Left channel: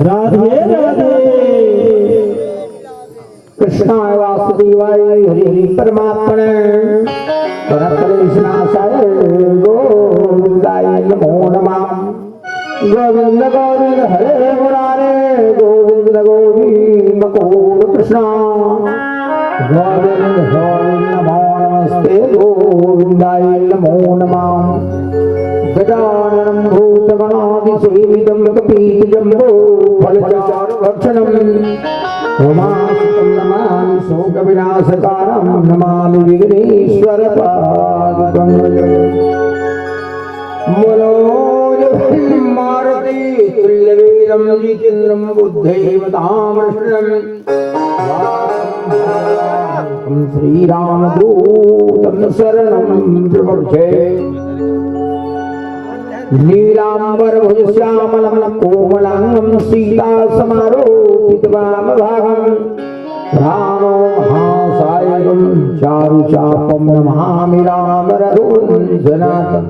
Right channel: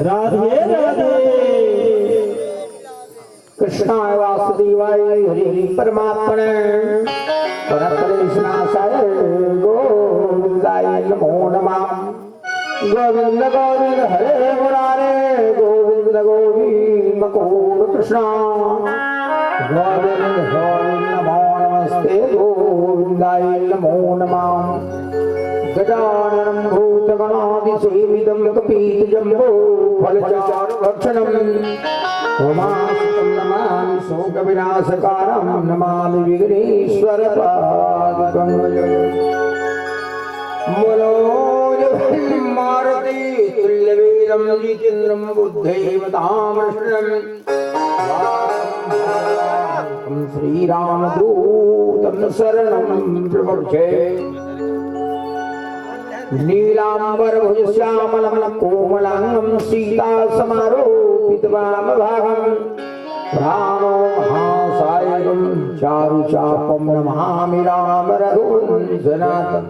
राधे राधे। कृष्णाय वासुदेवाय हरि हरि परमात्मने परमकृष्णाय गोविंदाय नमो नमः। गोविंद गोविंद हरे मुरारे गोविंद गोविंद गोविंद कृष्ण गोविंद गोविंद नमो नमस्ते गोविंदाय नमो नमः। गजाननं भूतगणादिसेवितं कपीतजम्बो फलचारुभक्षणम् उमासुतं नमामि शोकविनाशकारणं नमामि विघ्नेश्वरपादुकम्। मारुति तुल्यवेदं जितेन्द्रं बुद्धैवतामृष्णम् श्रीरामदूतं शरणं प्रपद्ये। नीलाम्बरभुजश्यामलं कोमलांगं सीतासमारोपितवामभागं रामो महासायकं चारुचापं नमामि रामरघुवंशनाथं।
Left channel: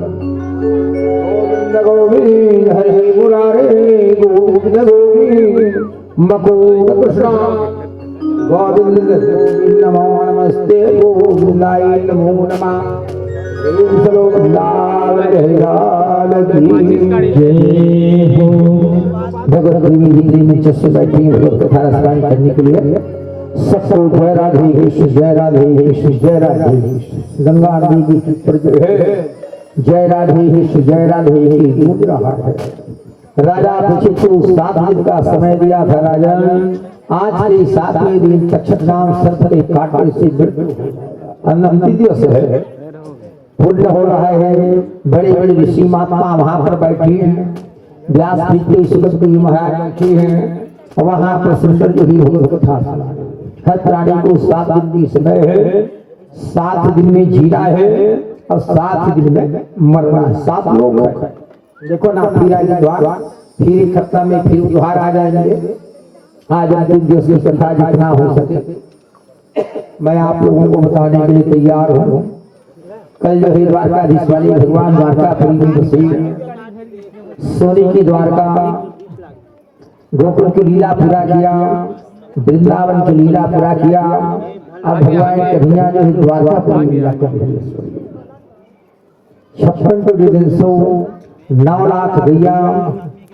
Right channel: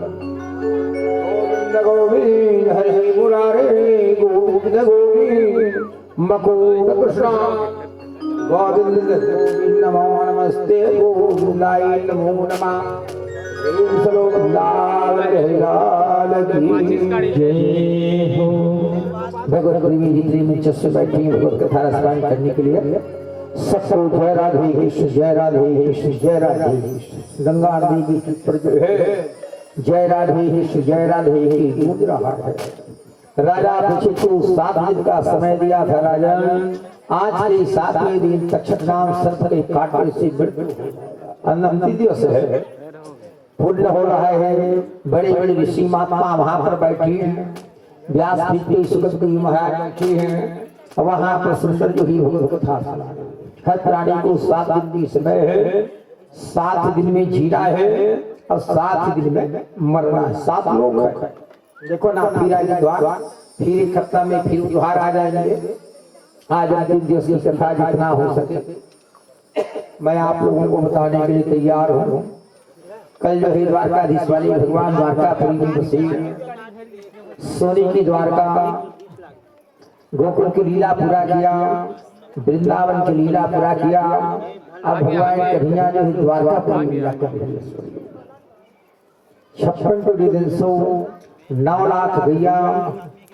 गोविंद गोविंद हरे मुरारे गोविंद गोविंद मुकुंद कृष्ण गोविंद गोविंद नमो नमस्ते गोविंदाय नमो नमः। भगवत में चस्से बैठी भगवत कथा रसपान करने के लिए सबको जय राधे जय राधे जय राधे। गंगा नदी की पर जो है जय राधे जय राधे गूंज रहा है। राजा परीक्षित को 7 दिन का समय दिया था। राजा आज के 7वें दिन तक्षक नाम सर्पदे काटने से मृत्यु अंतिम दिवस है। पूर्ण हो रहा है। बड़े बड़े ऋषि महात्मा वहां पर बैठी हैं। व्यास जी सुगत जी महाराज बैठे हैं। वहां पर सुंदर जो ही कथा हर प्राणी को 7 दिन की समय है। 7 दिन में जीना है और 7 दिन में मरना है। 7 लोग है। देखो ना फिर आगे द्वार फिर एक सप्ताह में फिर द्वार आ जाएंगे। आज अंतिम दिवस की कथा जितना हो सके मैं आप लोगों को बताने के लिए तैयार हूँ। कल जो है द्वारकाधीश वाले भगवान द्वारकापुरी में बसे। सोने की द्वारका गोकुल की लीला पूरा किया, वृंदावन की लीला पूरा किया। अब भगवान कन्हैया जो है द्वारकापुरी लीला कर रही है। 56 तो दिन 9 लाख गैया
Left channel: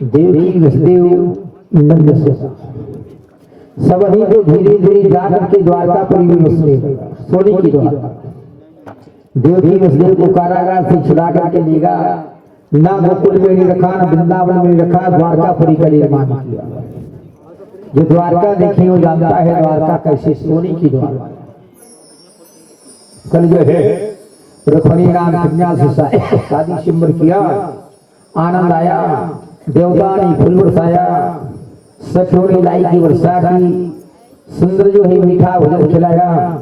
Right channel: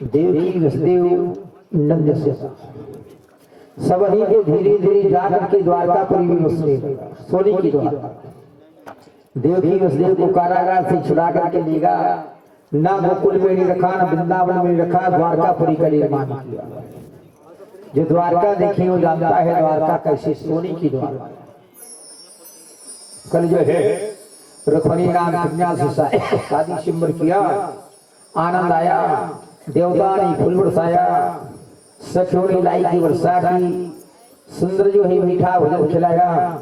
देवकी वसुदेव नंद से सब ही को धीरे धीरे जाकर के द्वारकापुरी में बसे। सोने की द्वारका देवकी वसुदेव को कारागार से छुड़ा करके लेगा। ना गोकुल में नहीं रखा, ना वृंदावन में रखा, द्वारकापुरी का निर्माण किया। जो द्वारका देखी वो जानता है द्वारका कैसे सोने की द्वारका। कल जो है रुक्मिणी राम कन्या से शादी सिमर किया, आनंद आया, देवता ने फूल बरसाया, सखियों ने लाई की वर्षा की, सुंदर जो है मीठा भोजन खिलाया।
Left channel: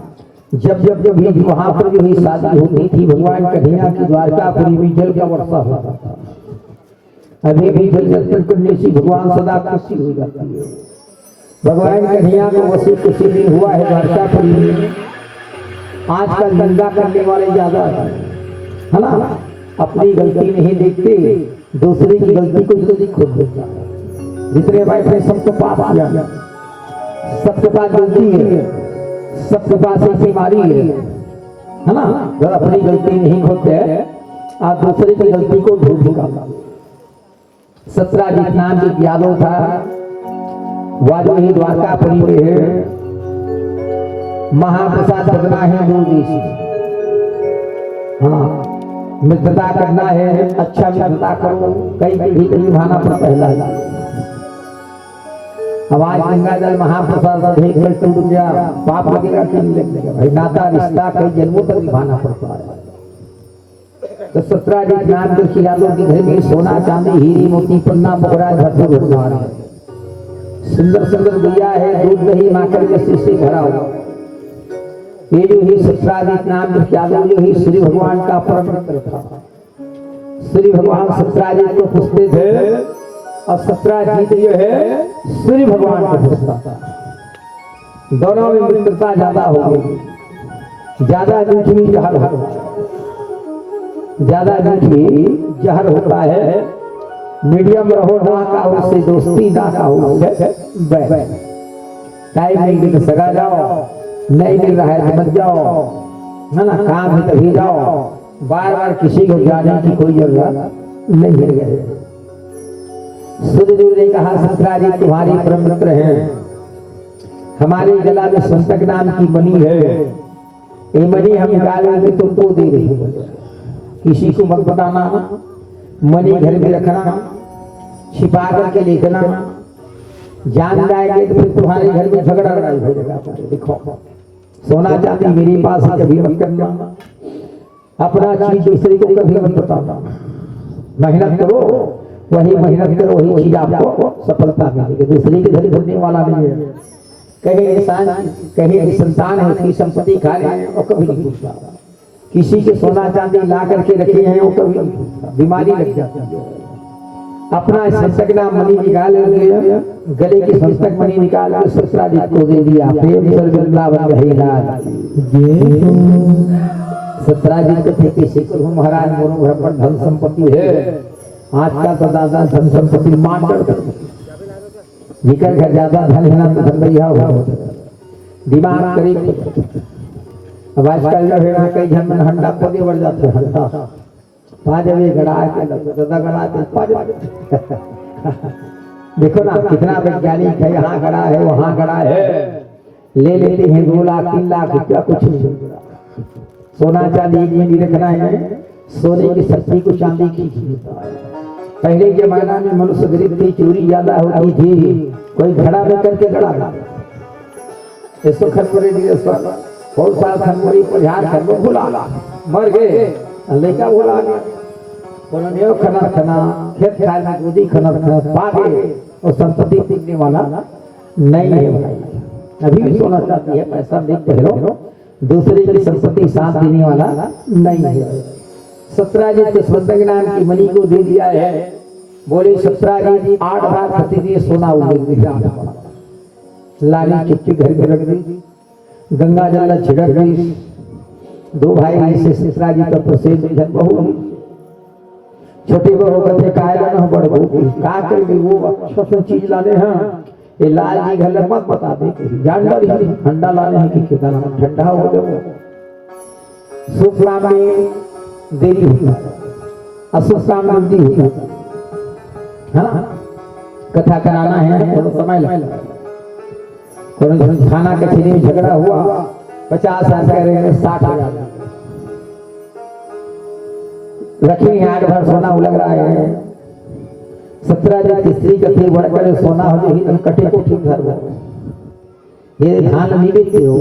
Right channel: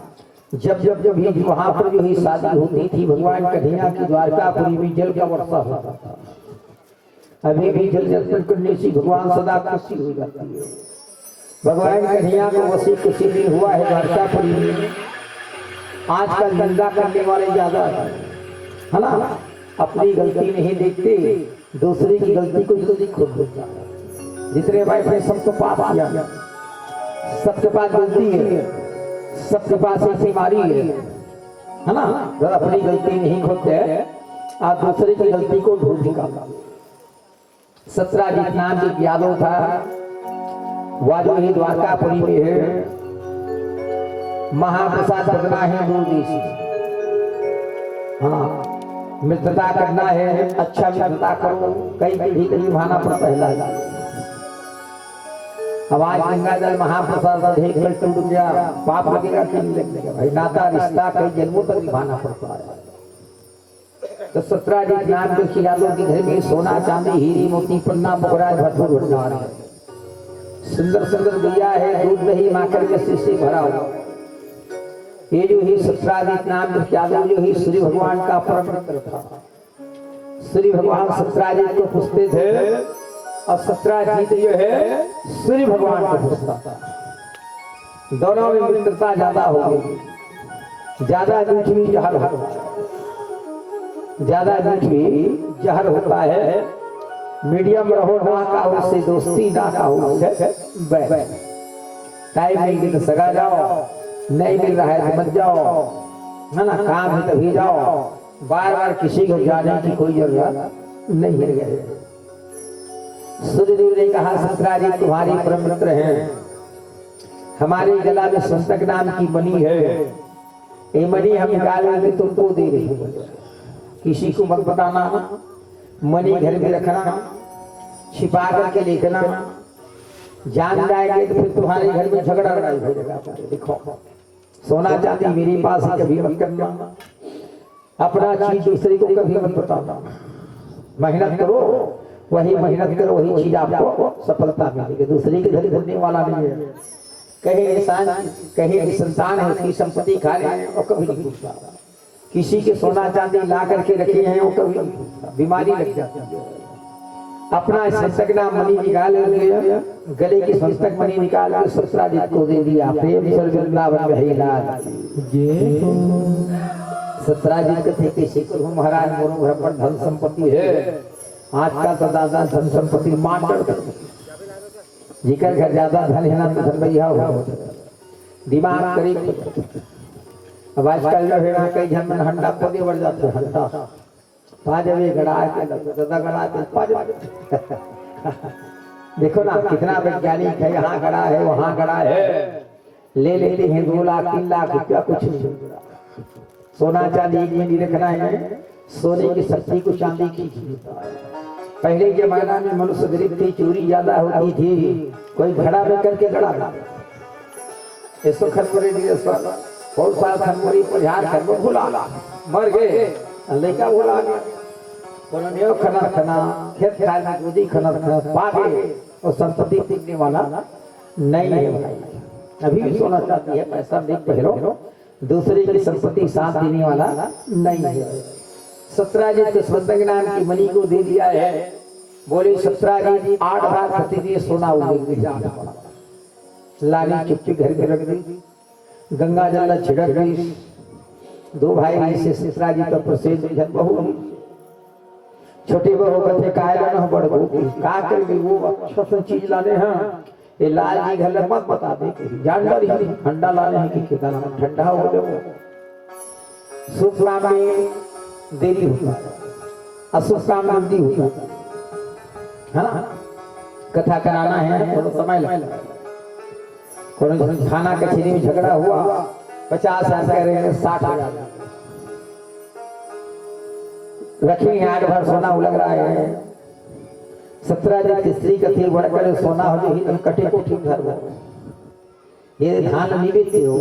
जब जब जब भी वहां पर जो ही शादी होती थी भगवान कन्हैया की द्वारकापुरी में जल का वर्षा होता था। अभी भी जल दर्शन करने से भगवान सदा खुशी हो जाती है। भगवान कन्हैया को वसी खुशी नहीं हुआ है द्वारकापुरी में। आजकल निंदा करने वाले ज्यादा है ना। अपनी गलती नहीं देखते, दूसरे की गलती को जल्दी खोद देता है। जितने बैठे सबको पाप आ जाता, सबके पास गलती है, सबके पास एक बीमारी है ना। जब अपनी गलती नहीं खोदते आप दूसरे की गलती को ढूंढ निकालते। सत्राजित नाम एक यादव था, वाजो ही द्वारकापुरी में है। महाप्रसाद करना है दूर देश, हाँ मित्रता करना है, अच्छा मित्रता करो। कई पीढ़ी कई भाना पर पहला हमारे गंगा जल महाप्रसाद देख कर टूट गया, पाप लगेगा कि नहीं लगेगा भाई। नाता रिश्ता कई जन्मों तक निभाना पड़ता है। तो सत्राजित नाम जो यादव के घर में सोना चांदी हीरे मोती पन्ना बकरा भरपूर होता है। सुंदर सुंदर गैया है, दूध दही माखन के शीशे भरा हुआ। ये जो ही सत्राजित नाम जो यादव जो ही श्री भगवान का परम मित्र था। श्री भगवान सत्राजित को पूछते थे और सत्राजित जो है श्री भगवान को पूछता था। दोनों में मित्रता ज्यादा हो गई। ज्यादा मीठी जहर होता है, ज्यादा मीठी जहर होता है। मीडियम रहो ना काहू से दोस्ती ना काहू से टाइम मिल तो सगा जाओ, नहीं मिल रहा है तो मत जाओ, है ना, काम है तभी जाओ, बार बार किसी को जाने की कोई जरूरत नहीं है। सूर्यदेव ने कहा सत्राजी तुम्हारे परम मित्र हैं, हमारे गला में संतक नाम की मणि है, ये मणि हम निकालेंगे तुमको दे रहे हैं, किसी को मत बताना, मणि घर में रखना, छिपा करके लेखना, जान जाएंगे तो फिर तुम्हारे घर में झगड़ा लड़ाई हो जाएगा। देखो सोना चांदी मेरे पास कभी मत करना, अपना चीज दूसरे को कभी मत बताना, मेहनत करो, वही मेहनत करो, वही चीज आपको सफलता मिलेगी, दूसरे के घर घूमने वाला नहीं है। कहीं इंसान कहीं संतान है उसकी संपत्ति खा रहे हैं और कभी नहीं पूछता, किसी के सोना चांदी ला करके रखे हैं वो कभी नहीं पूछता, बीमारी लग जाती है। अपना संतक नाम मणि निकाल के गले की संतक मणि निकाल के सत्राजित को दे दिया, प्रेम से वृंदावन रहेगा। सत्राजित थे किसी को महाराज मोरों घर पर धन संपत्ति है, आज का तो दादा धन संपत्ति मान कर जिकर घर ज्यादा धन है ना तो धन भैया हो दिमाग करीब। अब आजकल लड़ेगा कई जन में हंडा पौधे बढ़ जाते हैं, हंडा पाजवे गड़ा के दादा गड़ा के पाजवे देखो ना कितना वैज्ञानिक है, यहाँ गड़ा है वहाँ गड़ा है, ले लेते हैं 2 लाख 3 लाख रुपया, कुछ नहीं। सोना चांदी नहीं रखना है, सोने की शक्ति को चांदी की। पहले जमाना में मनुष्य गरीब थी, चोरी ज्यादा होती थी, कोई घड़ा में करके गड़ा इसको खनपुरी बहुत साल खनपुरी पजार खनपुर भुला मर गए, लेका भुला गया, खना खना खेत खाल में कूदी खना पा गए और संपत्ति सीखने वाला नहीं है। अभी भी सोना चाहती है, पैसा देख पहलो, दूसरे की संपत्ति साथ देने वाला नहीं है। सत्राजित संतक नाम की मणि को दे दिया है, बोले सत्राजित 8 बार प्रतिदिन सोना उगेगा, लाली चिट्ठी घर में रख दी, गंगा जल छिड़क दी, 2 भाई से सत्राजित का प्रसिद्ध बहु छोटी बहू कहते कायरन बड़ बहू का कर दी, वो अच्छा चीज लाने हैं, ये लाल जी घर मत बता दे, जानवर ही ठंडा लाने हैं कि कितना ठंडा हो जाए, शुभ काम में देरी होती है, अशुभ काम में देरी होती है, कथा कराना है थोड़ा समय लगेगा, खाना कचरी में झगड़ा हुआ 50 साल करेंगे 60,000 रखेंगे, 8 बार सोना उलग रहा है। 17 तीसरी कथी बढ़कर सोना हो ही तुम कटे को ठीक घर ये धान नहीं बेचते हो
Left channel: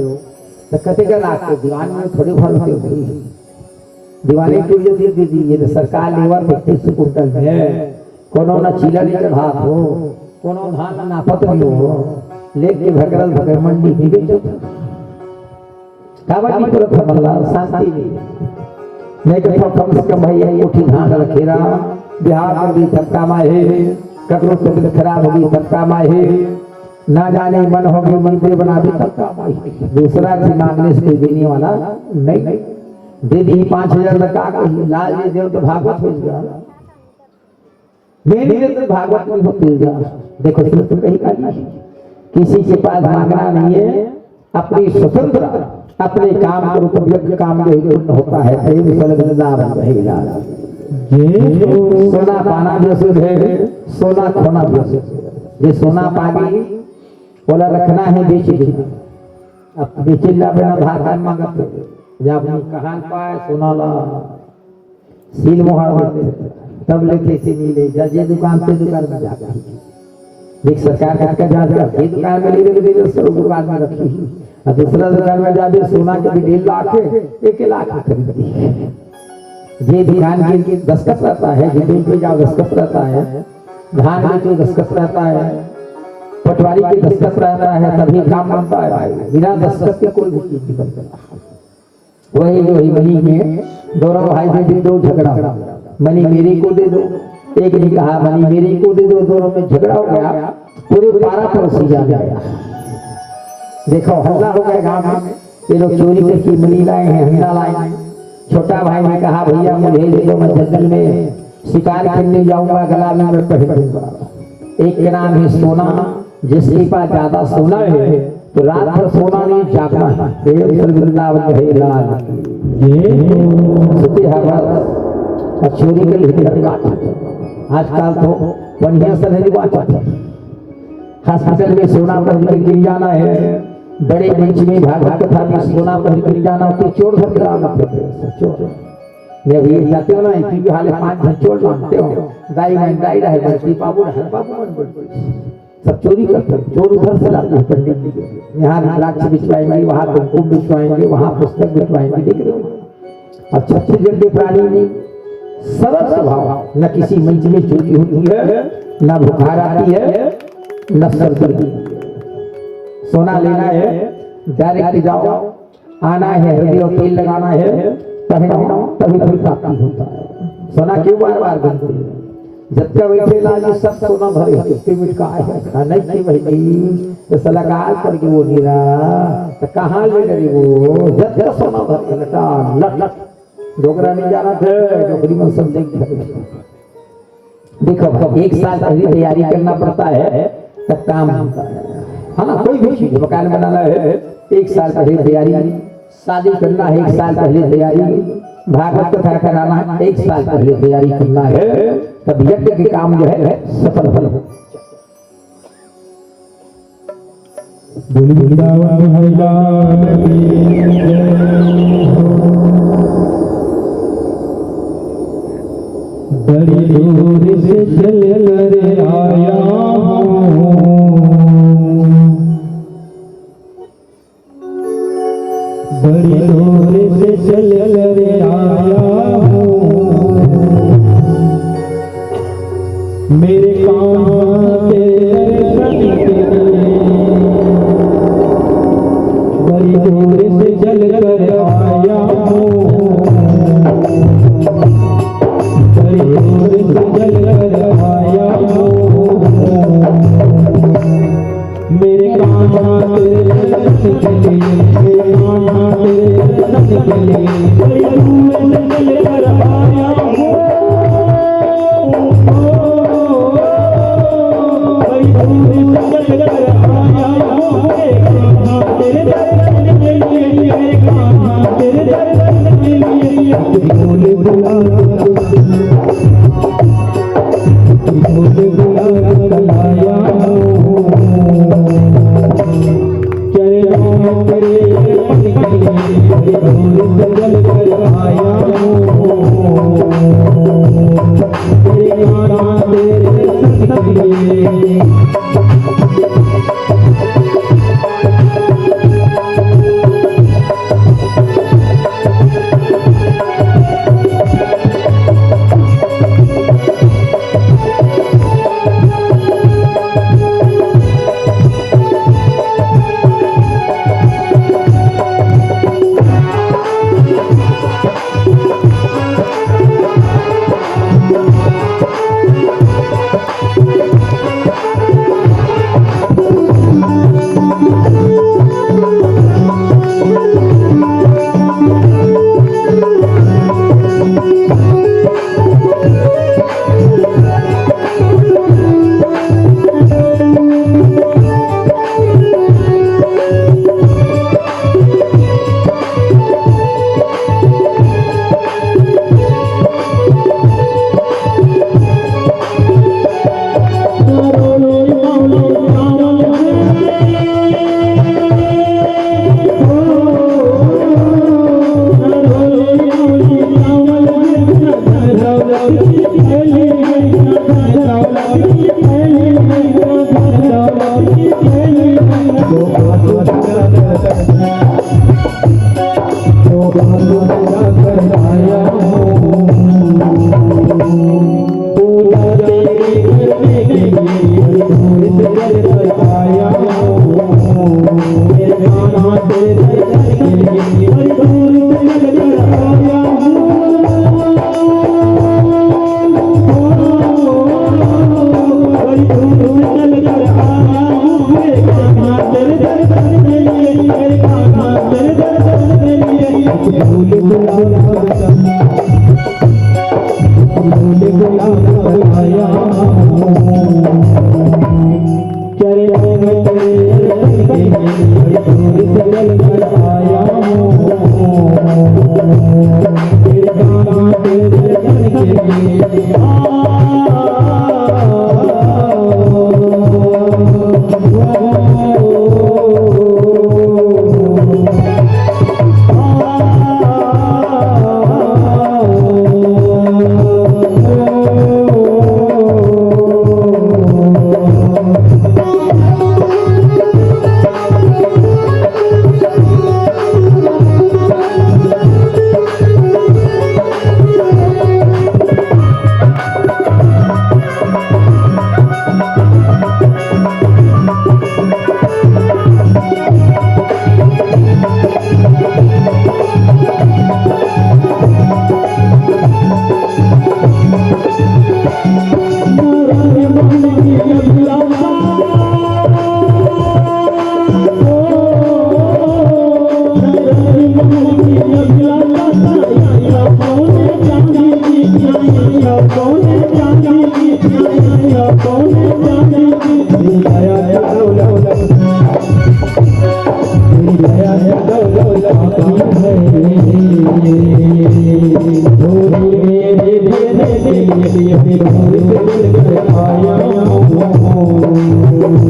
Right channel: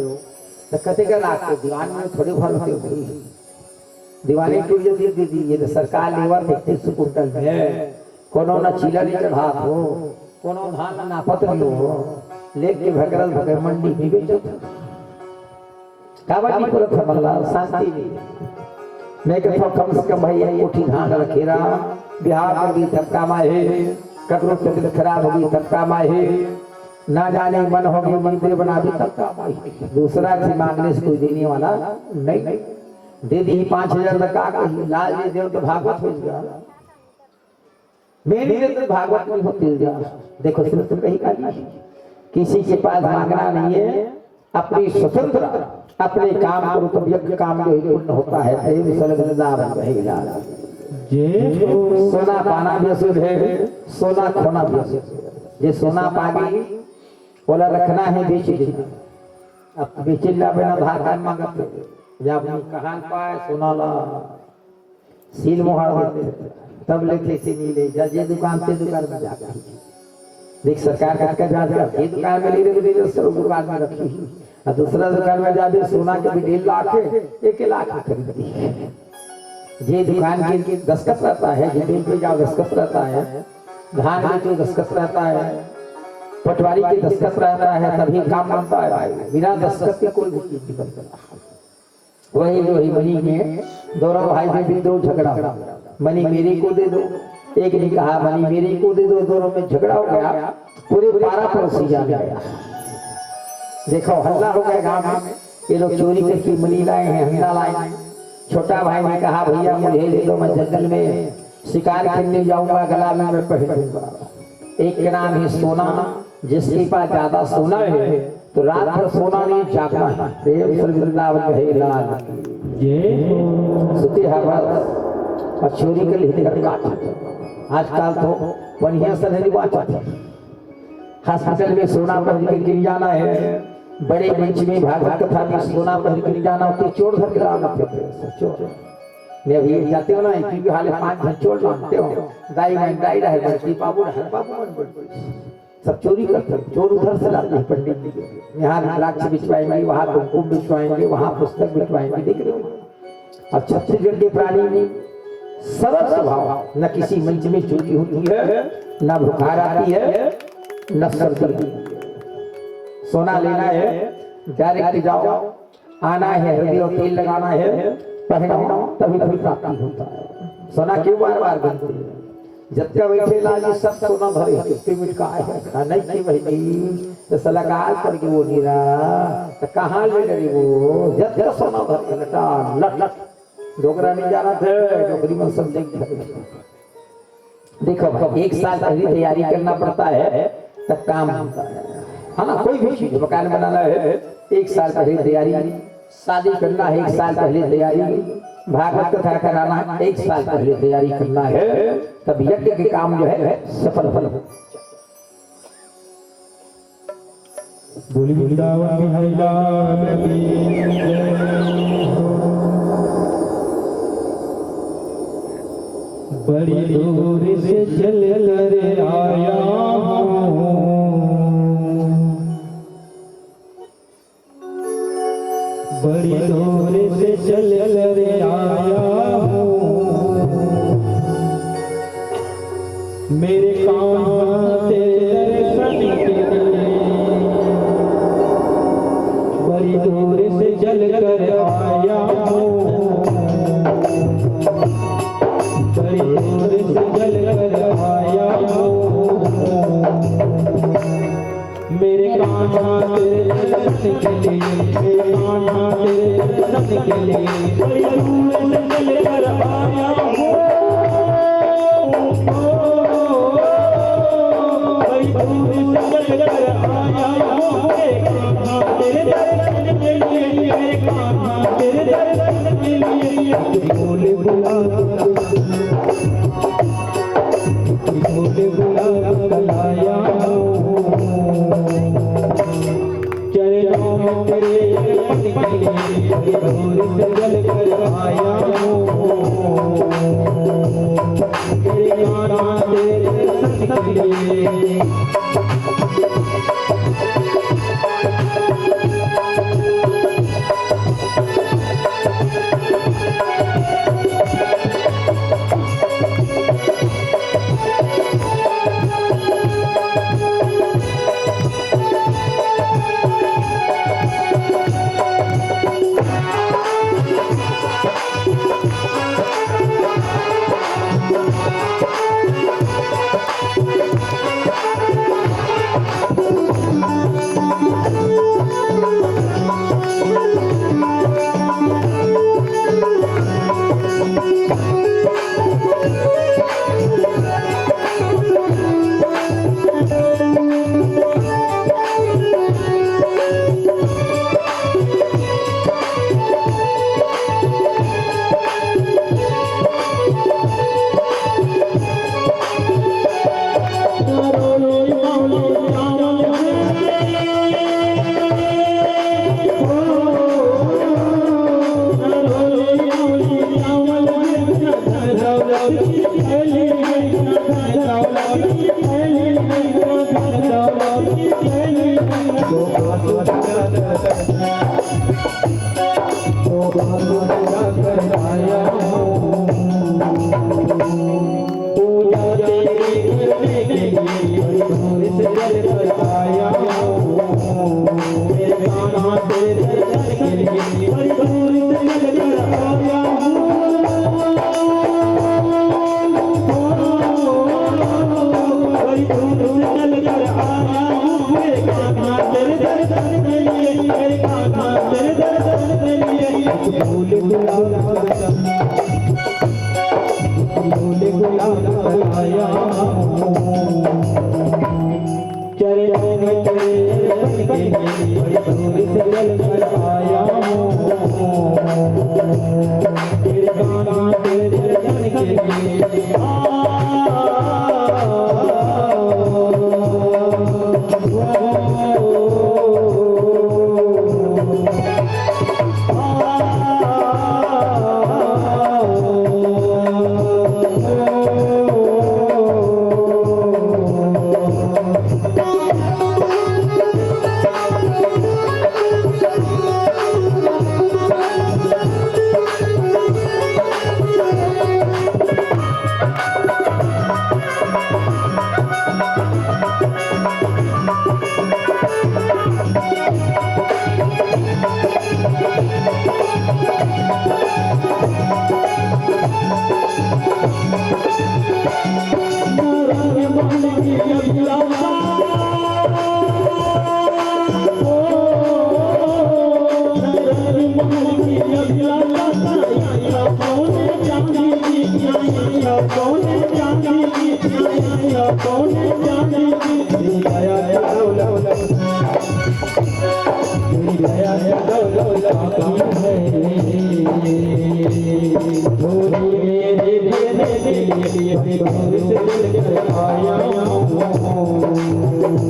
तो कटे का लाख के दीवान में थोड़े भर होते हो, दीवाने की जो दे दी ये तो सरकार लेवर 35 कुंटल है, कोनो ना चीला नहीं चढ़ात हो, कोनो धान नापत नहीं हो, लेके भगरल भगर मंडी भी बेचो काबाटी करत हमला शांति नहीं तो कम से कम भैया कोठी धान रखेरा, बिहार में भी धक्का माहे, ककरो तबियत खराब होगी धक्का माहे, ना जाने मन होगी मंदिर बना भी धक्का माहे, दूसरा से मांगने से कोई देने वाला नहीं, दे दी 5,000 लगा लाल जी देव तो भागवत हो गया, मेरी तो भागवत में होती है। देखो तो कहीं का किसी के पास मांगना नहीं है, अपनी स्वतंत्र अपने काम करो तो यज्ञ काम में पूर्ण होता है, प्रेम सलगनदार रहेगा। सोना पाना भी अशुद्ध है, सोना खोना भी अशुद्ध है। ये सोना पानी बोला रखना है बेच दे, अब बेचिल्ला बिना धागा मांगते जब कहां पाए सोना ला सील मोहर होते तब लेके से मिले, जजे दुकान से दुकान में जाकर एक सरकार का जांच कर ये दुकान में ले ले सब दुकान में रखी, और दूसरा दुकान में जाके सोना के 1.5 लाख 1 लाख खरीदी। ये दुकान के दस्तखत रहता है, जमीन पे जहाँ दस्तखत रहता है, धान में जो दस्तखत रहता है, पटवारी के दस्तखत रहता है, तभी काम बनता है, बिना दस्तखत के कोई भी चीज नहीं बनता। वही मनी में दोनों भाई में 2 झगड़ा, मनी मेरे को दे दो, एक ने कहा मनी मेरे को दे दो, दोनों में झगड़ा हो गया, पूरे 12 पड़ोसी जा गया। देखो हल्ला हो गया गांव में, ये लोग चोरी करके मनी लाए हैं, हंडा लाए हैं। छोटा भाई ने कहा भैया मुझे ले लो, मैं जंगल में शिकार करने जाऊंगा गला में पहनूंगा। एक के नाम है सोना, जिसके पास ज्यादा सोना है तो रात भर सोना नहीं जागना है। प्रेम से वृंदावन है लाल सती हवा चोरी के लिए आजकल तो बढ़िया से नहीं बात हॉस्पिटल में सोना पहन के गिर जाना है, बड़े मंच में भागवत कथा में सोना पहन गिर जाना तो चोर धर चोर मैं अभी जाते हो ना क्योंकि हाल 5 घर चोर मानते हो दाई में दाई रहे बंसी बाबू रहे बाबू सब चोरी करते चोर उधर से लाते हैं पंडित जी के यहाँ रुद्राक्ष बिछवाएंगे, वहाँ कुमकुम बिछवाएंगे, वहाँ पुस्तक बिछवाएंगे। देख रहे हो अब छत्तीसगढ़ के प्राणी में सरल स्वभाव, न किसी मंच में चोरी होती है, न बुखार आती है, न सर दर्द। सोना लेना है डायरेक्ट जाओ, आना है हृदय तेल लगाना है, पहनो तभी तभी प्राप्ति होता है। सोना क्यों बार बार बनती है? जब तक वैसे लागे सब सोना भरे पेमेंट का है नहीं कि वही तो सलाकार करके वो गिरा तो कहाँ ले गए वो? जब तक सोना भरे लटा लट लट डोगरा नहीं जाना थे, डोगरी में सब देखो एक साल पहले तैयारी करना पड़ता है तब काम होता है ना। कोई भी चीज मकान बनाना है 1 साल पहले तैयारी, शादी करना है 1 साल पहले तैयारी, भागवत कथा कराना है 1 साल पहले तैयारी करना है, तब यज्ञ के काम जो है सफल हो। बड़ी दूर से चल कर आया हूँ, बड़ी दूर से चल कर आया हूँ, मेरे काम तेरे संग के बड़ी दूर से चल कर आया हूँ, बड़ी दूर से चल कर आया हूँ, मेरे काम तेरे संग के लिए, मेरे काम तेरे संग के लिए, बड़ी दूर से चल कर आया हूँ, बड़ी दूर से चल कर आया हूँ, मेरे काम तेरे संग के लिए, मेरे काम तेरे संग के लिए, बोले बुला आया हूँ, चरणों में तेरे चल कर आया हूँ, तेरे गाना तेरे संग के लिए।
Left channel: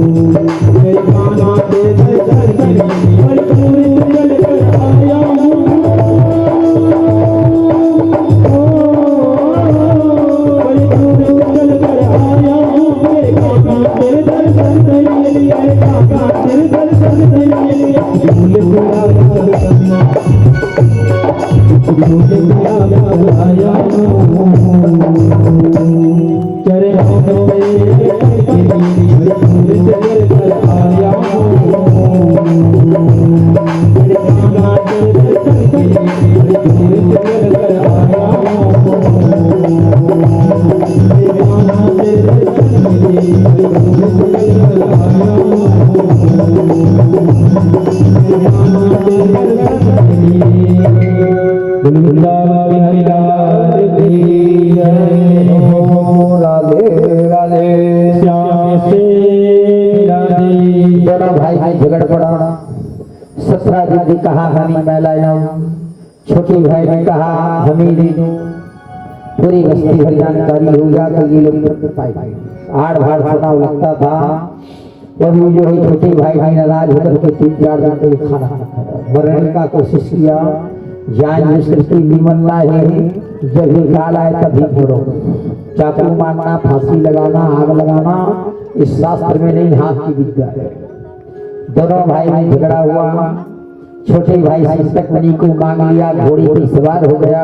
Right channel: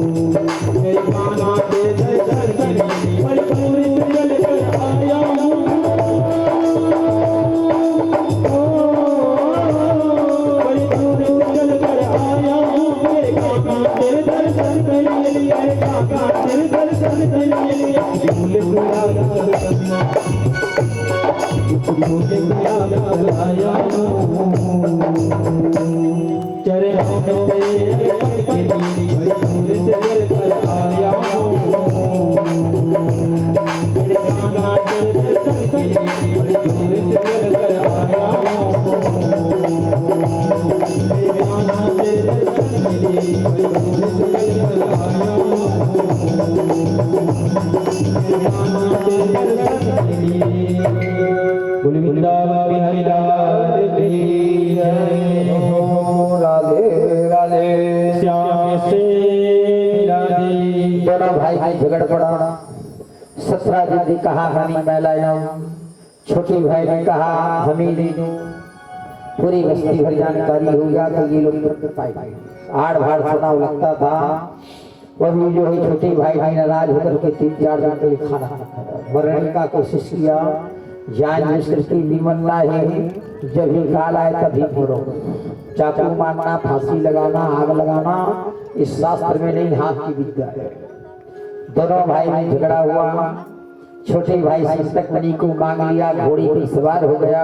मेरे कान्हा तेरे दर्शन के लिए भरपूर चल कर आया हूँ। भरपूर चल कर आया हूँ। मेरे कान्हा तेरे दर्शन के लिए, मेरे कान्हा तेरे दर्शन के लिए झूले पूरा याद करना, झूले पूरा याद आया हूँ। चरणों में भरपूर चल कर आया हूँ। मेरे कान्हा तेरे दर्शन के लिए भरपूर चल कर आया हूँ। मेरे कान्हा तेरे दर्शन के लिए भरपूर चल कर आया हूँ। मेरे कान्हा तेरे दर्शन के लिए वृंदावन बिहारी लाल की जय हो। राधे राधे। श्याम से राधे। दोनों भाई भाई झगड़ पड़ा। ससुरा जी ने कहा हमें मैं लाया, छोटे भाई ने कहा हमें ले दो। पूरी बस्ती भर जानकारी हो गया तो ये लोग पाए आड़ भाड़ चुनाव लगता था। वही जो है छोटे भाई भाई नाराज होकर के 3-4 दिन के लिए खाना मरने का कोशिश किया। जान सृष्टि निमन्ना है, जब ये काल आए तभी मरो। चाकू मारना, फांसी लगाना, आग लगाना इस शास्त्र में नहीं, हाथ की विद्या है। दोनों भाई में झगड़ा हुआ। छोटे भाई शिक्षक मणि को मांग लिया, घोड़ी पर सवार हो गया,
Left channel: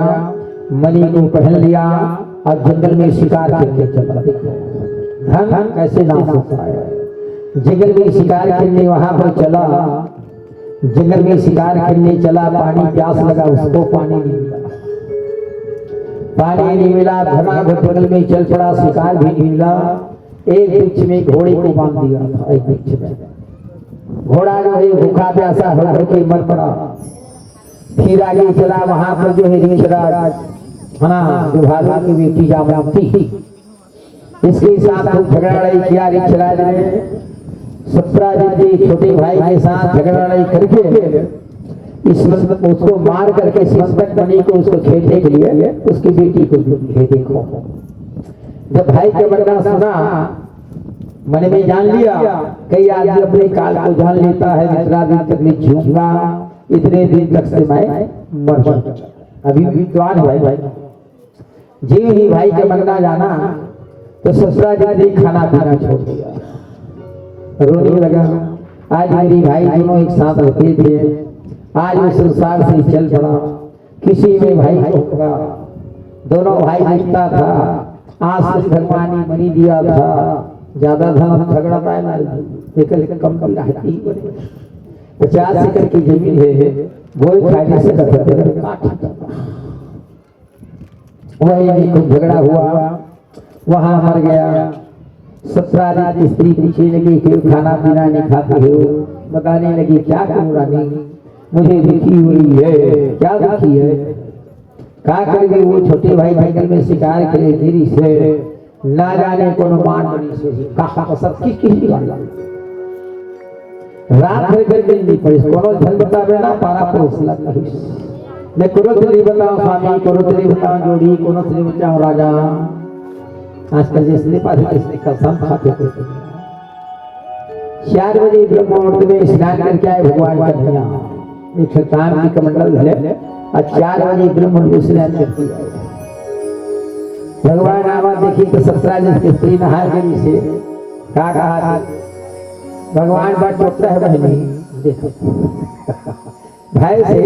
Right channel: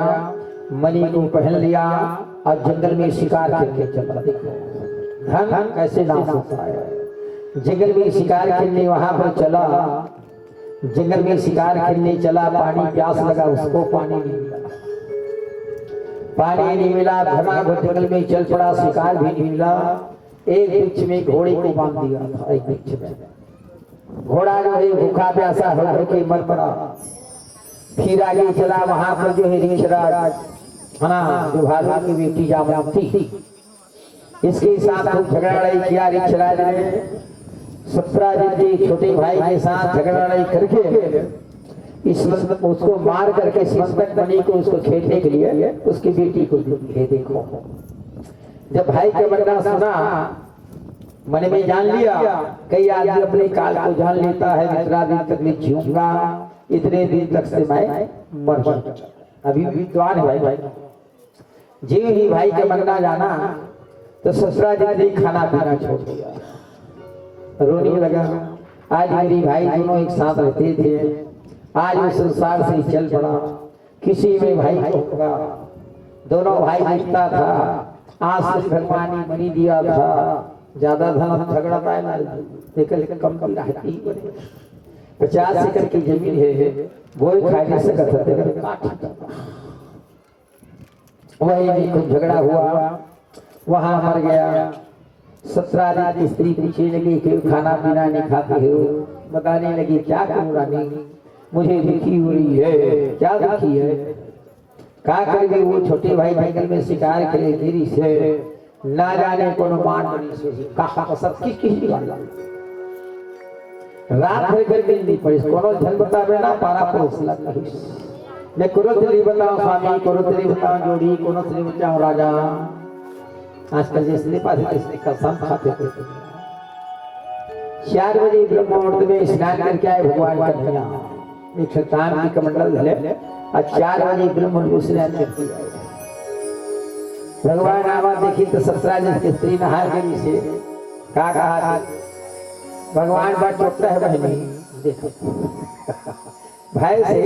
मणि को पहन लिया और जंगल में शिकार करके चला। धन कैसे नाश होता है। जंगल में शिकार करने वहां पर चला, जंगल में शिकार करने चला, पानी प्यास लगा, उसको पानी नहीं मिला। पानी नहीं मिला, धर्माघट जंगल में चल पड़ा, शिकार भी नहीं मिला। एक वृक्ष में घोड़े को बांध दिया था। एक वृक्ष में घोड़ा जो है भूखा प्यासा होकर के मर पड़ा। फिर आगे चला, वहां पर जो है ऋषराज दुभालू की बेटी जामवंती, इसके साथ खूब झगड़ा लड़ाई किया। ऋषराज ने ससुराजी के छोटे भाई के साथ झगड़ा लड़ाई करके इस उसको मार करके शिक्षक मणि को उसको खेलने के लिए उसकी बेटी को दी। देखो, जब भाई के बड़का सुना, मन में जान लिया, कई आदमी अपने काल को जान लेता है, इतना दिन तक मैं जीऊंगा, इतने दिन तक से मैं मर जाऊंगा। अभी विद्वान है भाई। जी ही भाई के मरना जाना तो ससुराजी ने खाना पीना छोड़ दिया, रोने लगा। आज मेरी भाई दोनों एक साथ रहते थे, आज वो संसार से चल पड़ा, किसी में भाई को होगा। दोनों भाई मिलता था, आज से भगवान ने मनी दिया था, ज्यादा धन झगड़ा पाए ना, लेकिन कम कम रहती 50 एकड़ की जमीन है, वो फायदे से वही खूब झगड़ा हुआ, वहां मर गया। ससुराल की स्त्री पूछने लगी क्यों खाना पीना नहीं खाते हो। बताने लगी क्या करूं रानी, मुझे दुखी हो रही है। क्या दुखी है? क्या करेंगे? वो छोटे भाई जंगल में शिकार करे देरी से, ना जाने कौन मान बनी से कहा सबकी किसी वाला रात भर कर नहीं पड़ी। कोनो धन बतावे ना पारा पर उसला नहीं। मैं कोनो तेरी बताऊं स्वामी, कोनो तेरी बताऊं जोड़ी, कोनो तेरी बताऊं राजा। आजकल जिसने पास इसने कसम खाते थे। 4 बजे ब्रह्म मुहूर्त में स्नान करके आए भगवान का धनिया, एक शतान की कमंडल धले और 4 बजे ब्रह्म मुहूर्त स्नान करके आए। भगवान आवा देखी तो 17 की स्त्री नहा गई से कहा भगवान बात चौकता है बहनी, देखो भाई से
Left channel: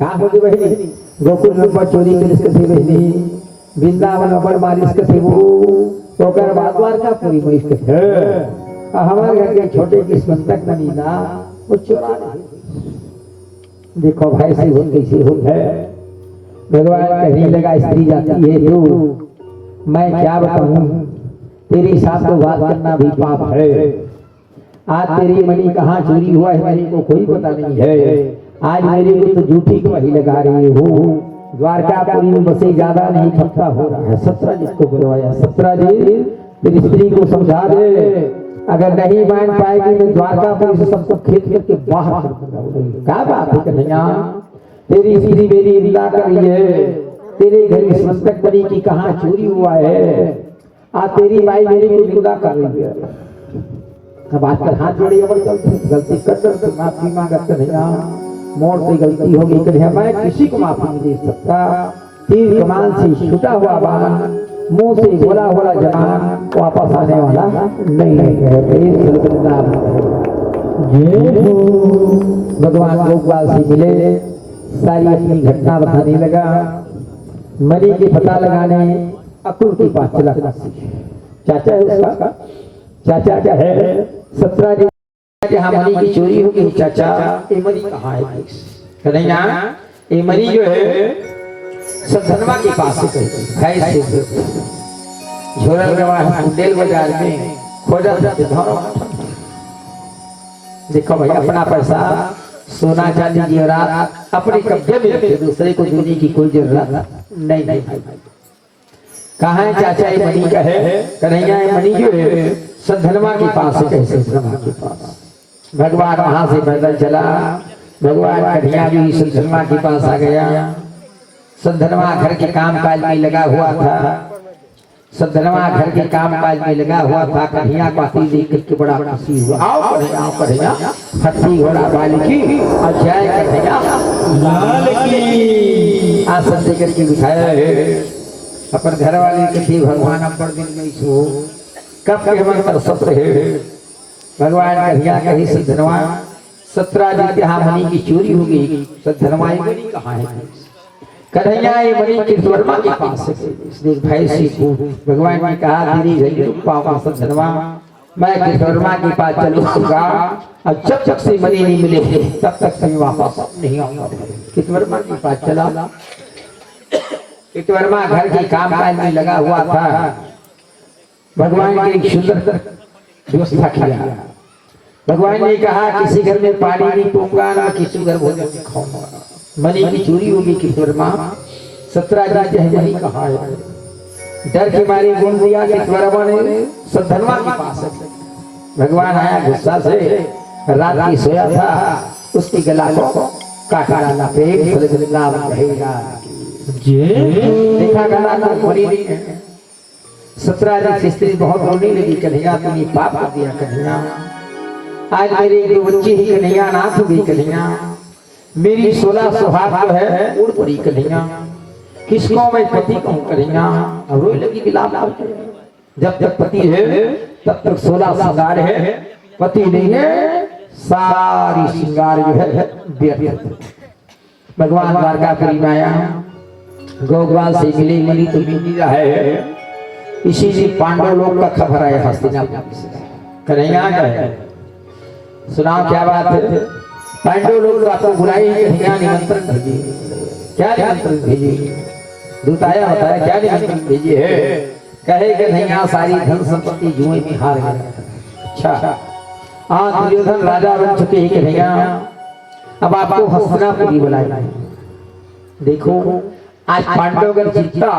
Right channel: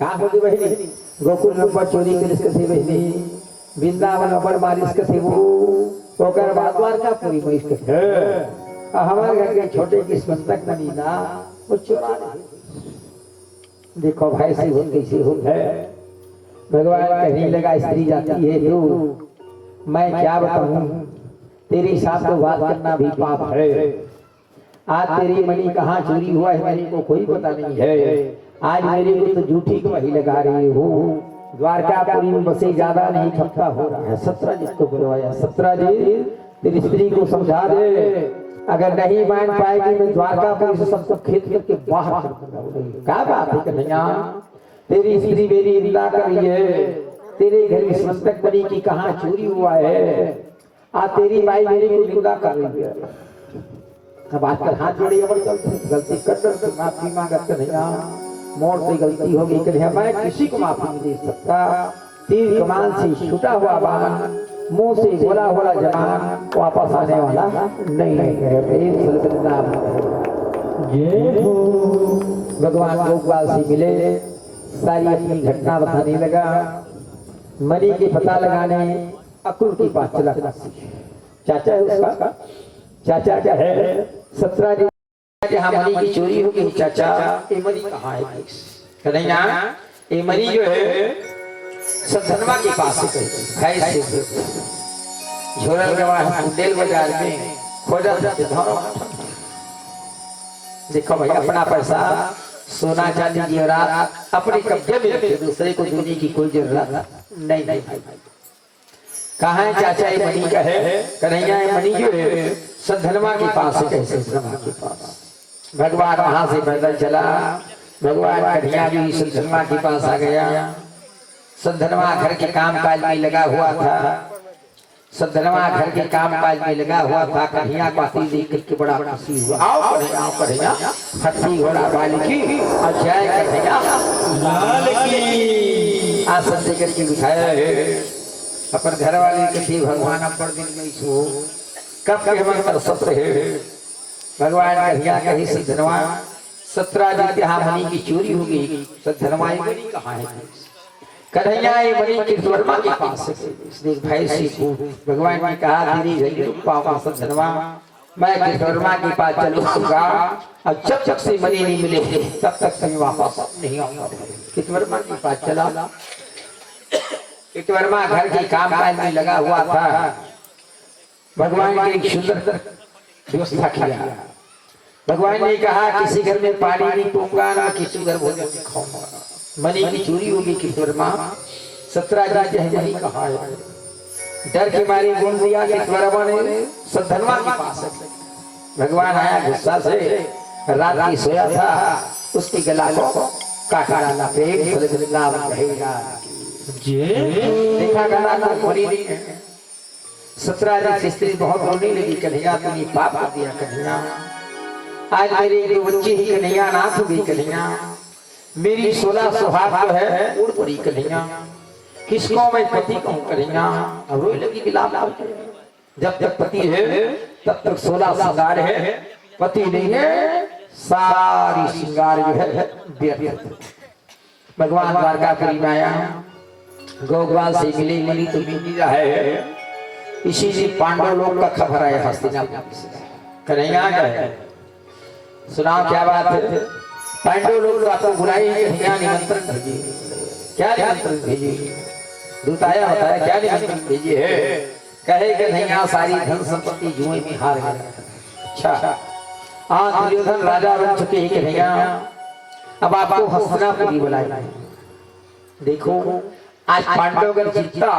कहा होगी बहनी, गोकुल में चोरी कर थे बहनी, वृंदावन पर मालिश के वो तो कर बादवार का पूरी महिष के हमारे घर के छोटे किस्मत तक नहीं ना वो चोरा नहीं। देखो भाई से हो कैसे हो है। भगवान कहने लगा स्त्री जाती है तू, मैं क्या बताऊं, तेरे साथ तो बात करना भी पाप है। आज तेरी मणि कहाँ चोरी हुआ है मणि को कोई पता नहीं है। आज मेरे को तो झूठी गवाही लगा रही हो। द्वारकापुरी में बसे ज्यादा नहीं खपता हो रहा है। 17 जिसको बुलवाया, 17 जी तेरी स्त्री को समझा दे, अगर नहीं मान पाएगी मैं द्वारकापुरी से सबको खेत करके बाहर कर दूंगा। क्या बात है कन्हैया, तेरी स्त्री मेरी इल्ला कर रही है, तेरे घर में संतक बनी की कहाँ चोरी हुआ है, आज तेरी माई मेरी को जुदा कर रही है। अब आजकल हाथ जोड़े गलती कर माफी मांगा कन्हैया, मोर से गलती हो गई कन्हैया, मैं किसी को माफी नहीं दे सकता। तीर कमान से छूटा हुआ बाण, मुंह से बोला हुआ जवान वापस आने वाला नहीं है। भगवान गोपाल से मिले, सारी अपनी घटना बताने लगा। मरी के पता लगाने अकुल के पास चला। चाचा है उसका, चाचा क्या है 17 दिन जहाँ मरी की चोरी हो गई। चाचा ये मरी कहाँ है? कन्हैया ये मरी जो है सधनवा के पास है, झोरल गवा बुंदेल बाजार में खोजा। देखो भाई अपना पैसा सोना चांदी जेवरात अपने कब्जे में रखे, दूसरे को देने की कोई जरूरत नहीं। कहाँ है चाचा ये मणि का है? कन्हैया ये मणि जो है सधनवा के पास है। कैसे सधनवा के पास? भगवान वहां से पैदल चला, भगवान कन्हैया भी सधनवा के पास आ गया। सधनवा घर के काम काज में लगा हुआ था, सधनवा घर के काम काज में लगा हुआ था। कन्हैया को आती देख करके बड़ा खुशी हुआ। आओ कन्हैया, हाथी घोड़ा बाल की और जय कन्हैया लाल की आसन दे करके बिठाया है। अपन घर वाले कथी भगवान अपर दिन में सो कब के मन पर सत्र है। भगवान कन्हैया कही सधनवा 17 दिन यहाँ मणि की चोरी हो गई, सधनवा ये मणि कहाँ है? कन्हैया ये मणि कीर्तिवर्मा के पास है। देख भाई से भगवान ने कहा धीरे पाओ सधनवा, मैं कीर्तिवर्मा के पास चलूंगा और जब तक से मणि नहीं मिले तब तक से वापस नहीं आऊंगा। कीर्तिवर्मा के पास चला। कीर्तिवर्मा घर के काम काज में लगा हुआ था। भगवान ने एक सुंदर व्यवस्था किया। भगवान ने कहा किसी घर में पानी नहीं पीऊंगा, ना किसी घर भोजन खाऊंगा। मणि की चोरी होगी कीर्तिवर्मा 17 दिन मणि कहाँ है? डर के मारे बोल दिया कीर्तिवर्मा ने सधनवा के पास है। भगवान आया गुस्सा से, रात की सोया था, उसके गला को काट डाला। देखा गला तो मरी नहीं है। 17 दिन से स्त्री बहुत रोने लगी, कन्हैया तूने पाप कर दिया कन्हैया, आज मेरी एक बच्ची ही कन्हैया नाथ हो गई कन्हैया, मेरी 16 सुहाग जो है उड़ पड़ी कन्हैया, किसको मैं पति कहूँ कन्हैया। अब रोई लगी विलाप करके। जब तक पति है तब तक 16 श्रृंगार है, पति नहीं है सारी श्रृंगार जो है व्यर्थ। भगवान द्वारकापुरी में आया, गोपाल से मिले, मिली तो मिली है। इसी से पांडव लोग का खबर आया हस्तिनापुर से। कन्हैया है सुनाओ क्या बात है? पांडव लोग तो आपको बुलाई, कन्हैया निमंत्रण भेजी। क्या निमंत्रण भेजी? दूत आया बताया क्या निमंत्रण भेजी है? कहे कन्हैया सारी धन संपत्ति जुए में हार गया। अच्छा हाँ दुर्योधन राजा बन चुके हैं कन्हैया, अब आपको हस्तिनापुरी बुलाया। देखो आज पांडव अगर जीता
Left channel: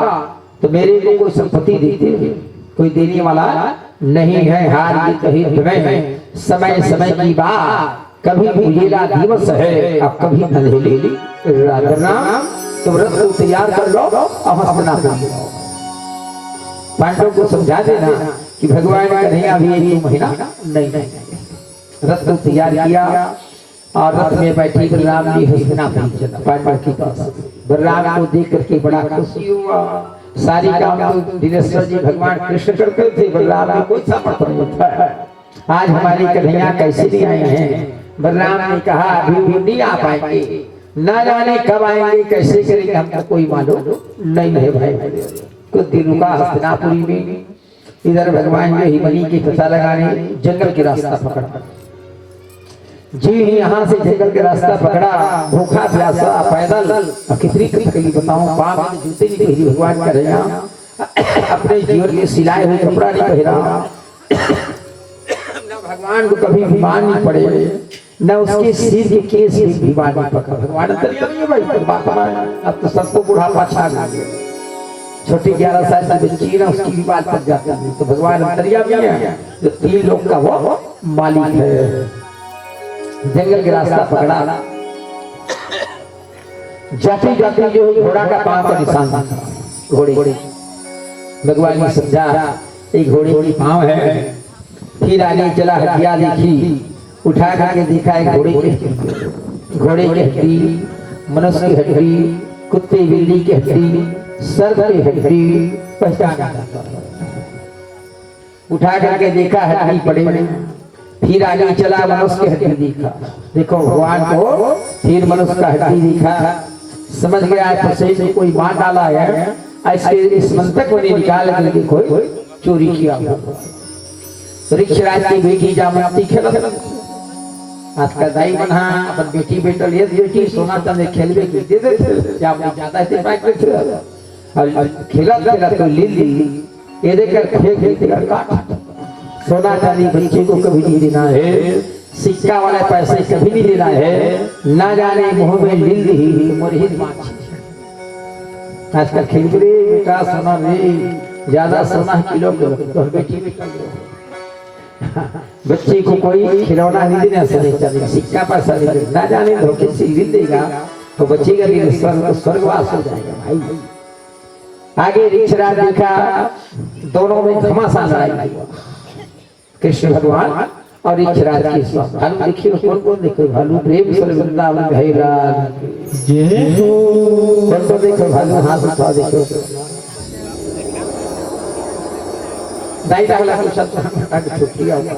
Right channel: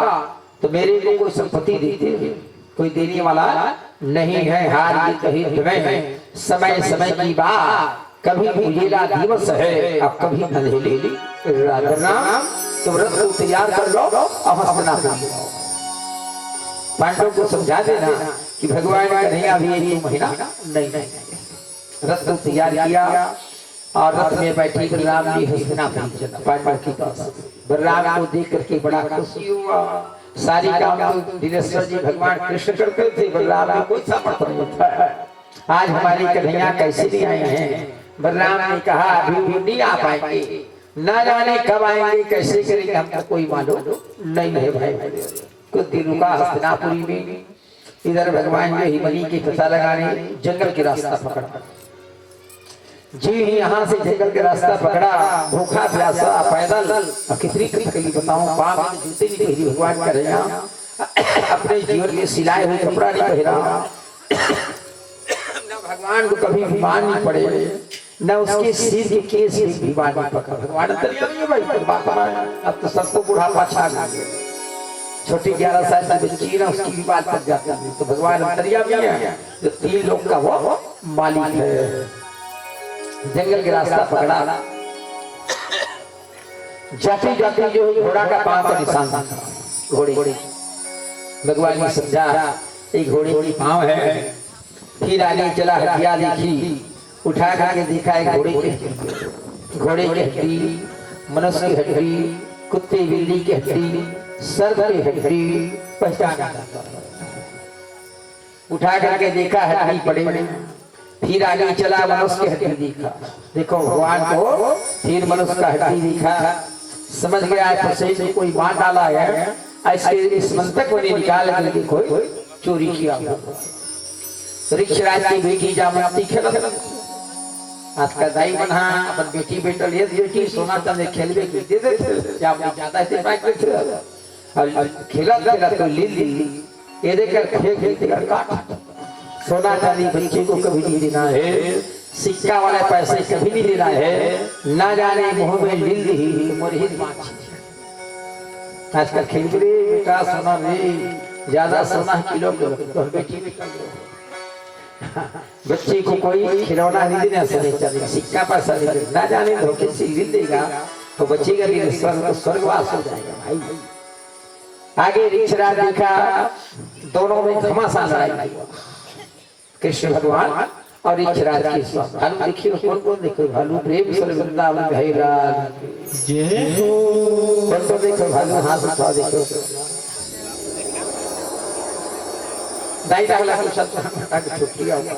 तो मेरे को कोई संपत्ति देते हैं, कोई देने वाला नहीं है। हार जीत हित में समय समय की बात, कभी उजेला दिवस है और कभी अंधेरी रात। तुम रथ को तैयार कर लो और हस्तिनापुर पांडव को समझा देना कि भगवान कन्हैया भी एक महीना नहीं। रथ को तैयार किया और रथ में बैठी बलराम जी हस्तिनापुर पांडव के पास। बलराम को देख करके बड़ा खुशी हुआ। सारी काम तो दिनेश्वर जी भगवान कृष्ण करते थे, बलराम का कोई समर्थन नहीं था। आज हमारी कन्हैया कैसे नहीं आई हैं? बलराम ने कहा अभी नहीं आ पाएंगे, ना जाने कब आएंगे, कैसे करेंगे हमको कोई मालूम नहीं है भाई। कुछ दिन रुका हस्तिनापुरी में। इधर भगवान जो मणि की पता लगाने जंगल के रास्ता पकड़ा। जी यहाँ से जंगल के रास्ता पकड़ा, भूखा प्यासा पैदल कितनी कली बताऊं, पाप जूते नहीं पहरी। भगवान कन्हैया अपने जीवन में सिलाए हुए कपड़ा नहीं पहरा। भगवान को कभी बीमार नहीं पड़े, न उसके सिर के केस भी बीमार नहीं पड़ा। भगवान अंतर्यामी है भाई, अब तो सबको बुढ़ापा छा गया। छोटी 11 साल की बच्ची ना उसकी भी बात पड़ जाती है। तो भगवान अंतर्यामी है जो 3 लोग का वो मालिक है। जंगल के रास्ता पकड़ा, जाते जाते जो घोड़ा का पांव का निशान था। घोड़े भगवान ने समझा एक घोड़े की पांव है, फिर आगे चला, हड्डियां देखी, उठा करके देखा एक घोड़े की हड्डी, मनुष्य की हड्डी, कुत्ते बिल्ली की हड्डी, सर्प की हड्डी, पहचाना। उठा करके देखा हड्डी पड़े, फिर आगे चला मनुष्य की हड्डी देखा, देखो भगवान को फिर मनुष्य का हड्डी देखा, समझ गया शरीर में कोई मार डाला है, ऐसे इस मंत्रक को निकाल करके कोई चोरी किया। ऋक्षराज की बेटी जामवंती खेल, आज का दाई बना अपन बेटी बेटल ये बेटी सोना चांदी खेलवे के दे दे जामवंती ज्यादा से बाइक पे और खेला तो ली ये देखकर फेंक देकर काट। सोना चांदी बच्चे को कभी नहीं देना है, सिक्का वाले पैसे कभी नहीं देना है, ना जाने मुंह में लील ही मोरहित माछ। आजकल खिलखिली का सोना नहीं, ज्यादा सोना किलो तो बेटी में कर दो। बच्ची को कोई खिलौना नहीं देना, सिक्का पैसा नहीं देना, ना जाने धोखे से लील देगा तो बच्ची का दिन स्वर्गवास हो जाएगा भाई। आगे ऋक्षराज देखा, दोनों में घमासान लड़ाई हुआ, कृष्ण भगवान और ऋक्षराज की स्वामी। भालू देखिए, कौन कौन देखो, भालू प्रेम से वृंदावन भैराज कौन कौन देखो, भालू हाथ उठा देखो, दाई डाला तो सब छुट्टिया हुआ।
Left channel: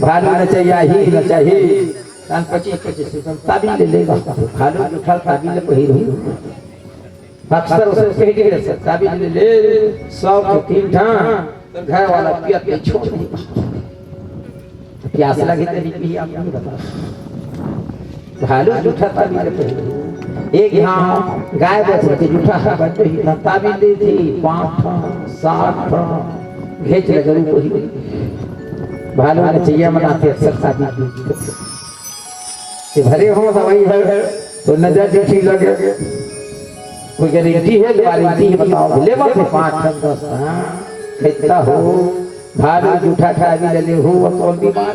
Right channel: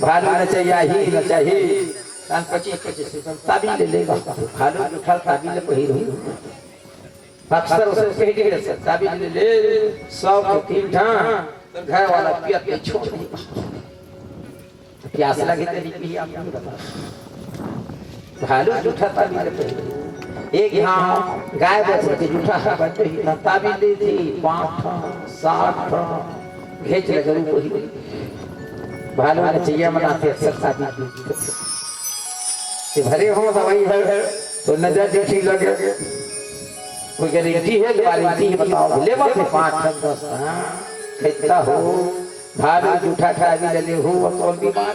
भालू न चाहिए ही न चाहिए, 25-25 ताबी ले लेगा, भालू उठा ताबी ले पहिर हुई, अक्सर उसे कह दिया ताबी ले ले 100 के 3 ठां घर वाला पिया पे छोड़ दे, प्यास लगी तेरी भी आप नहीं बता। भालू जूठा ताबी ले पहिर, एक यहाँ गाय बच जूठा बच ही ताबी ले थी 5 ठां 7 ठां घेच लगे ऊपर ही। भालू ने चाहिए मनाते अक्सर ताबी ये भरे हो दवाई है तो नजर देखी लगे, कोई गारंटी है, गारंटी बताओ, ले बात 5 ठां 10 ठां खेता हो, भालू जूठा ताबी ले हो और कौन बीमार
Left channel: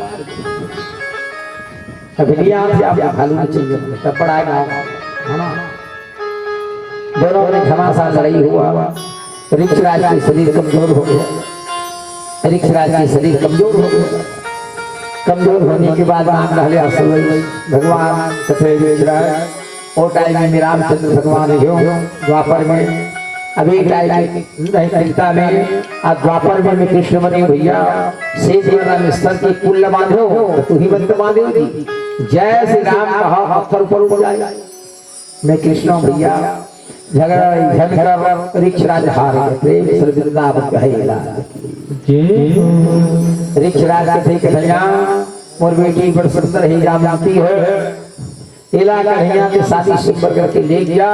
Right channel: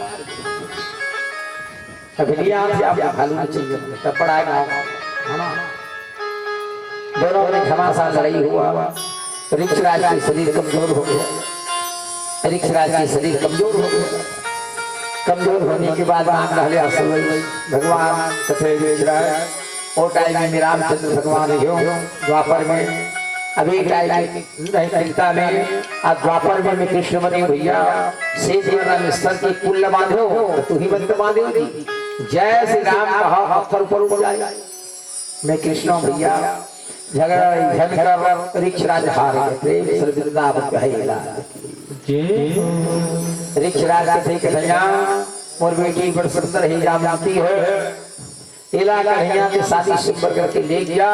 अभिलिया से आप भालू ने चाहिए तब पड़ाएगा है ना। दोनों में घमासान लड़ाई हुआ, ऋक्षराज की शरीर कमजोर हो गया, ऋक्षराज की शरीर कमजोर हो गया। कमजोर होने के बाद भगवान कथे ऋक्षराज और टाइम में रामचंद्र भगवान हो, द्वापर में अभी टाइम में आज द्वापर में कृष्ण बने भैया, शेष में स्तर की कुल बांधे हो तू ही बंद बांधे होगी, जय श्री राम कहा पत्थर ऊपर उड़ जाए। मैं कृष्ण भैया झगड़ा झगड़ा ऋक्षराज हार गए, ऋक्षराज थे कन्हैया मोर बेटी बड़ सुंदर ही जामवंती है, इला कन्हैया के शादी सुंदर करके ले गया,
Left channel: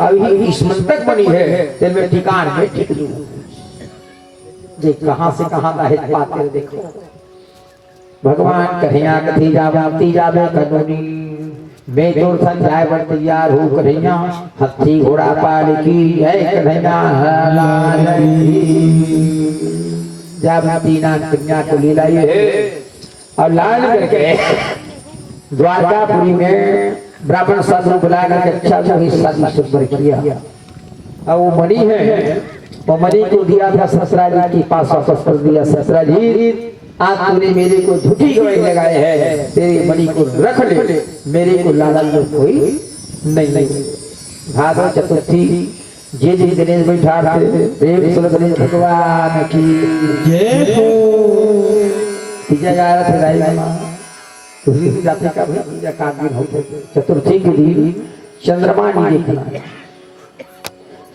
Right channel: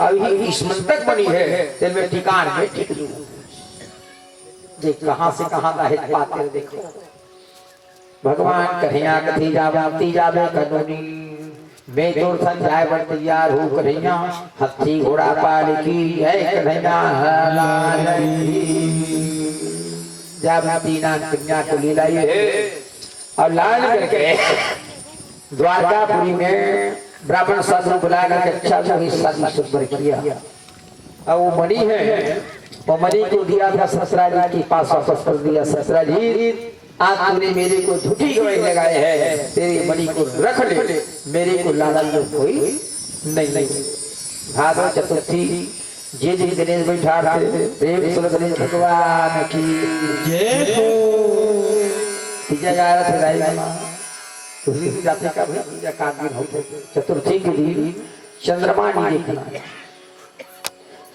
अभी इस मंतक बनी है दिल में ठिकान में टिक लूं। देख कहां से कहां दाहित पाते देखो, भगवान कन्हैया कथी जामवंती जावे कनोनी, मैं तो सन जाए बड़ तैयार हो कन्हैया, हाथी घोड़ा पाल की है कन्हैया लाल की। जामवंती ना कन्या को ले लाई है और लाल करके द्वारकापुरी में ब्राह्मण साधु बुला करके अच्छा जो हिस्सा सुंदर किया। अब वो मणि है, वो मणि को दिया था ससुरा जी के पास, वापस कर दिया। ससुरा जी आज तूने मेरे को झूठी गवाही लगाए है, तेरी मणि को रख ले, मेरे को लालन जो कोई नहीं। भादव चतुर्थी जे दिन गणेश बैठा प्रेम सुन गणेश भगवान की जय हो। तीजा जा रहा था जाति का पूजा का दिन होते, चतुर्थी के दिन चंद्रमा नहीं देखना,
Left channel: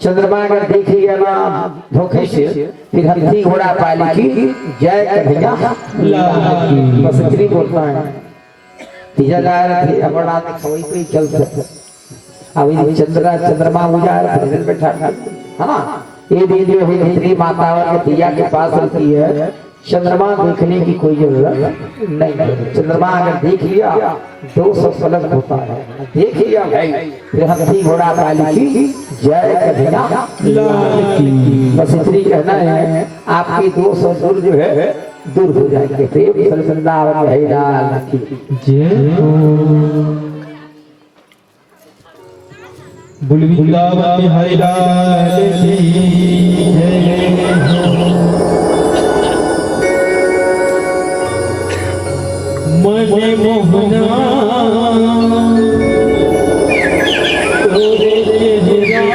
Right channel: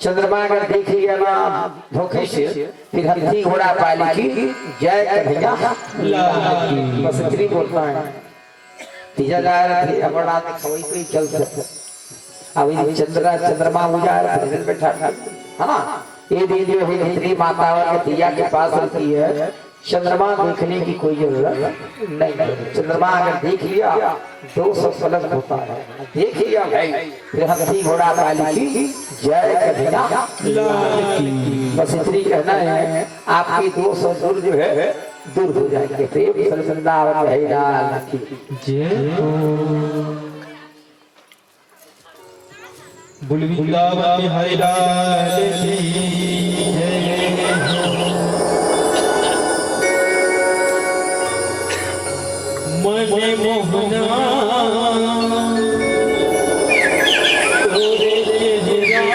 चंद्रमा अगर देख लिया ना धोखे से फिर हाथी घोड़ा पाली की जय कन्हैया बस इतनी बोलता है। तीजा जा रहा था बड़ा वही पे चल सकता, अभी चंद्रमा उजाड़ बैठा है ना। ये दिन जो है इतनी माता और दिया के पास रहती है, चंद्रमा देखने की कोई जरूरत नहीं। चंद्रमा अगर देख लिया 200 फलक होता है, देख लिया भाई फिर हाथी घोड़ा पाली की जय कन्हैया बस इतनी कहना है, आपकी 200 दूर जो है दूर हो जाएंगे। प्रेम वृंदावन भैराज की जय हो। वृंदावन भैराज की जय हो। मने मोहना तोरे चेहरा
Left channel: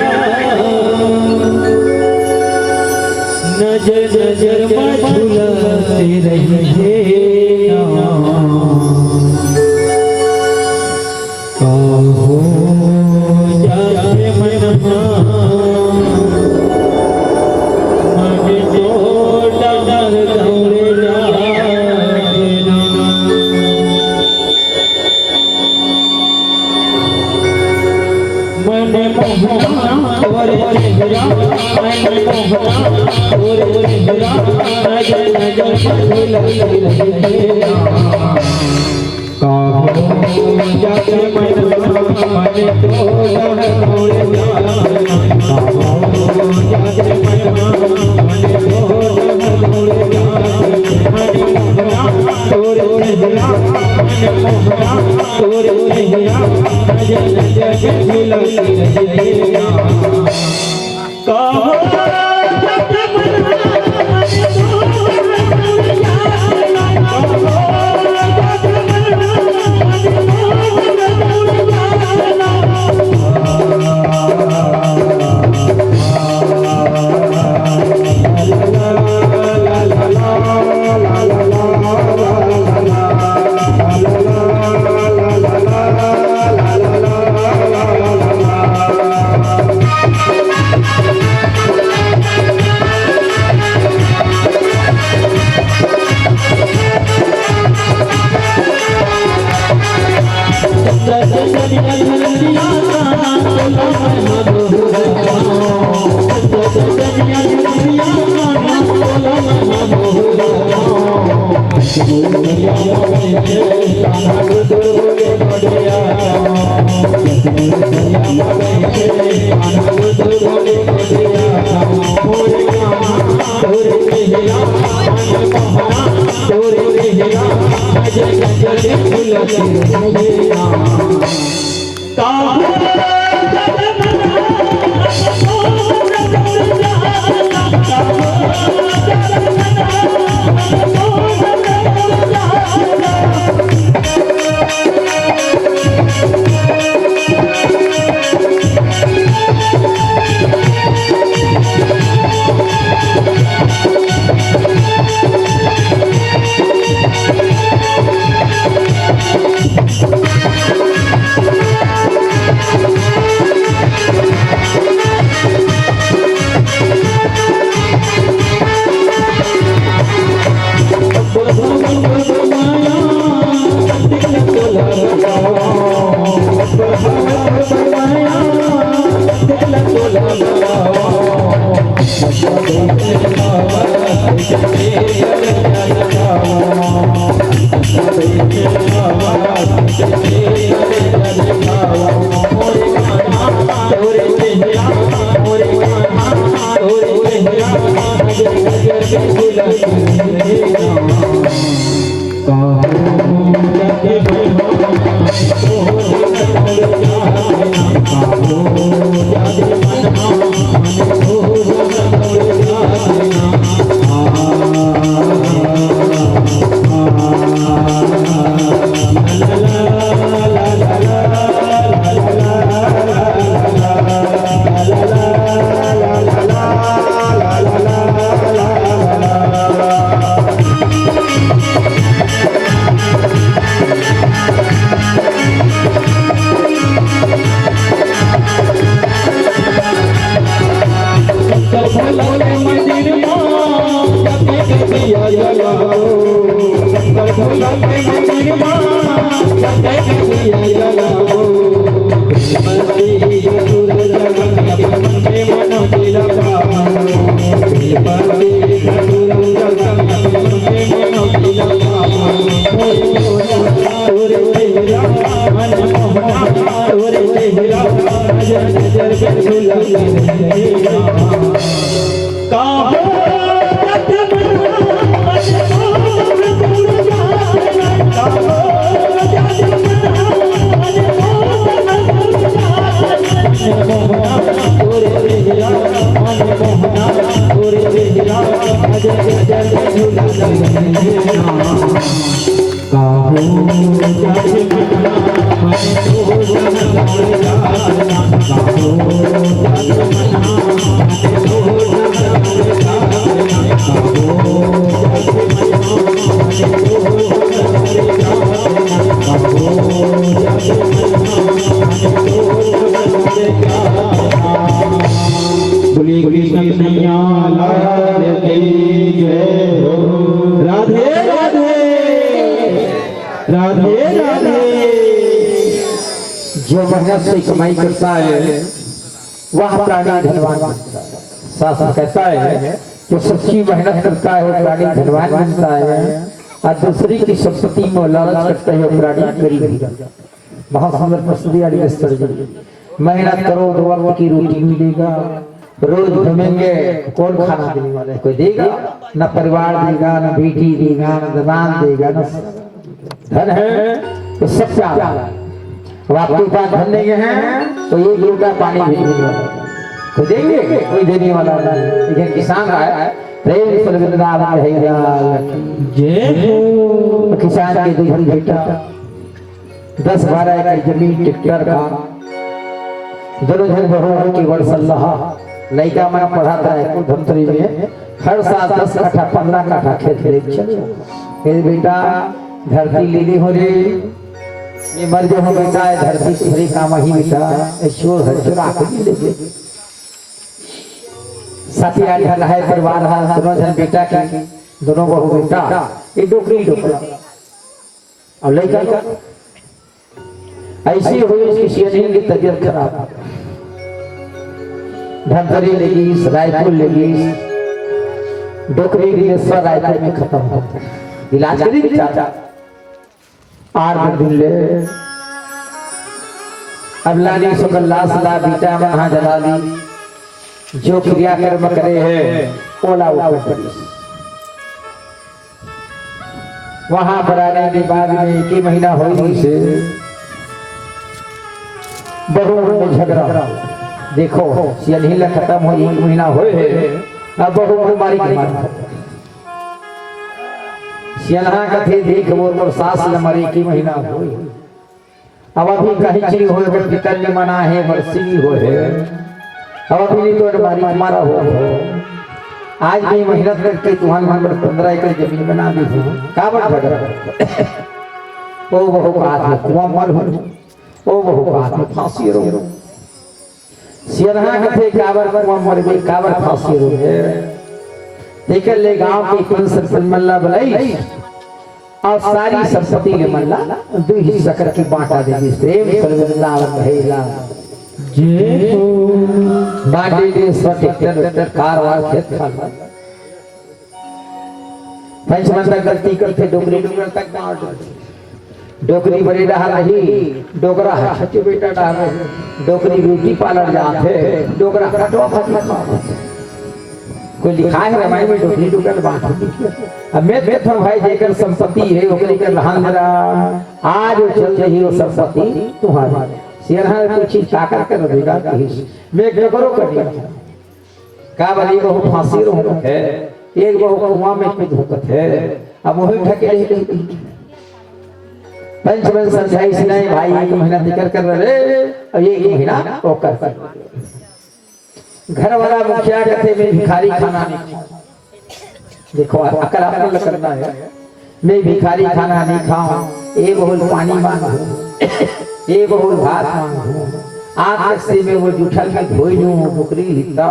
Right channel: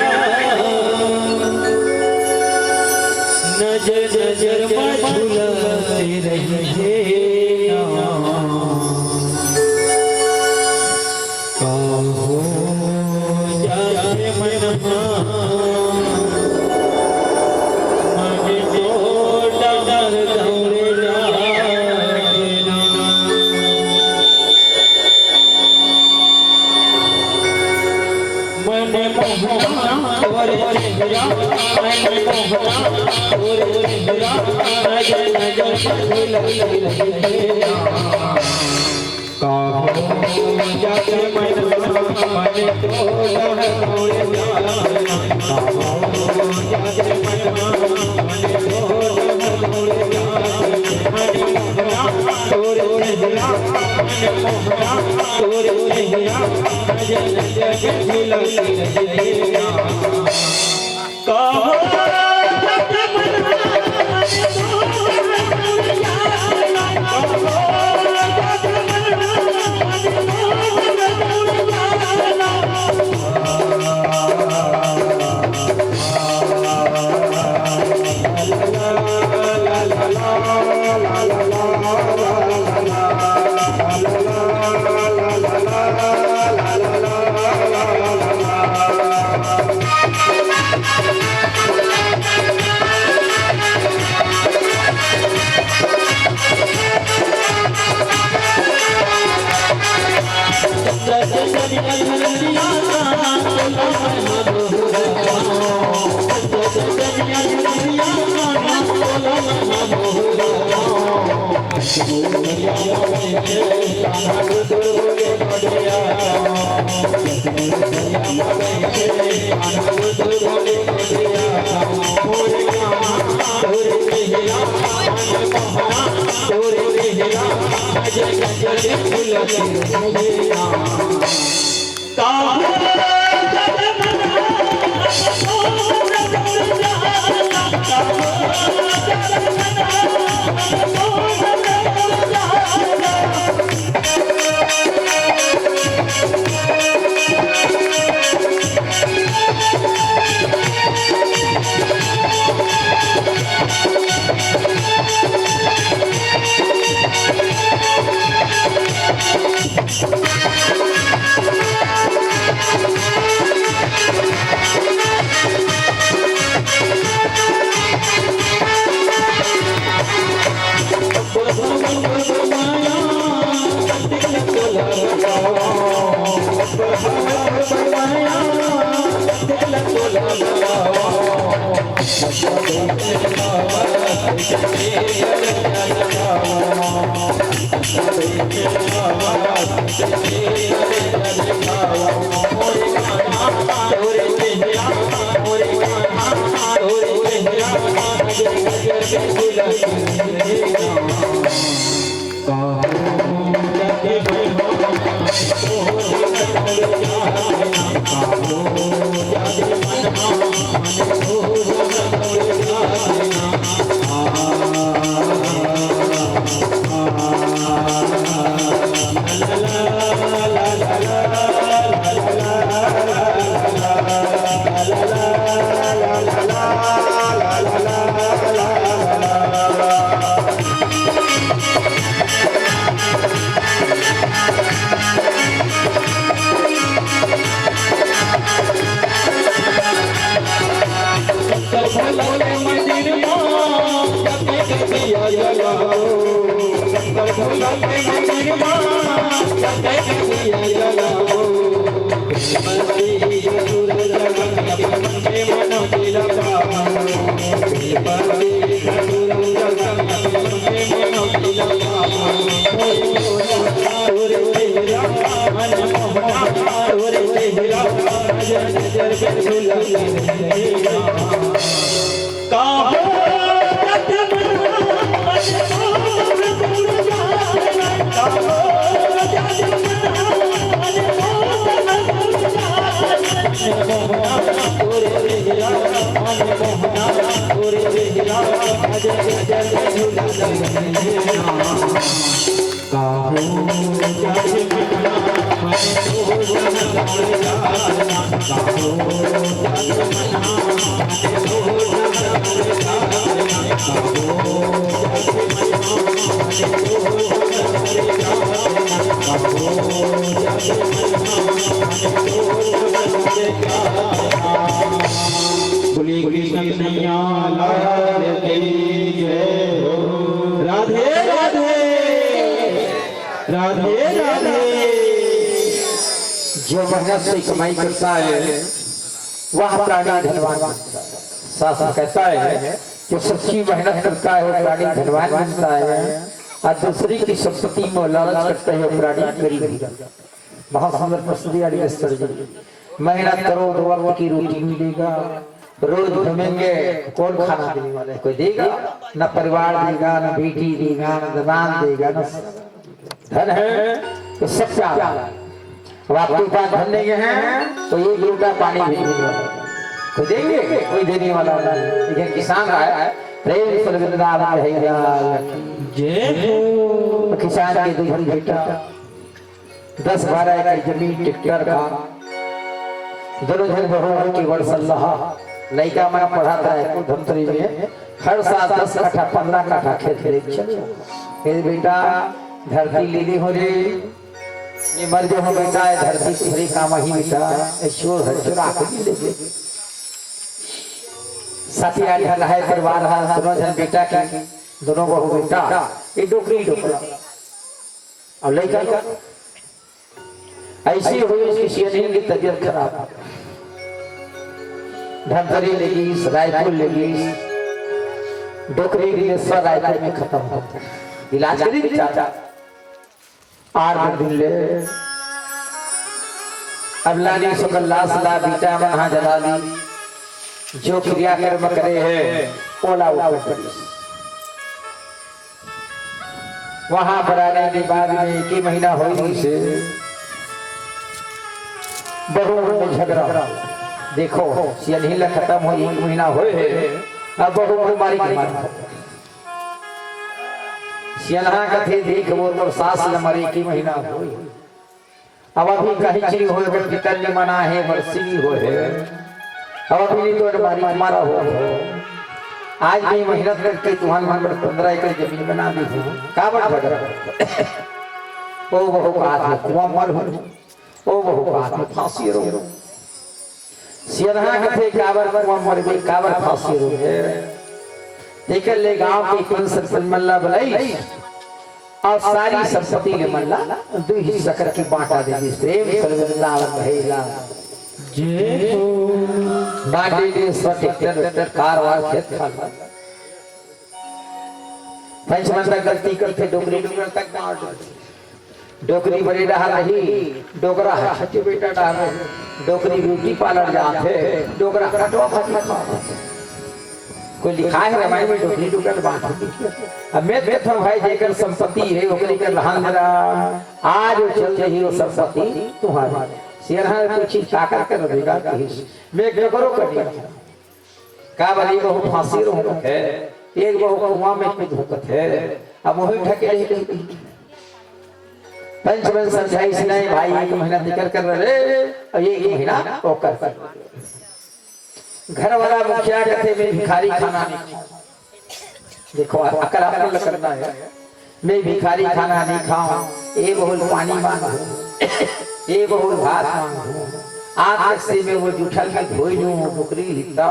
नजर नजर में झुलाते रहे कहो जाए मनहा मने जोड़ा दर दौड़े जाना मने मोहना तोरे चेहरा मने मोहना तोरे चेहरा नजर नजर में झुलाते रहे कहो जाके मनहा मने जोड़ा दौड़े जाना कहो जाके मनहा मने जोड़ा दौड़े जाना मने मोहना तोरे चेहरा मने मोहना तोरे चेहरा नजर नजर में झुलाते रहे कहो जाके मनहा मने जोड़ा दौड़े जाना कहो जाके मनहा मने जोड़ा दौड़े जाना बोलिए कृष्ण कन्हैया लाल की जय हो। राधे राधे राधे राधे। जो मेहनत से कमाई करता है वह प्राणी धनवान बनता है। शास्त्र कहता है जो सच्ची मेहनत करता है वो प्राणी धनवान बनता है और दूसरी की संपत्ति में लालच करता है वो प्राणी गरीब हो जाता है। बहुत सुंदर प्रश्न दिया मेहनत करो तो वक्त की रोटी मिलेगा, रोज घूमेंगे कौन खाना देने वाला है, कोई देगा न, परिवार देगा न, बेटी देगा न, जबान देगा न, धन है तो सब क्या अब आपके पास धन नहीं है तो एक लोटा पानी भी नहीं देने वाला, कोई देंगे कोई देने वाला नहीं। लेकिन किसान है प्रेम से वृंदावन जय हो। किसान के दूसरी बेटा 10-12 एकड़ जमीन ट्रैक्टर का दोनों जन बहु की वर्षल्लाह लड़का मैं पढ़ाता है को धमतरी में हर साल 10 कट्ठा 15 कट्ठा खेत ले बेटा धरती लीली हो रे ये मर जो हो बेटा है धरती दूसरी काम ही बेटा चोर है चुरा के ले साथी आड़ी है परिवार है दोनों जन बेटा की दोनों बहु बेटा एक डोकरी डोकरा और लड़का ऐसी हुई उसकी शेरनी की तबीयत खराब, धमतरी लगी रायपुर लगी डोकरी भी सब रायपुर में खत्म होता है। इलाज करी चाचा 8 दिन ले अब लाली सुकल लाश ला बीटा वहां जला ली जो क्रियाकर्म करे है ओला ऊपर वहां पर आने के बाद में 1 महीना हो से बहु में झगड़ा देखो सियनहिला खत्म हो 1 महीना होए अब बहु बीमारी की मार सियनहा कथे देख वो और सास ल मरे 1 महीना होए अब अभी कहीं चीज होए पर पितर ने मना है बरसी होए अब अभी तो बीमारी मारा हो आज भी मेहनत करके तुम्हारे मन पर 15 एकड़ जमीन बना दी है का झगड़ा ओ बहु का कुआं मर हो ओ बहु का फांसी रो सियरहा कथे काबर कुआं मर गई काबर फांसी रो है देख ले गांव की कुल सरपंच मल्ला बुलाई और सारी संपत्ति के मल्ला 2 हिस्सा करके बांटा देगी प्रेम सर्वनाम रहेला जय हो। बांटे दे स्व ट्रैक्टर कारवार खेत खाला पंचमंदा गलती करके डोगरी तक बांट डोकरी बड़ी डाल रही डोकरा छठी बेटा डाल रही डोकरी रोटी पालर जाते डोकरा कटवा फटवा कोई लिखा है रामायण में डोकरी डोकर बात अब मैं देखो भाई जेकर संपत्ति है ओकरे के रहन मेरा आज चल रही हो संपत्ति तुम्हारी सिरहा कुछ ताका कर देगा मैं करो कटिया का बली को फांसी रो है एक बहु कुआं में कुछ धोखत है अब वही ठके पंचमन समझाई नहीं भाई 1 महीना निकल कर रहे और 1 महीना वो कर घर वाला मुखिया कहते मैं भिखारी खाना नहीं खाऊं देखो अकल आपको करना है मैं भिखारी खाना नहीं खाऊं एक बहुल पानी मांगू एक बहुल भात मांगू आंख से में वो जूठा का धोई लूं बुकरी हिता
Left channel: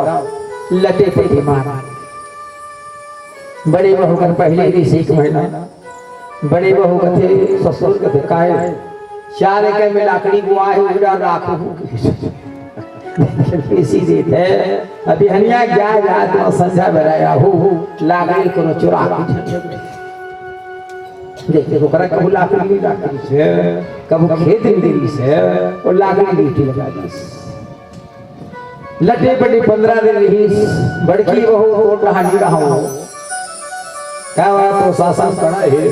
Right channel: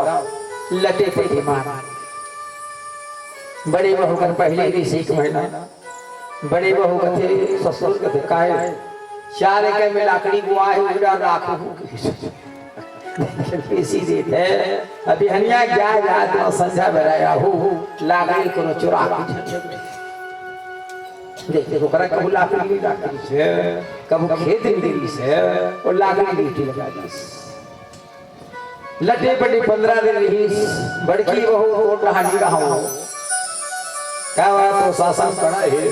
लटे पे मां बड़े बहू कर पहले ही 1 महीना बड़े बहू कथे ससुर कथे काहे 4 एकड़ में लाकड़ी बुआ है उड़ा राखू पीसी देते अभी हनिया जाए रात में संध्या बेराया हो लाकड़ी को चुरा देखते को करा कबू लाकड़ी से कबू खेत में देवी से और लाकड़ी ड्यूटी लगा दी लटे पटे 15 दिन रही बड़की बहू कोट रहा जी रहा हूं क्या बात तो शासन पड़ा है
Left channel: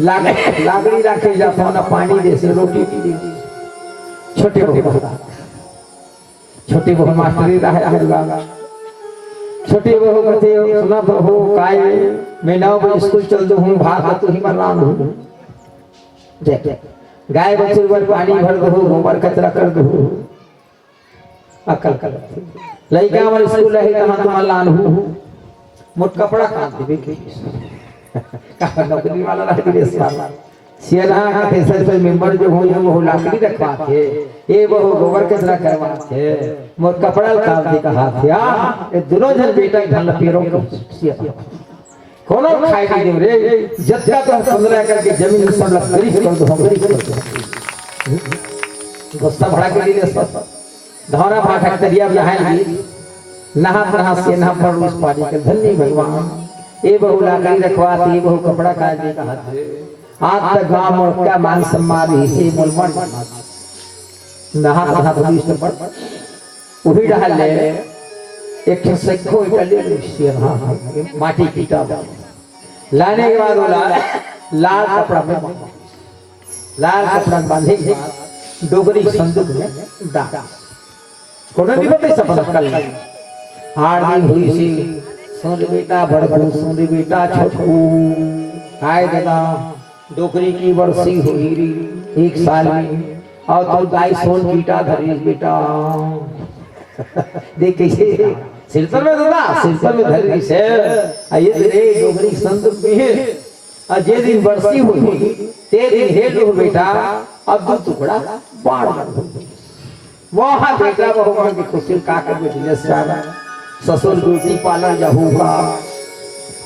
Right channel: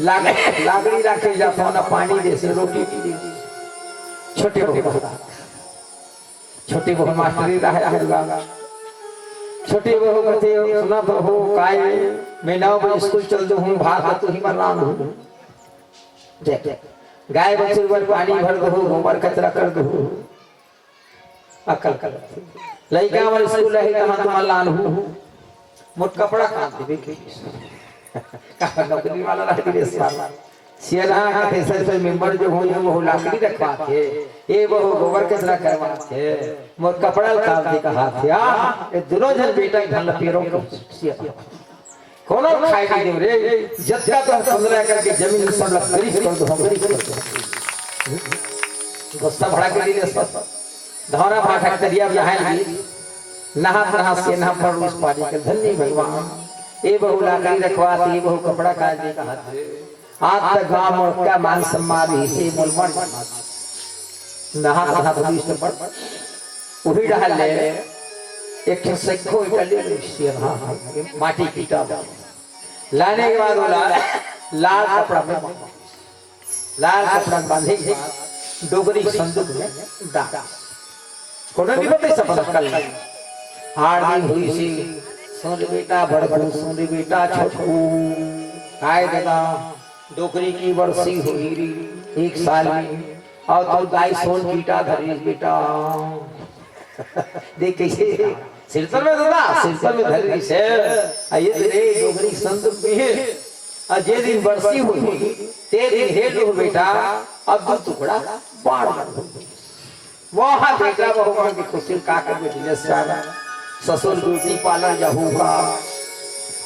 लाकड़ी रखे जाता ना पानी दे से रोटी दे छोटे बहू छोटी बहू मास्टरी रहा छोटी बहू कहते सुना बहू काय मैं 9 बजे स्कूल चल दू हूं भात तो ही मर रहा हूं गाय बछरू पर पानी भर दो, गोबर कचरा कर दो, अकल कर लइका हमारे स्कूल है कहां तुम लानहू मोट कपड़ा काट देबे के का नौकरी वाला रह रे साला सियाना का फैसले मेंबर जो हो वो लाकड़ी रखवा के ये वो गोबर कचरा करवा के मोट कपड़ा काट दे का हाथ या ये दोनों जन बेटा घन पेरों को सिया कोनो खाई दे रे जत्ता तो 15 करके जमीन सब लकड़ी कर दो हमरी कर दो गोस्ता भड़ा के लिए धौरा पाठक तरिया यहाँ लगी नहा से नहा पर उस पानी के धन्य भगवान ये बहु लाकड़ी रखवाती बहु कपड़ा काट दे का आज तक गांव और क्या मान सम्मान इसे मुलमन नहा पुलिस पर वही डाल ले एक सैखो इटली शेर हां माटी पीटा लाने के बाद बोला लाल कपड़ा में लाल कपड़ा बांधे के बाद डोगरी संदूक में डाल कोने भी बते सपना कल हार दी हुई सी सुन बेटा बड़कू सुन बेटा छोटू आए दादा डोकरी की वर्षी हुई री 1 साल में और तो गाय सोन बेटा धरी बेटा देख कैसे सिलसर में दादा सिलसर में धरी से ये रे डोगरी संदूक में है और जे दिन वर्षी हुई ते दिन हेल हो बेटा अब दो टुकड़ा बाढ़ वहाँ बेटा बहुमा की खुशी का कर बिजनेस सारा ससुर ब्यूटी पार्लर जाऊंगा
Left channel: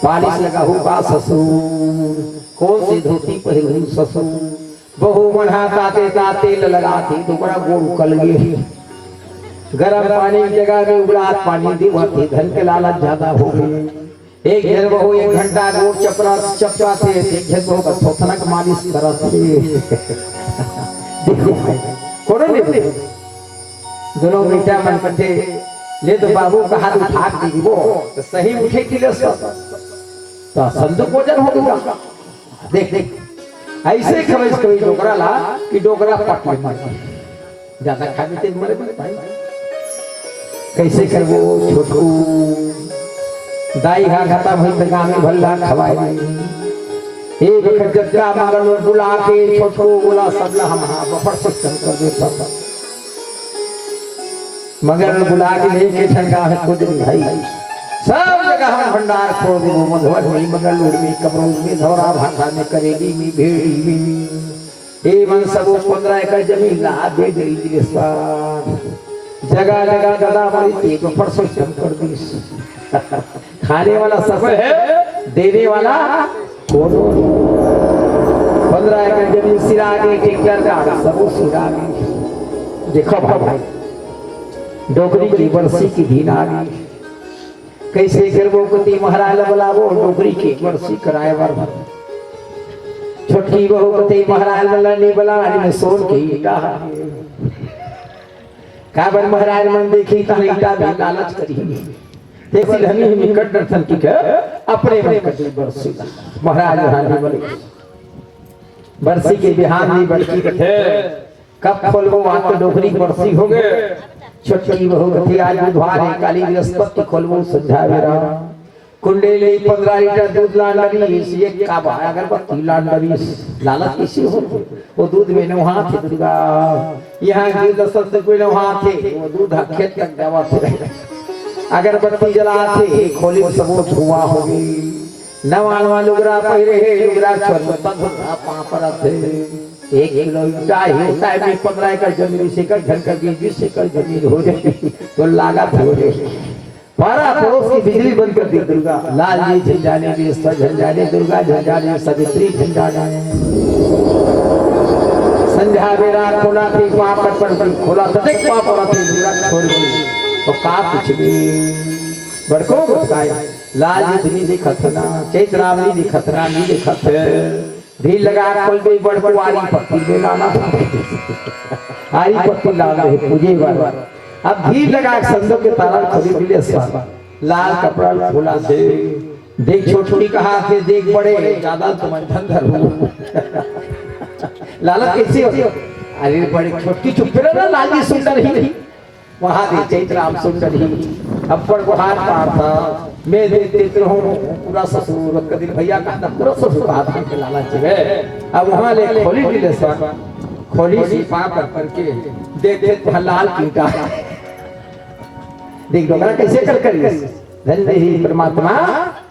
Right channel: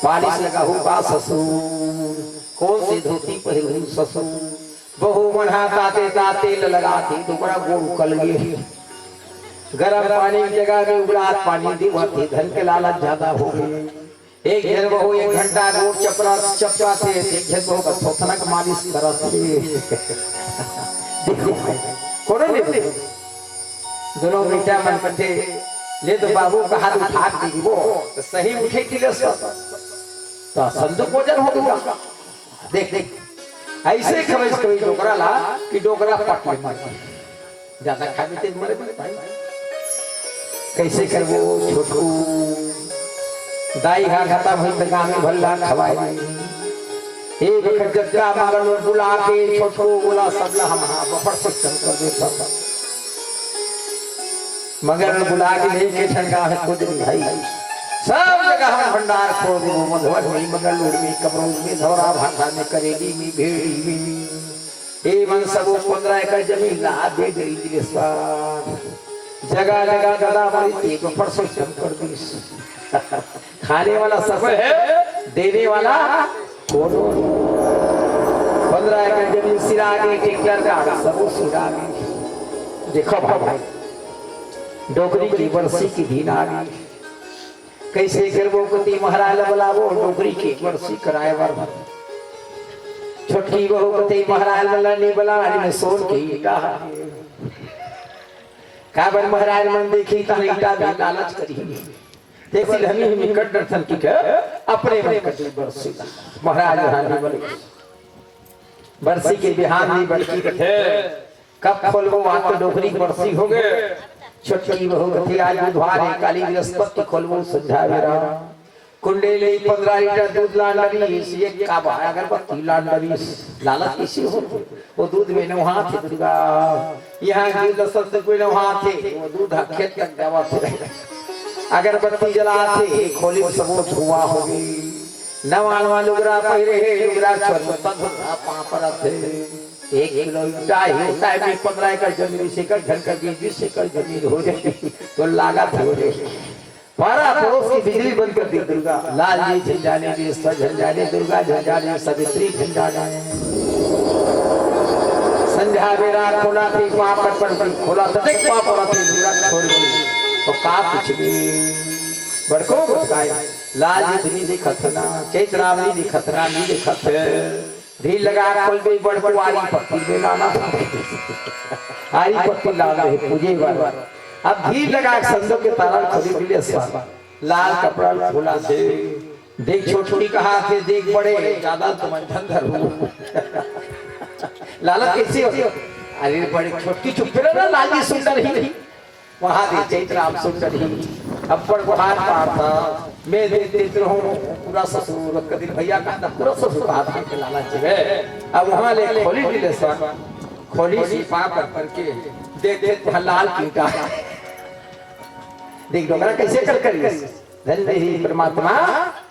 पालिश लगाऊंगा ससुर कौन सी धोती पहनूं ससुर बहु मना ताते ताते लगाती टुकड़ा गोड़ उकल गए गरम पानी की जगह में उबलात पानी दीवाती धन के लालच ज्यादा हो गए एक जन बहु 1 घंटा गोड़ चपरा चपचाते एक जन बहु थोथनक मालिश करते देखो कौन नहीं दोनों बेटा मन करते ले तो बाबू का हाथ उठा दी वो तो सही उठे कि ले तो संदूक वजन हो गया देख देख ऐसे खबज कोई डोकरा ला कि डोकरा पट में मर ज्यादा खाने ते मरे भाई कैसे करबो छोटू दाई हा घाटा भई त गांव में भल्ला खवाए एक वक्त जग्गा मारल बुला के छोटू बोला सबला हम बफर सिस्टम कर देता मगर बुला के लेके ठंडा है खुद भाई सब जगह हम भंडार खोल दो मधुवर में मंगलूर में कमरों में धौरा भाषा में करेली में भेड़ी में ए मन सब 15 एकड़ जमीन ला दे गई गिरफ्तार जगह जगह दादा बड़ी एक परसों कम कर दी खाने वाला सब है देने वाला कौन 15 एकड़ जमीन सिरा के टिकटर का सब सिरा के देखो भाई डोगरी की वर्षी की दिन आ गई कैसे करबो कति महाराज बुलावो डोगरी की वर्षी कराए वर छोटी बहू कति महाराज ने बुला में सोन की कहा काबर महाराज मन देखी त ईटा भी लालच करी देखी हमी निकट दर्शन की के अपने मन कति वर्षी महाराज रानी बोले वर्षी के बिहान में बड़की कथे कब खोलबो बात डोगरी वर्षी हो गए छोटी बहू कथी आज बुधवार है काली बृहस्पति खोलबो संध्या बेरा कुंडेली 15 लीटर दूध लांडरी एक काबा अगरबत्ती लांडरी लालच किसी हो वो दूध में नहा थे दुर्गा यहाँ की दशरथ से कोई नहा थे वो दूध खेत तक दवा थे अगरबत्ती जलाते खोली सब धुआं हो गई नवानवा लुगरा पहिरे है लुगरा छोड़ तंग पापड़ थे 1 किलो ईटा होता है 15 एकड़ जमीन से कर घर कर 20 एकड़ जमीन हो जाती तो लागत हो जाए पारा पड़ोस की बिजली बंद कर दी दुर्गा लाल जी झंझाने भी झंझाने दुर्गा झंझाने सवित्री झंझाने संध्या बेरा खोला थी पापड़ पर खोला तो देख पापड़ थी दुर्गा छोड़ गई तो का कुछ भी बड़को बताए लाल जी धनी दिखत ना चैत्रावली दिखत ना नी दिखत ढील लगा खोल गई बड़कुआरी पत्ती में लाना आई पत्ती लाल रहे पूजे वाला अब ढील लगा संदूक के ताला खोली दिले स्वाद लाल कपड़ा खोला दे देख छोटी कहा थे देख बड़े ज्यादा तुम धंधर हो लालच कैसे हो अरे बड़े छोटी चुप रहा लाल जी सुंदर ही वहां दे चैत्राम सुंदर ही अब्बड़ गुहार पाता मैं देते रहूं पूरा ससुर कदिन भैया का पूरा ससुर हाथ में लाला चले अब वहां ले खोली दिले स्वाद खोली सी पाप करके देते हलाल कीटा। देख डोगरा कैसे कर करिए धन्य ही परमात्मा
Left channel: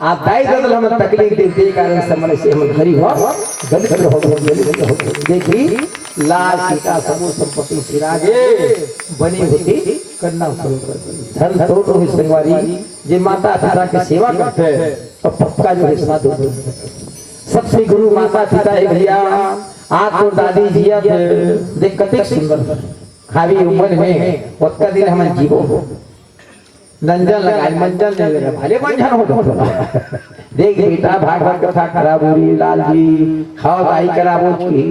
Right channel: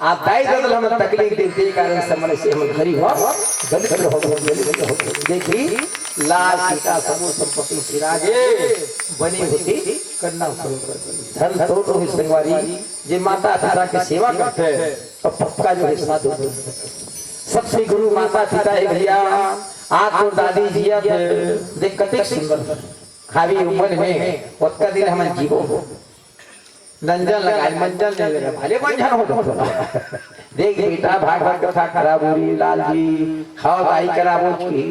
आप दाई दल हम तकलीफ देते कारण समय से हम घरी हो गलत हो देखी लाल सीता समूह संपत्ति फिराजे बनी होती करना धन तो संगवारी जे माता पिता की सेवा करते हैं तो पक्का जो हिस्सा दो सबसे गुरु माता पिता है भैया आप तो दादी जिया देख कते सुंदर खावी उम्र में वक्त दिन हम जीवो नंजन लगाए मंजन नहीं लगा भले मंजन हो देख बेटा भागवत कथा खराब हो रही लाल जी खाओ दाई कराबो की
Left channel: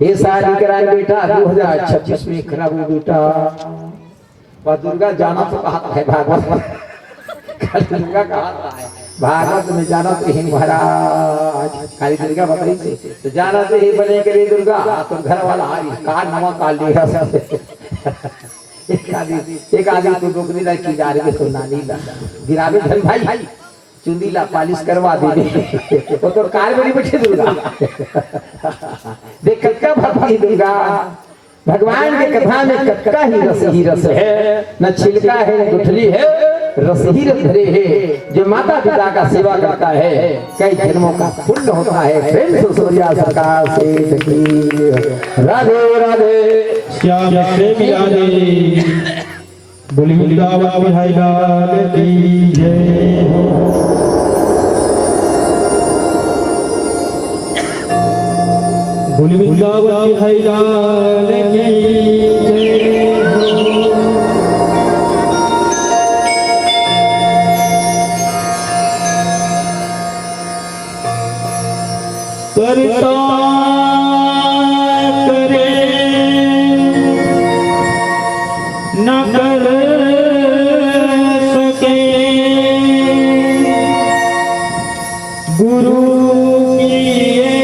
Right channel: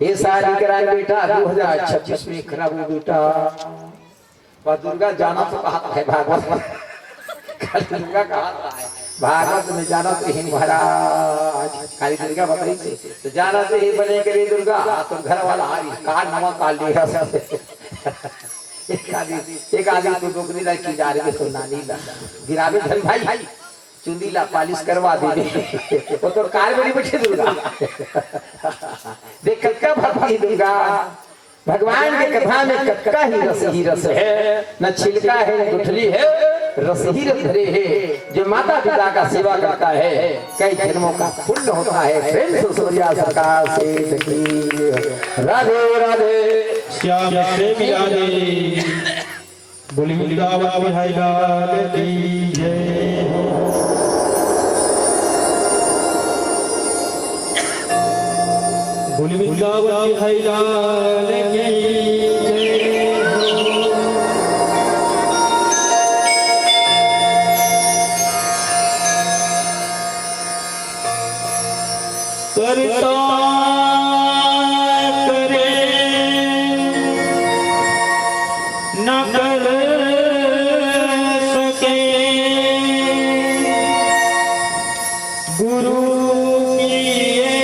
ये शादी कराए बेटा 2026 में खराब हो बेटा और दुर्गा जाना तो कहा है भागवत दुर्गा कहा है भागवत में जाना तो ही महाराज काली दुर्गा बताई से तो जाना तो ही बने के लिए दुर्गा तो घर वाला आई कार नमक काल लिया एक आदमी तो डोकरी ला की जा रही है नानी ला गिरावे धन भाई चुंदी ला पालिश करवा दे वो तो कार में बैठे दुर्गा देख कक्का भक्ति दुर्गा भगवान के कथा में कक्का ही रस है न छिलका है न गुठली है रस ही रस धरे है जो माता पिता का सेवा करता है कई जन्मों का पुण्य होता है प्रेम से सूर्या सरकार से राधे राधे श्याम प्रेमी राधे बोली वृंदावन बिहारी लाल की जय। बोली वृंदावन बिहारी लाल की जय। करता करे न कर सके गुरु किए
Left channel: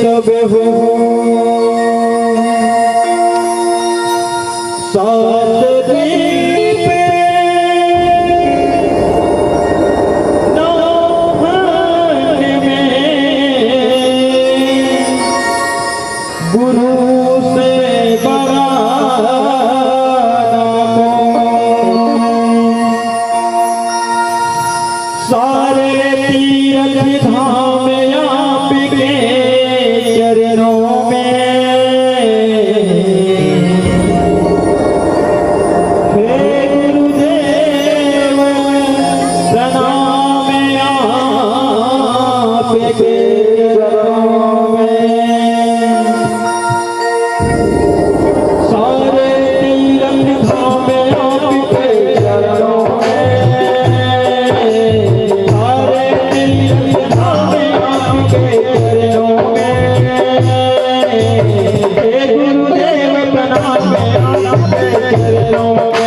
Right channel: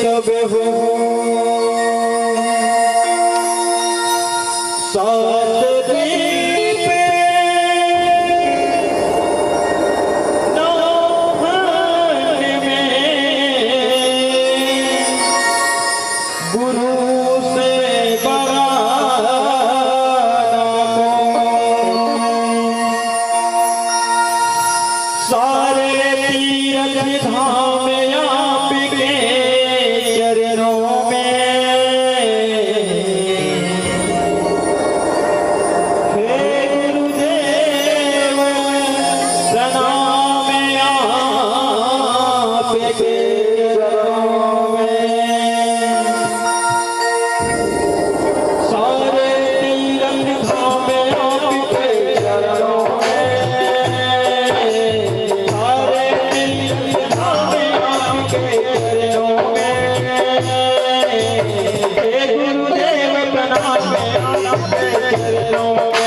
सब हो सात दिन पे गुरु से बड़ा सारे तीर्थ धाम आपके चरणों में हे गुरुदेव प्रणाम आपके चरणों में सारे तीर्थ धाम आपके चरणों में सारे तीर्थ धाम आपके चरणों में हे गुरुदेव प्रणाम आपके चरणों में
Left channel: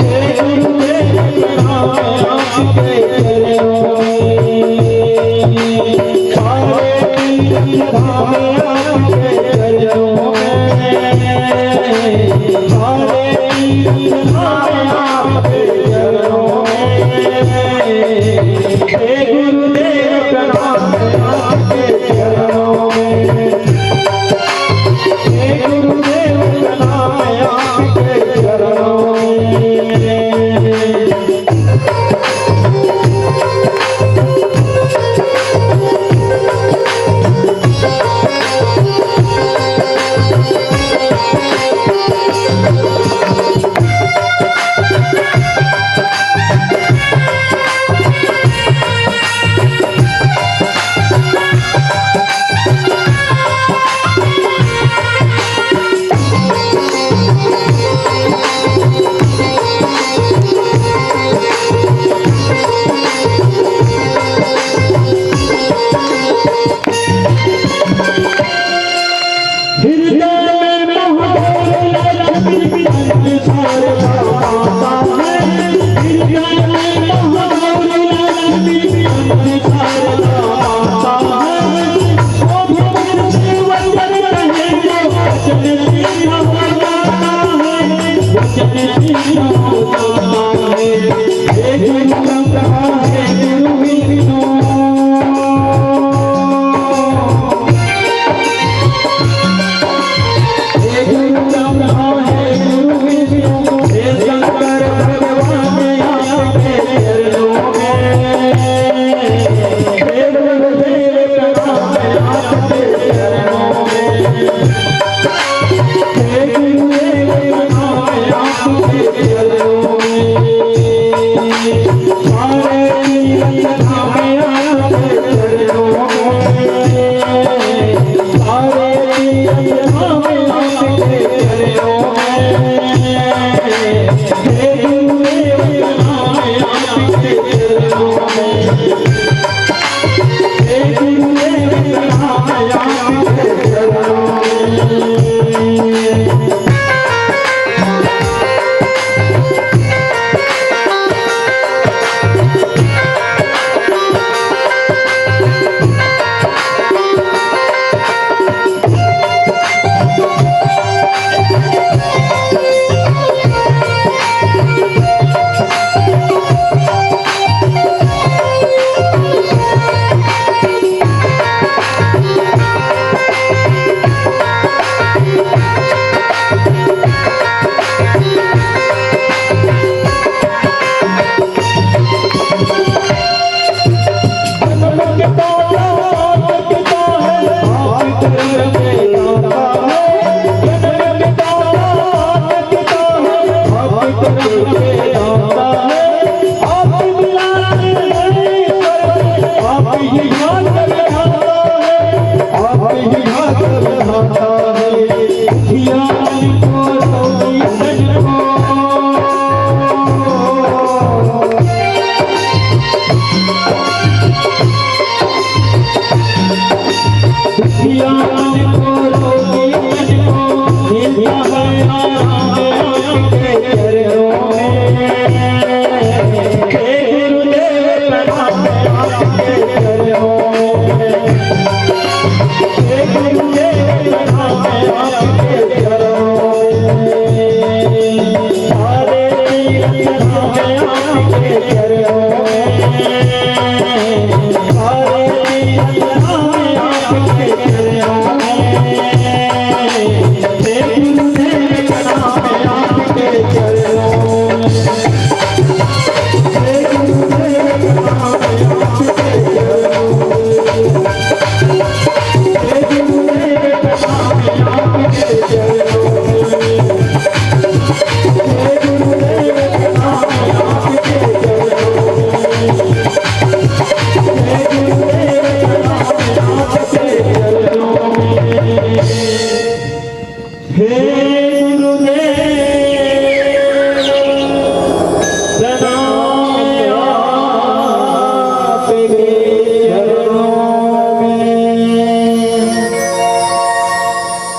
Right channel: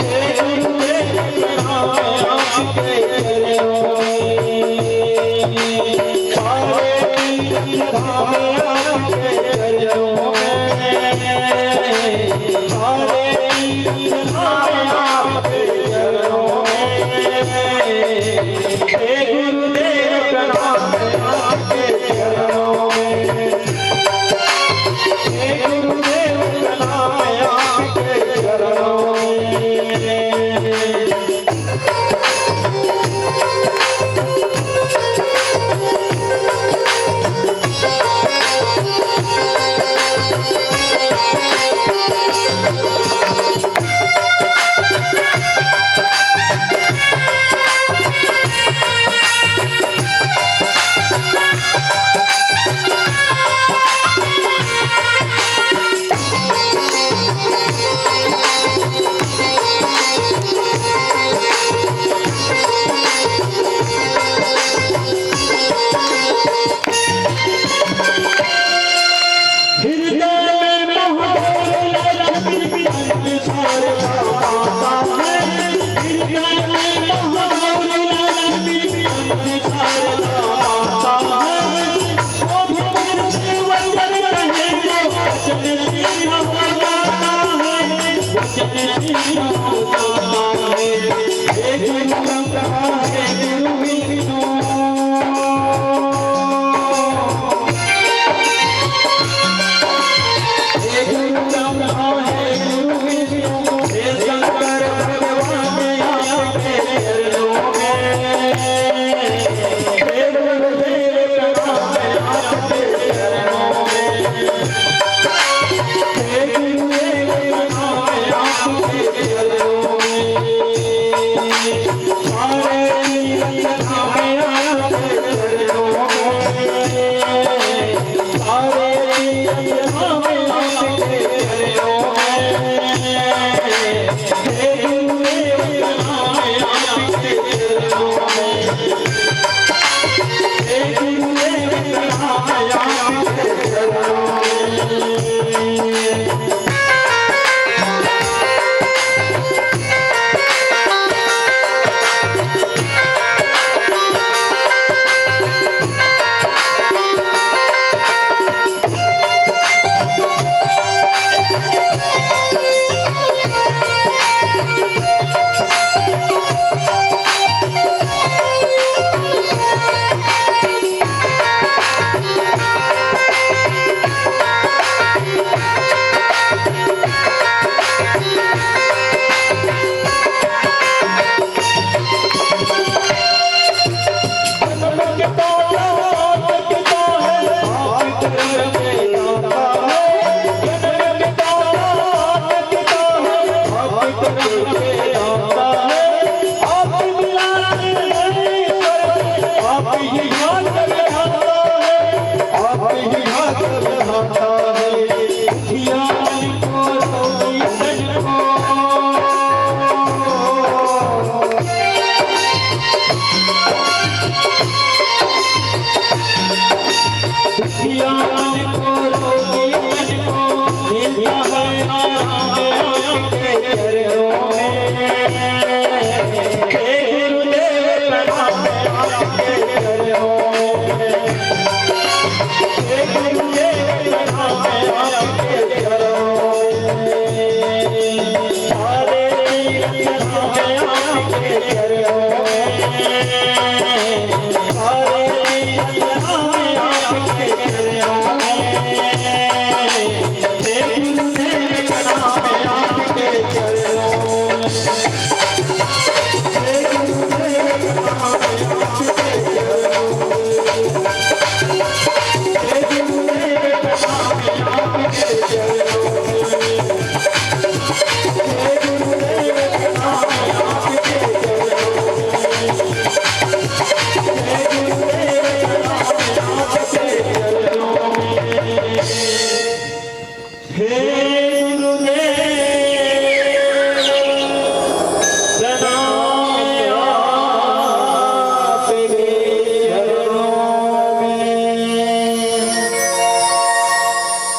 हे गुरुदेव प्रणाम आपके चरणों में सारे तीर्थ धाम आपके चरणों में सारे तीर्थ धाम आपके चरणों में हे गुरुदेव प्रणाम आपके चरणों में हे गुरुदेव प्रणाम आपके चरणों में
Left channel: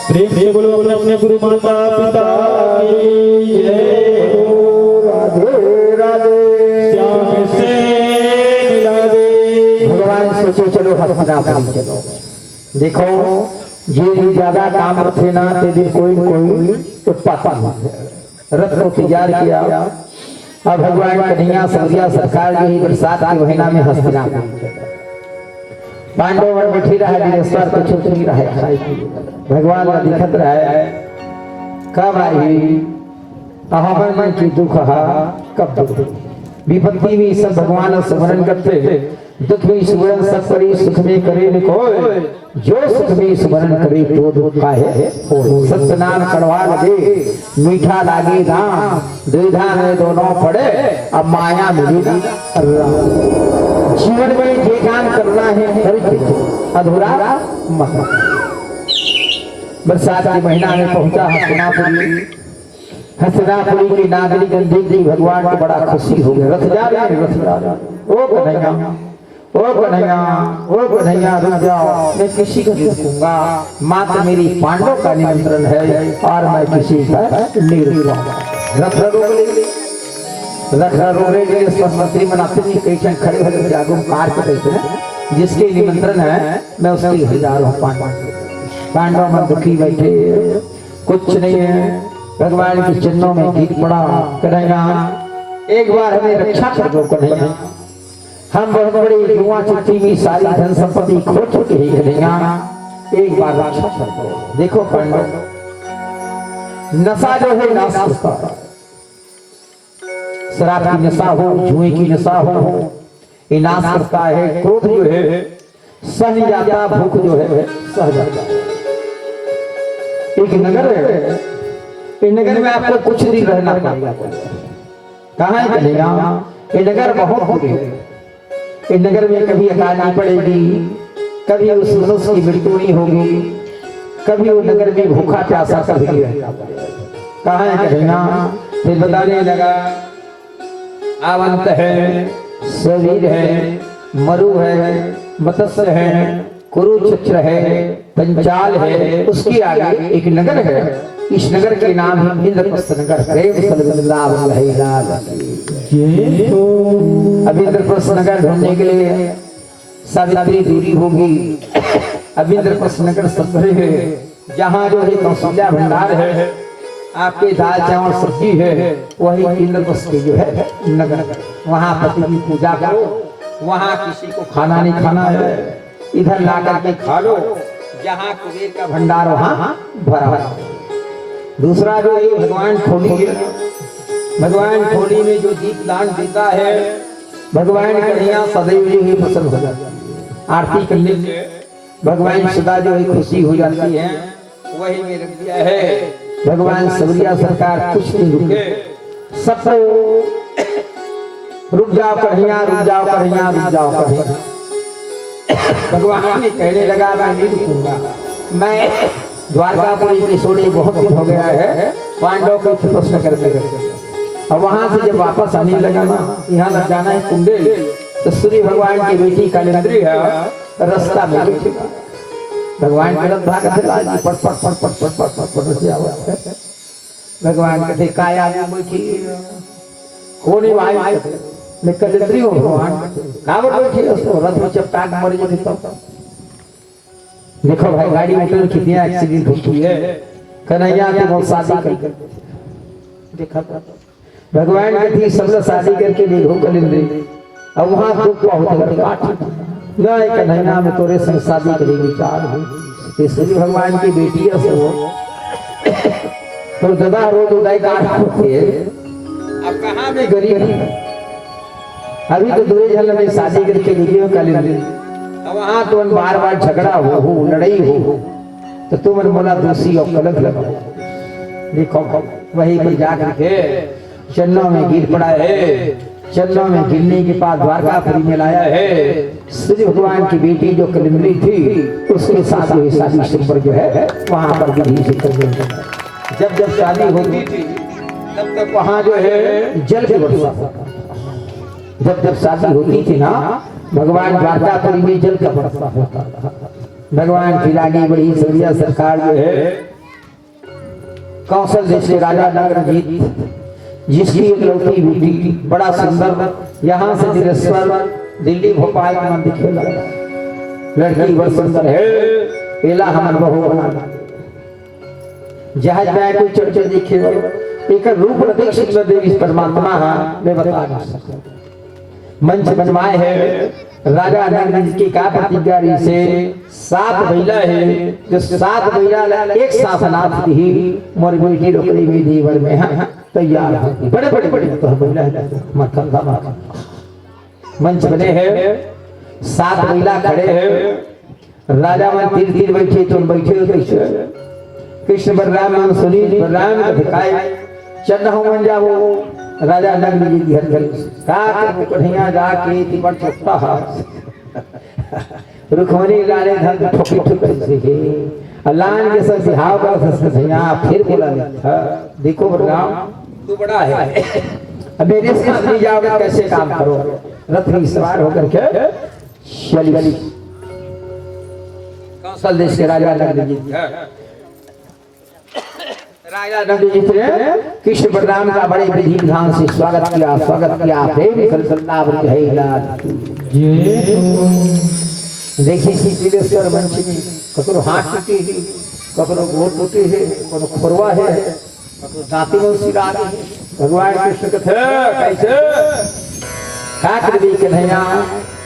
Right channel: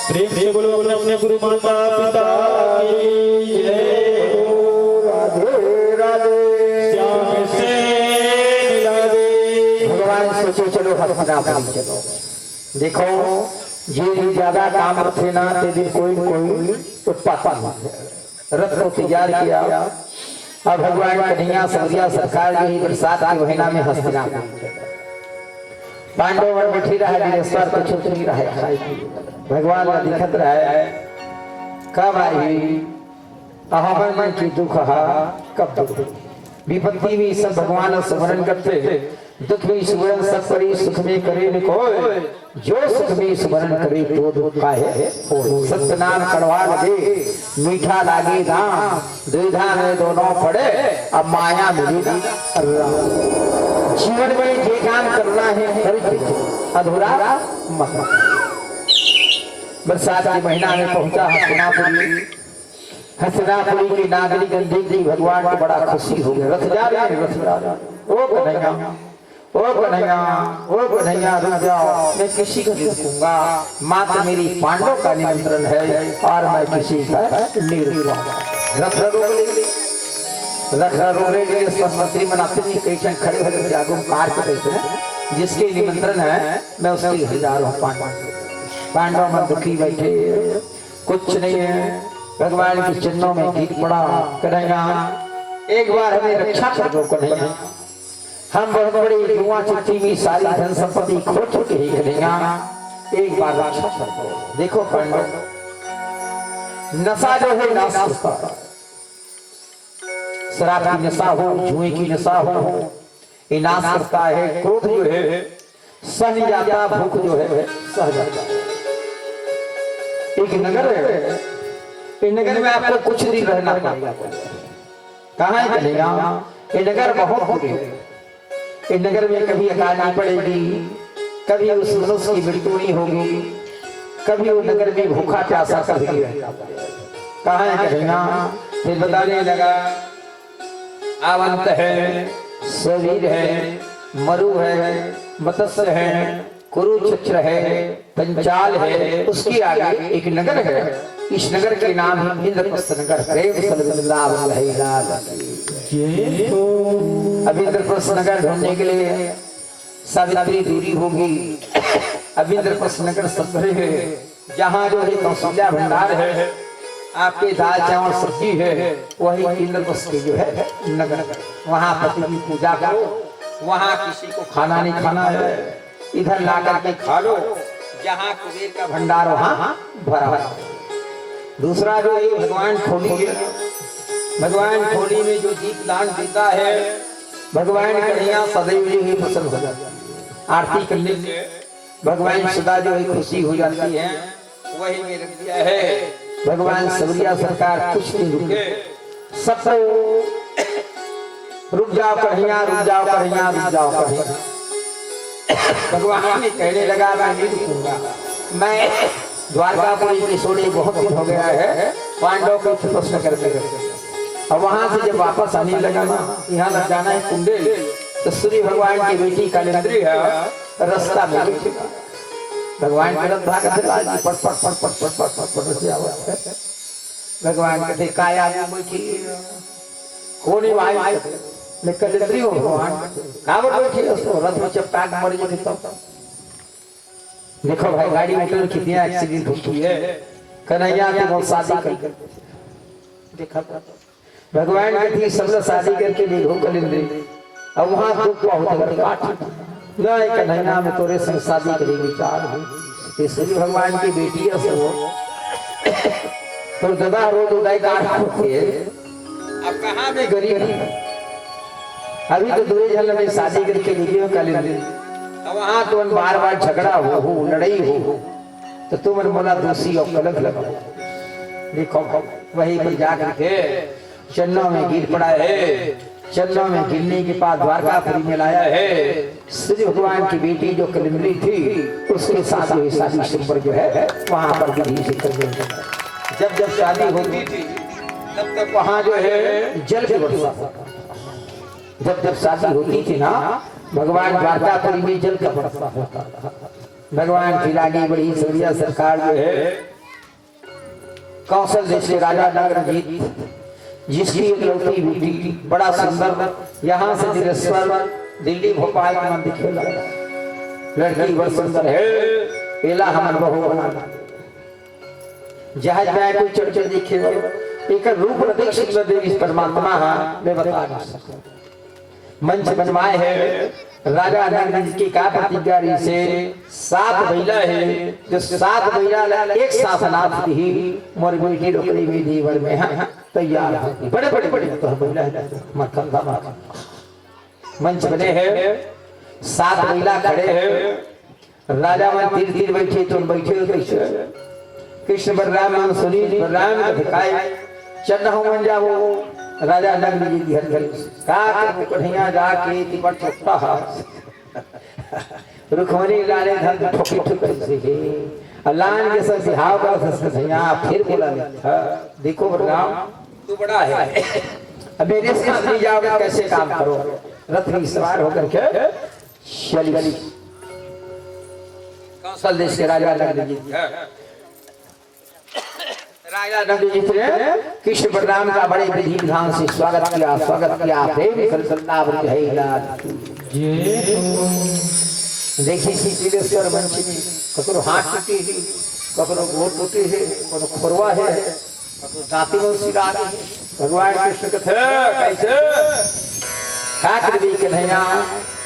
प्रेम से बोलो अपने अपने गुरु माता पिता की जय। राधे राधे श्याम से मिला दे। भगवान सोचो चलो हस्तिनापुर चलो। देखो ये ज्यादा काम रखे ना ते दिन कोई उत्पात रथ को तैयार किया। अब भगवान कन्हैया सवरिया सरकार यही बरसात के महीना में हस्तिनापुर पांडव बैठी रहा वीरेश्वर को छुप नहीं रहा। भगवान का दिखत रहा कब आई अहमन मन की दुख कब दुख विपत्ति में सब भगवान स्मरण करते दुख में स्मरण सब करी सुख में करे कोई जो सुख में स्मरण करे तो दुख काहे सत्य नाम कड़वा लगे मीठा लागे नाम द्विधा में दोनों पड़े अब माया मिली जीवन में जे काम करना है अधूरा मत। बरसात के महीना में पहुंचा हस्तिनापुरी की नागरिक देख भगवान को बड़ा खुशी हो गया। रथ जा रहे रथ जा रहे ओ कन्हैया ओ कन्हैया ओ कन्हैया रुक जाओ मैं किसी को देखूंगा मात्र मेरी पांडव का निमंत्रण है और मैं किसी का नहीं रुकूंगा। रथ रोकने के लिए मंत्री मनाते नहीं खड़े होकर जागरूक कार करते जिसके निमंत्रण है मैं उसकी हजारों पांडव में दुखी बैठे कुछ नहीं है। भगवान के चरणों में गीत पड़ा कन्हैया एक बार हमें रक्षा कर दो कन्हैया हम बहुत बड़ी युवा चिट्ठी में सारी धन संपत्ति खो चुके हैं कन्हैया एक बार रक्षा कर दो। देखो पांडव नशा जो है नाश करता है शराब की नशा हो जुए की नशा हो ये नाश करता है। क्रोध जो है सह जाता भूख जो है सह जाता। एक नगर है इस नगर में आपको कुछ दिन रहना पड़ेगा। कहाँ है कन्हैया ये नगर बहुत बुरी है। इस नगर में कभी अकाल नहीं पड़ेगी कभी उस मनुष्य की मृत्यु नहीं होगी कभी वो नगर में भूखा प्यासा कभी नहीं रहेगा। कहाँ है कन्हैया फिर बताने लगा आवंत है शरीर है मरु है मत्स्य है कुरुक्षेत्र है पंचाल है उसके आगे एक नगर है। इस नगर के नाम है इंद्रप्रस्थ नगर। अब इंद्रप्रस्थ नगर ढूंढने के लिए सावित्री दूरी होगी। अब इंद्रप्रस्थ नगर सब है जहाँ जो है कौशल्या भंडार है आपके दाल चावल सब्जी है वही इंद्रप्रस्थ की जो है नगर। वहाँ पति की पूजा करो वहाँ किसी को खाना नहीं खाना है इधर ला करके खा लो जहाँ कुबेर का भंडार वहाँ भरा है। दूसरा जो ये भगवान खोली में जो दीप दान देता है भगवान कन्हैया सदैव जो है प्रसन्न हो जाता है। आरती करने से भगवान सदा जो है खुशी हो जाती है। वही मेरे दिया है भगवान सवरिया सरकार कुछ नहीं रुके सबको रुक जाओ कन्हैया रुक जाओ कन्हैया रुक जाओ कन्हैया। भगवान ने कहने लगा मैं नहीं रुकूंगा, मैं द्वारकापुरी की सोने बहुत दिन हो गया है, पांडव को प्रश्न करते और वहां से जब वापस आने लगा ना, यहाँ लग जाना है कुंडेल, तो सूर्य भगवान की बेटी कालिंदी है रास्ता में बैठेगा। भगवान के रथ भाग से लाल पट पट पट पट पट पट पट पट से आवाज। भगवान कहते काया में बैठी कोनी भाई मैं कालिंदी हूँ, भगवान कावर बैठी उसको रथ में चपटा के मर जाए तब। देखो भाई गाड़ी में कितनी एक्सीडेंट होती है, कन्हैया के बहुत शादी कर देखा भगवान के ठीक सब लोग शादी करके देखो कालिंदी, अब वहां दुख बहुत काट नहीं कन्हैया में तोरे संग शादी करेगी चार सूर्य भगवान की बेटी है वो तो दादा रोज उदाई काट होती है। अब कहाँ में गरीब अभी तो दूरे झल में शादी करके देखियो कालिंदी, अब वहां तो बार बार झगड़ा हो लड़ाई हो तो तुम बोला दोषी और कलंक लगाओ। देखो वही पर जाकर के चन्नों में गिर पड़ा है, चन्नों में गिरने के बाद द्वारकापुरी में लाया है। सूर्य भगवान की बेटी जो कालिंदी थी उसके साथ वही शादी सुंदर जो है वहां पर विधि से कर दिया। जब जब शादी होती थी तब तक वहां जो है जल की वर्षा होता। जब जब शादी होती थी ना भगवान द्वारकापुरी में जल का वर्षा होता था। भगवान की रानी बड़ी सूर्या सरकार जो है कौशल देश के राजा नगरजीत जिसकी एक लौटी बेटी बड़ा सुंदर यहाँ से दिलेश्वर दिल्ली भोपाल में मंदिर खेला लड़की बहुत सुंदर है, एला हमर बहू बना जहाज में कोई चढ़ देखे एक रूप अधिक सुंदर देवी परमात्मा मैं बता नहीं सकता। मंच बनवाए है राजा नगरजीत की का प्रतिज्ञा से 7 महिला है जो 7 महिला एक शासनार्थ ही मोर बेटी रोकड़ी में जीवन में है तैयार है। बड़े बड़े बड़े तो महिला मक्खन मंच बने हैं 7 महिला खड़े हैं। राजा मन तीर बैठे तुम बैठे हो कैसे कृष्ण बलराम सुनी बलराम दिखाए चन्न हो मन जाओ राजा नगरजीत घर घर का कन्हैया जाके तिमर चुपता रुखमणी लाले धन ठोकी ठोकी से अल्लाह के सब बिहाव का कन्हैया फिर बोला देखो बलराम तू बड़ा है, अब मेरे से नहीं जाओगे कैसे काम करो। रथ में सवार होकर के चली कौशल देश के राजा नगरजीत ने कृष्ण बलराम का बड़े विधि विधान से स्वागत किया प्रेम देखिए दिलेश्वर मंच में ककरो हाथ टूटी है, ककरो गोड़ टूटी है, ककरो खोरवा है, ककरो दांती में सिरा है। भगवान कृष्ण कथे कैसे काट दी कन्हैया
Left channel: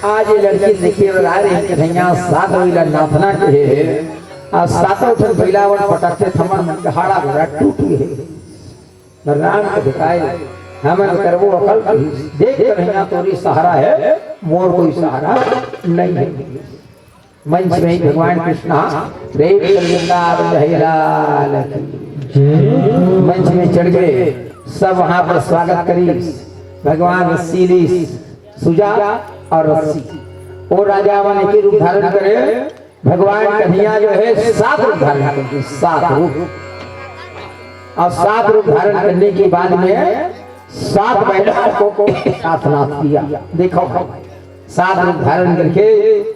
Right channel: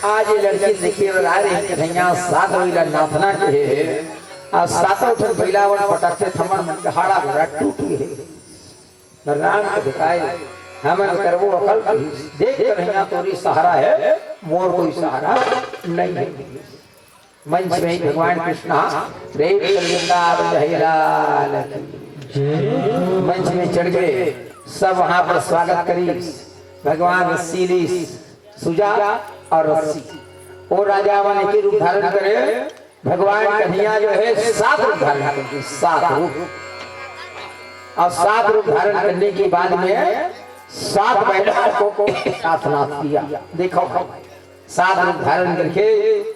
आज ये लड़की देखिए आ रही कन्हैया 7 महिला नाथना के है और 7 उठन बैलावन पटकते थमन मन के हाड़ा घोड़ा टूटी है। बलराम को दिखाए हमन करबो अकल देख कन्हैया तोरी सहारा है मोर कोई सहारा नहीं है। मंच में भगवान कृष्ण प्रेम मंच में चढ़ गए, सब वहां पर स्वागत करी। भगवान रसीली सुजा और रस्सी और राजा वन के रूप धारण करे। भगवान कन्हैया जो है 7 रूप धारण करते 7 रूप और 7 रूप धारण करने के बाद में 7 महिलाओं को साथ नाथ किया। देखो 7 रूप धारण करके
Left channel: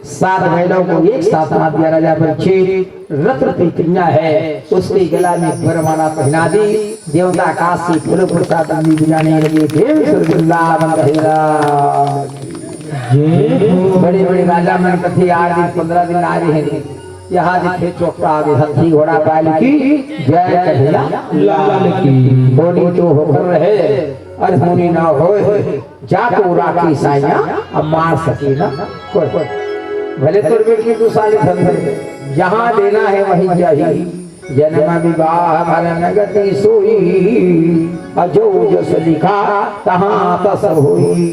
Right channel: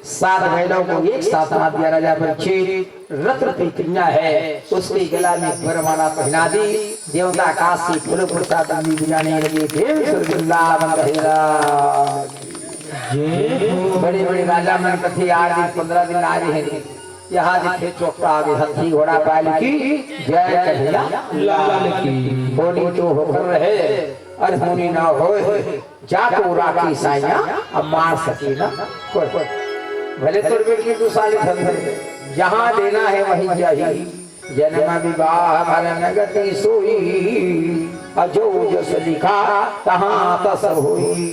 7 महिलाओं को एक साथ नाथ दिया। राजा परीक्षित रत्न की कन्या है उसके गला में वरमाला पहना दी। देवता आकाश से फूल प्रसाद बुझाने लगे। बड़े बड़े राजा मन कथे 8 दिन 15 दिन आ रहे हैं। यहाँ देखे चौकटा आगे हाथी घोड़ा बैल की जय कन्हैया लाल की बोली तो होकर रहे अनहोनी ना हो जाको राखी साइया अब मार सके ना कोई भले तोर बेटी 2 साल धन जहाँ देना है वहीं चाहिए। जन्म विवाह हमारा नगति सोई अजो जस लिखा तहाँ तस होई।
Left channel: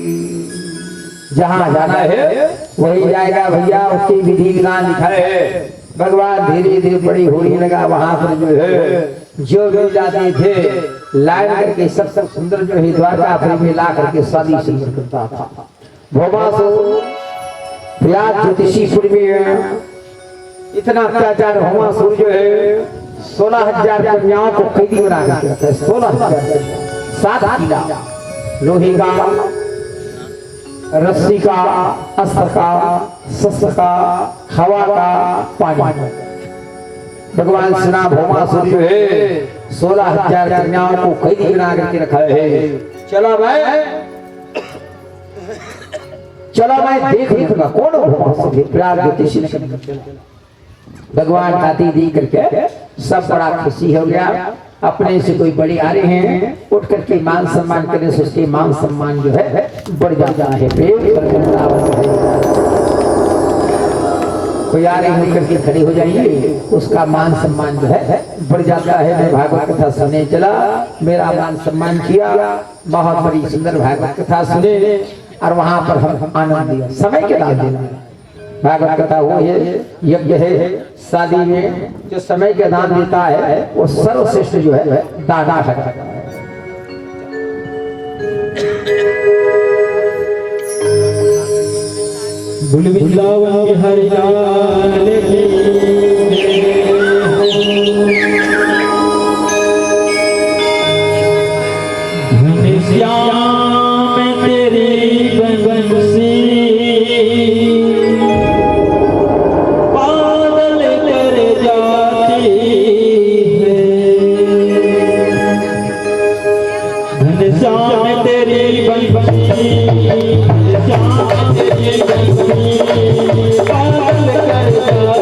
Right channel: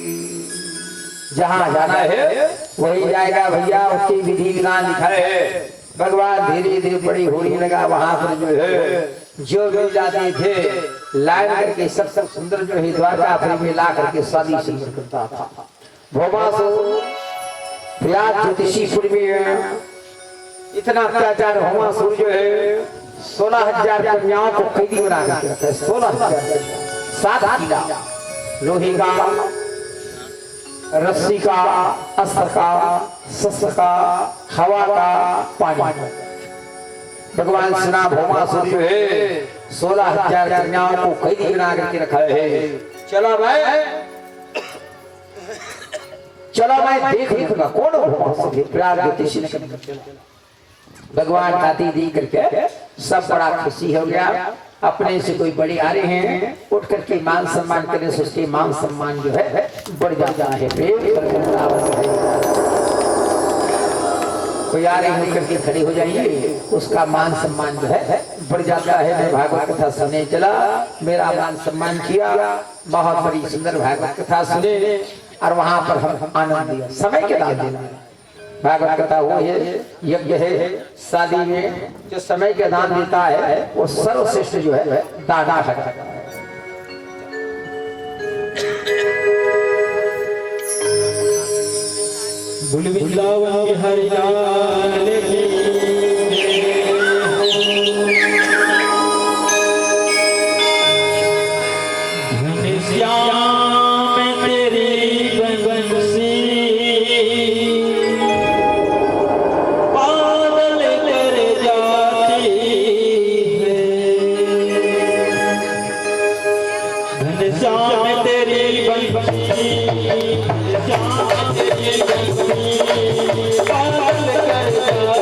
जहाँ जाना है वही जाएगा भैया, उसकी विधि विधान लिखा है। भगवान धीरे धीरे बड़ी होने लगा। वहां पर जो है जो भी जाते थे लाइन करके सब सुंदर जो है द्वारकापुरी में ला करके शादी सुंदर करता था। भोमा सो प्रयाग ज्योतिषीपुर में इतना अत्याचार हुआ सूर्य है 16,000 कन्याओं को कैदी बना के रखा है। 16,000 7 किला लोहे का, रस्सी का, अस्त्र का, शस्त्र का, हवा का, पानी। भगवान श्री भौमा सूर्य है 16,000 कन्याओं को कैदी बना करके रखा है। चलो मैं देख लूंगा कौन भौमा प्रयाग ज्योतिषी। भगवान का दी करके सब बड़ा खुशी हो गया। अपने से कोई बड़े आ रहे हैं, उठ करके मान सम्मान करने से उसके मान सम्मान जो है बढ़ जाता है। कोई आ रहे हैं करके खड़े हो जाइए, उसका मान सम्मान जो है बढ़ जाता है। मैं भागवत कथा सुनने चला, मेरा मान सम्मान किया, बहुत बड़ी सुंदर भागवत कथा सुने और वहां पर हम आनंद लिया। समय के दान देना भागवत कथा वो है, यज्ञ है। शादी में जो समय के दान देता है वो सर्वश्रेष्ठ जो है दान है। बुलबुलावन के हरियाल घनश्याम तेरी बंसी बादल कर जाती है। घनश्याम तेरी बंसी श्याम तेरी बंसी बादल कर जाती है।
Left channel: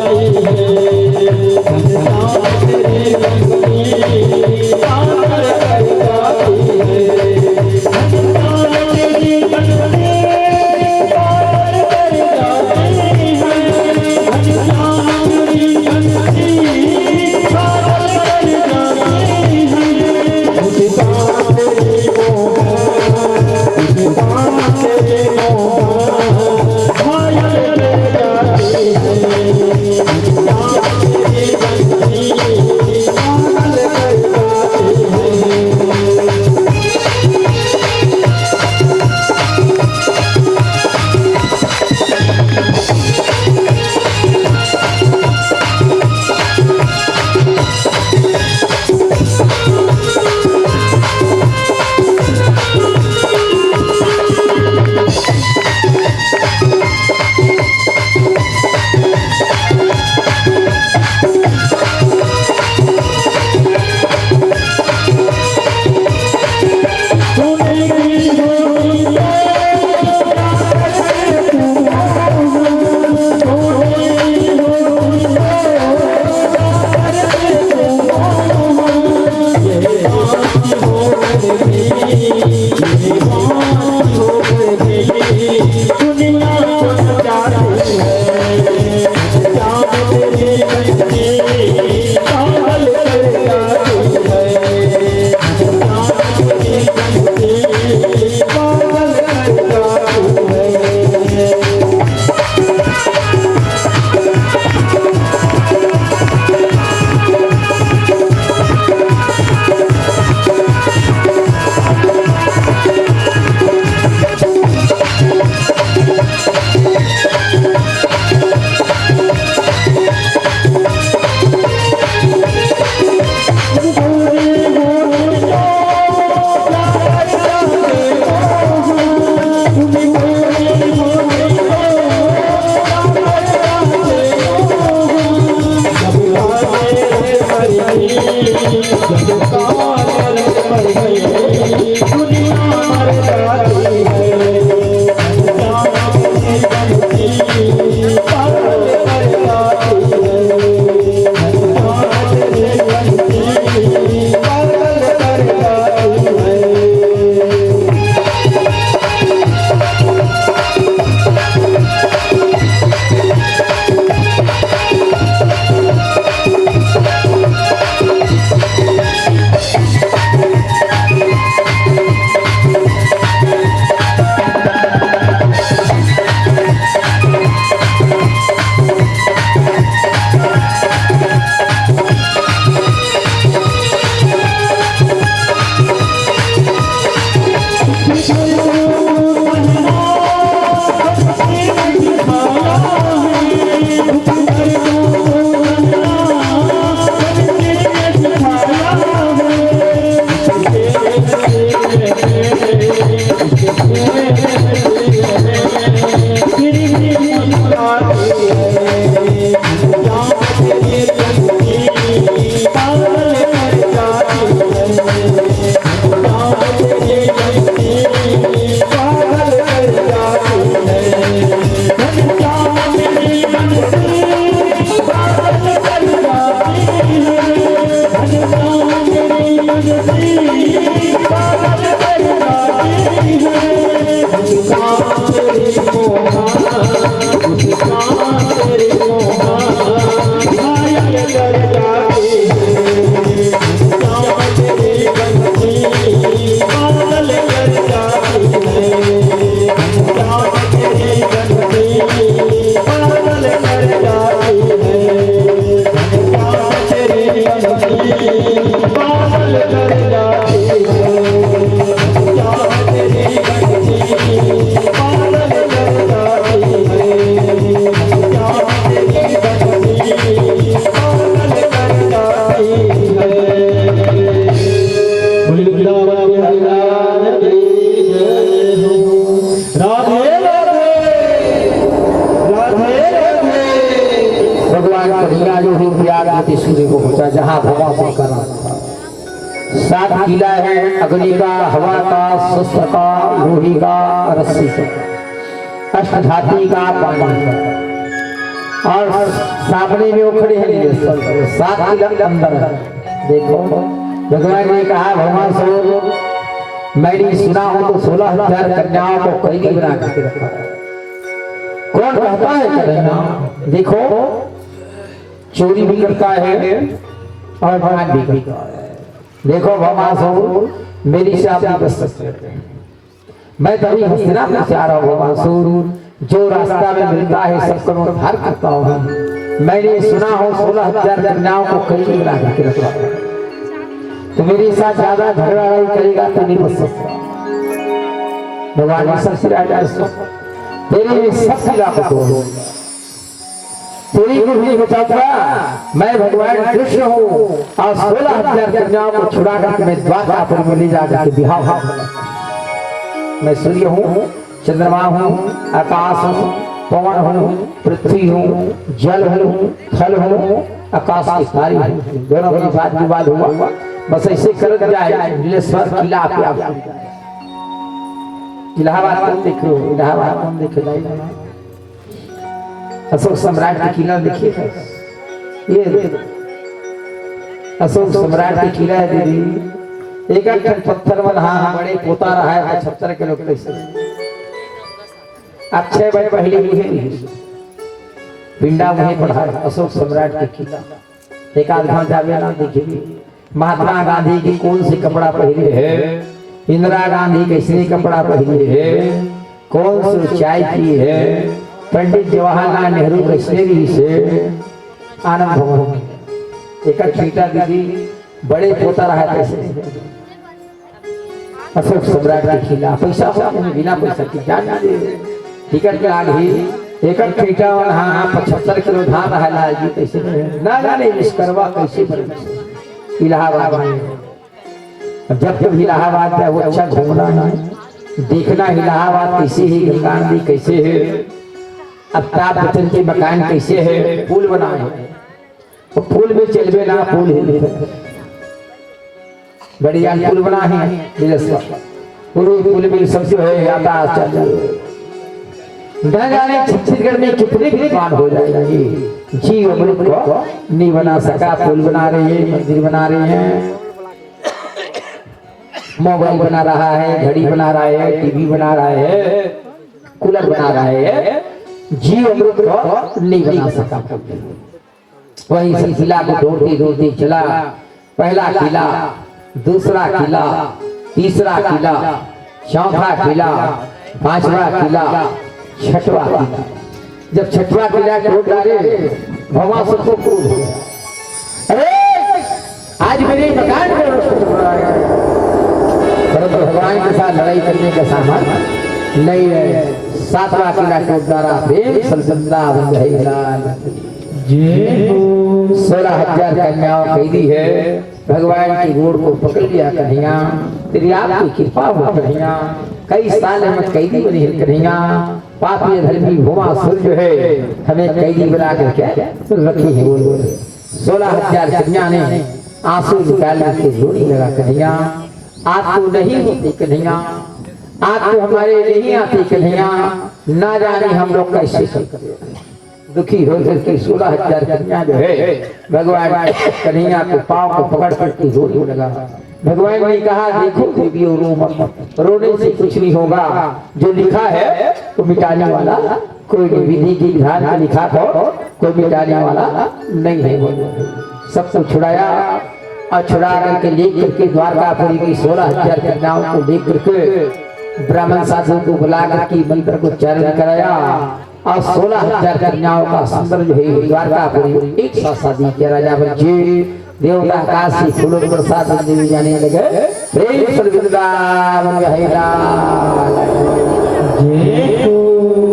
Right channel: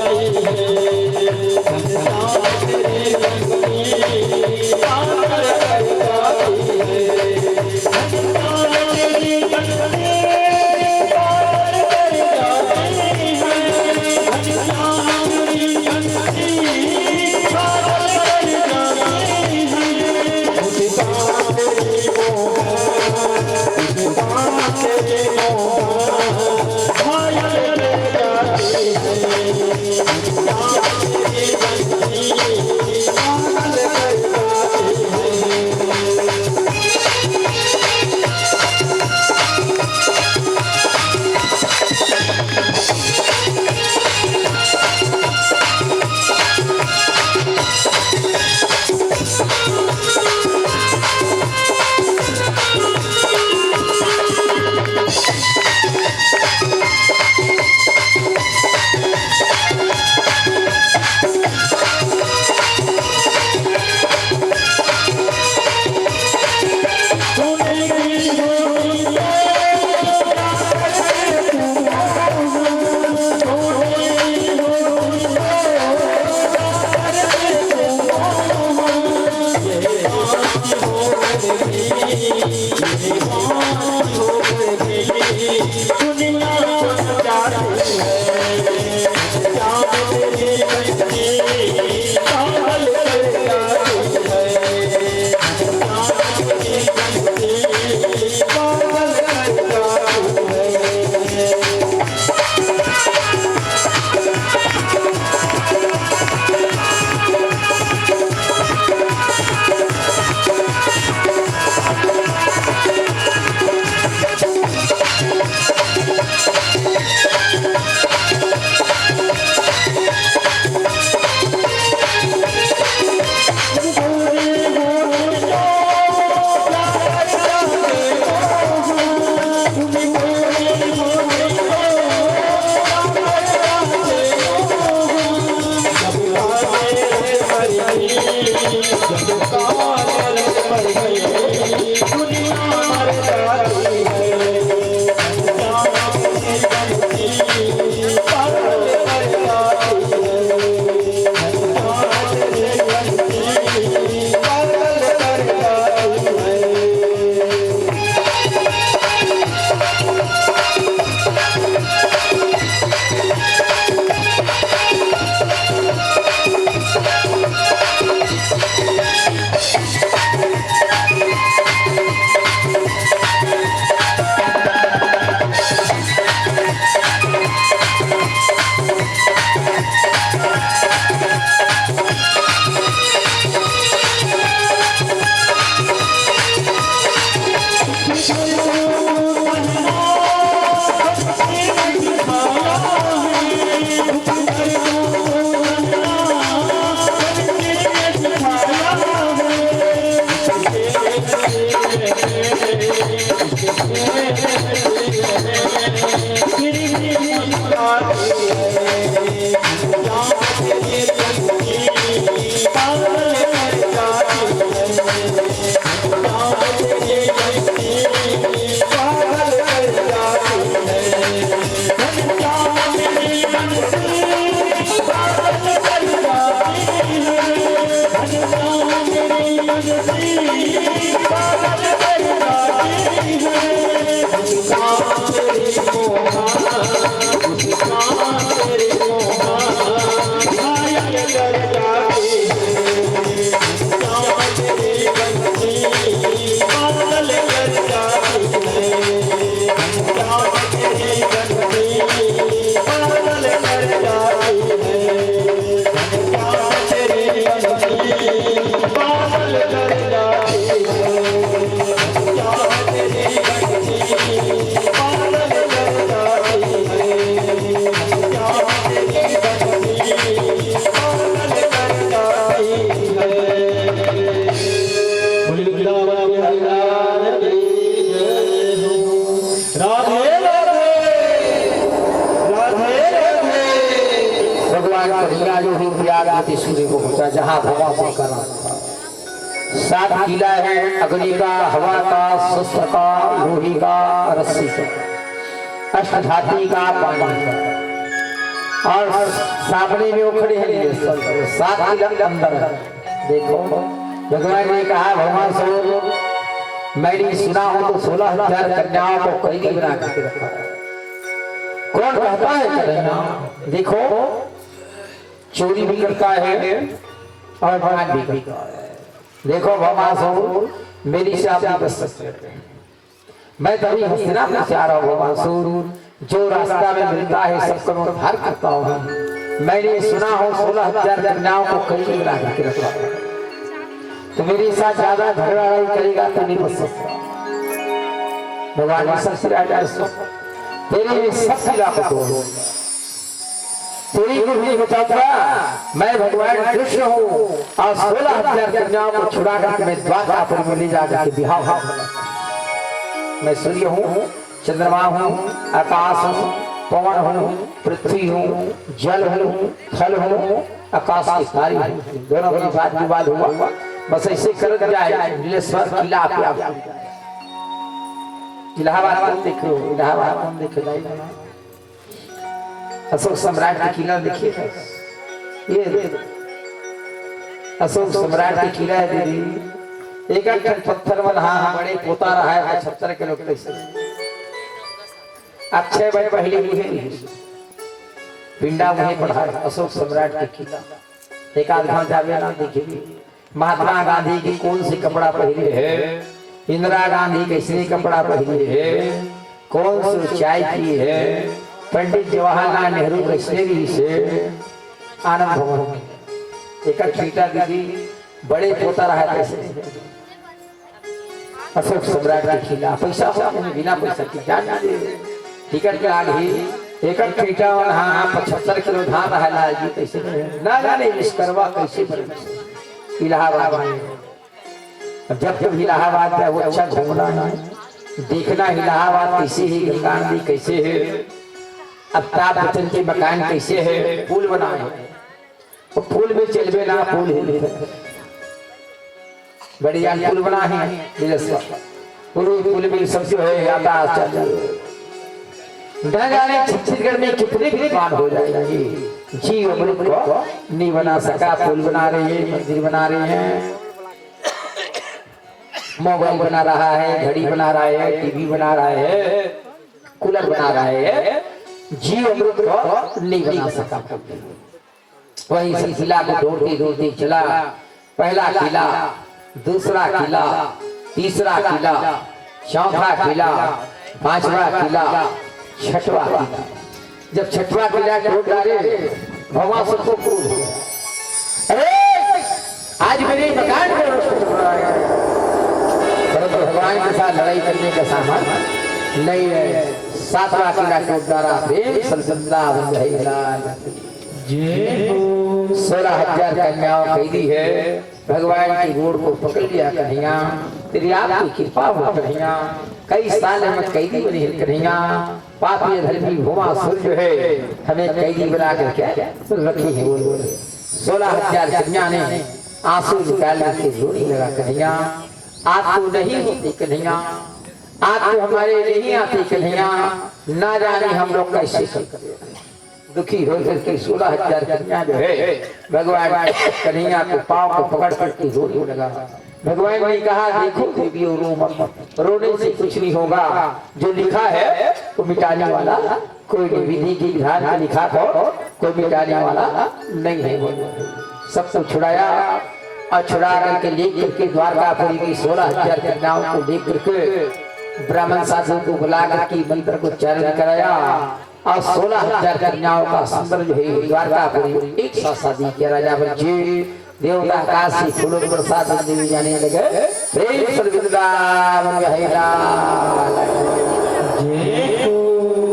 जहाँ हवा से करा 7 किला है, अग्नि का, हवा का, शस्त्र का, लोही का, रस्सी का, अष्टधाती का, पानी का, और सामने में वो खड़े हैं 7 किला अंदर है। देखो भगवान ने कहा भगवान स्वरूप मैंने सुना हो तो 16,000 कन्याओं को कैदी बना करके रखा। कौन कहता है कन्या? देखो चोरी भी करता है और भाग भी करता है। देखो भवासुर मेरी से आप बच सकते हैं। मैं तभी हस्तिनापुर से आ रहा हूँ भवासुर, जो रास्ता में मिलता है सबको उद्धार करता हूँ। मैंने सुना हो 16,000 कन्याओं को कैदी बना करके रखा। तो मेरे साथ ज्यादा झगड़ा लड़ाई करेगा तो नहीं बच सकता। भगवान ने सबसे तेरे सब किला को तोड़, तेरी को भी बचाऊंगा। मैं भगवान कृष्ण हूँ और 16,000 कन्याओं को छुड़ा कर मैं द्वारकापुर में ले जाकर विवाह। मैं सूर्य हूँ, चंद्रमा हूँ, आकाश हूँ, पवन हूँ, पृथ्वी हूँ, जल हूँ, थल हूँ, आकाश की सारी हूँ। दोनों के साथ विवाद हुआ, बस ऐसे कर जाए नीलेश्वर किला आप इलाहाबाद कौन देखो, इलाहाबाद कौन देखो, अशोक सम्राट का किला देखिए। ये अशोक सम्राट का किला है दीदी, एक एक पत्थर में हाँ बड़े पोता रहा है 75 किलो कैसे अच्छे बड़े पहले भी है पिंडा वहीं पढ़ा है अशोक सम्राट का किला। एक आध घंटा जावे ना देखिए महात्मा गांधी की कौन सी कपड़ा पहने है, इंदिरा गांधी कैसे कपड़ा पहने है, कौन सी चाय की है, पंडित जवाहरलाल नेहरू कश्मीरी से आनंद भवन एक छीटा दीदी बड़े पोता रहा कैसे अशोक सम्राट का किला। पैसा बिना पैसा की जान टिकट के आगे एक छीटा और हाँ 75 किलो धान रहा जी कैसे ना जाने विश्वकर्मा कैसे बने इलाहाबाद में। जब जब इलाहाबाद है वो अच्छा घूमना है, देखना इलाहाबाद कैसे है, गंगा नदी कैसे है, अमिताभ बच्चन के मकान कैसे है, पुल बना है तो पुल में चलबे ना पुल है बढ़िया पुल बना है पूरे पुल में सब जो है यातायात चल जाने छत्तीसगढ़ में कितने विद्वान हो जाएगा जी अमृत को नहीं बना सका। पुल बना रहे हैं, मंदिर बना रहे हैं, मोबाइल बना रहा है, घड़ी बना रहा है, टीवी बना रहा है, कूलर बना रहा है, जीव अमृत को नहीं बना सका। वही सिलसिला को दौड़ते दौड़ते चला, पहला किला, दूसरा किला, तीसरा किला, चौथा किला, पांचवा किला, छठवा किला। जब छठवा किला तोड़ डाले भगवान सबको अरे आज मेरे मकान में भगवान के साथ लड़ाई करने का सामान नहीं है। 7वां किला तोड़ डाला प्रेम संसदा 16,000 कन्याओं कैदी है। भगवान की गोड़ को पकड़ लिया कन्हैया, तेरी आपकी कृपा हो कन्हैया। कई साल हम कैदी बनी है कन्हैया, पापी धर्मी भौमासुर जो है हमें कैदी बना कर क्या रखी है। 16,000 कन्या ने आंसू निकाल के जोड़ी लगा कन्हैया, आप तो नहीं होते कन्हैया, आप तो हमारे नहीं आते कन्हैया, ना जाने हम लोग कैसे करें। दुखी हो करके 16,000 कन्या जो है भगवान कन्हैया को पाँव को पकड़ करके जोड़ी लगा। भगवान ने कहा देखो देवियों रो मत, रोने से कुछ नहीं होगा, जो लिखा है तो मिटाने वाला कोई नहीं, विधि की विधान का लिखा तो कोई मिटाने वाला नहीं है। सबको छुड़ाया और छुड़ा करके लेकर के द्वारकापुरी की 16,000 कन्याओं को लेकर के ब्राह्मण साधु को बुला करके मंत्र को उच्चारण कराया और 16,000 कन्याओं का सुंदर जो है द्वारकापुरी एक साथ शादी किया। राजा बच्चे देवता आकाश से फूलों के प्रसाद देवी जाने लगे। प्रेम से वृंदावन है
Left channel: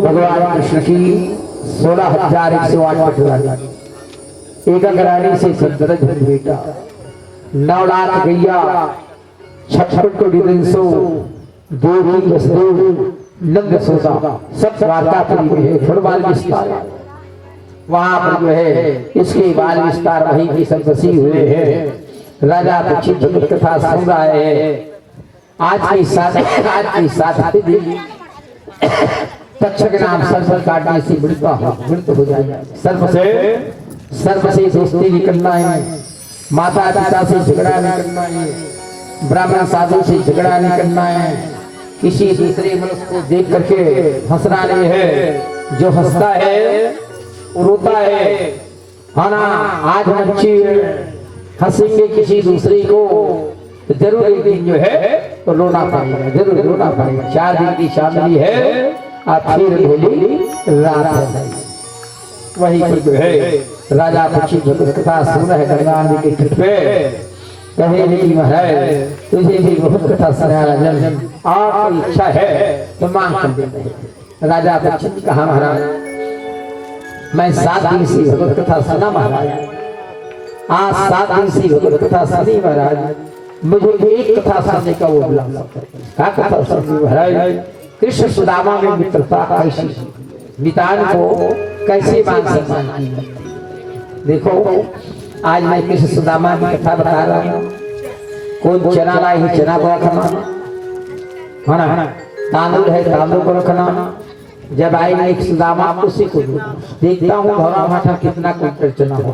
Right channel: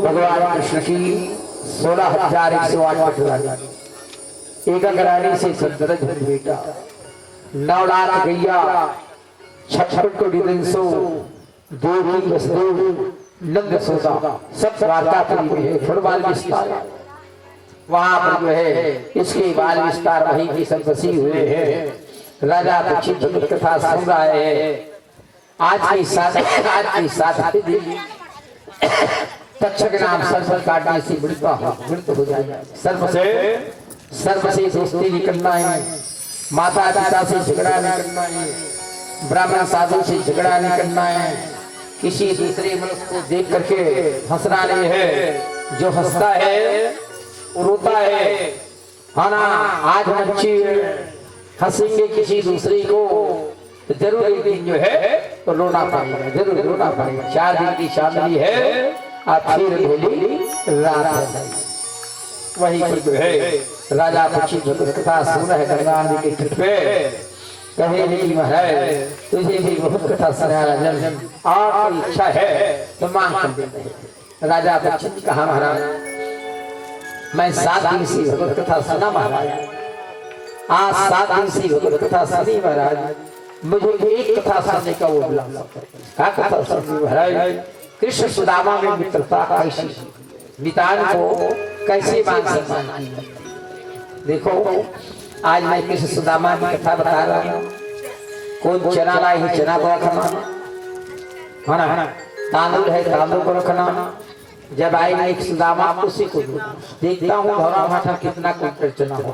भगवान कृष्ण की 16,108 एक रानी से सदरज बेटा 9 लाख गैया 56 कोटि 300 देवी वसुदेव नंद सोदा सब द्वारकापुरी में है। फुटबॉल विस्तार वहां पर जो है इसके बाल विस्तार वहीं की सब बसी हुए हैं। राजा पक्षी जगत कथा सुन रहा है। आज की साथ तक्षक नाम सर्प काटने से मृत हो जाएगा। सर्प से दोस्ती नहीं करना है, माता पिता से झगड़ा नहीं करना है, ब्राह्मण साधु से झगड़ा नहीं करना है, किसी दूसरे मनुष्य को देख करके हंसना नहीं है। जो हंसता है रोता है ना। आज बच्चे हंसेंगे किसी दूसरे को तो जरूर एक दिन जो है तो रोना पड़ेगा, जरूर रोना पड़ेगा। 4 दिन की शादी है और फिर होली रात है। वही पर जो है राजा पक्षी जगत कथा सुन है गंगा नदी के तट पे कहे नहीं है तुझे भी बहुत कथा सुना राजन, आपकी इच्छा है तो मांग कर देते। राजा पक्षी कहा महाराज मैं 7 दिन से भगवत कथा सुना महाराज, आज 7 दिन से भगवत कथा सुनी महाराज, मुझे एक कथा सुनने का वो बुला क्या कथा सुनी महाराज। कृष्ण सुदामा में मित्रता कैसी, नितान को कैसे मान सम्मान की। देखो आज मैं कृष्ण सुदामा की कथा बता रहा हूँ। कौन चना लाई चना को रखना है ना, तांदूल है तांदूल को रखना। जब आई एक सुदामा उसी को देखता हूँ भौरा भाठा कितना कुंटल चना हो।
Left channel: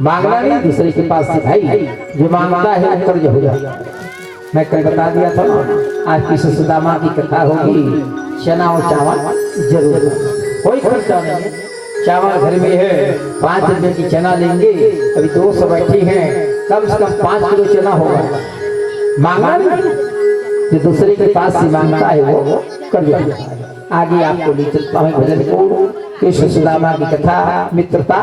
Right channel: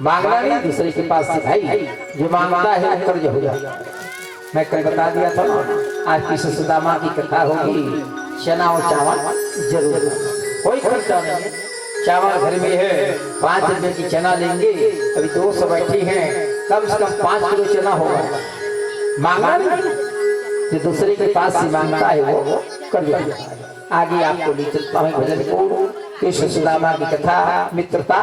मांगना नहीं दूसरे के पास से भाई, जो मांगता है वो कर्ज हो जाएगा। मैं कल बता दिया था ना आज कृष्ण सुदामा की कथा होगी। चना और चावल जरूर, कोई खर्चा नहीं। चावल घर में है 5 रुपए की चना लेंगे, अभी 200 बैठी हैं, कम से कम 5 किलो चना होगा। मांगना नहीं, जो दूसरे के पास से मांगता है वो कर्ज हो जाएगा। आगे आपको ले चलता हूँ भजन को। कृष्ण सुदामा की कथा मित्रता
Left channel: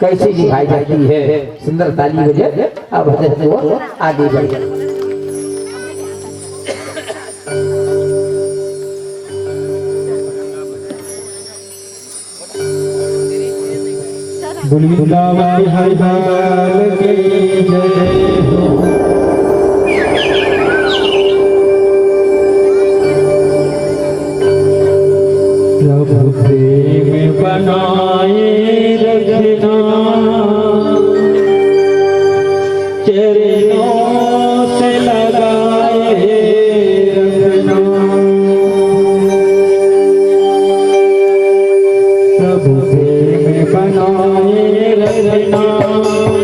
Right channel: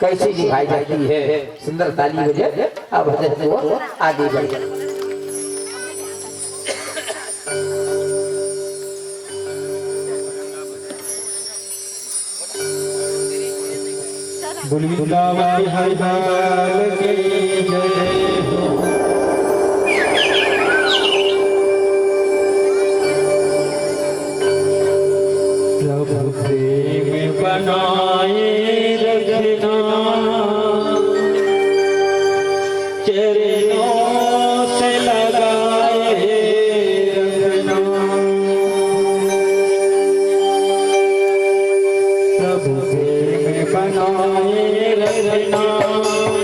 कैसे निभाई जाती है। सुंदर ताली भजन अब भजन को आगे बढ़े। वृंदावन हरि लाल की जय हो। प्रभु प्रेम बनाए रखना, चरणों से लगाए रखना। प्रभु प्रेम बनाए रखना,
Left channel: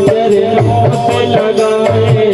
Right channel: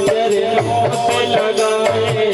चरणों से लगाए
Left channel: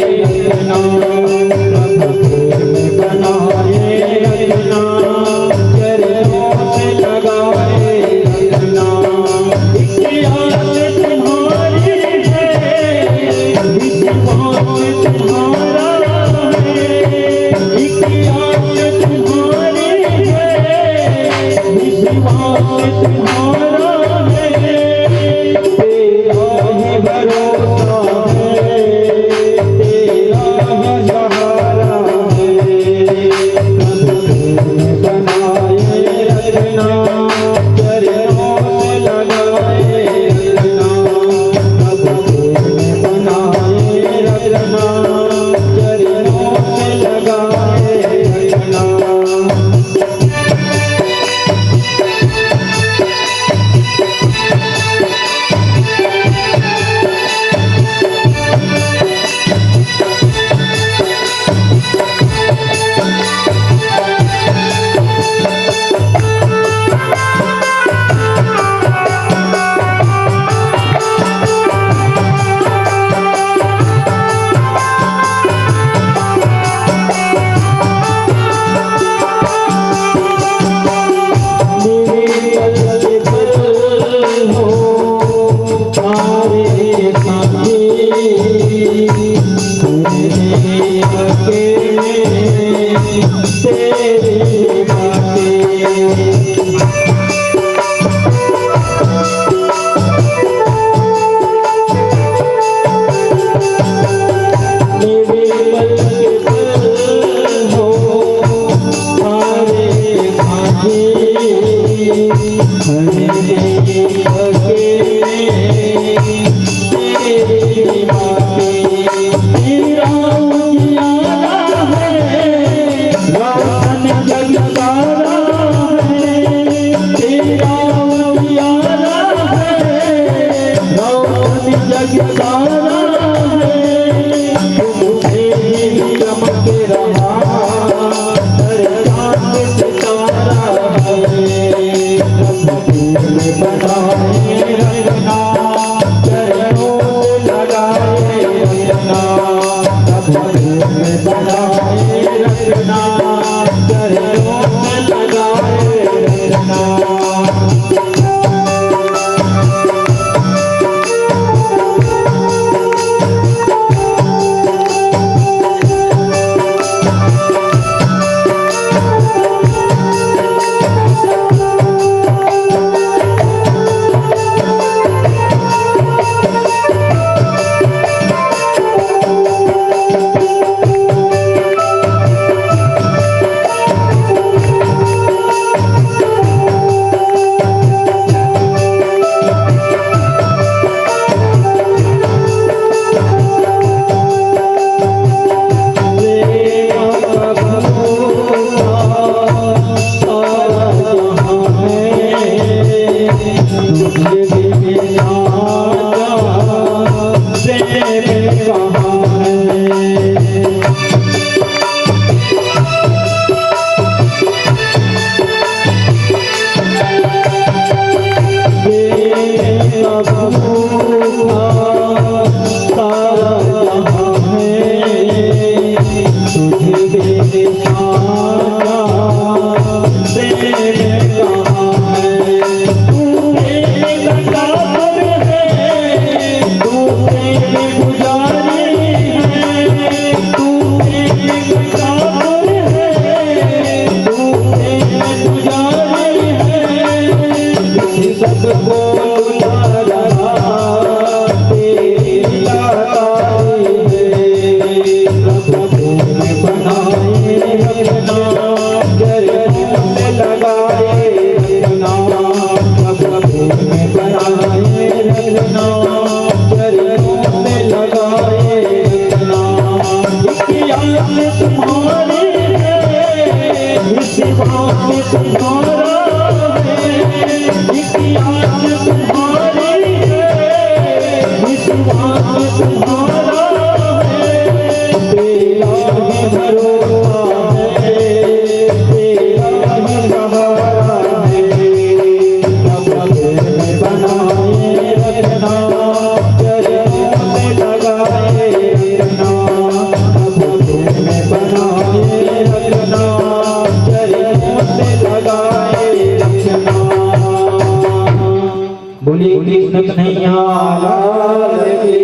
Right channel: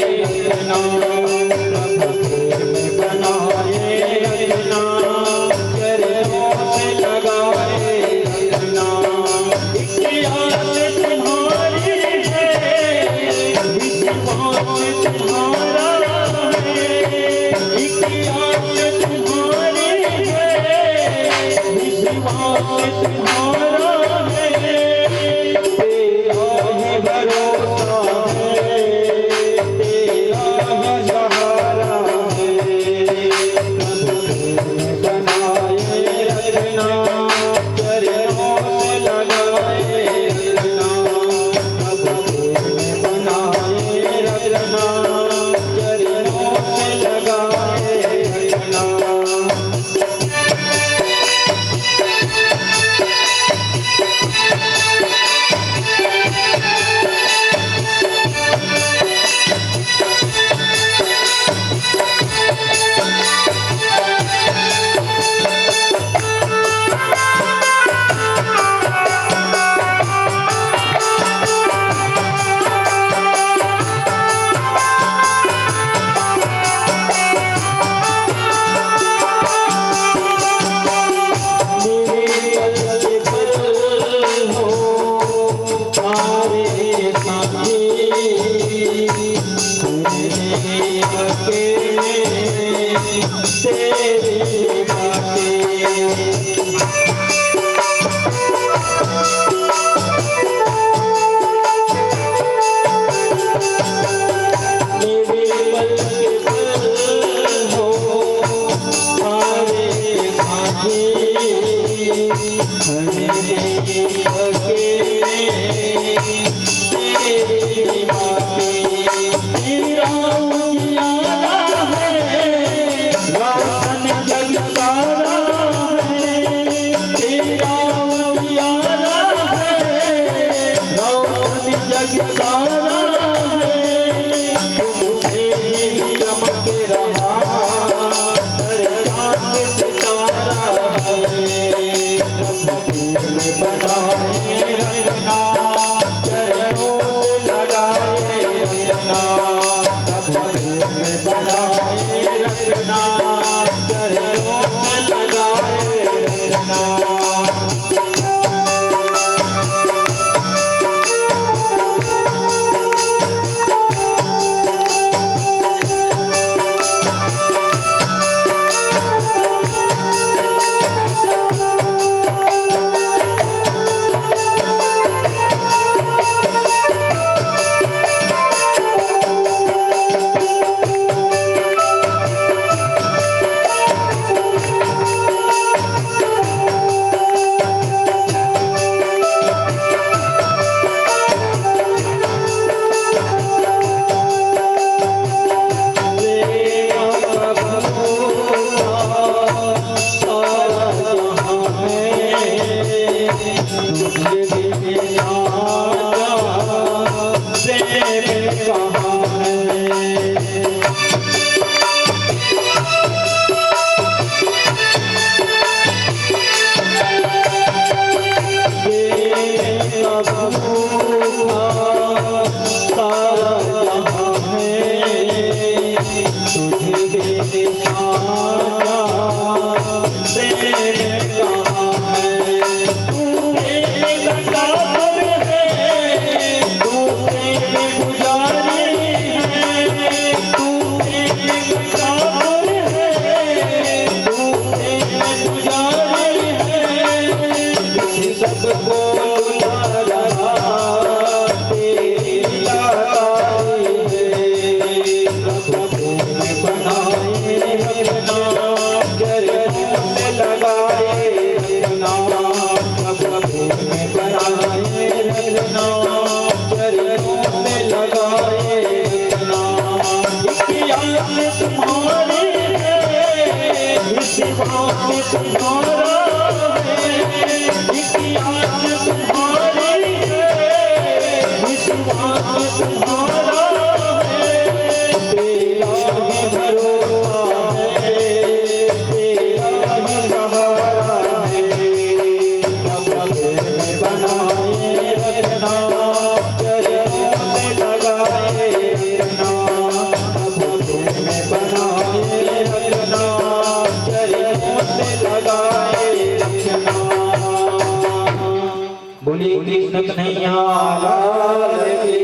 बोलिए कृष्ण कन्हैया लाल की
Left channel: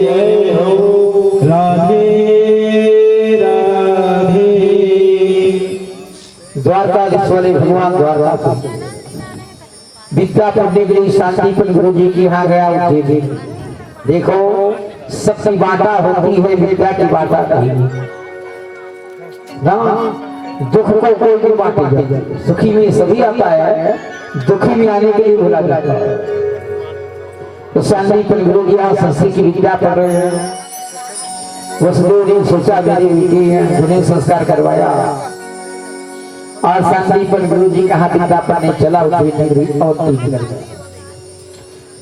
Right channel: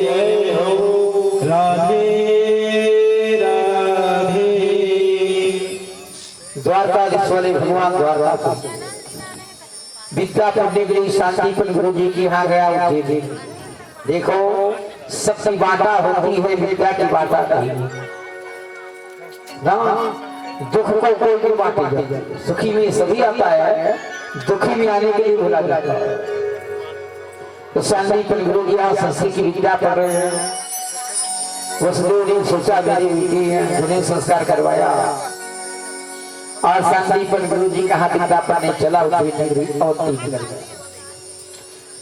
जय हो। राधे राधे। द्वारकाधीश्वरी भगवान द्वारका विद्या पढ़ने के लिए शांतिपन गुरु जी के यहाँ गया उठे थे। देखो सबकी बाटा होती है, विद्या की बाटा नहीं ना। दुख को कोई नहीं बांटेगा, सुखी में सभी आता है, दुखी में आने के लिए बोला जाता है। तो शांतिपन गुरु जी यहाँ संस्कृत की विद्या पढ़ रहे हैं। वसुदेव ने सोचा मेरी बेटी है, उन्हें संस्कार करवाया और शांतिपन गुरु जी का हाथ विद्या पढ़ने चला। और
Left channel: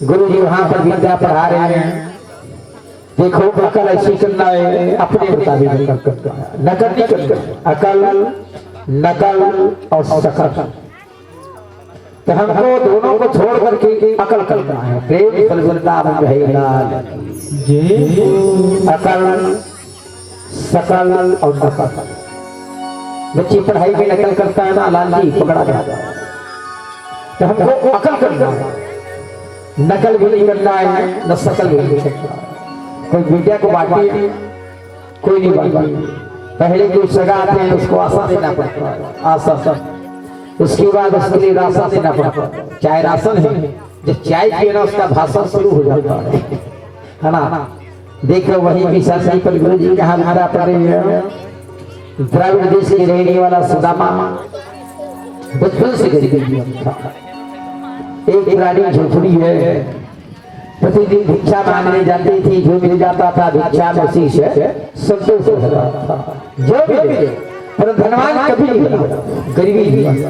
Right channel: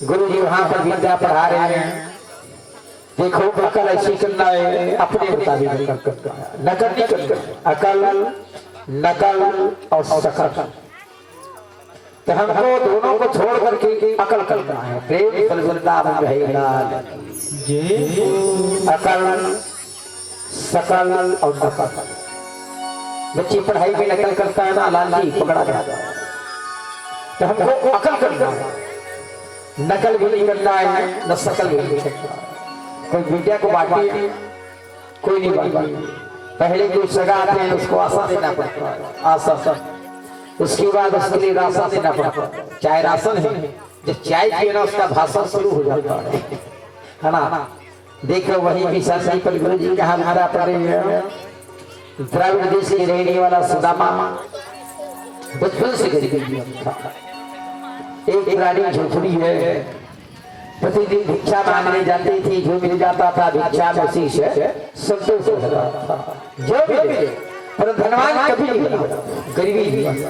गुरु जी वहां पर विद्या पढ़ा रहे हैं। देखो अकल ऐसी करना है, अपने मुताबिक नकल नहीं करना, अकल नकल और शकल। तो हमको दोनों को छोड़ करके अकल करना है। प्रेम फलगुलता अकल सकल और नकल। बच्ची पढ़ाई में नकल करता है ना, लालची पकड़ा जाता है। तो हमको अकल करना है, नकल भी नहीं करना है, न शकल भी नहीं करना है। कोई विद्या को बांटी, कोई नहीं बांटी। पहले कोई सगा आते हैं उसको आशा देना पड़ता है, आशा। उसके बाद उसके लिए राशन देना पड़ता है, चाहे राशन है। जब चाय पीना उसका भाषण शुरू हो जाता है ना। देखो वही विशाल गुरु जी कहा हमारा द्राविड़ देश के रहने वाला सुदामा बचपन से गरीब था। एक पुरानी झोपड़ी है, प्रतिदिन भिक्षा मांगने जाती थी, जो मिल जाता था भिक्षा में उसी से संतोष होता था। जो मिले पर धनवान कभी नहीं बना, गरीबी नहीं।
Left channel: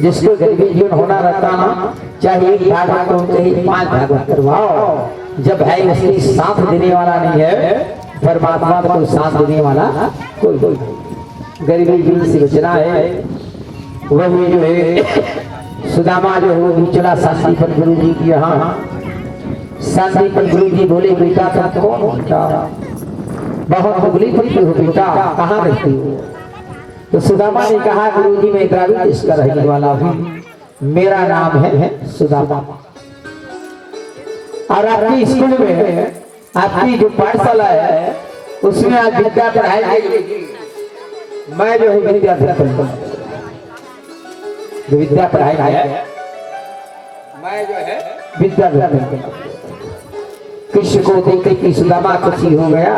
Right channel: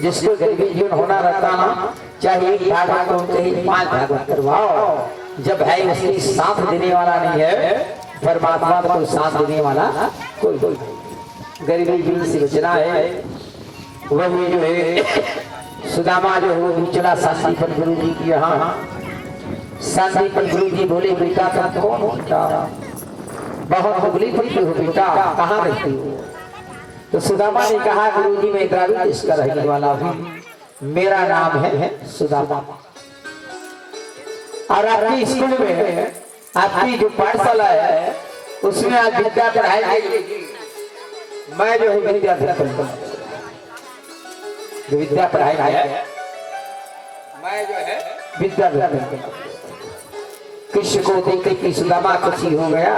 जिसको गरीबी जीवन होना रहता ना, चाहे एक भागवत हो चाहे 5 भागवत करवाओ, जब है उसकी साथ देने वाला नहीं है, परमात्मा को साथ देने वाला कोई गरीबी जीवन से बचना है। वही जो है सुदामा जो है वो चला शांतिपन गुरु जी की यहाँ। शांतिपन गुरु जी बोले बेटा तुम कौन हो बेटा, बहुत मुगली पड़ती हो बेटा, कहाँ रहती हो? तो सुदामा ने कहा गुरु जी मैं द्राविड़ देश का रहने वाला हूँ, मेरा नाम है सुदामा। और आपकी स्कूल में आपकी जो पाठशाला है उसमें आज विद्या पढ़ाई जाएगी। मैं जो है विद्या पढ़ाई है, मैं जो है विद्या कृष्ण को देख के सुदामा खुशी हो गया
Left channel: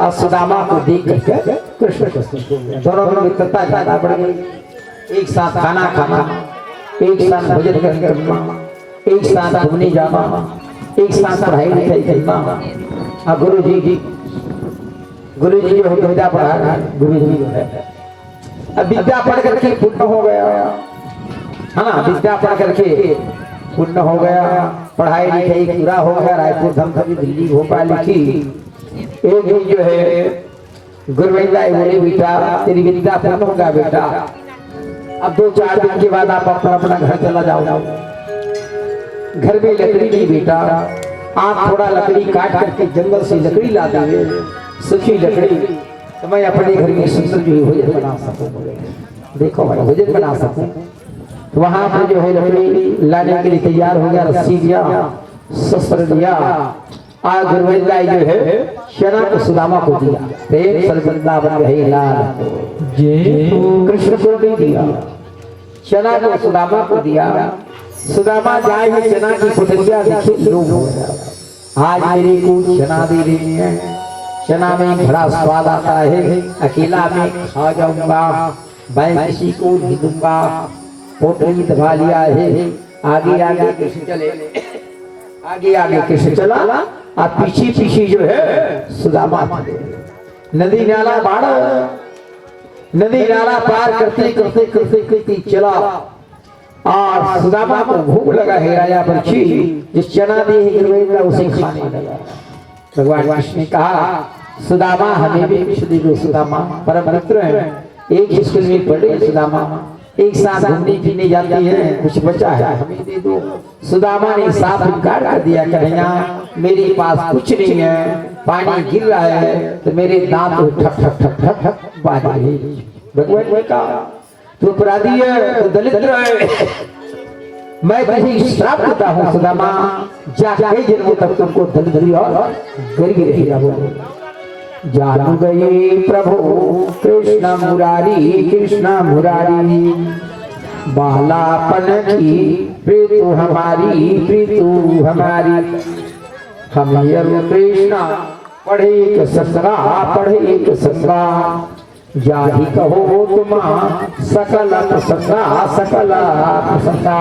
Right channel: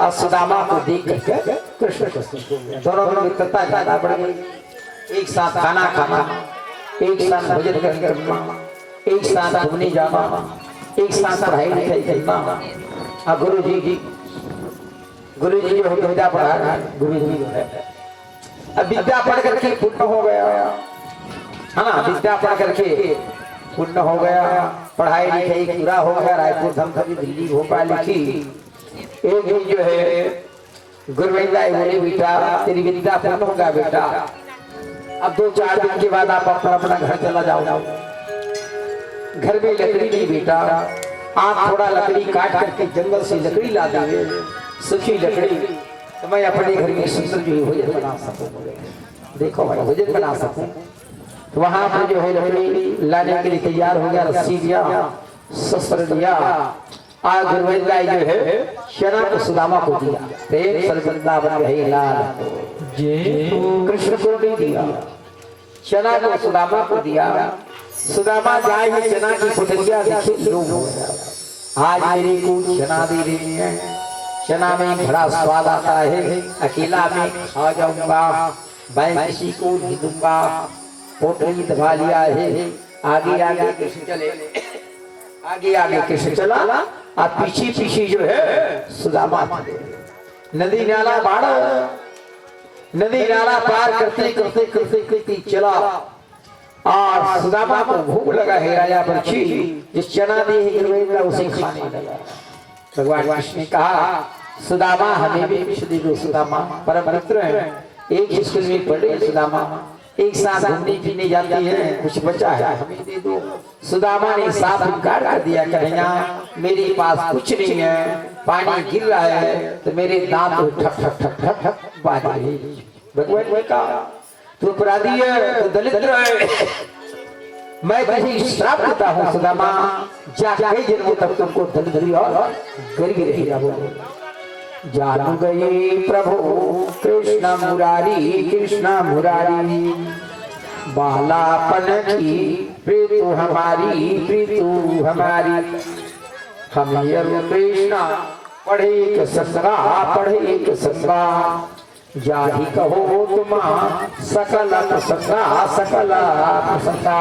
और सुदामा को देख करके कृष्ण खुशी हो गया। दोनों में मित्रता ज्यादा बढ़ गई। एक साथ खाना खाना, एक साथ भोजन करना, एक साथ घूमने जाना, एक साथ पढ़ाई लिखाई करना। गुरु जी जो है विद्या पढ़ा, गुरु जी जो है अब विद्या पढ़ करके पुण्य हो गया है ना। विद्या पढ़ करके पुण्य हो गया, पढ़ाई लिखाई पूरा हो गया, रायपुर धमधमी दिल्ली भोपाल लिखी। एक दिन जो है गुरुविंदा बोले बेटा तेरी विद्या पूर्ण होगा बेटा, अब 2-4 दिन के बाद आप अपना अपना घर चला जाओ। घर में लकड़ी नहीं बेटा, आप थोड़ा लकड़ी काट करके जंगल से लकड़ी ला देंगे, सूखी लकड़ी, तो मैं अपने घर में सुंदर जो भोजन बना सकूं। देखो भाई भोजन बना सकूं। वहां पर जो है लकड़ी लाने के लिए तैयार हो गया, रस्सी दिया, शस्त्र दिया। आज गुरुविंदा जो है चना को सुदामा को दिया, प्रेम सर्वदा बन रहे लाल कृष्ण को भी दिया, चना को सुदामा को दिया। सुदामा जाए है चना की कुटिया देखे लोग हो गया। आज मेरे को चना दे रही है, चना में बड़ा स्वाद आता है, अकेला में खा जाऊंगा, मैं किसी को नहीं दूंगा। पोटली दबा लिया है, आगे आगे कृष्ण चले, आगे आगे कृष्ण चला और पीछे पीछे जो है सुदामा। नदी नाला बाढ़, नदी नाला पार करते करते करते करते चला और सुदामा को भूख लगा है। राजा पक्षी जिस चना दी है गुरुविंदा उसे खाने लगा। भगवान कृष्ण ने कहा सुदामा हमें भी विष दे दो। सुदामा परम मित्र है, एक स्कूल में पढ़े सुदामा, एक साथ घूमने पीने जाती है, कुछ बचा है हमें दे दो। सुदामा ने साफ इनकार कर दिया, कन्हैया मेरे पास कुछ नहीं है, पानी गिर रहा है तो मेरे दांत ठक ठक ठक ठक ठक बाज रहे। भगवान ने कहा तू अपराधी है, तू दलित है, मैं तुझे श्राप देता हूँ सुदामा, जा कई जन्मों तक तुमको दलित और गरीब रहेगा। जान गए प्रभु कृष्ण मुरारी, बालापन की प्रीतु हमारी, प्रीतु हमारी। हम कृष्ण पढ़े एक संगा, पढ़े एक संगा, जाहि कहो तुम सकल प्रसंगा, सकल प्रसंगा।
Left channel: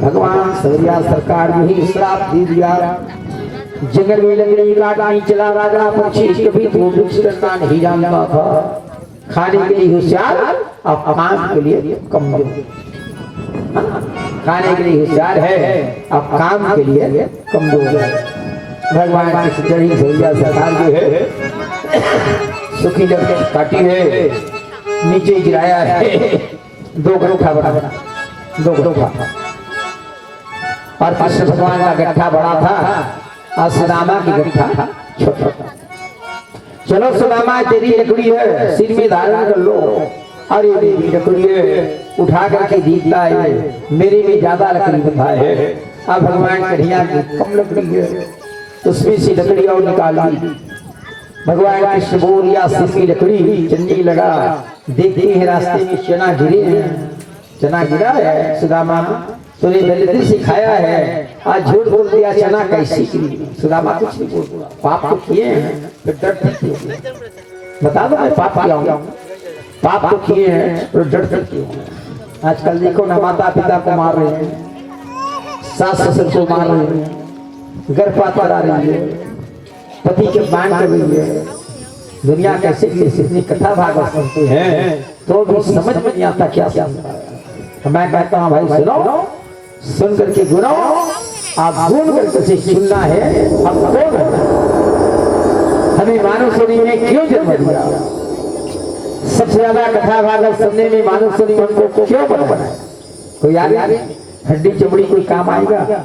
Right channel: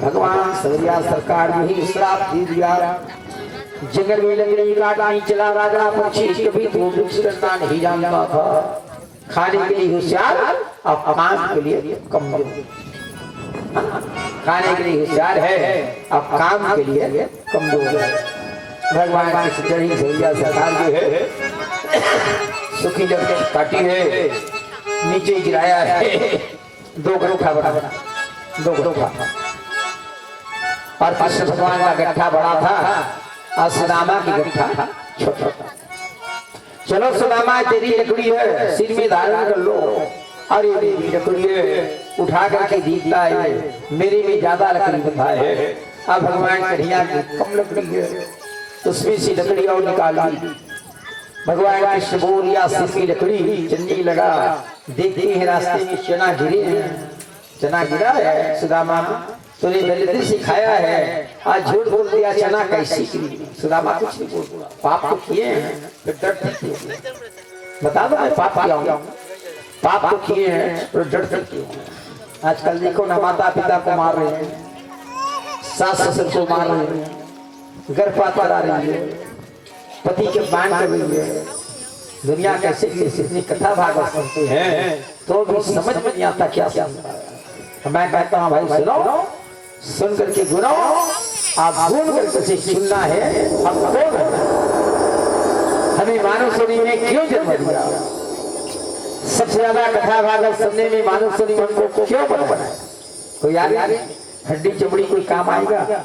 भगवान सवरिया सरकार ने ही श्राप दे दिया। जंगल में लकड़ी काटने चला राजा पक्षी, कभी तो वृक्ष करना नहीं जानता था। खाने के लिए होशियार और काम के लिए कमजोर। खाने के लिए होशियार है और काम के लिए कमजोर है। भगवान की चढ़ी सवरिया सरकार जो है सूखी लकड़ी काटी है, नीचे गिराया है, 2 गट्ठा बड़ा, 2 गट्ठा। और कृष्ण भगवान का गट्ठा बड़ा था और सुदामा की गट्ठा छोटा था। चलो सुदामा तेरी लकड़ी है, सिर में धारण कर लो। अरे मेरी लकड़ी है, उठा करके दीखता है, मेरे में ज्यादा लकड़ी बंधा है। अब भगवान कन्हैया की कम लकड़ी है, उसमें से लकड़ी और निकाली। भगवान कृष्ण बोल या सिर लकड़ी चन्नी लगा, देखते हैं रास्ते में चना गिरे हैं, चना गिरा है। सुदामा तूने दलित से खाया है, आज झूठ बोल दिया, चना कैसी गिरी। सुदामा कुछ नहीं बोल, पाप तो किए हैं फिर डरते क्यों? बता दो मैं पाप किया हूँ, पाप तो किए हैं तो डरते क्यों? आजकल देखो ना, माता पिता को मार रहे हैं, सास ससुर को मार रहे हैं, गर्भपात करा रही है, पति के बाण कर रही है। दुनिया कैसे इतनी कथा भागवत सुनते हैं तो भी समझ में नहीं आता क्या सुनता है। मैं कहता हूँ भाई सुनो, सुन करके गुनो, आप गुन करके सुनना है। हम कौन है? हमें मानव सुनी में क्यों जन्म दिया? सबसे ज्यादा कथा भागवत सुनने में मानव सुनी हमको क्यों बनाया? कोई यार हड्डी चमड़ी कोई काम आएगा?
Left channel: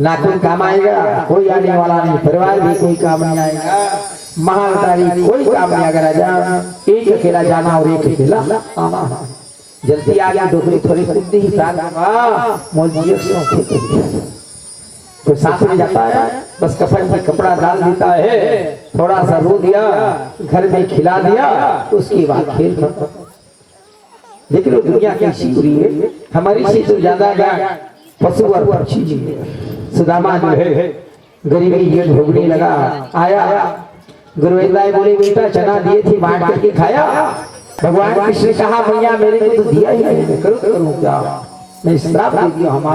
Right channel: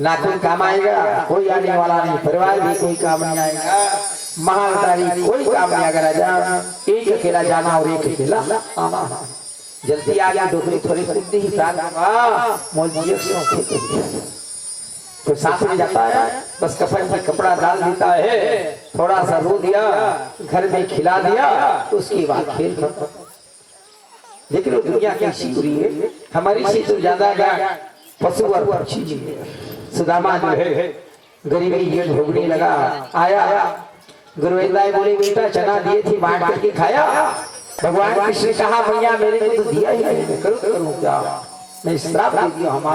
नाखून काम आएगा? कोई आने वाला नहीं। परिवार भी कोई काम नहीं आएगा। महावतारी कोई काम नहीं आएगा। राजा एक अकेला जाना और एक अकेला आना। जल्दी आ गया, डोकरी थोड़ी खरीदी ही कोई साथ में जाता है, बस कफन में कपड़ा डाल देता है, थोड़ा सा रो दिया, घर में खिला दिया, उसके बाद खेल खत्म। देख लो दुनिया कैसी बुरी है। हमारी से तो ज्यादा पशु और पक्षी जी है। सुदामा जो है गरीबी ये भोगने लगा। आया गुरुवेदाई बोले, बेटा चना दिए थी बांट करके खाया। भगवान कृष्ण ने कहा, भैया मेरे को तो दिया ही नहीं, मैं करूँ क्या? मैं श्राप दे दिया, हम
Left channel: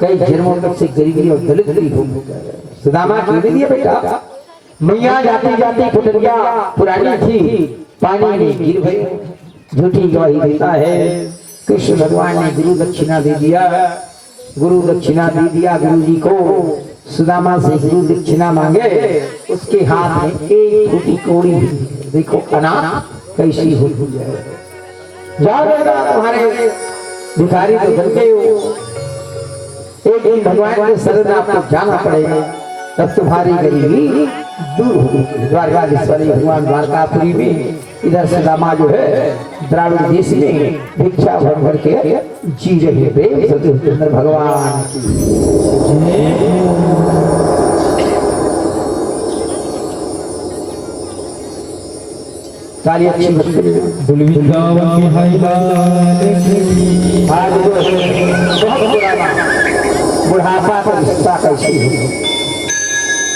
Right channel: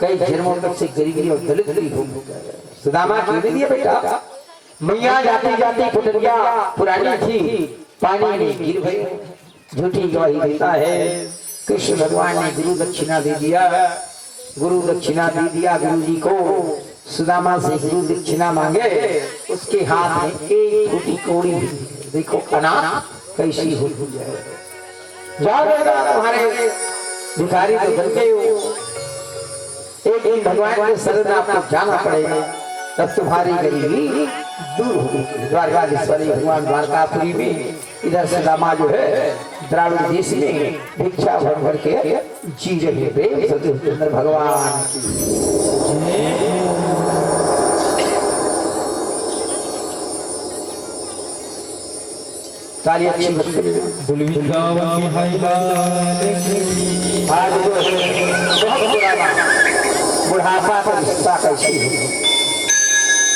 कई जन्मों तक से गरीबी और दलित भी हो गए। सुदामा क्यों दे दिया बेटा? मैया जाती जाती कुटरिया पुरानी थी, पानी में गिर गई। झूठी गवाही देता है। कृष्ण भगवान ने गुरु दक्षिणा दे दिया, गुरु दक्षिणा दे दिया गुरु जी को। सुदामा से गुरु दक्षिणा मांगे, उसके हाथ में एक फूटी कौड़ी। देखो अनाथ कैसी होती है। तुम्हारे भिखारी तो बन गए हो, एक दिन भगवान के शरण में आपको जाना पड़ेगा, तब तुम्हारी गरीबी दूर होगी। द्वारकाधीश्वरी भगवान द्वारकापुरी में, इधर सुदामा जो है द्राविड़ देश में भिक्षा भर भर के जी रहे। प्रेम सतुचंद्र भगवान ताली अच्छी बुढ़ापा पर सत्ता कैसी है।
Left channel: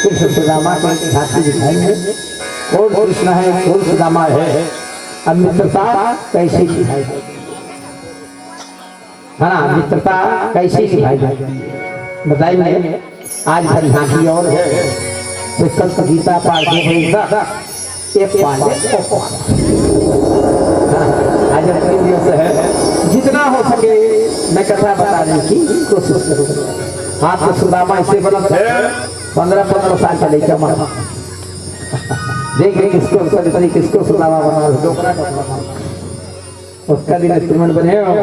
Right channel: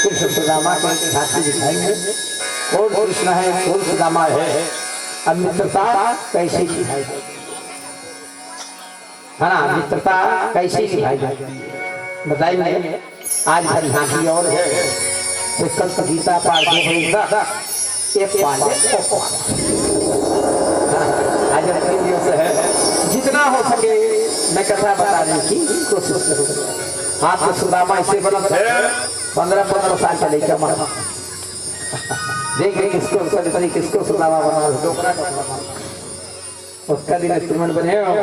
कृष्ण सुदामा को झांकी दिखाएंगे, कौन कृष्ण है कौन सुदामा है। अब मित्रता कैसे दिखाई जाती है ना? मित्रता कैसे दिखाई जाती है बताइए। आज हर झांकी और है तो संत गीता पाठ आज तीन दिवस है। जितना हो सके मैं कथा बताने की कोशिश करूँगा। आपको सुदामा इससे बना 15-15 साल का लेकर मारा। देख रहे किसको सुदामा बना, उसका दिन इंस्ट्रूमेंट बने हो।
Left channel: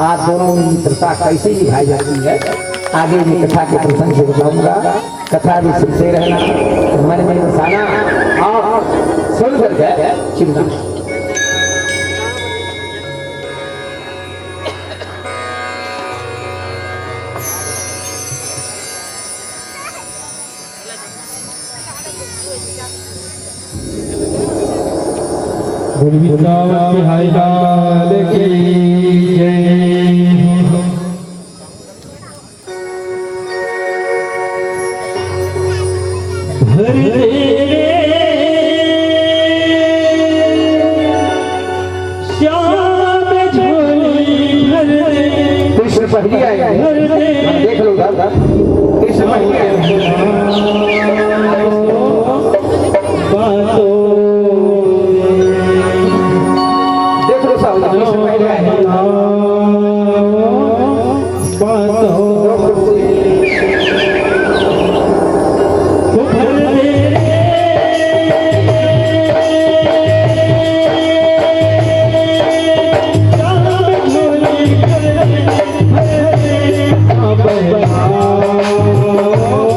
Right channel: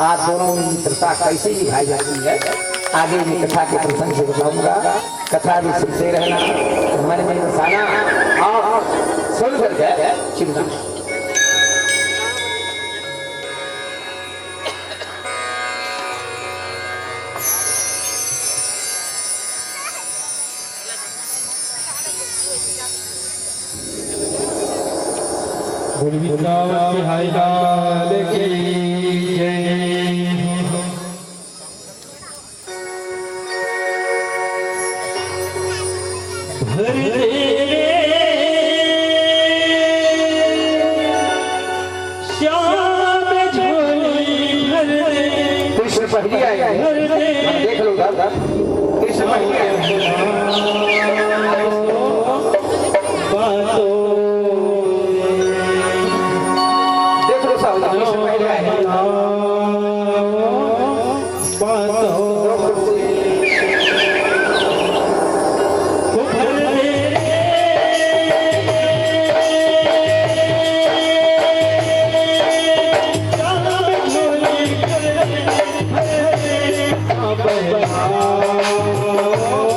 आप दोनों मित्रता कैसे निभाई जाती है आगे मैं कथा के प्रसंग से बताऊंगा। कथा भी सुनते रहना, मन में बसाना और सुन करके चिंता। हाय लाल की जय। भर दे श्याम झोली भर दे। कृष्ण पहली आया देख लो कृष्ण पहली आया। Oh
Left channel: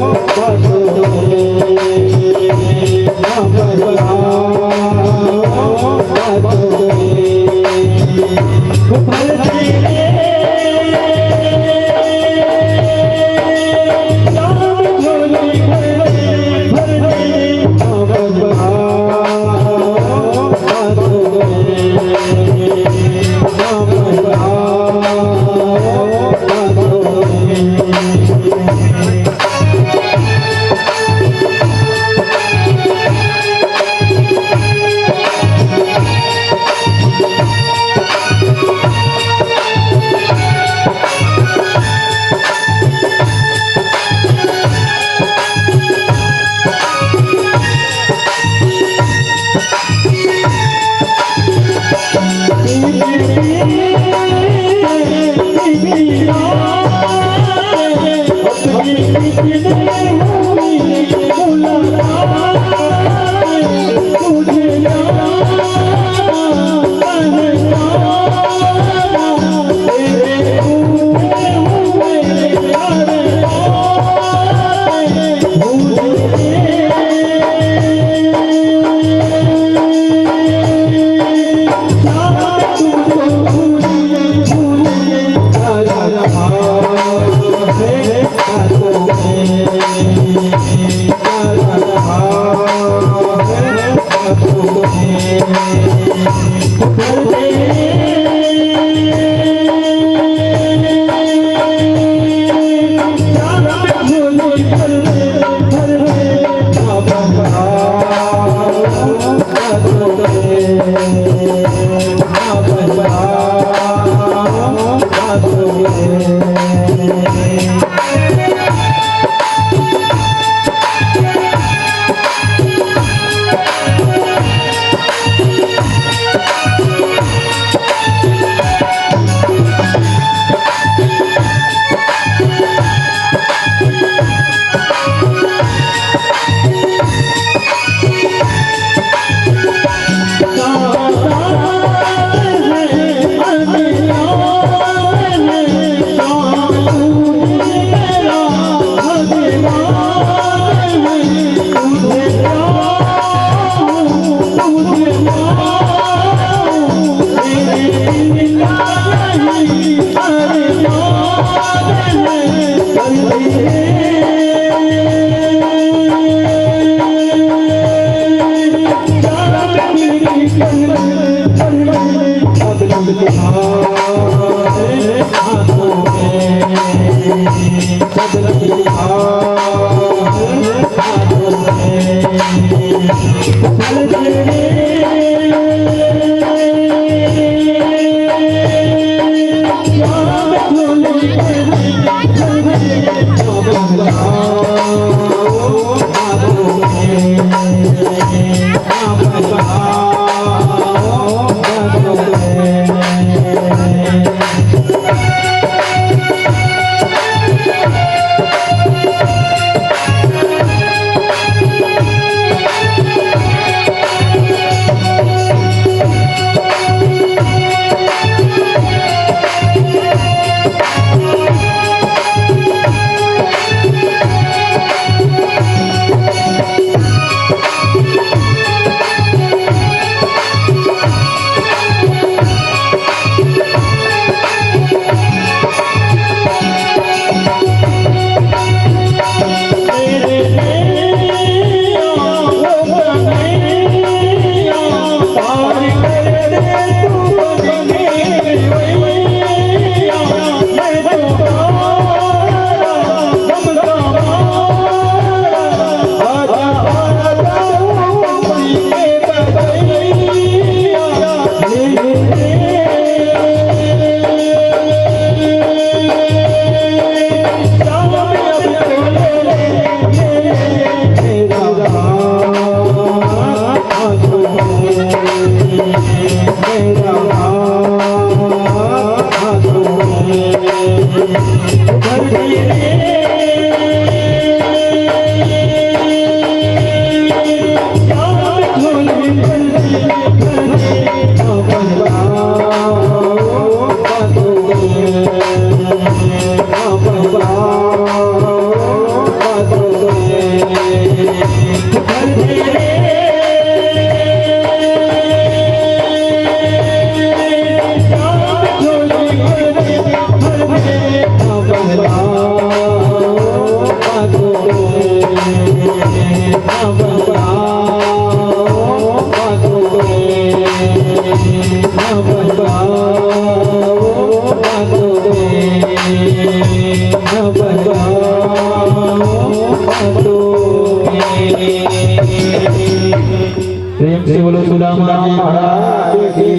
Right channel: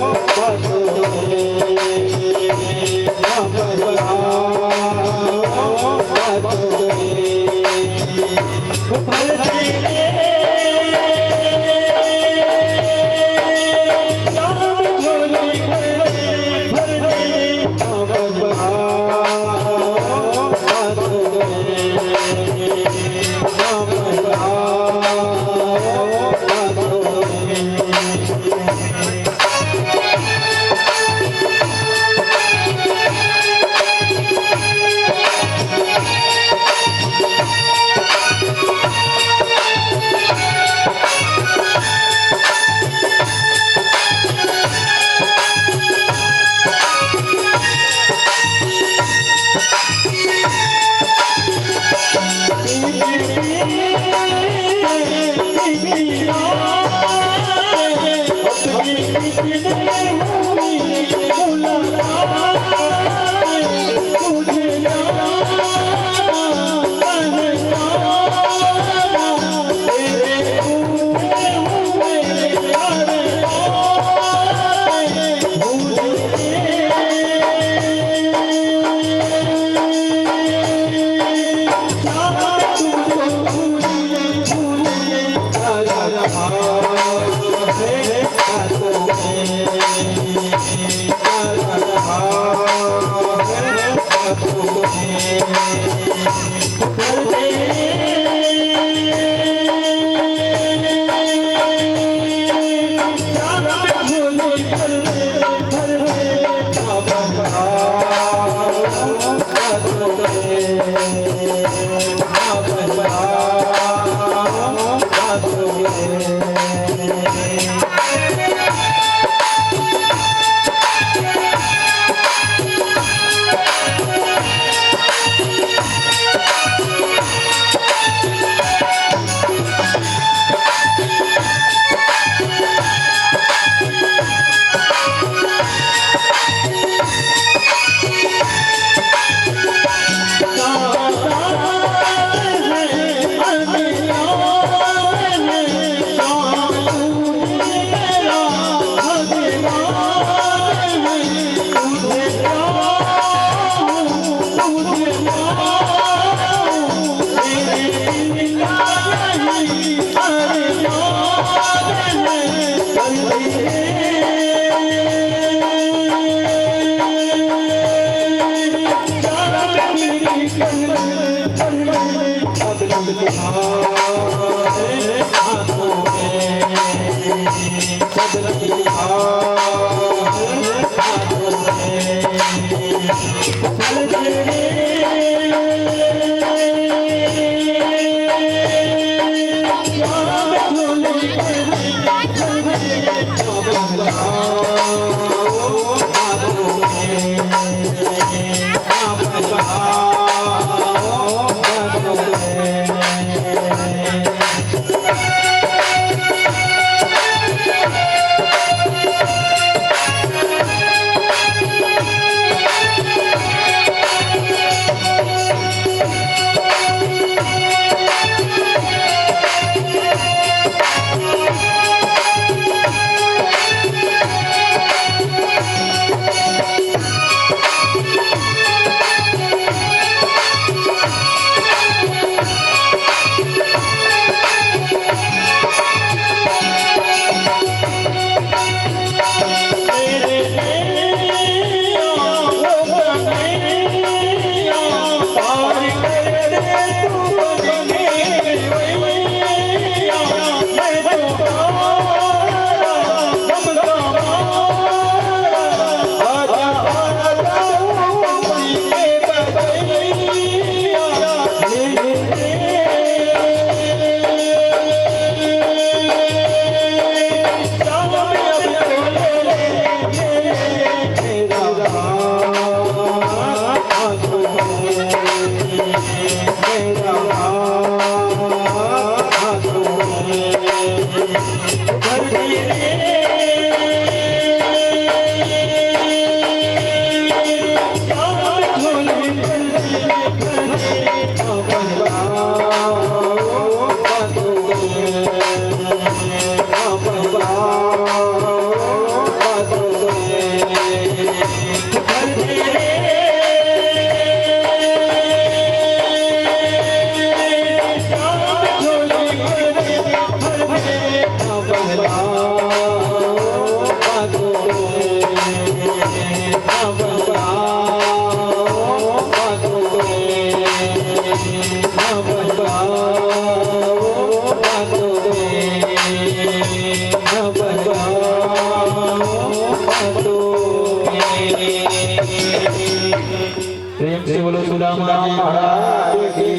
से बोलो सुदामा महाराज की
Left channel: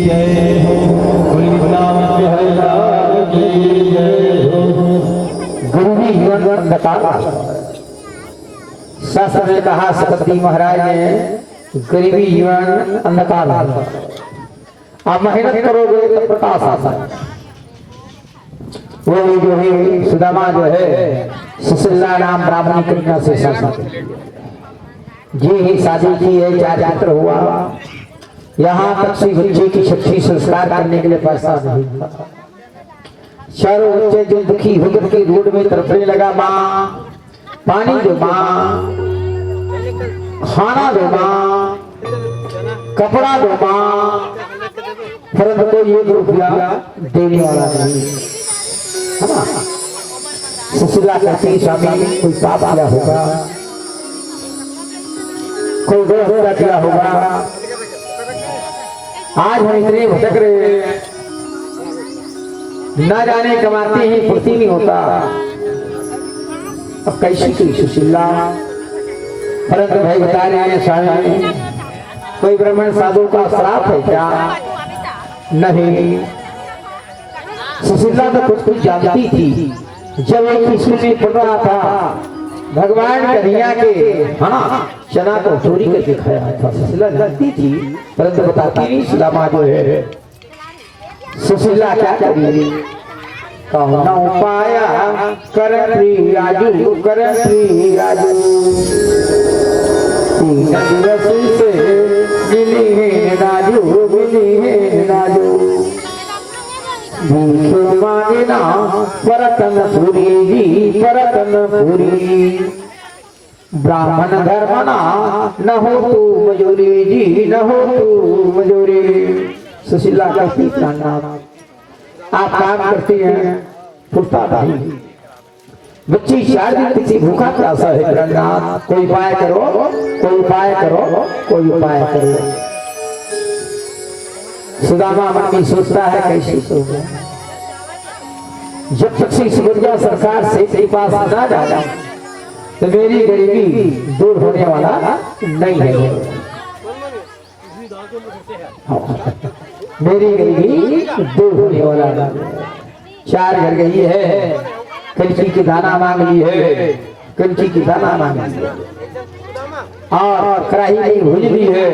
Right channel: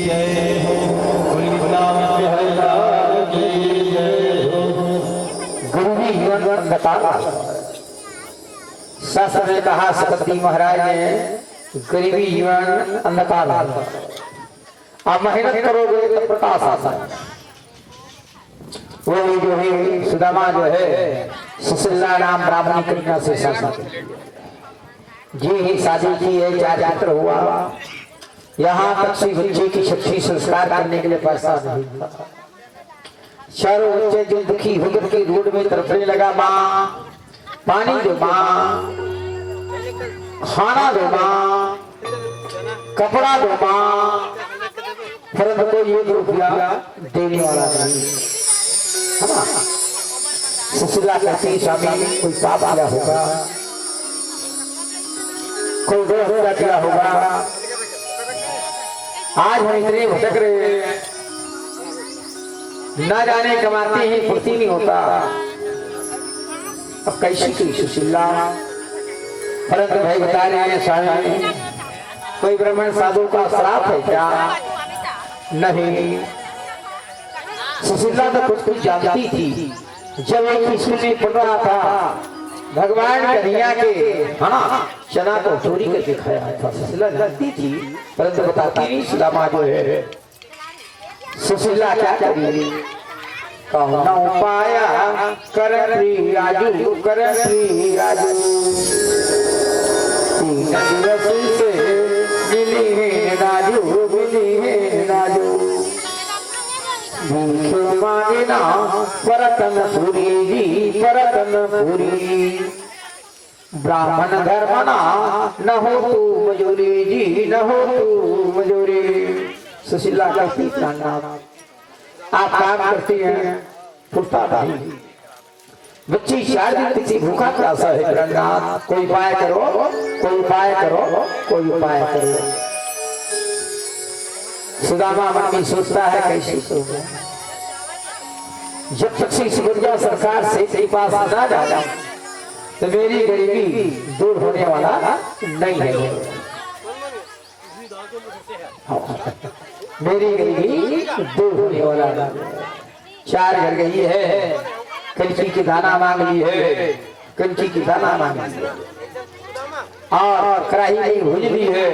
जय हो, बोली गुलाम बिहारी की जय हो। गुरु जीवन अंधकार। शास्त्र ने कहा सकती महाराज ने गरीबी जीवन अंधकार। आप मेहनत करोगे तो प्रकाश आता है। वो जो है सुदामा जो है सुशीला नाम ब्राह्मणी कन्या से शादी जी ही शादी की है, 4 पुत्र हुआ। यहाँ तक से बच्चे की छठी संस्कार करने के लिए पैसा नहीं था। चारों बच्चे जो दुखी होकर के रोड में तड़पने लगा, माँ पानी दो, माँ खाना दो, माँ कपड़ा दो, माँ, परंतु कोई 1 रुपया देने वाला नहीं है ना। सुशीला कहती स्वामी कोई पाप किया होगा, कोई दोष किया होगा, आज हम इतने भटक रहे, न जाने कमाते ही फुर्ती नहीं होता। अब कैसी की सुशीला, परंतु भाई बता रहे हैं स्वामी कोई ब्राह्मण साधु का श्राप है क्या? नहीं। सुशीला तो कुछ जानती थी। जब एक स्कूल में पढ़ रहा था, भगवान कन्हैया के चना को चोरी करके खाया था। सुशीला जानती थी परंतु बताती नहीं। सुदामा जो है सुशीला क्या करी, कहना उपाया कर राजू, कर राजू से मिली है राजू, मिली है राजू, भूख मांगना परतन पूरी जी, परतन पूरी, ब्राह्मण धर्मना न हो तू मजूरी जी, न हो तू मजूरी। सुशीला का पिता नाम आप काम करते हैं, फुर्ता नहीं, बच्ची 4 दिन से भूखा प्यासा है, प्रणाम कोई उपाय करो, कोई उपाय करो, कोई उपाय करो। सुदामा मन में सोचता है कैसे सोचो, जब तक से सुबुर्जा सरकार से के पास ना जाता तो मेरी गरीबी दूर होने वाला नहीं है। मेरी गरीबी दूर होने वाला 4 घर गई है, कंची की दाना मांग ली है, कंची की दाना मांग ली है, और कढ़ाई में भूज भी है,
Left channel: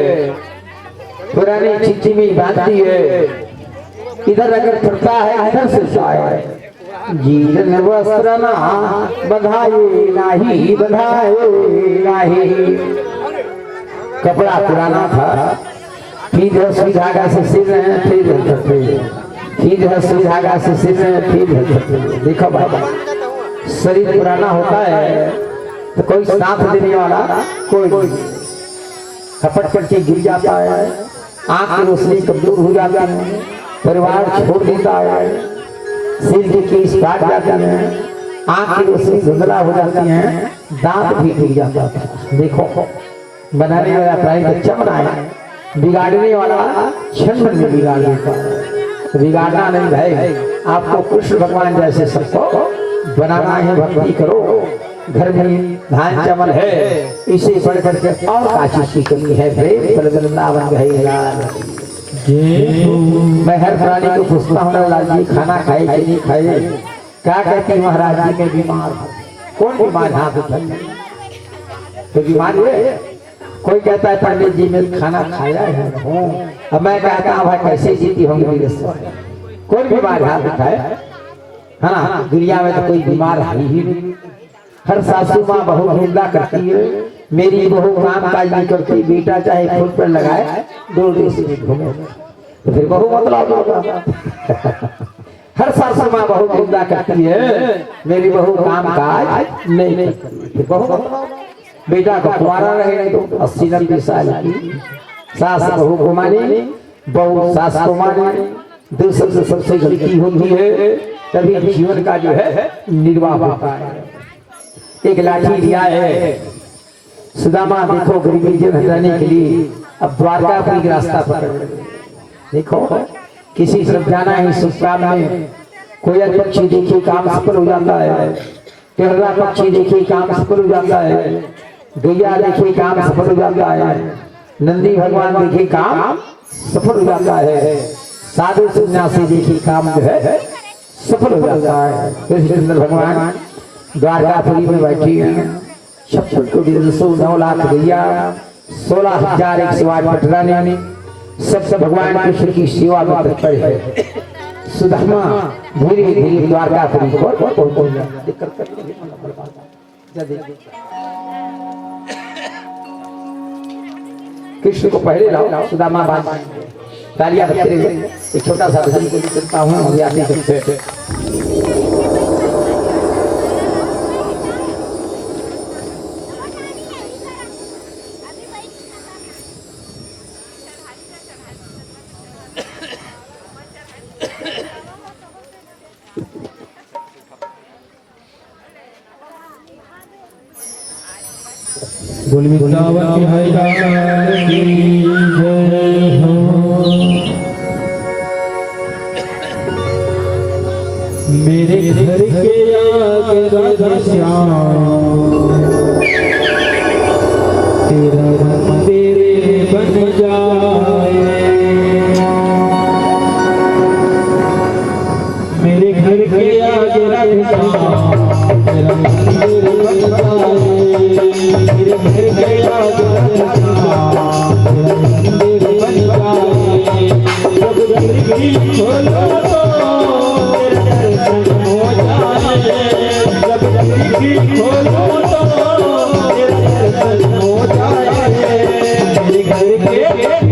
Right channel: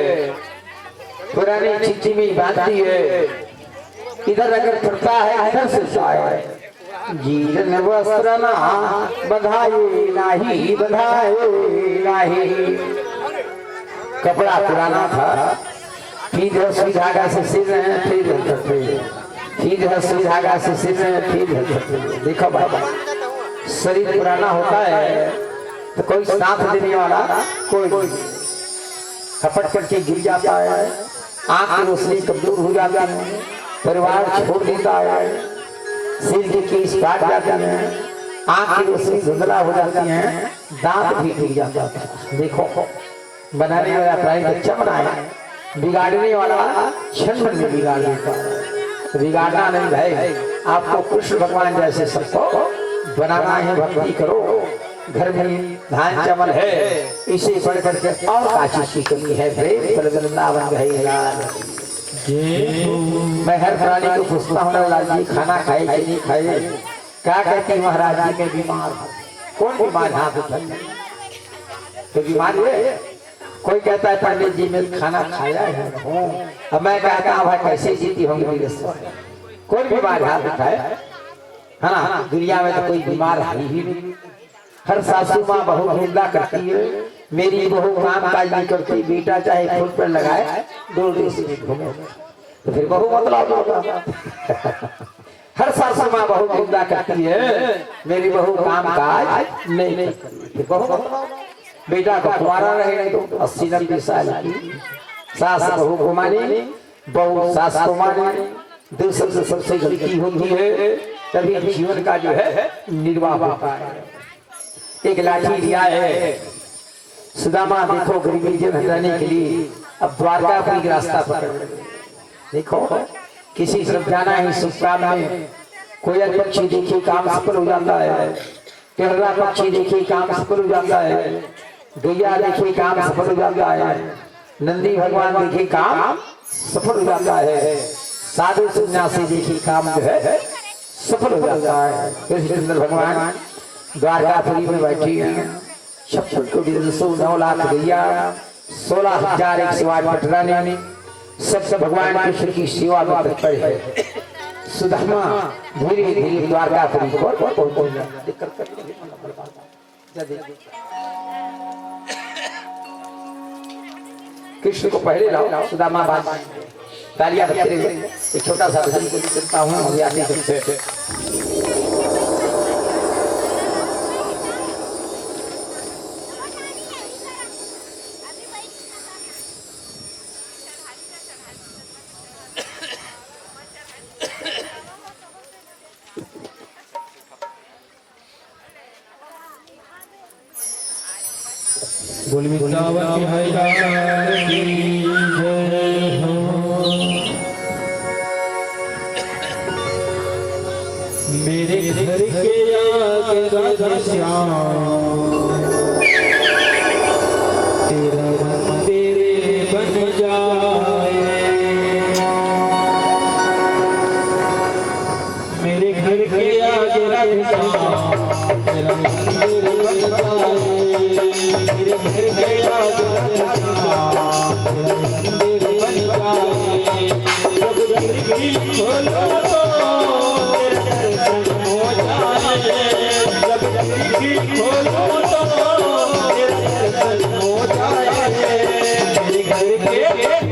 पुरानी चिट्ठी में बांधती है। इधर अगर फटता है इधर से जाए, जीवन वस्त्र ना बधाए नाही, बधाए नाही। कपड़ा पुराना था, फिर सुई धागा से सिल रहे हैं, फिर सुई धागा से सिल रहे हैं, फिर देखो बाबा शरीर पुराना होता है तो कोई साथ देने वाला कोई खपट करके गिर जाता है, आंख की रोशनी कमजोर हो जाती है, परिवार छोड़ देता है, सिर की केस काट जाती है, आंख की रोशनी धुंधला हो जाती है, दांत भी गिर जाता है। देखो बनाने वाला प्राणी बच्चा बनाया, बिगाड़ने वाला क्षण में बिगाड़ देता है। बिगाड़ना नहीं भाई, आपको कृष्ण भगवान जैसे सबको बनाना है। भक्ति करो, घर में धान चावल है, इसे बढ़ करके और काची की कमी है। वृंदावन मैं हर प्राणी को पूछता हूँ लाल जी खाना खाए कि नहीं खाए, क्या कहते महाराज जी में बीमार, कौन बीमार हाथ उठाइए तो बीमार है। कोई कहता है पंडित जी में खाना खाया है, अब मैं कहता हूँ भाई कैसे जीती होंगी, कौन बीमार हाथ उठाए है ना। दुनिया में तो कोई बीमार है ही नहीं। हर सासू माँ बहू निंदा करती है, मेरी बहू काम काज नहीं करती, बेटा चाहे खुद पर लगाए 2 देश में घूमे तो फिर बहू मतलब होगा। हर सासू माँ बहू निंदा करती है, मेरी बहू काम काज नहीं करती, फिर बहू मतलब बेटा को कुंवारा रहेगा तो 80-90 साल की सास बहू को माने, बहू सास को माने, दूसरे सबसे गलती होती है तभी जीवन का जो है निर्वाह होता है। एक लाठी लिया है सुदामा, देखो गरीबी से हटाने के लिए अब द्वारकापुरी का रास्ता पकड़। देखो किसी तरफ जाना है, शुभ काम में कोयल पक्षी देखिए काम सफल हो जाता है, टेढ़ा पक्षी देखिए काम सफल हो जाता है, गैया देखिए काम सफल हो जाता है, नंदी भगवान देखिए काम सफल हो जाता है, साधु सन्यासी देखिए काम जो है सफल हो जाता है। कृष्ण भगवान द्वारकापुरी में बैठी हैं, 9 लाख गैया, 16,108 पटरानी, सब भगवान कृष्ण की सेवा में तत्पर है। सुदामा धीरे धीरे द्वारकापुरी को कृष्ण को पहले लाओ, सुदामा बाद तालियां बजते हुए एक छोटा सा भजन को करता हूँ और याद करते बोल वृंदावन बिहारी की जय हो। मेरे घर के आगे राधा श्याम, तेरा रंग तेरे बन जाए। मेरे घर के आगे राधा श्याम, तेरा रंग तेरे बन जाए। मेरे घर के आगे तेरे बन जाए। जब खिड़की खोलो तो तेरे दर्शन हो जाए। जब खिड़की खोलो तो तेरे दर्शन हो जाए। मेरे घर के आगे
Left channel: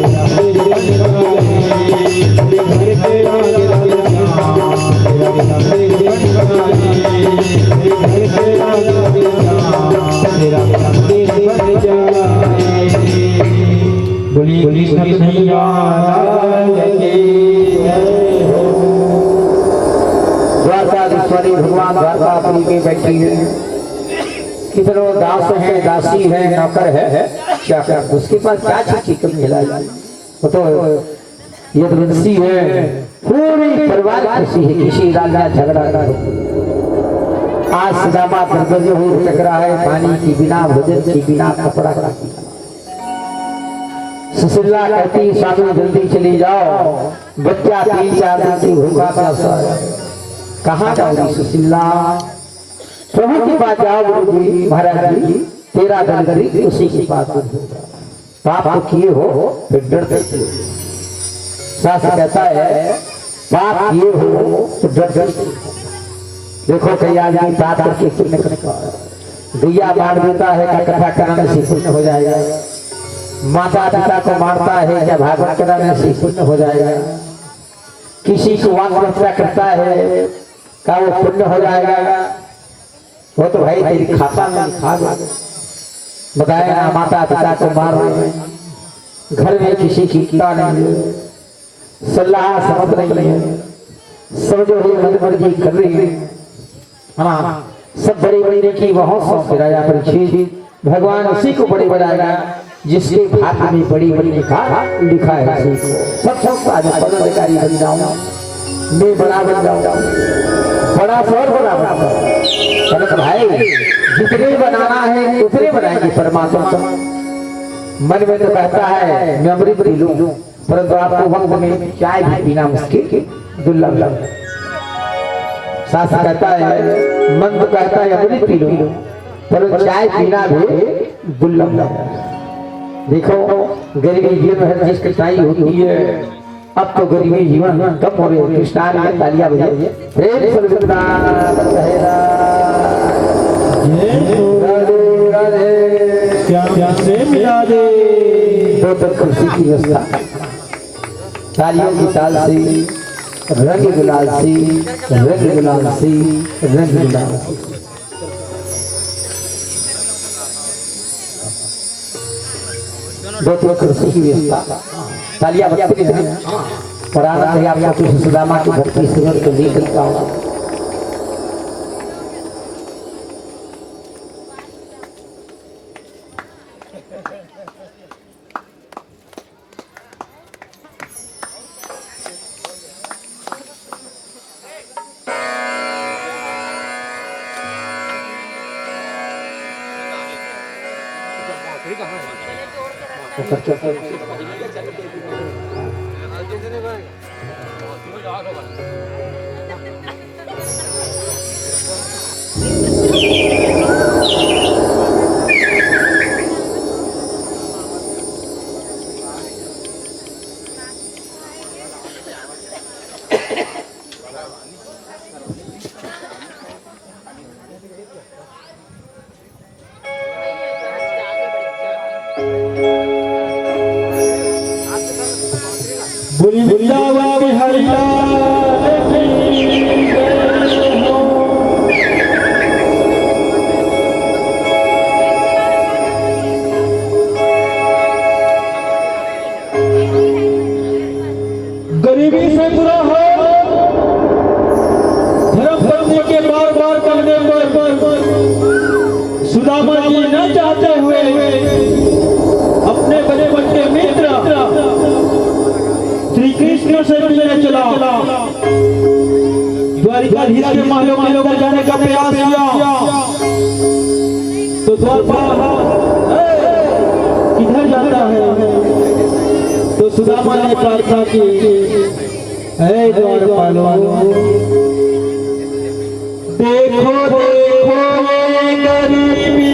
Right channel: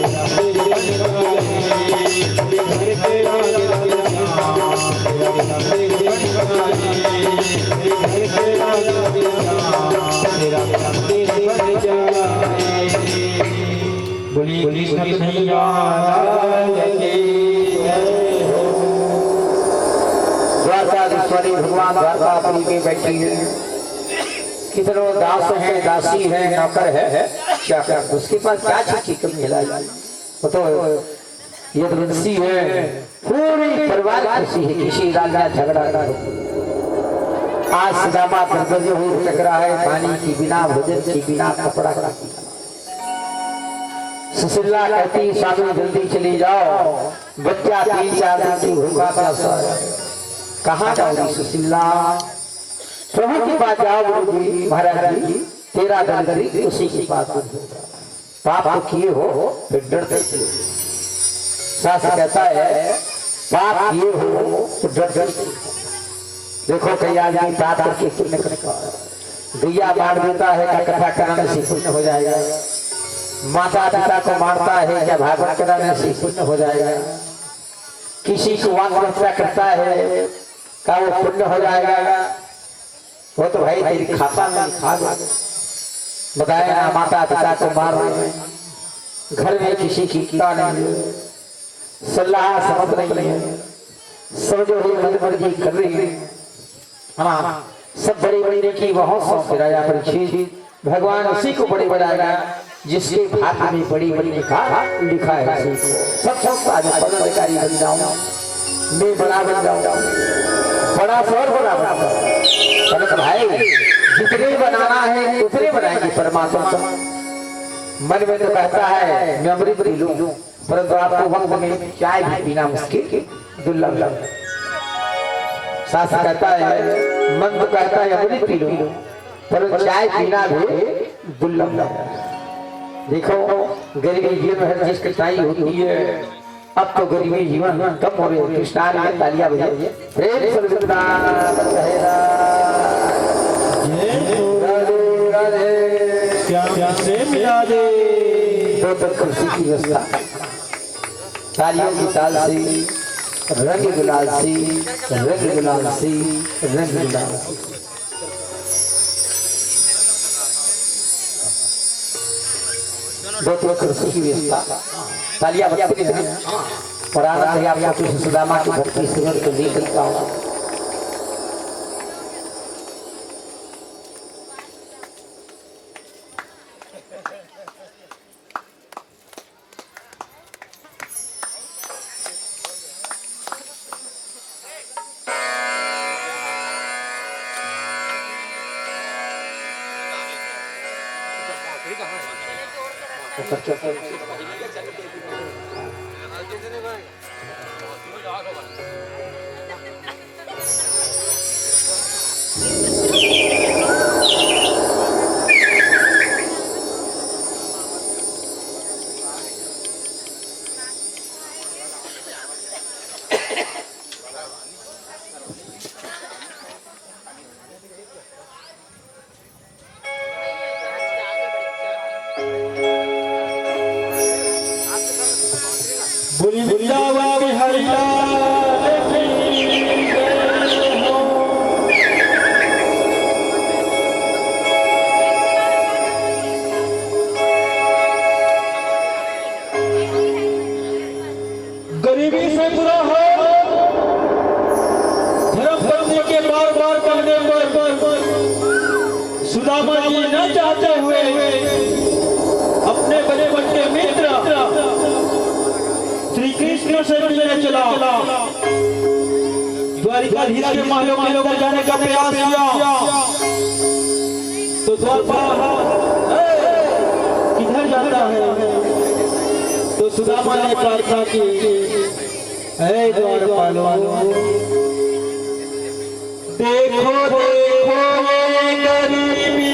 Thank you. बोलिए कृष्ण कन्हैया लाल की जय हो। द्वारकाधीश्वरी भगवान द्वारकापुरी में बैठी है, कितनों दास है, दासी है, नौकर है, क्या कर उसके पास क्या चीज की कमी है? वो तो यदुवंशी है, पूरी परिवार खुशी है, किसी राजा झगड़ा ना हो। आज सुदामा दरवाजे हो टकरा है, पानी की बिना, भोजन की बिना, कपड़ा का बिना। सुशीला कहती स्वामी जल्दी चली जाओ, बच्चा 3-4 दिन से भूखा प्यासा है। कहाँ जाओगी सुशीला? प्रभु के पास जाओ गुरु जी, महाराज जी तेरा दर्द उसी के पास होगा। पाप तो किए हो फिर डरते शास्त्र कहता है पाप किए हो तो डर। देखो कई आदमी पाप करके पुण्य करता है, गैया मार देता है क्या कथा कराने से पुण्य हो जाएगा, माता पिता को मारता है क्या भागवत कराने से पुण्य हो जाएगा, किसी को वाक्य करता है क्या वो पुण्य हो जाएगा? वो तो भाई तेरी खाता में लिखा दो। बताया माता पिता को मार रहे हैं, घर में किसी की कीड़ा नहीं है, सलाह समझ नहीं है, समझो ही मर्जी कर रही है। हाँ सब बड़ी बड़ी की वहों सौंप राजा परीक्षित, भगवान उसी को बड़ी बनाएगा जिसके भाग्य में बड़ी बड़ी लिखा है। सब पदाधिकारी बन जाऊं, मैं बड़ा बन जाऊं, बड़ा शोर बड़ा बना भाई, जितने बनाना है उतने बनाएंगे परमात्मा का। मन में तो कहता है मैं अमृत पी लूं, परंतु आपको वक्त में चाय भी पीना मुश्किल दुर्लभ है। शास्त्र कहता है मन तो कहता है अमृत पी लूं, परंतु चाय पीना भी दुर्लभ है। देखो गरीबी जीवन में हर चीज कठिनाई होती है, अब तो गरीबी जीवन कम हो रही है। कृष्णान में तालियां बजाइए, प्रेम से खुशी की व्यवस्था, तालियों की ताल से, रंग गुलाल से, रंग गुलाल से, रंग गुलाल से। दो खुशी की व्यवस्था, तालियां बजती हैं और आनंद है आपको कृष्ण सुदामा की भक्ति सुगर को लेकर का। बोली वृंदावन बिहारी लाल की जय हो। गरीबी से बुरा हो, धर्म पत्नी के बार बार कहने पर सुदामा जी न चाहते हुए अपने बड़े बड़े मित्र श्री कृष्ण से मिलने चला। द्वारिकाधीश के महलों में लोग जाने का प्रयास किया तो द्वारपाल किधर जाता है? तो सुदामा ने प्रार्थना की, हे द्वारपालो देखो देखो ये गरीबी,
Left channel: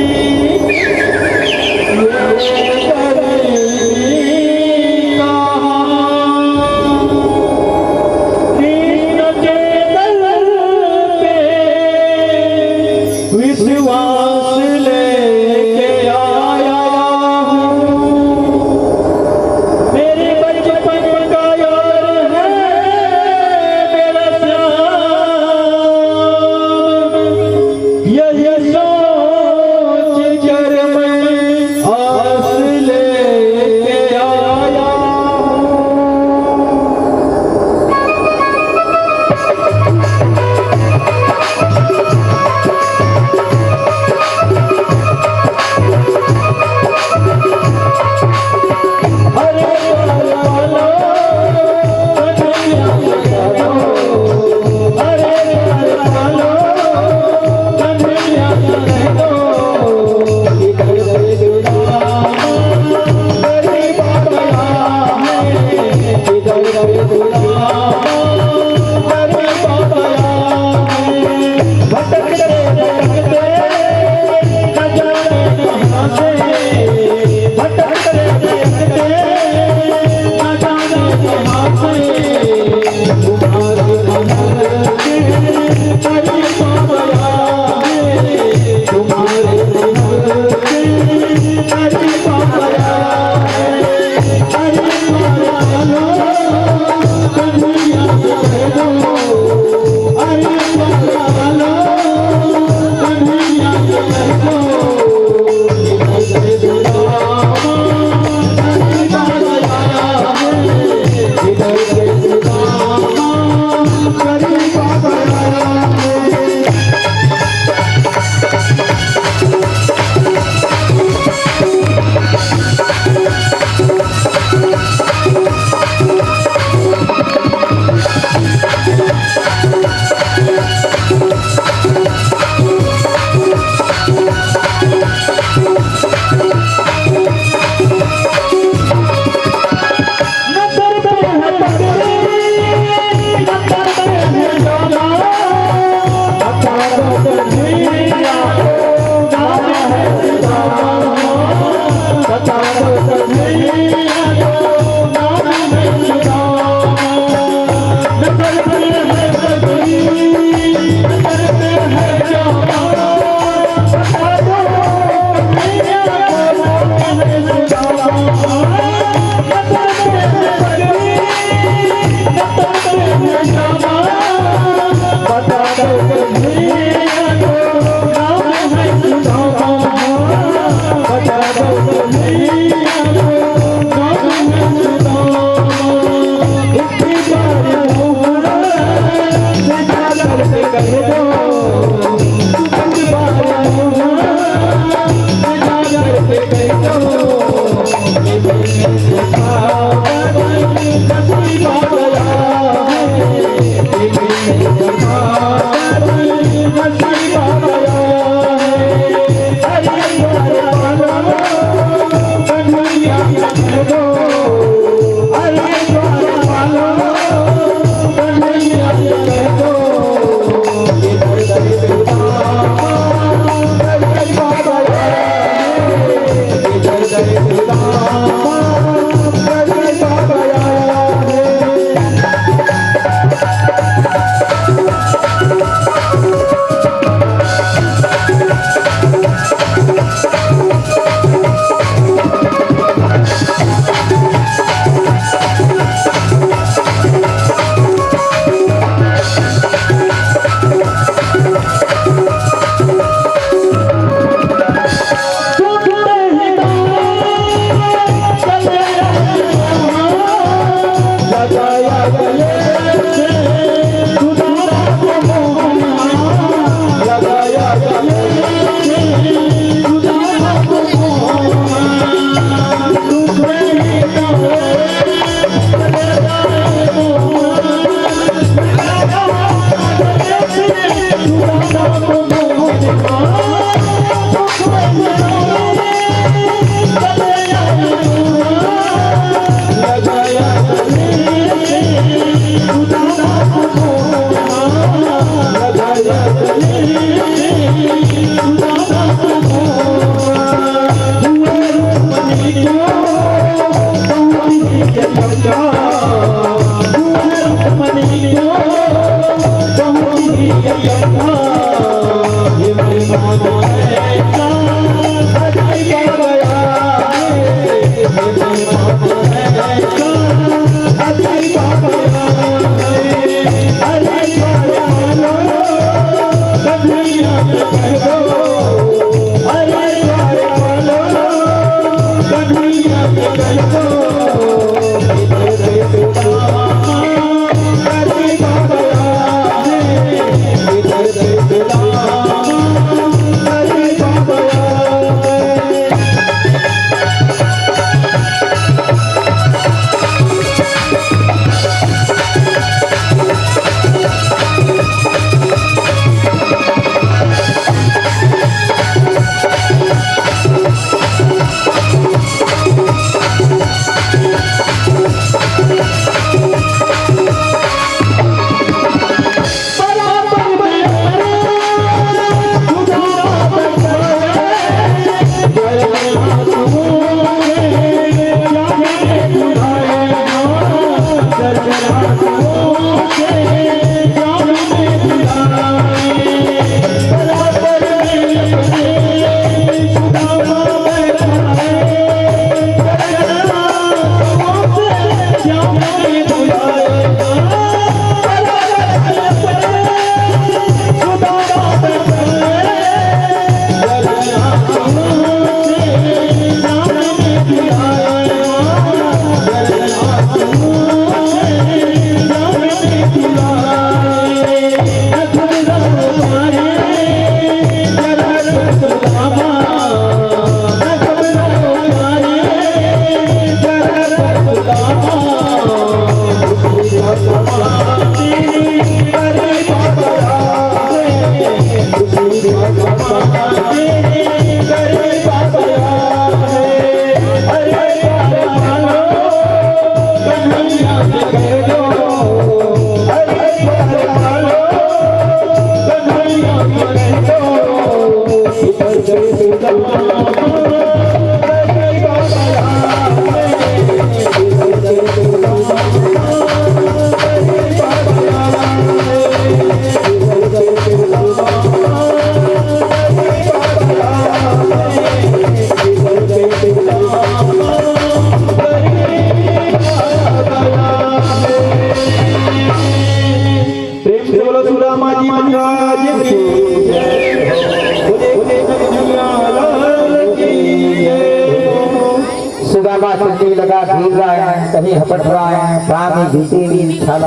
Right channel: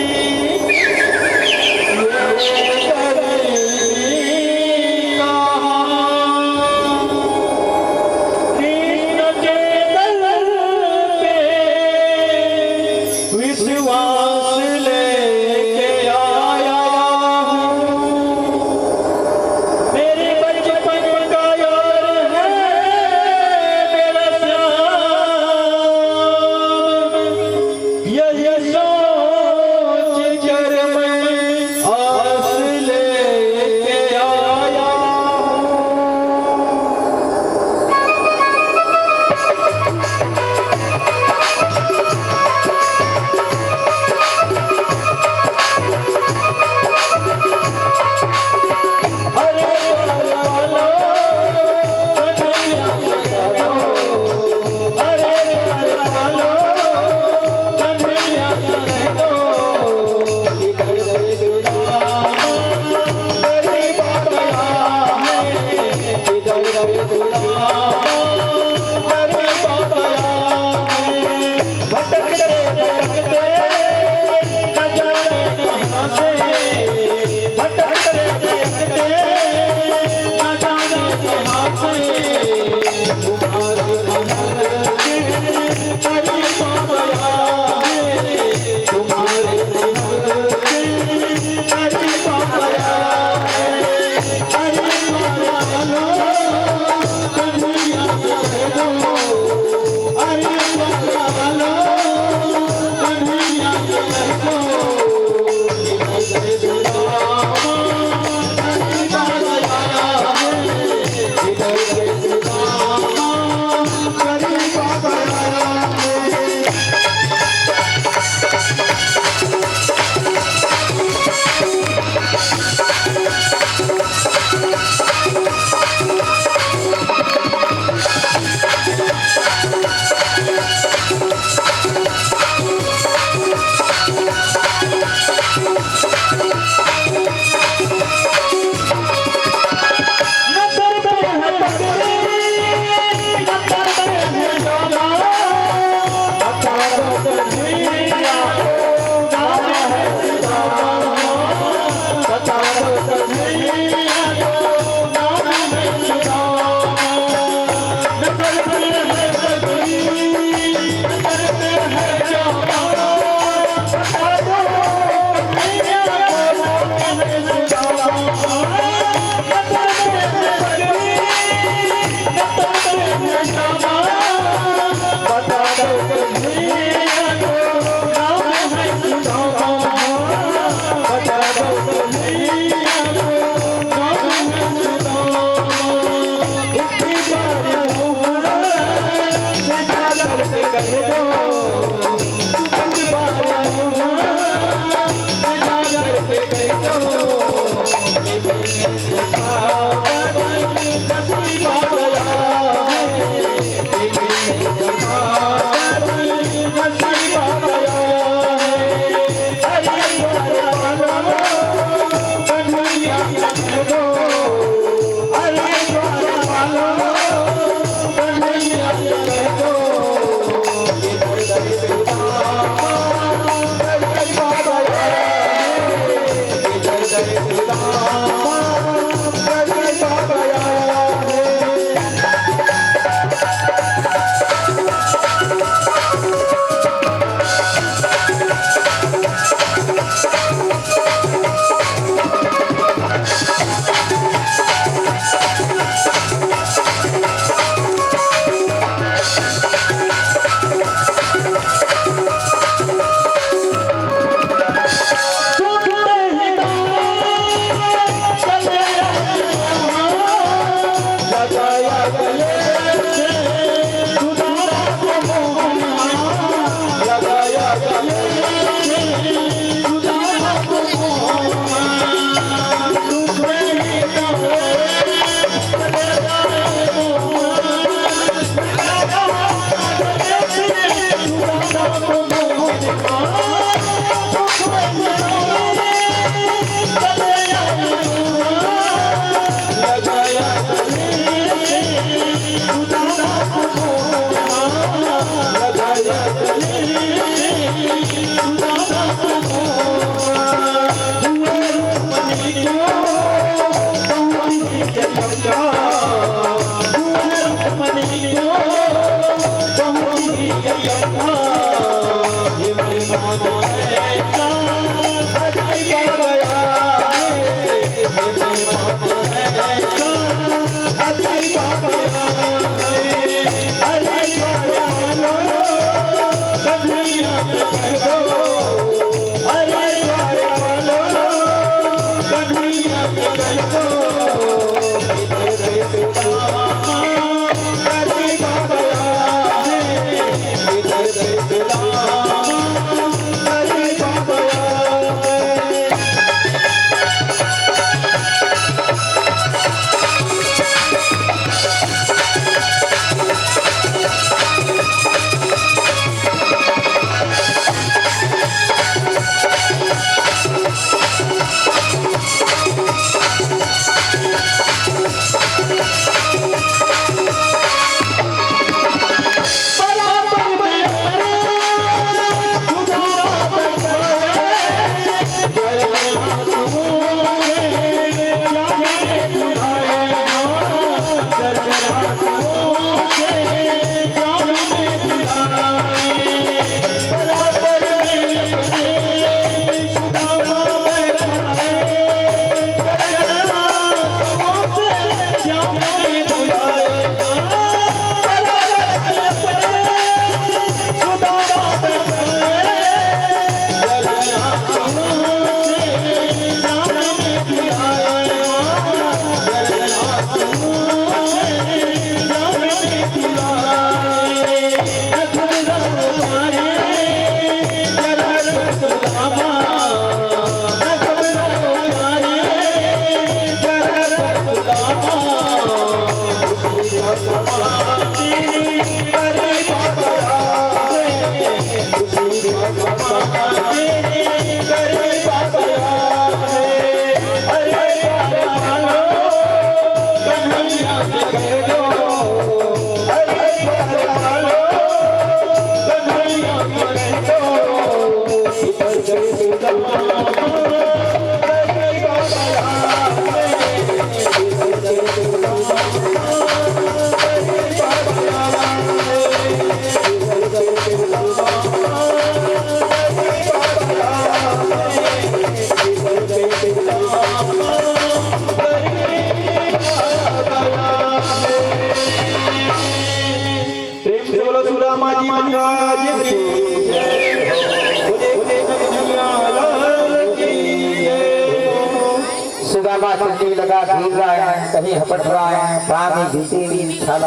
चंडी लगा घूर रहा है, कहीं हपट रहा है, पाँव में घुसी हुई छाला।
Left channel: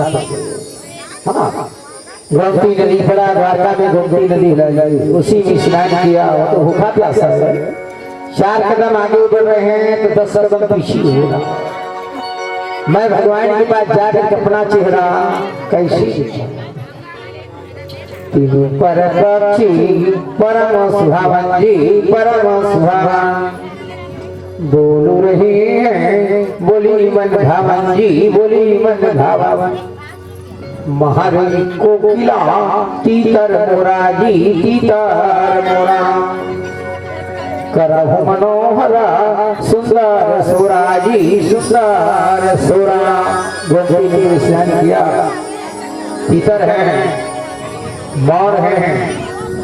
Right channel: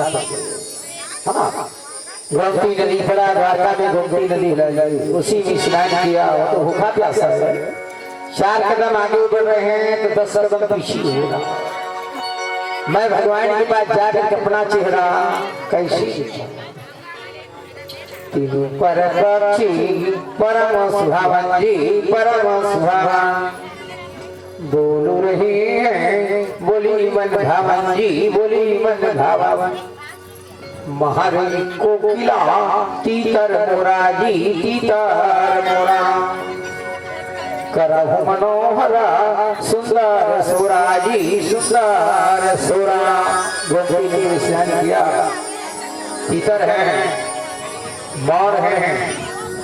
हाँ, गोमती नदी पड़ा, द्वारका में गोमती नदी लगी, उसी में स्नान किया, वो तो भूखा प्यासा है। 4 कदम आगे बढ़ रहे हैं तो 10 कदम पीछे होगा। मैं भगवान के पास जाकर अपना चेहरा कैसे दिखाऊं? तीनों पर पक्षी परम सुहावन जी परम सुहावन बोल रहे हैं बोली मन भावन जी बोली मन भावन महारी कोकिला तीतर मोरा जी तीतर मोरा करहु मनोहरा सुंदर सोरा जी सुंदर सोरा। गोपी ने स्नान किया, तीतर है, मोर है,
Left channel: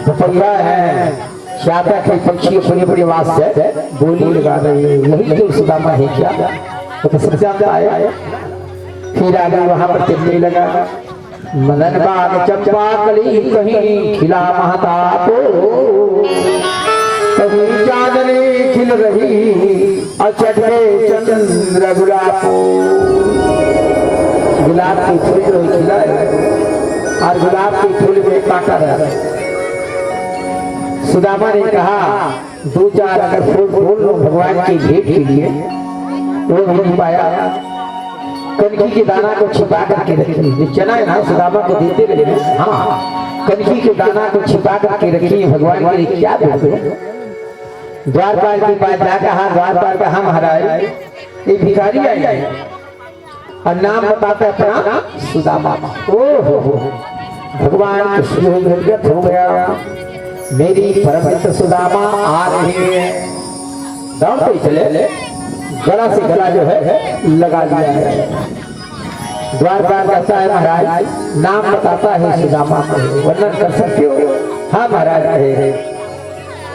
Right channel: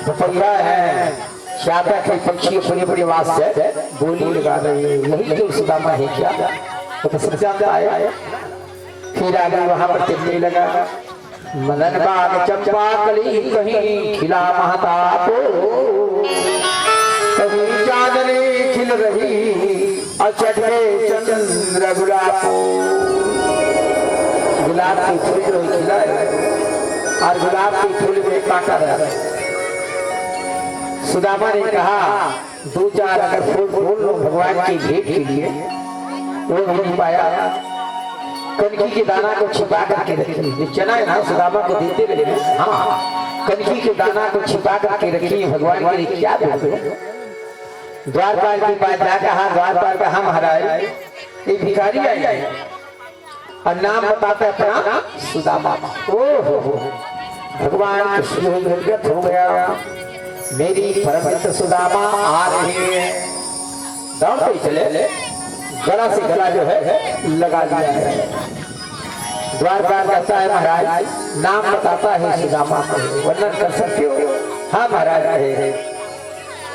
पपैया है, चातक है, पक्षी बड़ी बड़ी आवाज से बोली लगा रही है। यही तो सुदामा है क्या? तो सत्याग्रह आया। फिर आगे वहां पर चलने लगा। मदन बाग चंपा कली कहीं खिला महतापो कहीं चांदनी खिल रही अचट में चंद्र गुलाबो। गुलाब के फूल जो खिला है और गुलाब के फूल में कांटा है। सुदामा ने कहा 2-4 अगर फूल बोल लो भगवान की भेंट के लिए, वो नहीं पाया। कनकी के दाना को छिपा करके रखी, चना है ना सुदामा को देते रहे। हाँ, कनकी के दाना को छिपा करके रखी भगवान के लिए। क्या देखो द्वारपाल के पास जाकर, हाँ द्वारपाल का हम हराए, ये भिखारी आए और नाम बताते अपना सुदामा। ओहो भगवान कृष्ण निर्गत हो गया। मेरी परम सुदामा आ रहे हैं। दौड़ते चले, गला से गला जो है लगा दिया है। द्वारपाल कहता है महाराज नाम बताता है सुदामा को, वर्णन कर सकते हो? हाँ महाराज है।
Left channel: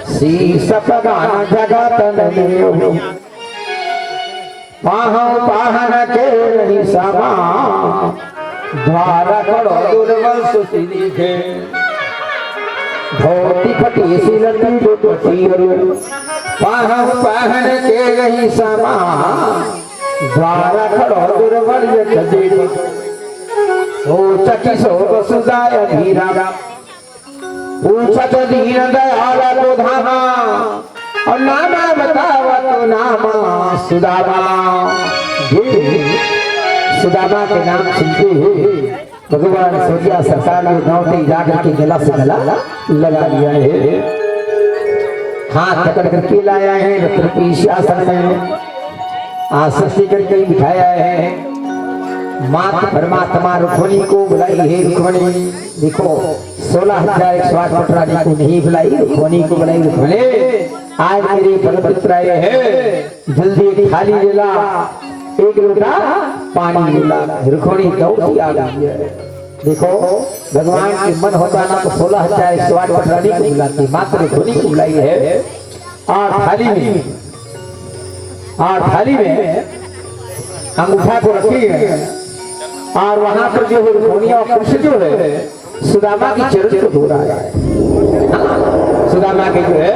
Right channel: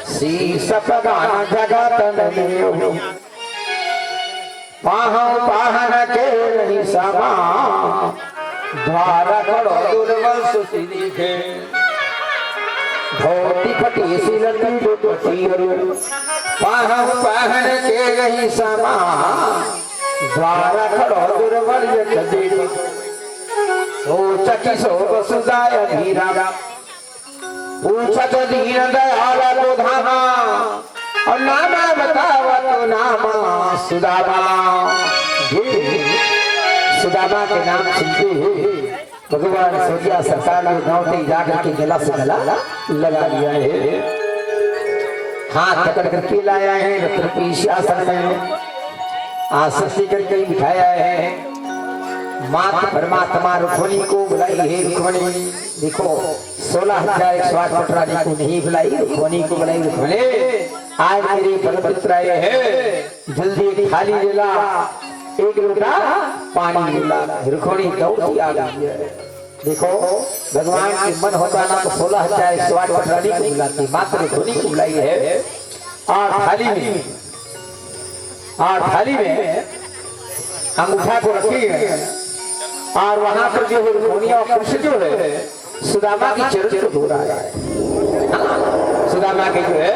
श्री सपदान जगत में पाहन के निशामा द्वार कड़ो दुर्बल सुति दिखे धोती फटी सिलती दुपटी पाहन के रही समा द्वारा खड़ो दुर्बल चटी सो वसुदाय धीरा पूछत दीन दयाल को धामा और नामा बतावा तो नामा सुदामा। सुदामा के नाम सुनते ही भगवान सोचिया सरकार ने गाँव में जाकर के गला से गला लगा लिया है। हाथ पकड़ करके लाया है, रत्न की शासन में आसन से करके बिठाया है। माता परमात्मा रुक्मणी को बुलाई है। रुक्मणी देखो 16,108 रानी को नहीं बुलाई, रुक्मणी को बुलाई। रुक्मणी आज मेरे परमपुत्र आए हैं, जल्दी एक थाली ले ला, एक लोटा पानी ले ला। रुक्मणी दौड़ती आ गई है। देखो भगवान के मन होता ना तो 16,108 रानी को बुलाती, मात्र रुक्मणी को बुलाई है। और थाली में अंगूठा को रखी है और वहां पर जो है रुक्मणी और कृष्ण जो है सुदामा की चरण को धो रहा है। सुदामा के जो है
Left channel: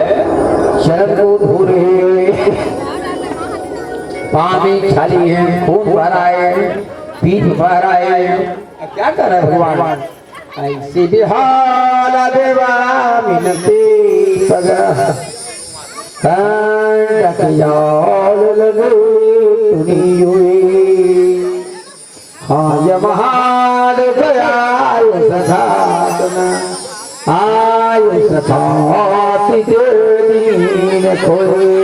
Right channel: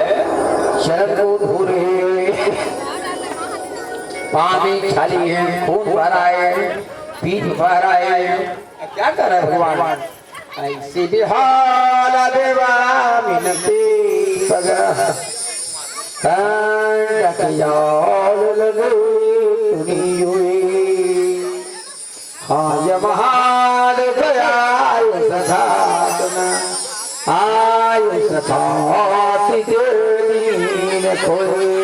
चरण को धो रहे, पानी थाली है, खून भरा है, पीठ भरा है। क्या कर रहा है भगवान? ऐसी बिहार देवा मिनती पगा हाय महादेव आय सखातना आय सखाति दीन खोए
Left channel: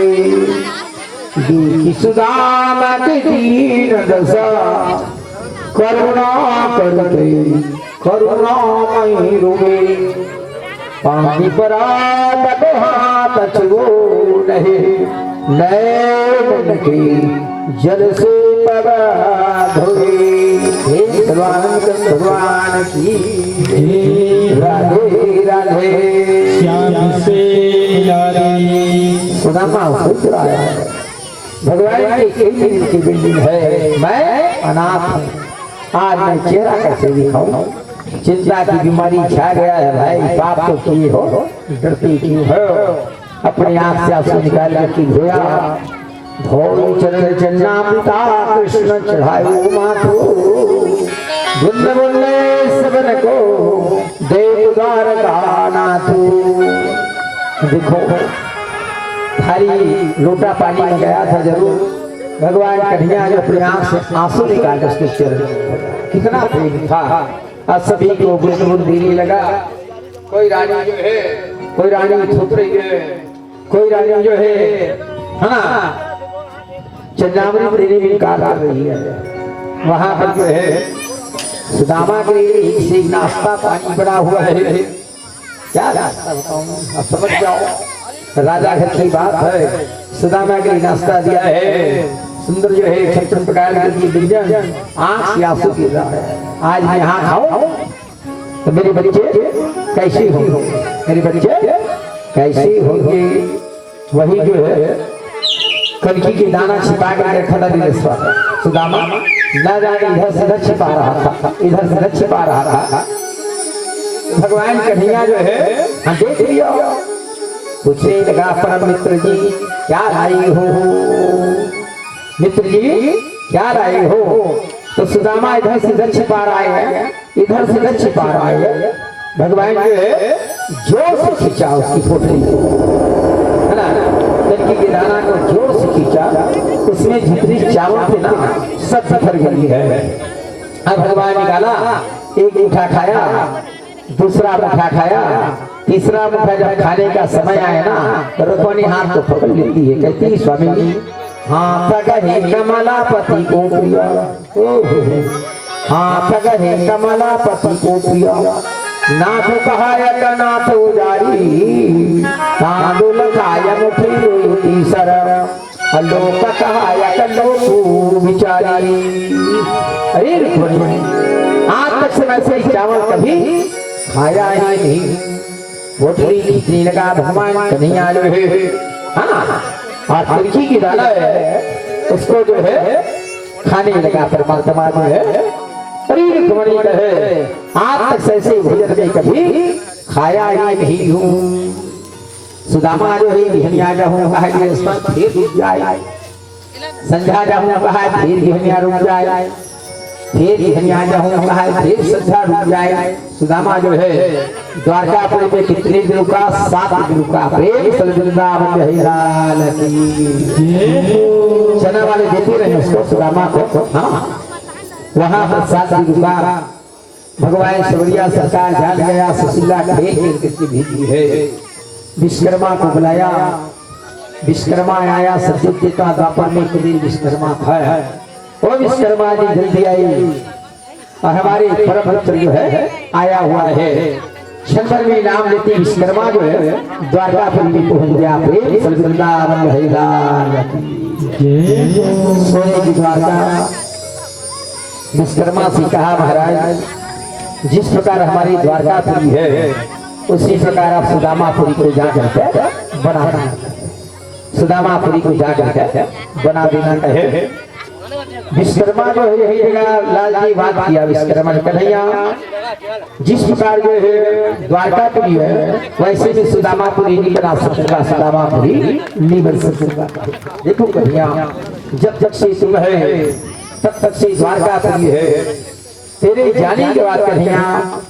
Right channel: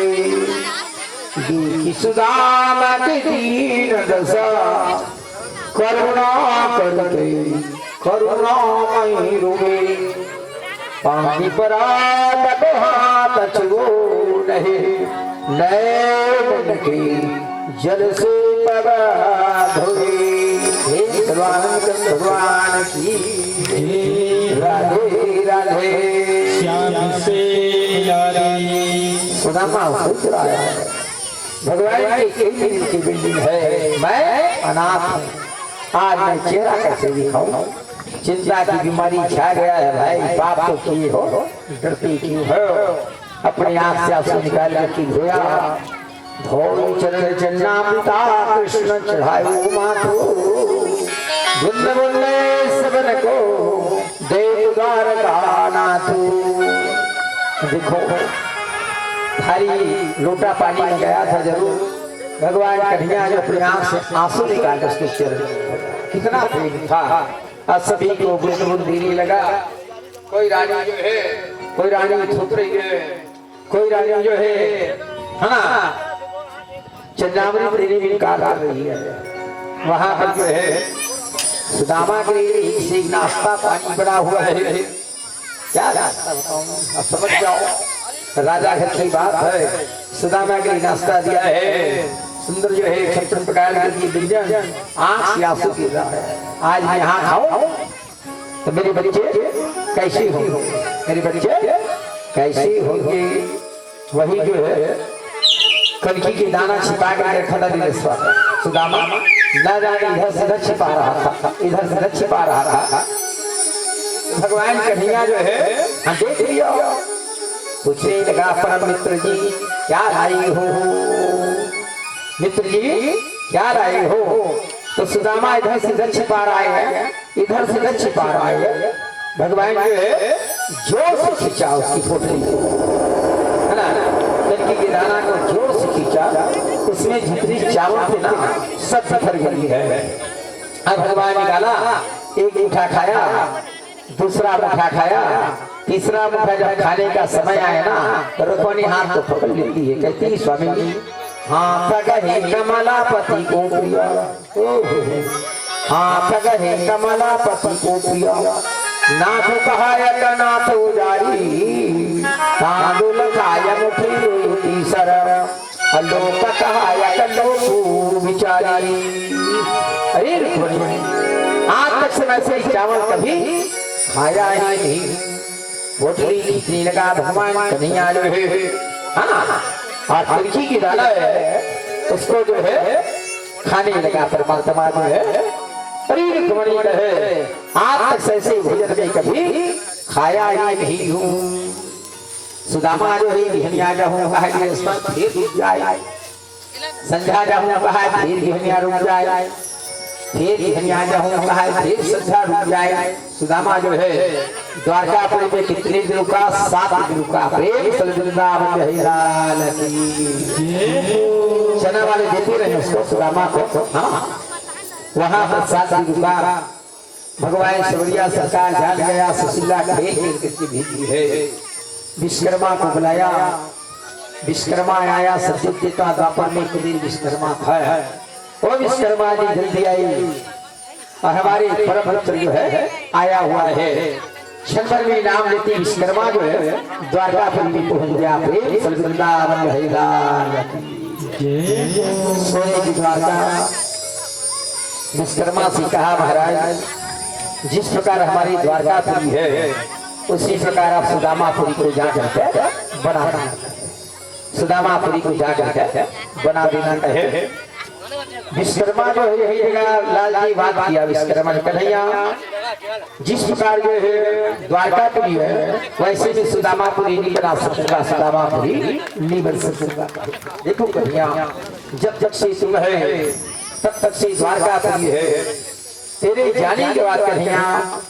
दुखी सुदामा के दीन दशा करुणा करते करुणामयी रोए पानी पर हाथ छुओ नहीं नैन के जल से पगा धोए। भगवान की राधे राधे श्याम से सुदामा सोच रहा है भगवान की कितनी की बिल्डिंग है, मैं अनाथ हूँ, आज मैं चेहरा कैसे दिखाऊं? चिंता की बीमारी छा गया है भाई। पाप तो किए हो, डरती क्यों हो? अपने आंख से आंसू निकाल करके धोया। धो चरण चन्ना पिता कृष्ण चढ़ायो माथो बुंद बुंदे सबन को देव द्वार का नाथो। देखो थाली लोटा पानी में गया था जरूर। भगवान कन्हैया जो अपने आंख से आंसू निकाल उसके चरण में, कितना प्रेम था। आज सभी को बुद्ध बुद्ध देने लगा। कोई रानी जो है, कोई रानी थूक रही है, कोई रानी जो है ना चंद्रावली देने में इनकार कर रही है। वहां पर जो है सुदामा के लिए से नाश्ता पानी बना हुआ है। क्या रास्ता बताऊं, समझ जाओ। राजा घर की बात है, सुदामा के लिए नाश्ता दिया है। सुंदर जो है 56 प्रकार के व्यंजन, आंख से आंसू गिर रहा है। आज मैं यहाँ खाऊं तो मेरे बच्चे कैसे होंगे, मेरे बच्चे कैसे होंगे। वही जो है कनकी की दाना छिपा कर खड़ा दिल सुदामा न जाने इधर से इधर छिपा रहा था, इधर से इधर छिपा रहा था। भगवान कन्हैया जो है हाँ देख लिया, पूछने लगा परम मित्र जी क्या लाई हो, मित्र जी क्या लाई हो। तो सुदामा इधर से इधर छिपा रहा है, इधर से इधर छिपा रहा है। भगवान जो है जोर से खींचा उसकी पोटली है ना, लड़की के दाना को जोर से खींचा, उसमें जितनी चावल थे ना सब पत्थर गई है। अब भगवान निकाला, एक मुठा खाया, दूसरा मुठा खाया, तीसरा मुठा जब खाने का समय आया ना तो रुक्मिणी हाथ को पकड़ लेती है, कहती है स्वामी जी हाँ प्रगहे कमलापति को प्रिया, हाँ प्रगहे कमलापति को प्रिया, नाथ कहायक नाथ उजारी, तांदुल खाय मुठी रोटी सर, लोक कहायक लोक विचारी। अरे रुक्मिणी आज तक से वैसे चावल कभी खाया ही नहीं। पोटली खींचने लगा भगवान कन्हैया जो है हाँ, और तुलसी की दाना है उसको जो है खाने लगा परमात्मा जो है। अरे रुक्मिणी कहे आज तक से ऐसे भोजन में कभी खाया ही नहीं हूँ। सुदामा जो है बिहनिया जाऊँ कहा फिर रुक जाए, संध्या जाऊँ कहा फिर बिहनिया रुक जाए, फिर बिहनिया जाऊँ कहा फिर संध्या रुक जाए। सुदामा जो है द्वारकापुर में कितने दिन रुका, 7 दिन रुका। प्रेम से वृंदावन है लाल की। चना वाले देते रहे उसको सुदामा को हाँ, वहां पर 7 दिन रुका। भगवान सवरिया सरकार जान गया, सुशीला खेल खेल करके भेजी है। विश्वकर्मा को बुलाया, विश्वकर्मा आया। सत्युग का द्वापर में कबीर विश्वकर्मा था। वो विश्वकर्मा जी जल्दी आई और हमारे परम भक्त जो है आया हुआ है। शंकर में नाम लेते विश्वकर्मा जो है द्वारकापुर में पहुंच गया। प्रेम से वृंदावन है लाल की। सोने की द्वारका। विश्वकर्मा से कहा महाराज जिस प्रकार हमारी द्वारकापुरी है उसी प्रकार आप सुदामापुरी को जा करके बना, सुदामापुरी को जा करके बना देना कहे। विश्वकर्मा जो है यही जगह लाल जी बात किया। विश्वकर्मा ने कन्हैया जिस प्रकार जो है द्वारकापुरी है वैसे भी सुदामापुरी नहीं बना सकूंगा, सुदामापुरी नहीं बन सकूंगा। देखो कन्हैया जब तक से तुम है तब तक से द्वारकापुरी है, तेरे जाने के बाद कन्हैया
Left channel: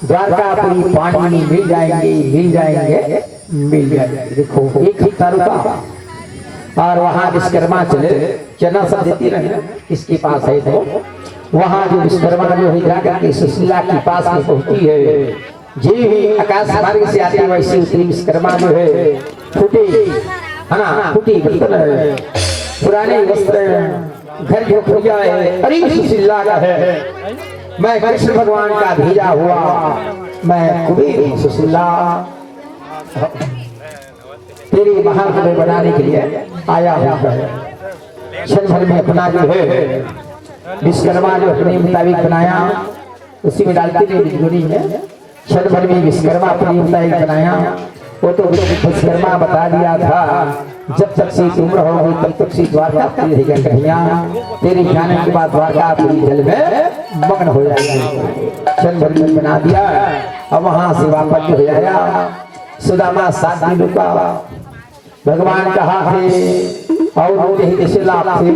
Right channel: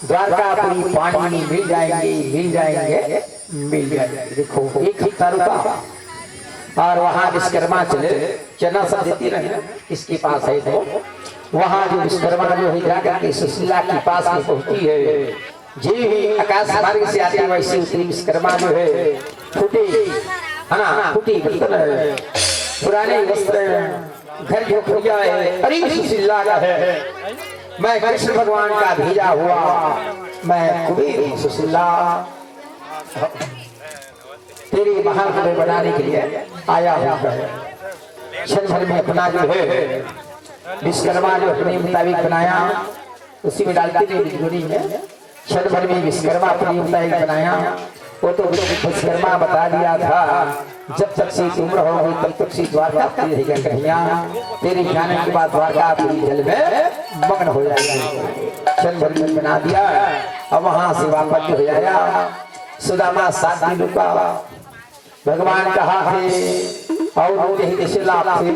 द्वारकापुरी पानी में मिल जाएंगे, मिल जाएंगे, मिल जाएंगे। देखो एक हफ्ता रुका और वहां विश्वकर्मा चले, चना सब देती रहे इसके पास है। तो वहां जो विश्वकर्मा जो है जाकर के सुशीला के पास में पहुंची है। जी ही आकाश मार्ग से आते वैसे उतरी विश्वकर्मा जो है फूटे है ना, फूटी बर्तन है, पुराने वस्त्र, घर जो खोया है। अरे सुशीला का है, मैं कृष्ण भगवान का भेजा हुआ, मैं कुबेर सुशीला तेरे महाकुबेर बनाने के लिए आया हुआ है। क्षण भर में अपना जो है विश्वकर्मा जो अपने मुताबिक बनाया उसी में डालते थे बिजगुनी में। क्षण भर में विश्वकर्मा अपने मुताबिक बनाया। वो तो विश्वकर्मा बता दिया था जब तक से तुम रहोगे तब तक से द्वारका रहेगा कन्हैया, तेरे जाने के बाद द्वारका पूरी जल में मग्न हो जाएगी। क्षण भर में बना दिया। अब वहां से वापस हो आया। सुदामा 7 दिन रुका। भगवान कहा थे और कैसे लाभ थे,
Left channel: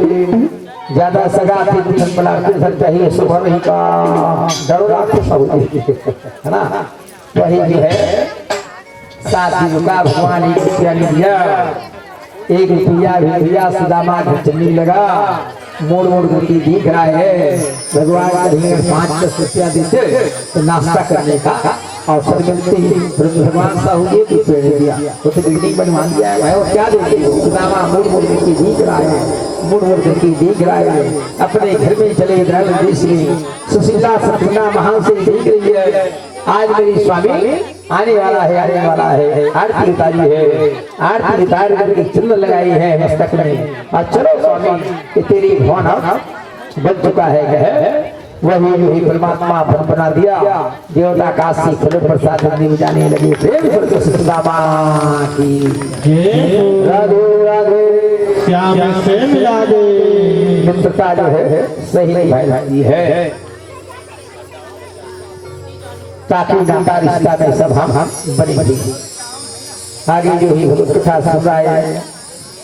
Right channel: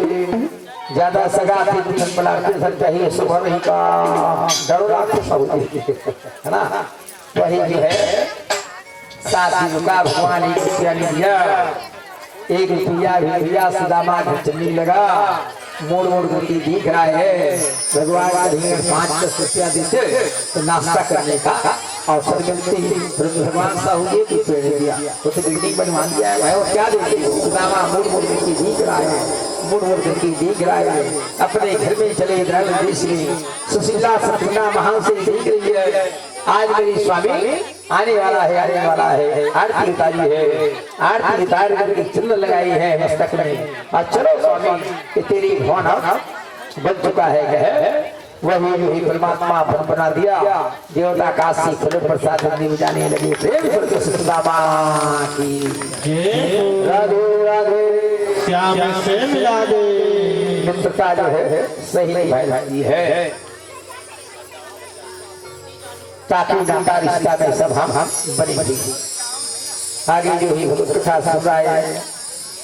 ज्यादा सगा थे चाहिए सुबह ही का डरोरा है ना। वही जो है 7 दिन रुका। भगवान ने दिया एक रुपया भी भैया सुदामा चलने लगा, मोड़ मोड़ करके दिख रहा है। भगवान कहेंगे 5-10 रुपया देते तो नाश्ता करने का अवसर मिलते ही भगवान साहू ये भी पेड़ दिया, वो तो बिल्डिंग बनवा दिया है। और क्या देखिए सुदामा मोड़ मोड़ करके दिख रहा है, मुड़ मुड़ करके देख रहा है। अपने घर में चले द्रविड़ देश में सुशीला सपना महान से देख रही है। आज मेरी स्वामी आने वाला है, आने वाला है। आरती उतारी है, आरती उतार करके चंदन लगाई है मस्तक में। और चलो स्वामी कि तेरी भवन बन चुका है, कहे वही परमात्मा भवन बना दिया। देवता काशी फल प्रसाद देव जाने लगे। प्रेम करके सुदामा की राधे राधे श्याम से मिला दे। मित्रता जो है सही भाई है, ताकि नाता रिश्ता में सब हम बने बने। आगे जो ही भगवत कथा सुन रहा है,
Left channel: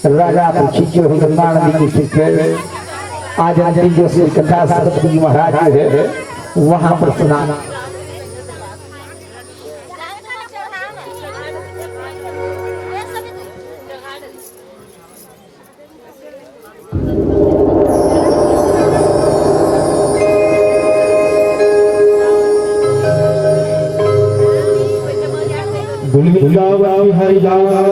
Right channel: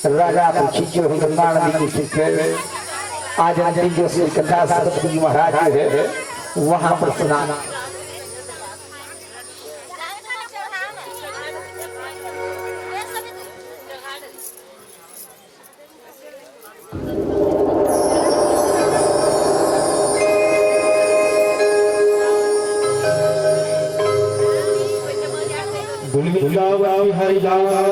राजा पूछी जो है गंगा नदी की शिक्षक आज अंतिम जो श्री कथा सरस्वती महाराज है वहां पर सुना। वृंदावन हरिदास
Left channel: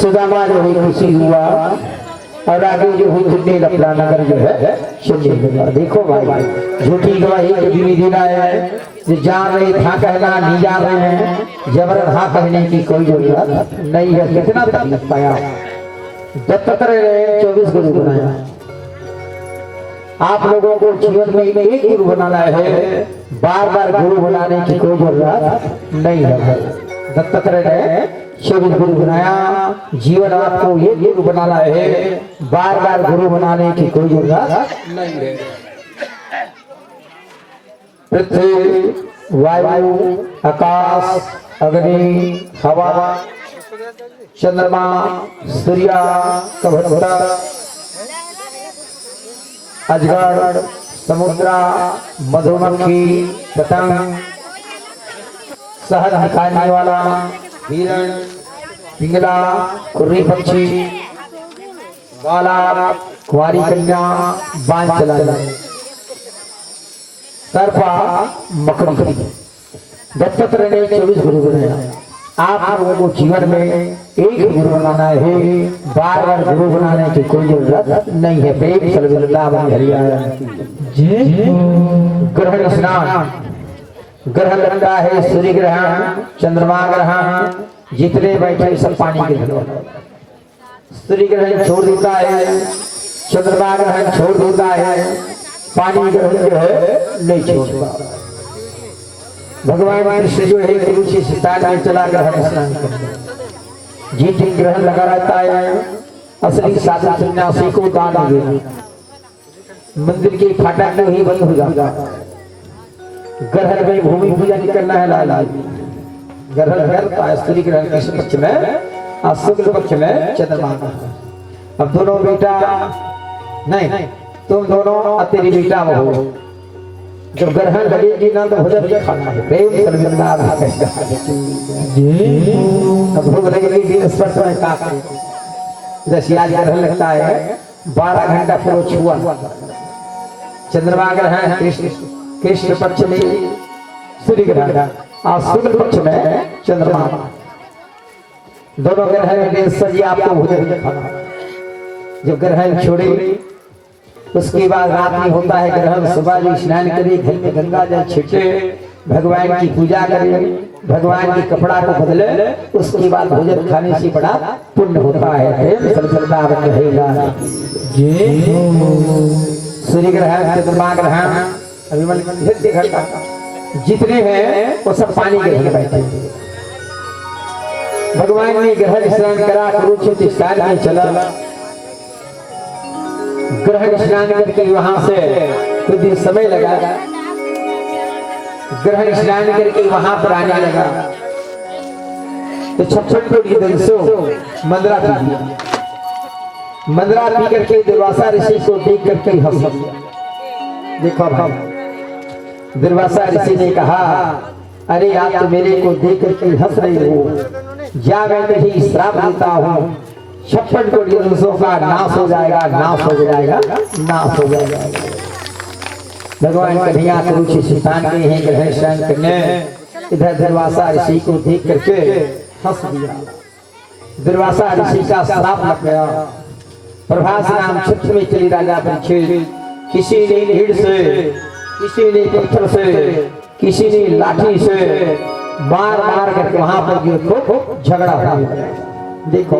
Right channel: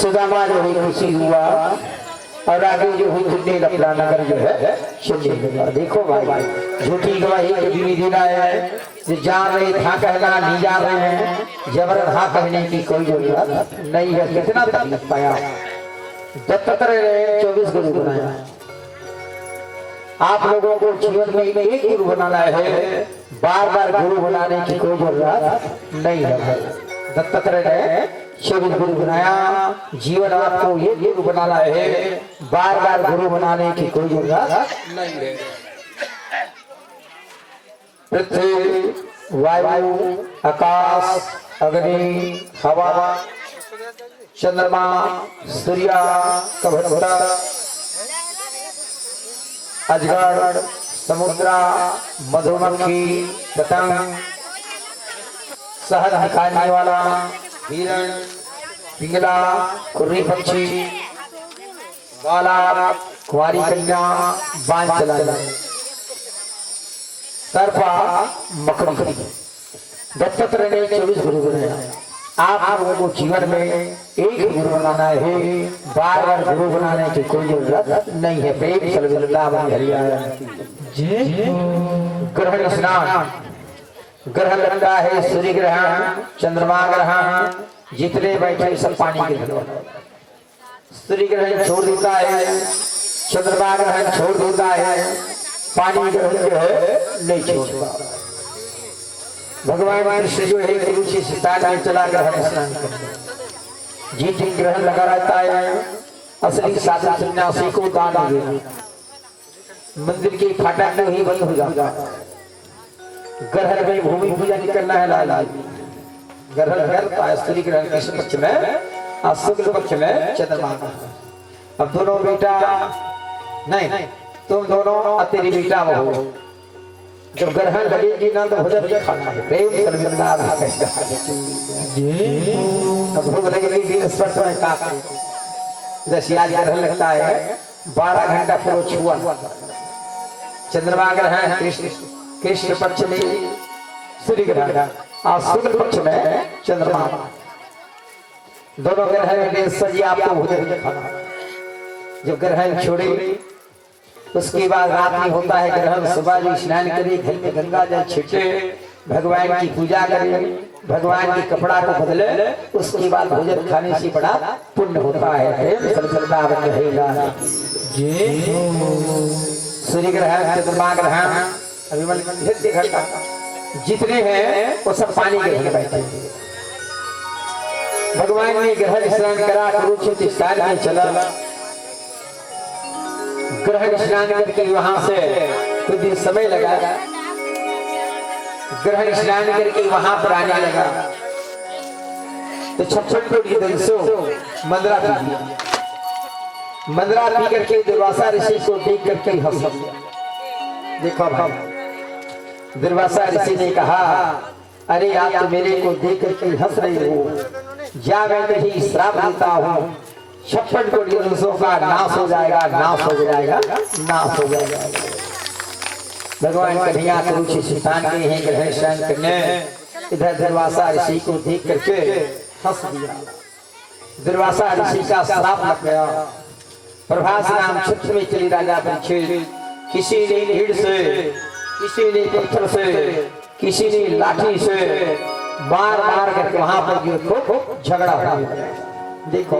सुदामा जो है खुशी हुआ और आगे जो है झूठे लफड़ा नगर जो है सुनने लगा। देखो भाई झूठी गवाही कभी भी देना है जो जान रहे था कहना नहीं जा रहे हैं जबरन हाँ कहने की कोई जरूरत नहीं है। कितना तकलीफ पाया दत्तात्रेय ने 24 गुरु बनाया। आप लोगों को जीवन में एक गुरु बनाना है, बार बार गुरु बनाने की कोई जरूरत नहीं है। दत्तात्रेय ने 24 गुरु बनाया। जीवन आपको ये गुरु बनाना है, बार बार गुरु बनाने की कोई जरूरत नहीं है। पृथ्वी वायु आकाश अग्नि हवा चंद्रमा सूर्य कभट्टा अजगर समुद्र मधुमक्खी पतंग शहद निकालने वाला हिरण पिंगला कुर्री पक्षी बाला कुंवारी कन्या बांध चलाना सर्पा मकड़ी। दत्तात्रेय ने 24 गुरु बनाया। आप लोगों को जीवन में एक गुरु बनाना है, बार बार गुरु बनाने की कोई जरूरत नहीं है। प्रेम सल्लल्लाहु अलैहि वसल्लम। ग्रहण स्नान ग्रहण लगता है, सूर्य ग्रहण चंद्रमा ग्रहण जितने बैठे सब पानी के ग्रहण। सूर्य ग्रहण छोड़ देता है, चंद्रमा ग्रहण छोड़ देता है, पानी ग्रहण जो है नहीं छोड़ता। भगवान कृष्ण जो है गुरु से सितार में चला ग्रहण स्नान करते। जिस दिन ग्रहण लगा रहता है असली साधु सन्यासी को दान देना। मंदिर के फाटक में ही बंद हो जाता। ग्रहण में भूमि पूजा करना है लाला जी। ग्रहण करता है स्त्री ग्रहण कृष्ण पक्ष में और शुक्ल पक्ष में चंद्रमा। अब दोनों बेटा नहीं तुम दोनों अतेरी बेटा हो। जब ग्रहण लगेगी ना तो भोजन खाना है। प्रेम सल्लल्लाहु अलैहि वसल्लम। अब भूख लगेगी स्पर्श में काट जैसे आज ग्रहण लगता है 12 घंटा पूरा छुआ। चंद्रमा ग्रहण कृष्ण पक्ष में सूर्य ग्रहण और शुक्ल पक्ष में चंद्रमा। दोनों ग्रहण में सजी आपको भोजन खाना। जब ग्रहण छोड़े उसके बाद रात में होता है ग्रहण। सुबह जी स्नान करे, घर में गंगा जल छिटे, भगवान की पूजा करे, भगवान के कपड़ा को बदले, उसके बाद भोजन खाने से बड़ा पुण्य होता है। सूर्य ग्रहण चंद्रमा ग्रहण जितने हैं वो सब पानी के घर बैठे। भगवान ने ग्रहण स्नान करा, कुरुक्षेत्र स्नान में चला। ग्रहण स्नान करके वहां से कुछ दिन समय लगा। ग्रहण स्नान करके वहां पर आने लगा तो 56 कोटि दंसो मंदरा पी लिया। मंदरा पी करके दुर्वासा ऋषि को देख करके हंस दिया। देखो भाई दुर्वासा ऋषि ने कहा अरे आप तो मेरे को देख करके हंस रहे हो, जागते ही श्राप देता हूँ, 56 कोटि वंशों का नाश हो जाएगा, नाश हो जाएगा, नाश हो जाएगा। भगवान कन्हैया कुरुक्षेत्र स्थान के हैं ग्रहण शयन करने, इधर दुर्वासा ऋषि को देख करके हंस दिया। दुर्वासा ऋषि का श्राप लग गया। प्रभास नाम क्षेत्र में चली राजा परीक्षित, किसी ने नीड़ से, किसी ने पत्थर से, किसी ने लाठी से मार मार करके वहां पर जो तो झगड़ा हो गया। देखो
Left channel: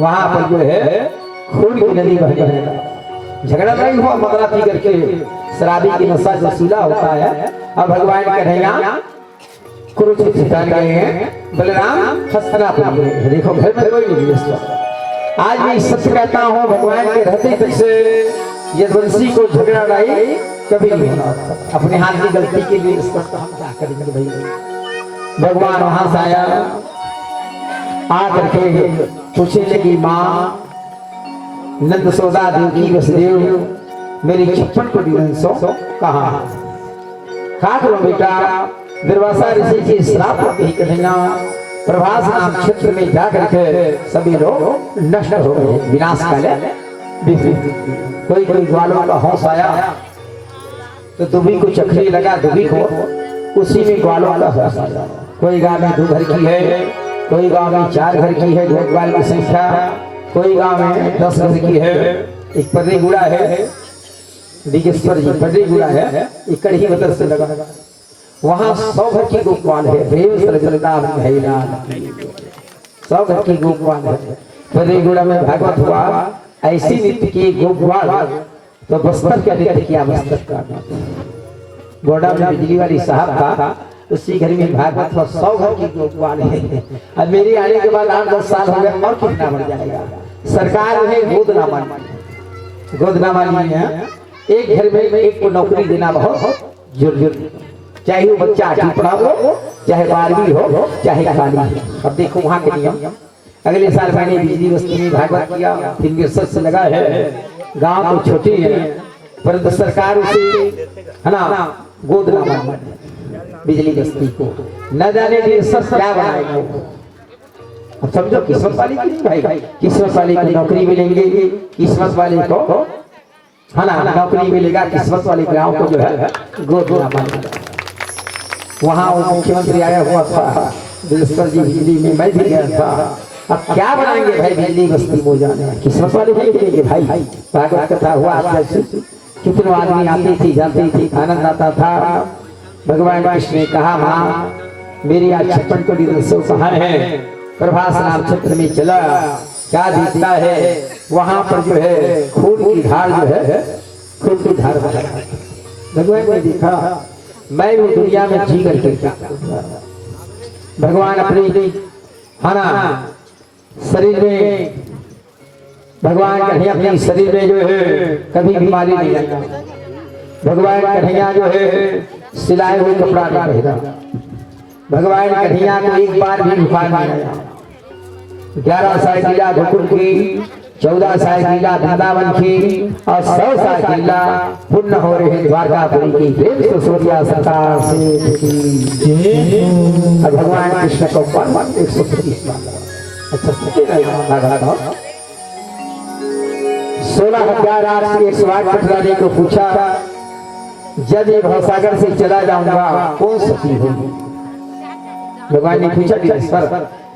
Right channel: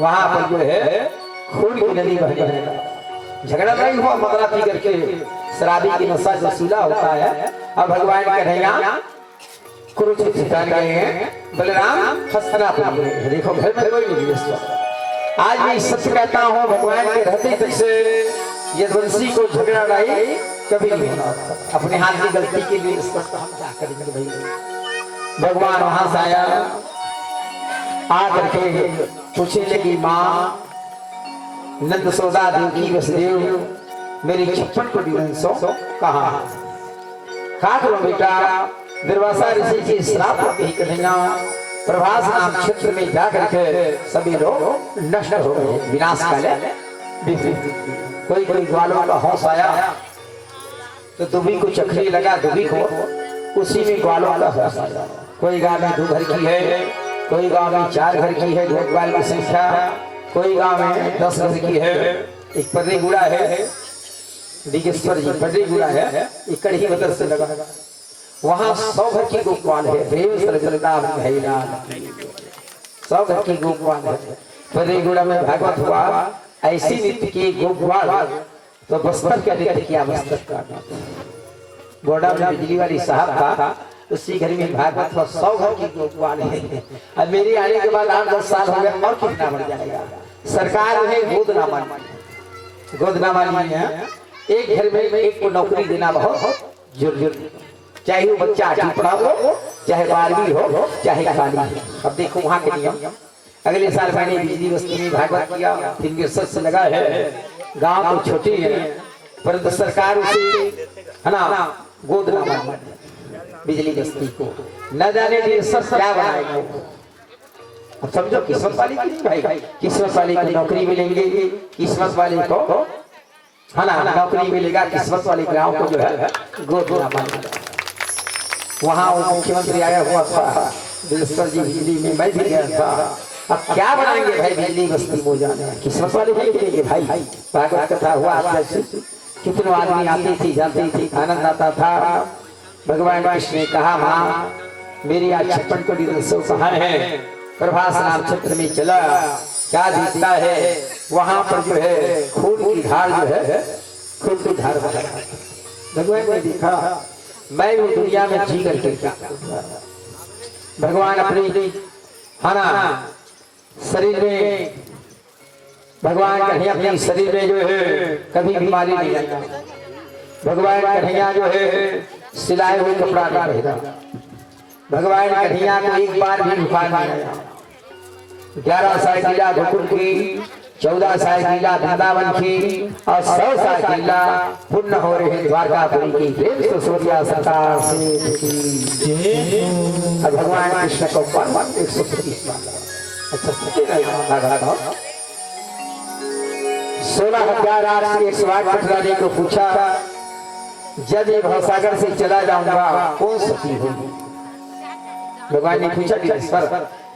वहां पर जो है खून की नदी बह गई। झगड़ा नहीं हुआ मदरा पी करके, शराबी की नशा जो सीला होता है। अब भगवान कन्हैया कुरुक्षेत्र स्थान गए हैं, बलराम हस्तिनापुर गए। देखो घर में कोई नहीं। आज मैं सत्य कहता हूँ, भगवान के रहते तक से यदुवंशी को झगड़ा नहीं कभी नहीं होना। अपने हाथ की गलती के लिए इसका काम क्या करेंगे भाई। भगवान वहां से आया, आकर के पूछने लगी माँ नंद सोदा देवी वसुदेव, मेरी 56 कोटि वंशों कहाँ खा करो बेटा। दुर्वासा ऋषि की श्राप ही कन्हैया प्रभास नाम क्षेत्र में जाकर के सभी लोग नष्ट हो गए, विनाश काले। कोई कोई ग्वालों का हौस आया तो दुबी को चखरी लगा, दुबी को उसी में ग्वालों का हौस आया। कोई गांव में 2 घर की है, कोई गांव में 4 घर की है, 2 ग्वाल की संख्या, कोई गांव में 10 घर की है। एक पर्री गुड़ा है, दिगेश्वर जी पर्री गुड़ा है, इकड़ ही बदल से लगा। वहां 100 घर की गोपाल है, 100 घर की गोपाल है। पर्री गुड़ा में भागवत हुआ, ऐसी नीति की गोपाल तो बस्तर क्या नीति किया, बस्तर का गोड़ा में बिजली वाली साहब था, उसी घर में भागवत हुआ। 100 घर की गोपाल है। अब मेरी आने के बाद 8-10 साल हो गए, और कितना बढ़ जाएगा। सरकार है गोदनामा नहीं है। एक घर में एक को नौकरी देना बहुत जरूरी, चाहे वो बच्चा 8वीं पढ़ा हो, चाहे 12वीं हो, चाहे खाली हो। अब देखो वहां के नियम। अगले साल मैंने बिजली बस्ती में भागवत किया, फिंगर से लगा है। गांव तो छोटी है परंतु सरकार उसे है ना गोद ना मान बिजली बस्ती को न जाने लिए सब क्या बनाएगा। अब समझो किस्मत वाली की नहीं भाई, किस्मत वाले को नौकरी मिलेंगे, किस्मत वाले को है ना नौकरी मिलेगा, किस्मत वाले गांव को जो है गोद ना मानेगा। वहाँ मुख्यमंत्री आया हुआ था, दिलेश्वर जी बिजली में मैं भी गया था। अब क्या बनाएंगे भाई बिजली बस्ती हो जाने, किस्मत वाले देखेंगे भाई। भागवत कथा हुआ, कितने आदमी आती थी जाती थी, आनंद आता था। भगवान कृष्ण ने कहा माँ मेरी आज 56 कोटि वंशों कहाँ है। प्रभास नाम क्षेत्र में चला, क्या दिखता है वहां पर जो है खून की धार जो है, खून की धार बहा। भगवान ने देखा मैं वो दुनिया में जी करके भगवान अपने है ना शरीर में, भगवान कन्हैया अपने शरीर में जो है कभी बीमारी नहीं आता। भगवान कन्हैया जो है सिलाए हुए कपड़ा नहीं पहना। भगवान कन्हैया को एक बार भी बुखार नहीं आया। 11 साल लीला गोकुल की, 14 साल लीला वृंदावन की और 100 साल लीला पुण्य हो रहे द्वारकापुरी की। प्रेम से सूर्या सरकार से भगवान कृष्ण को 125 मांगा। अच्छा 16,801 पटरानी को पूछा जब ये भवसागर से चला जाऊंगा कौन सती होगी। भगवान ने पूछा कि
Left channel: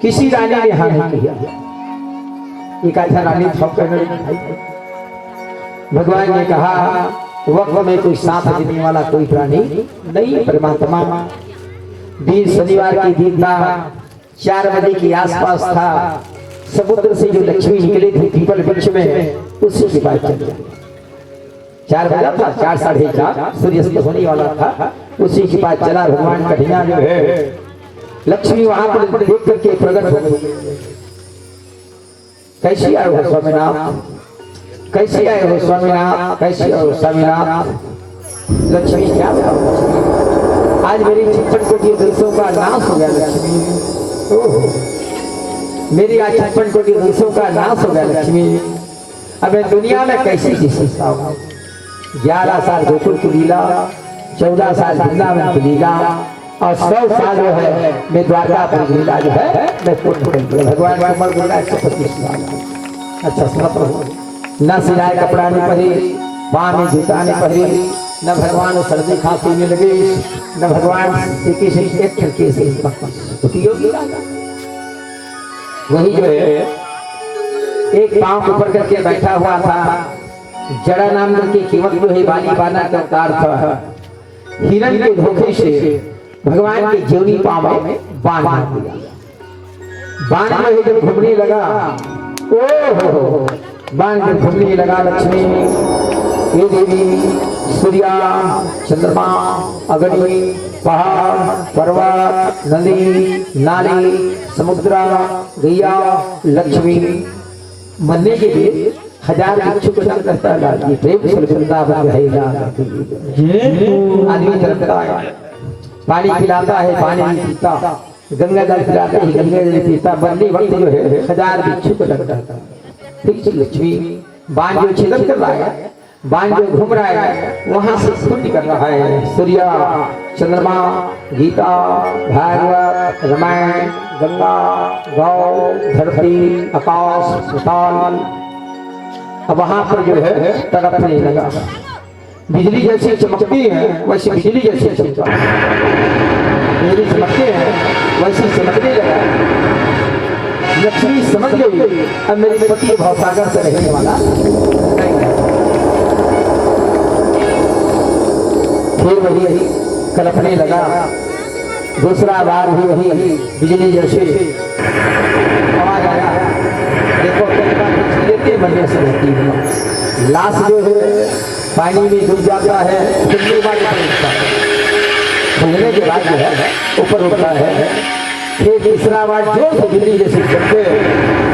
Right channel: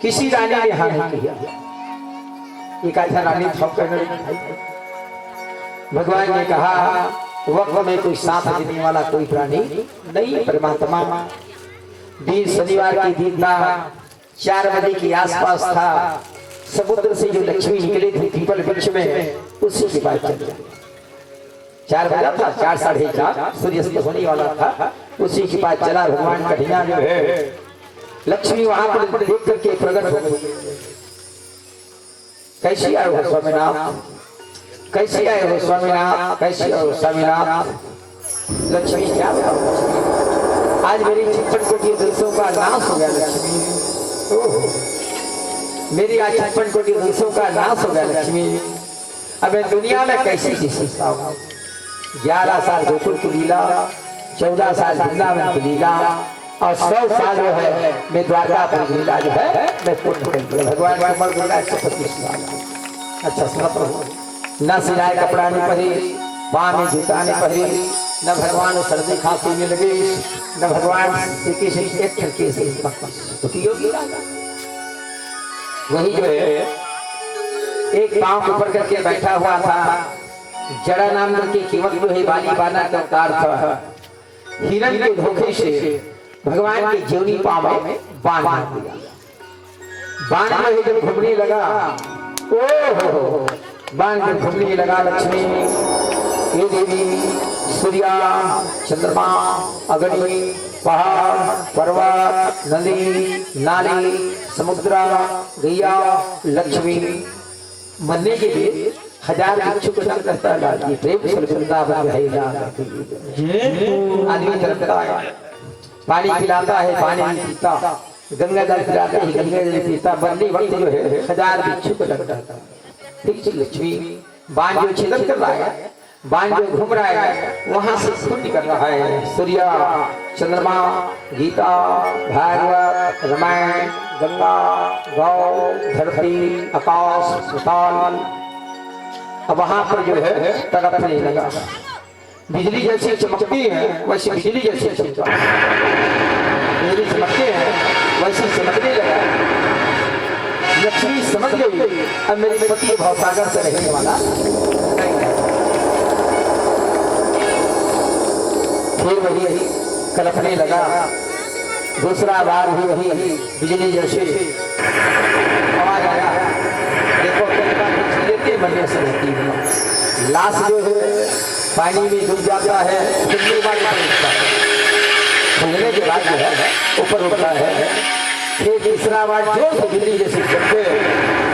किसी रानी ने हाँ नहीं किया। एक अच्छा रानी भगवान ने कहा वक्त में कोई साथ देने वाला कोई प्राणी नहीं। परमात्मा दिन शनिवार की दिन था, 4 बजे के आसपास था। समुद्र से जो लक्ष्मी निकली थी पीपल वृक्ष में, उसी के बाद चल गया। 4 बजा था, 4 साढ़े 4 सूर्यास्त होने वाला था, उसी के बाद चला। भगवान कन्हैया जो है लक्ष्मी वहां पर देख करके प्रकट हो गई। कैसी आए हो स्वामीनाथ, कैसी आए हो स्वामीनाथ, कैसी आए हो स्वामीनाथ। लक्ष्मी क्या आज मेरी 56 कोटि वंशों का नाश हो गया। लक्ष्मी मेरी आज 56 कोटि वंशों का नाश हो गया। लक्ष्मी अब मैं दुनिया में कैसी जी सकता हूँ। 11 साल गोकुल की लीला, 14 साल वृंदावन की लीला और 100 साल जो है मैं द्वारकापुरी लीला जो है मैं पूर्ण करूंगा। भगवान की उम्र बोला 125 साल। अच्छा सुनो प्रभु, न सिलाए कपड़ा नहीं पहरी, पाँव में जूता नहीं पहरी, न भगवान सर्दी खांसी में लगे, न भगवान श्री कृष्ण एक खिड़की से उपयोगी वही जो है एक पांव ऊपर करके बैठा हुआ था। जड़ा नाम की कीमत जो है बाली बाना का अवतार था। हिरण के धोखे से भगवान के जीवनी पांव में बाण मार दिया। बाण में जब घूमने लगा, ओ हो बाण जब घूमने लगा, लक्ष्मी ये देवी सूर्या चंद्रमा अग्नि पहाड़ पर्वत नदी नाली समुद्र गैया लक्ष्मी मरने के लिए 1000 भिक्षु को रहता है। प्रेम से वृंदावन रहेगा। आदमी तरफता है, पानी पिलाता है, पानी नहीं पीता, गंगा जल पिलाते है, गंगा जल पीता। बंदी वक्त जो है 1000 भिक्षु को लगता है। ठीक लक्ष्मी बाण जो छिदम कर रहा है, बाण जो घूम रहा है वहां से खून निकल रहा है। सूर्य चंद्रमा गीता भागवत रामायण गंगा गौ धरती आकाश सुताल। अब वहां पर जो है तड़पने लगा। बिजली जैसी चमकती है वैसी बिजली जैसी चमका, बिजली चमकते हैं वैसी चमकने लगा। लक्ष्मी समझ गई अब मेरे पति भवसागर से रहने वाला नहीं है। फिर वही कल्पने लगा, दूसरा बार भी वही बिजली जैसे आवाज आया। देखो लेते मरने से रहती है। लाश जो है पानी में डूब जाता है, कितनी बार खुलने के बाद जो है ऊपर उठता है। फिर तीसरा बार जो से बिजली जैसे चलते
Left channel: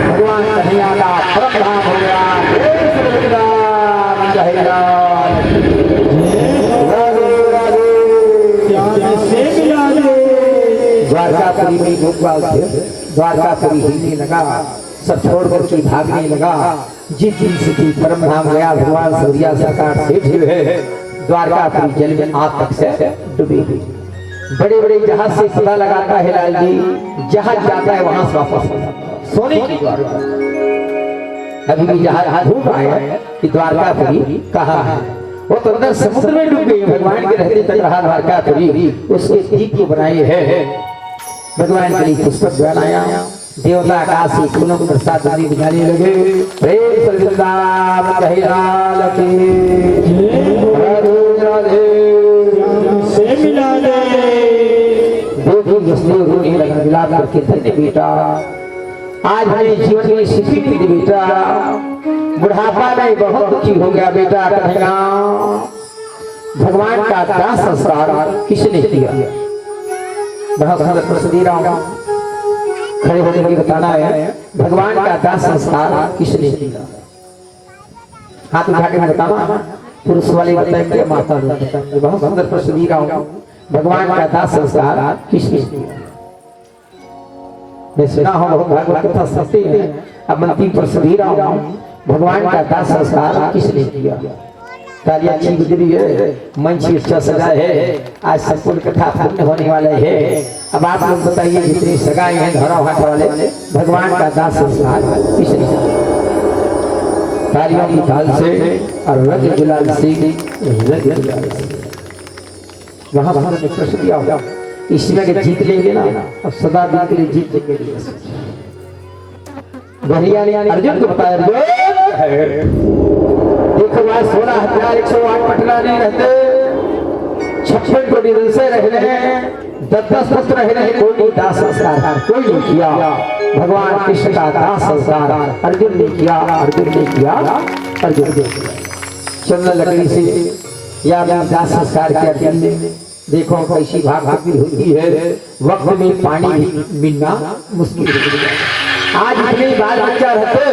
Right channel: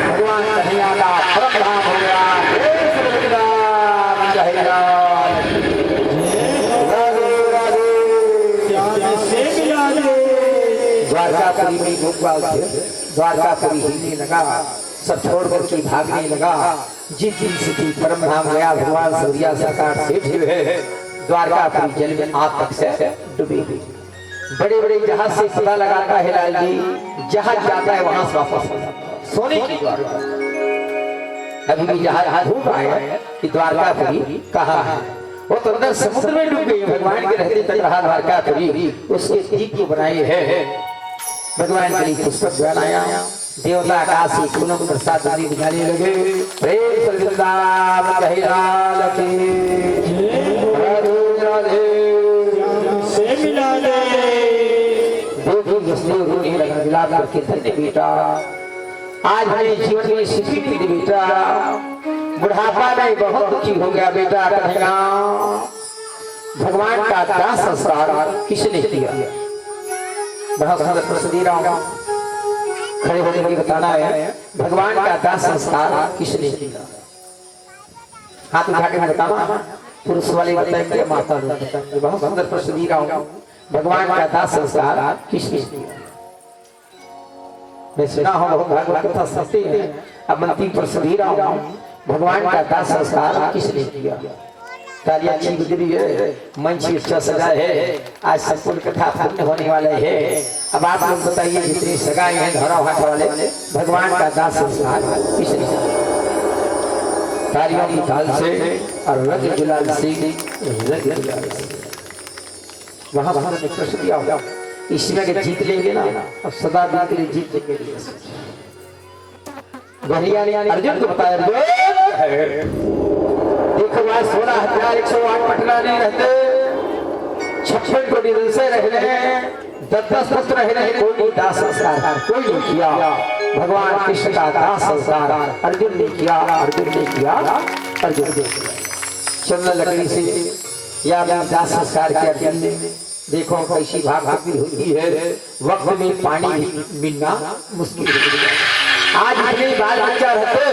भगवान कन्हैया का परम धाम हो गया। द्वारकापुरी में गोपाल द्वारकापुरी हिलने लगा, सब छोड़ करके भागने लगा। जिस दिन से परम धाम गया भगवान सूर्या सरकार सेठ जो है द्वारकापुरी जल में आज तक से डूबी हुई। बड़े बड़े जहाज से पता लगाता है लाल जी, जहाज जाता है वहां से वापस सोने की द्वारका। अभी भी जहाज घूम आए हैं कि द्वारकापुरी कहाँ है। वो तो अंदर समुद्र में डूब गई। भगवान के रहते तक रहा द्वारकापुरी, उसके दीप को बनाए है भगवान के लिए पुष्पक बनाया। देवता आकाश से फूलों को प्रसाद दीप जाने लगे। प्रेम से वृंदावन रहे लाल की राधे राधे से मिला दे। देवी उसने रोने लगा विलाप करके, धन्य बेटा आज मेरे जीवन में सुखी थी बेटा, बुढ़ापा में बहुत दुखी हो गया बेटा। कन्हैया भगवान का दास संस्कार किसने किया? बहुत सुंदर प्रसिद्धि रहा खड़े होने की बताना है। भगवान का दास संस्कार किसने किया? हाथ उठा के बताना, पुरुष वाले बताएंगे माता बताएंगे। बहुत सुंदर प्रसिद्धि रहा भगवान का दास संस्कार किसने किया? मैं सुना हूँ बहुत भागवत कथा सुनते हैं। अब अंतिम प्रसिद्धि रहा भगवान का दास संस्कार किसने किया? कार्य अच्छी गुजरी है, मंच अच्छा सजा है, आज संपूर्ण कथा पूर्ण होने वाले है। अब आप लोग बताइए जितने सगाई हैं धरा हाथ वाले, भगवान का दास संस्कार किसने किया? तालियों की ताल से और रज गुलाल से वहां वहां में प्रश्न दिया होगा इसमें के जीत लेंगे ना, अब सदा दिन के लिए जीत लेंगे। बहरिया ने अर्जुन को बताया, देखो वहां 16,000 108 पटना नहीं रहते, 56 कोटि से रह रहे हैं, 10-10 पुत्र रह रहे हैं, कोई दास संस्कार कोई नहीं किया। भगवान कृष्ण का दास संस्कार अर्जुन ने किया, अर्जुन ने किया, अर्जुन ने किया। चंद्र लकड़ी से या दास संस्कार किया अर्जुन ने। देखो कैसी भागवती होती है, वक्त में पानी मिलना मुश्किल है। आज इतने बाल बच्चा रहते,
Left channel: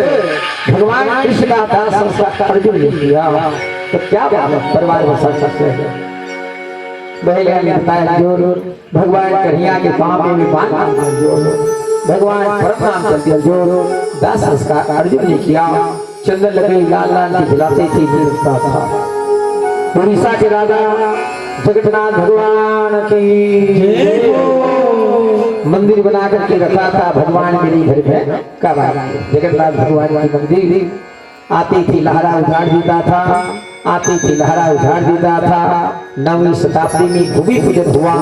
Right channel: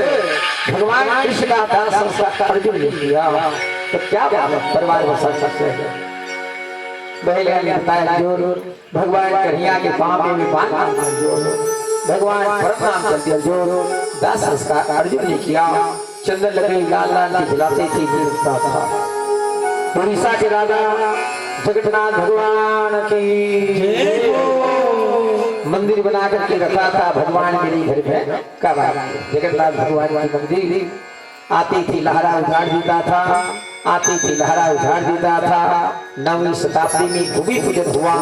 भगवान कृष्ण का दास संस्कार अर्जुन ने किया, तो क्या परिवार बसा सकते हैं? बहलिया ने बताया जोर भगवान कन्हैया के पांव में बांध जोर, भगवान परम कर दिया जोर। दास संस्कार अर्जुन ने किया। चंदन लकड़ी लाल लाल खिलाते थे, उड़ीसा के राजा जगन्नाथ भगवान की मंदिर बना करके रखा था भगवान के लिए घर में। कब जगन्नाथ भगवान की मंदिर आती थी लहरा उजाड़ देता था, आती थी लहरा उजाड़ देता था। 9वीं शताब्दी में भूमि पूजन हुआ।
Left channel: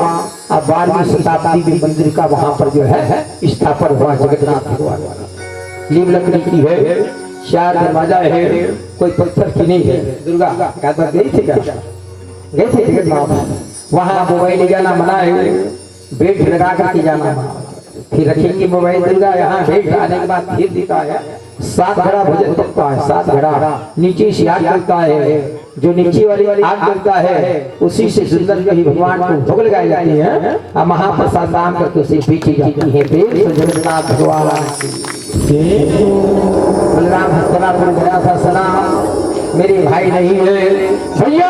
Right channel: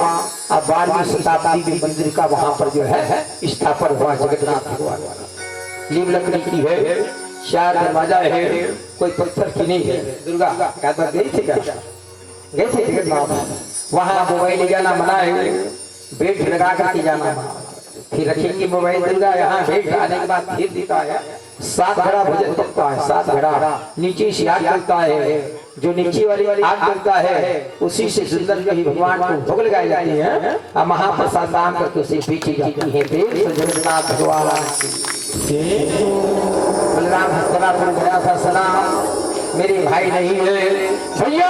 अब 12वीं शताब्दी में मंदिर का वहां पर जो है स्थापन हुआ जगन्नाथ भगवान वाला। नीम लकड़ी की है, 4 दरवाजा है, कोई पत्थर की नहीं है। दुर्गा गई थी क्या? गए थे जगन्नाथ। वहां मोबाइल ले जाना मना है, बेल्ट लगा करके जाना मना। फिर रखेंगे मोबाइल दुर्गा यहाँ बेल्ट आने के बाद फिर देता है 7 घड़ा भोजन करता है। 7 घड़ा नीचे से आग जलता है, जो नीचे वाली आग जलता है उसी से सुंदर कहीं भगवान को भोग लगाए जाते हैं और महाप्रसाद दान करके उसे पीछे जाती है। जगन्नाथ भगवान बलराम हस्तनापुर गया था सलाम, मेरे भाई नहीं है भैया।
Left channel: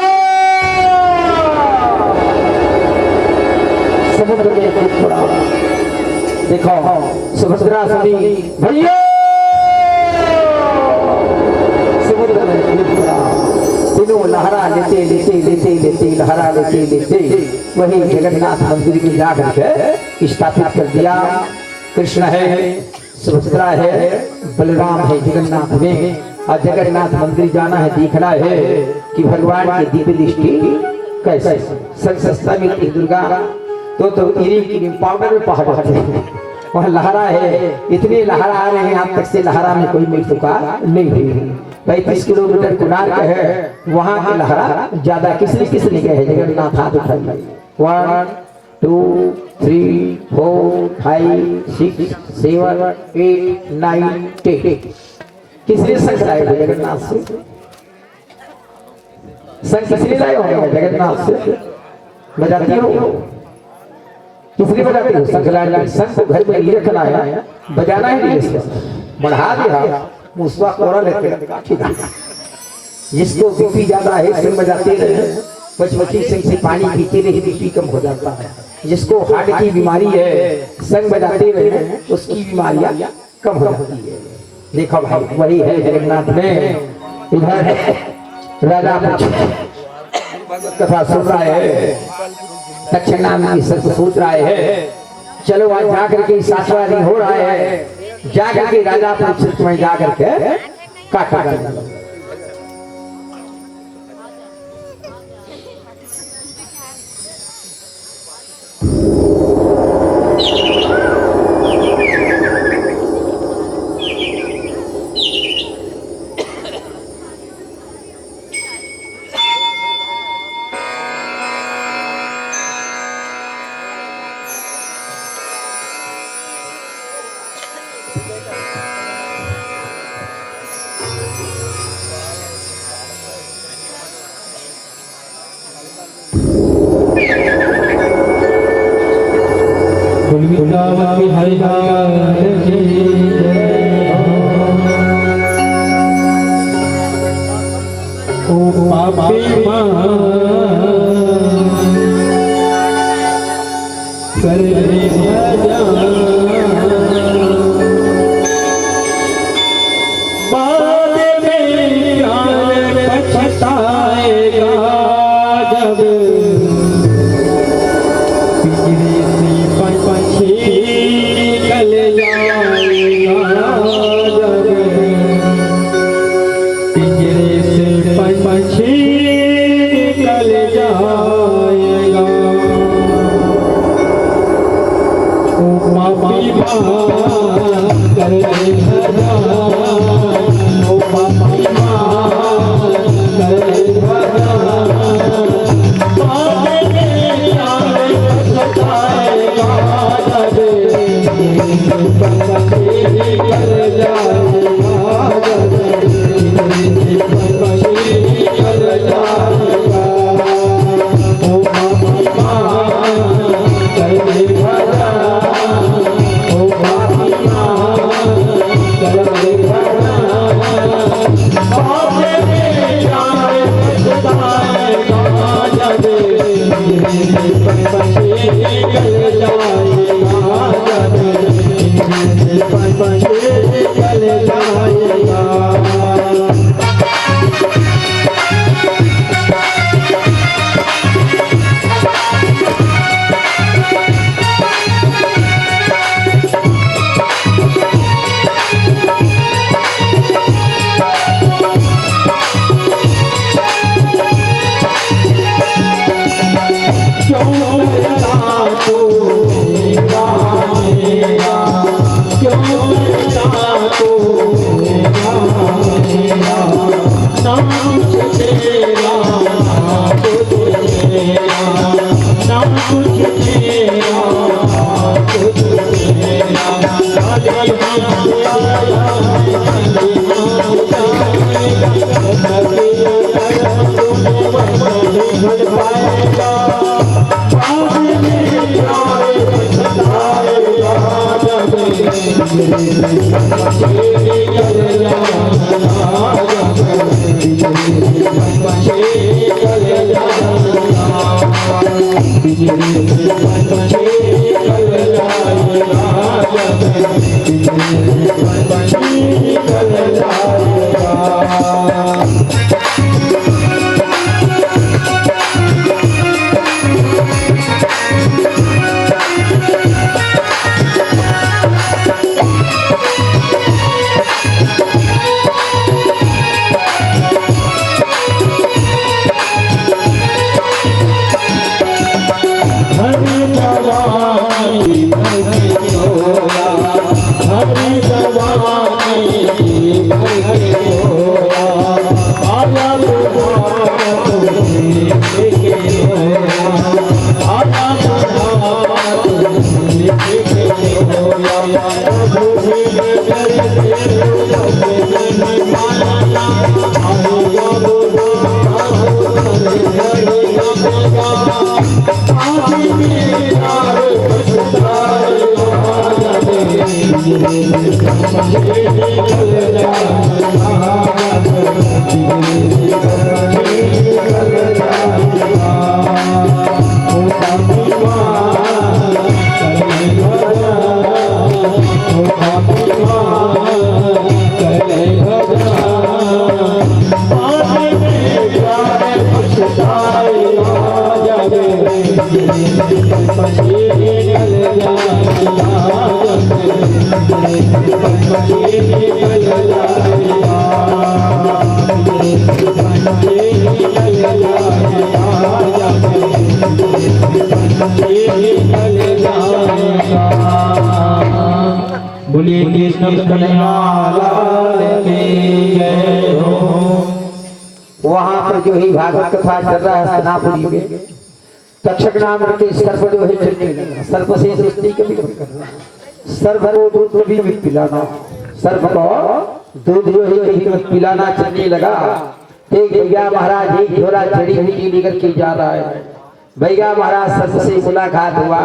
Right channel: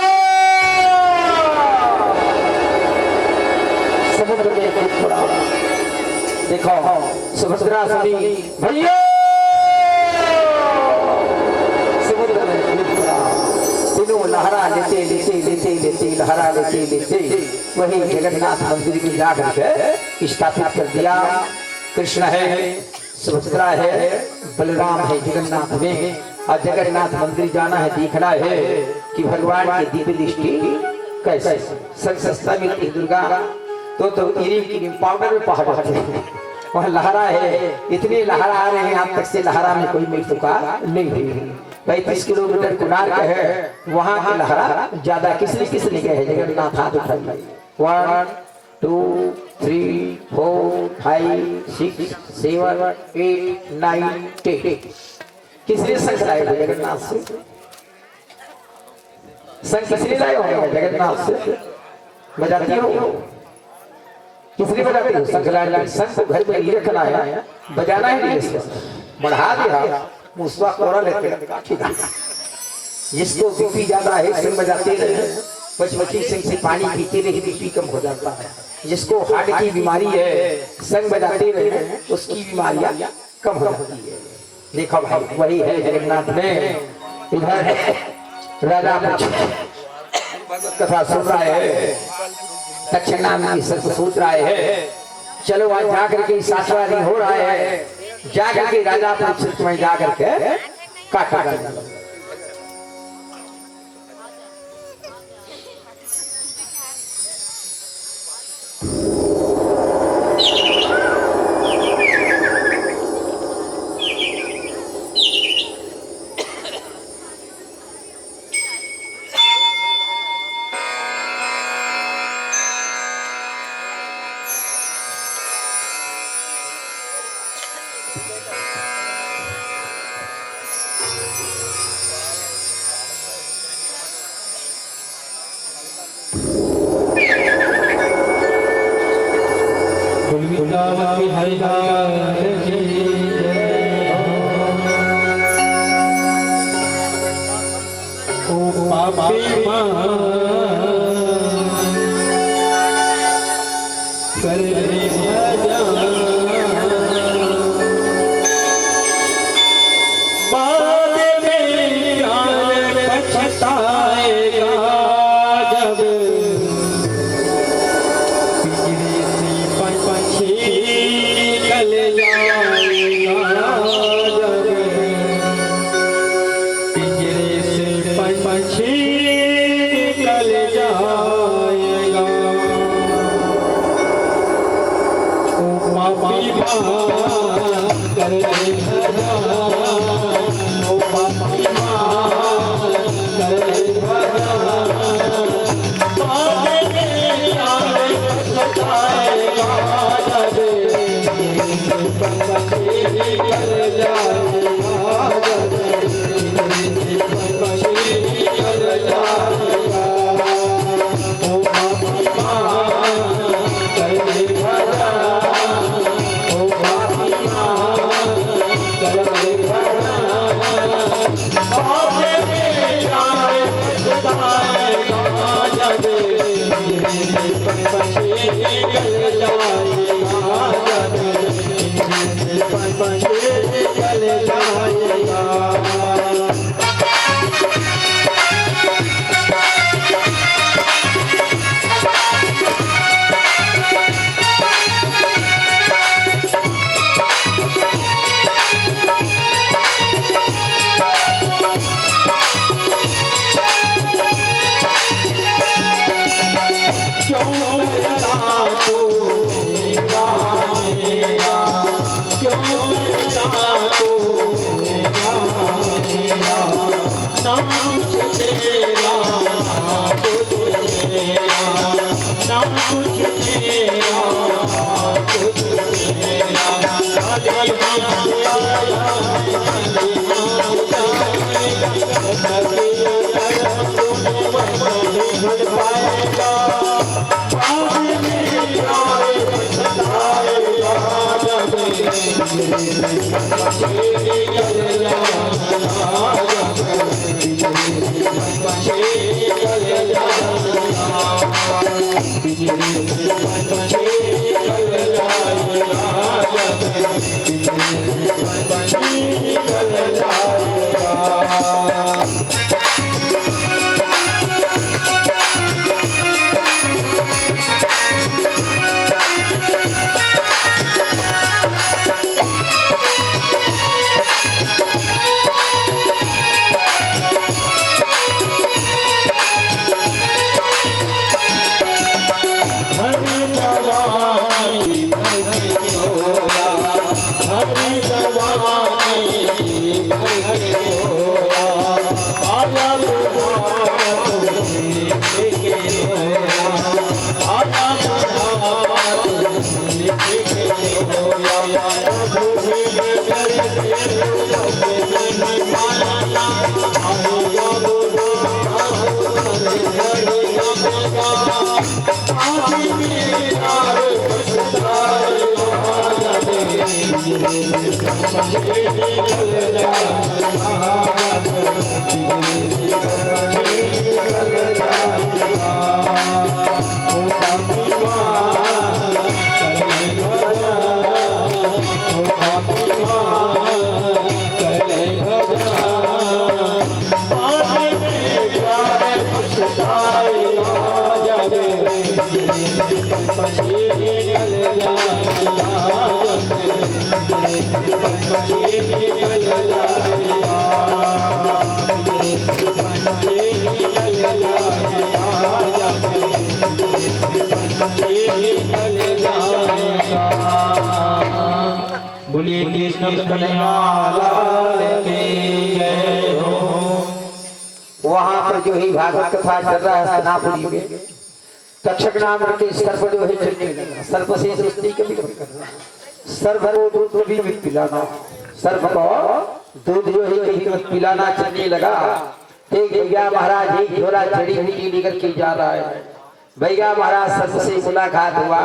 समुद्र में कूद पड़ा, देखो सुभद्रा सुनी भैया, समुद्र में कूद पड़ा। तीनों लहरा लेते लेते लेते लेते लहरा लेते लेते वही जगन्नाथ मंदिर में जाकर स्थापित कर दिया। कृष्ण है, सुभद्रा है, बलराम है जगन्नाथ में। और जगन्नाथ मंदिर जाना है, देखना है कि भगवान की दिव्य दृष्टि कैसे। सस्ता मिलती दुर्गा तो इरी पाउडर में पहाड़ वहाँ लहरा है, इतने लहरा आ रहे हैं, आप तक से लहरा में कोई मिल चुका नहीं हुई। 35 किलोमीटर कोणार्क है, वहाँ की लहरा ज्यादा किसने गए जगन्नाथ हाथ उठाइए। 1 2 3 4 5 6 7 8 9 10 किसने संग लाए जगन्नाथ से? संग किसने लाए होंगे जगन्नाथ से? बजाती हो किसने बजाते हो? संग लाए। संग को घर में लिए रखना है, बजाना ही नहीं, बढ़ा दिया मुसवा कोरा लेके। जिसको बीपी ज्यादा है संग बजाते रहे, बचपची संग से पानी पीते रहे बीपी कम हो जाता है। जिसको हार्ट की बीमारी है संग बजाते रहे उसकी बीमारियां कम हो जाती है। देखो भाई वही है जगन्नाथ में। इधर राजा कथा सुन रहा है, दक्षिणा में सब सोच रहा है, चलो आज जाकर के 7वां दिन हो रहा है, जाकर के राजा परीक्षित में जाकर के काटा गया। वृंदावन हरि की जय। ओ पापी मां कर बाद में पछताएगा जब बोलिए कृष्ण कन्हैया लाल की जय हो। वहां पर जो ही भागवत कथा चल रहा है हस्तिनापुरी में, तक्षक नाम के सर्प जो है चलने लगा। सर्प से सृष्टि के भी सर्प को दूध भी पिलाना, सर्प को दूध जो है कभी पिलाना चलने लगा। एक भैया महाराज एक झोला जड़ी बूटी लेकर के जा रहा है। भैया महाराज सर्प से मुलाकात हुआ।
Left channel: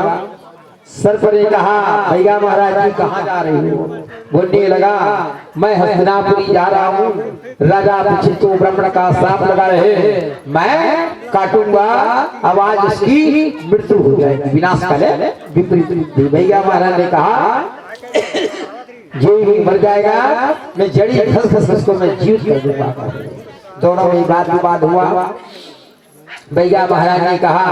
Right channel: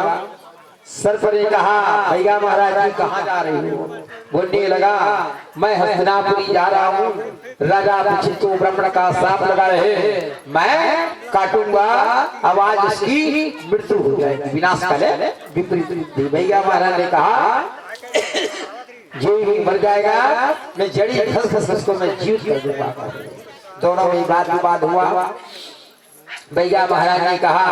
सर्प ने कहा भैया महाराज जी कहाँ जा रहे हो? बोलने लगा मैं हस्तिनापुरी जा रहा हूँ, राजा परीक्षित को ब्राह्मण का श्राप लगा रहे, मैं काटूंगा, आवाज इसकी मृत्यु हो जाएगी, विनाश काले विपरीत बुद्धि। भैया महाराज ने कहा जो ही मर जाएगा मैं जड़ी घस घस को मैं जीवित कर दूंगा। दोनों में बात विवाद हुआ। भैया महाराज ने कहा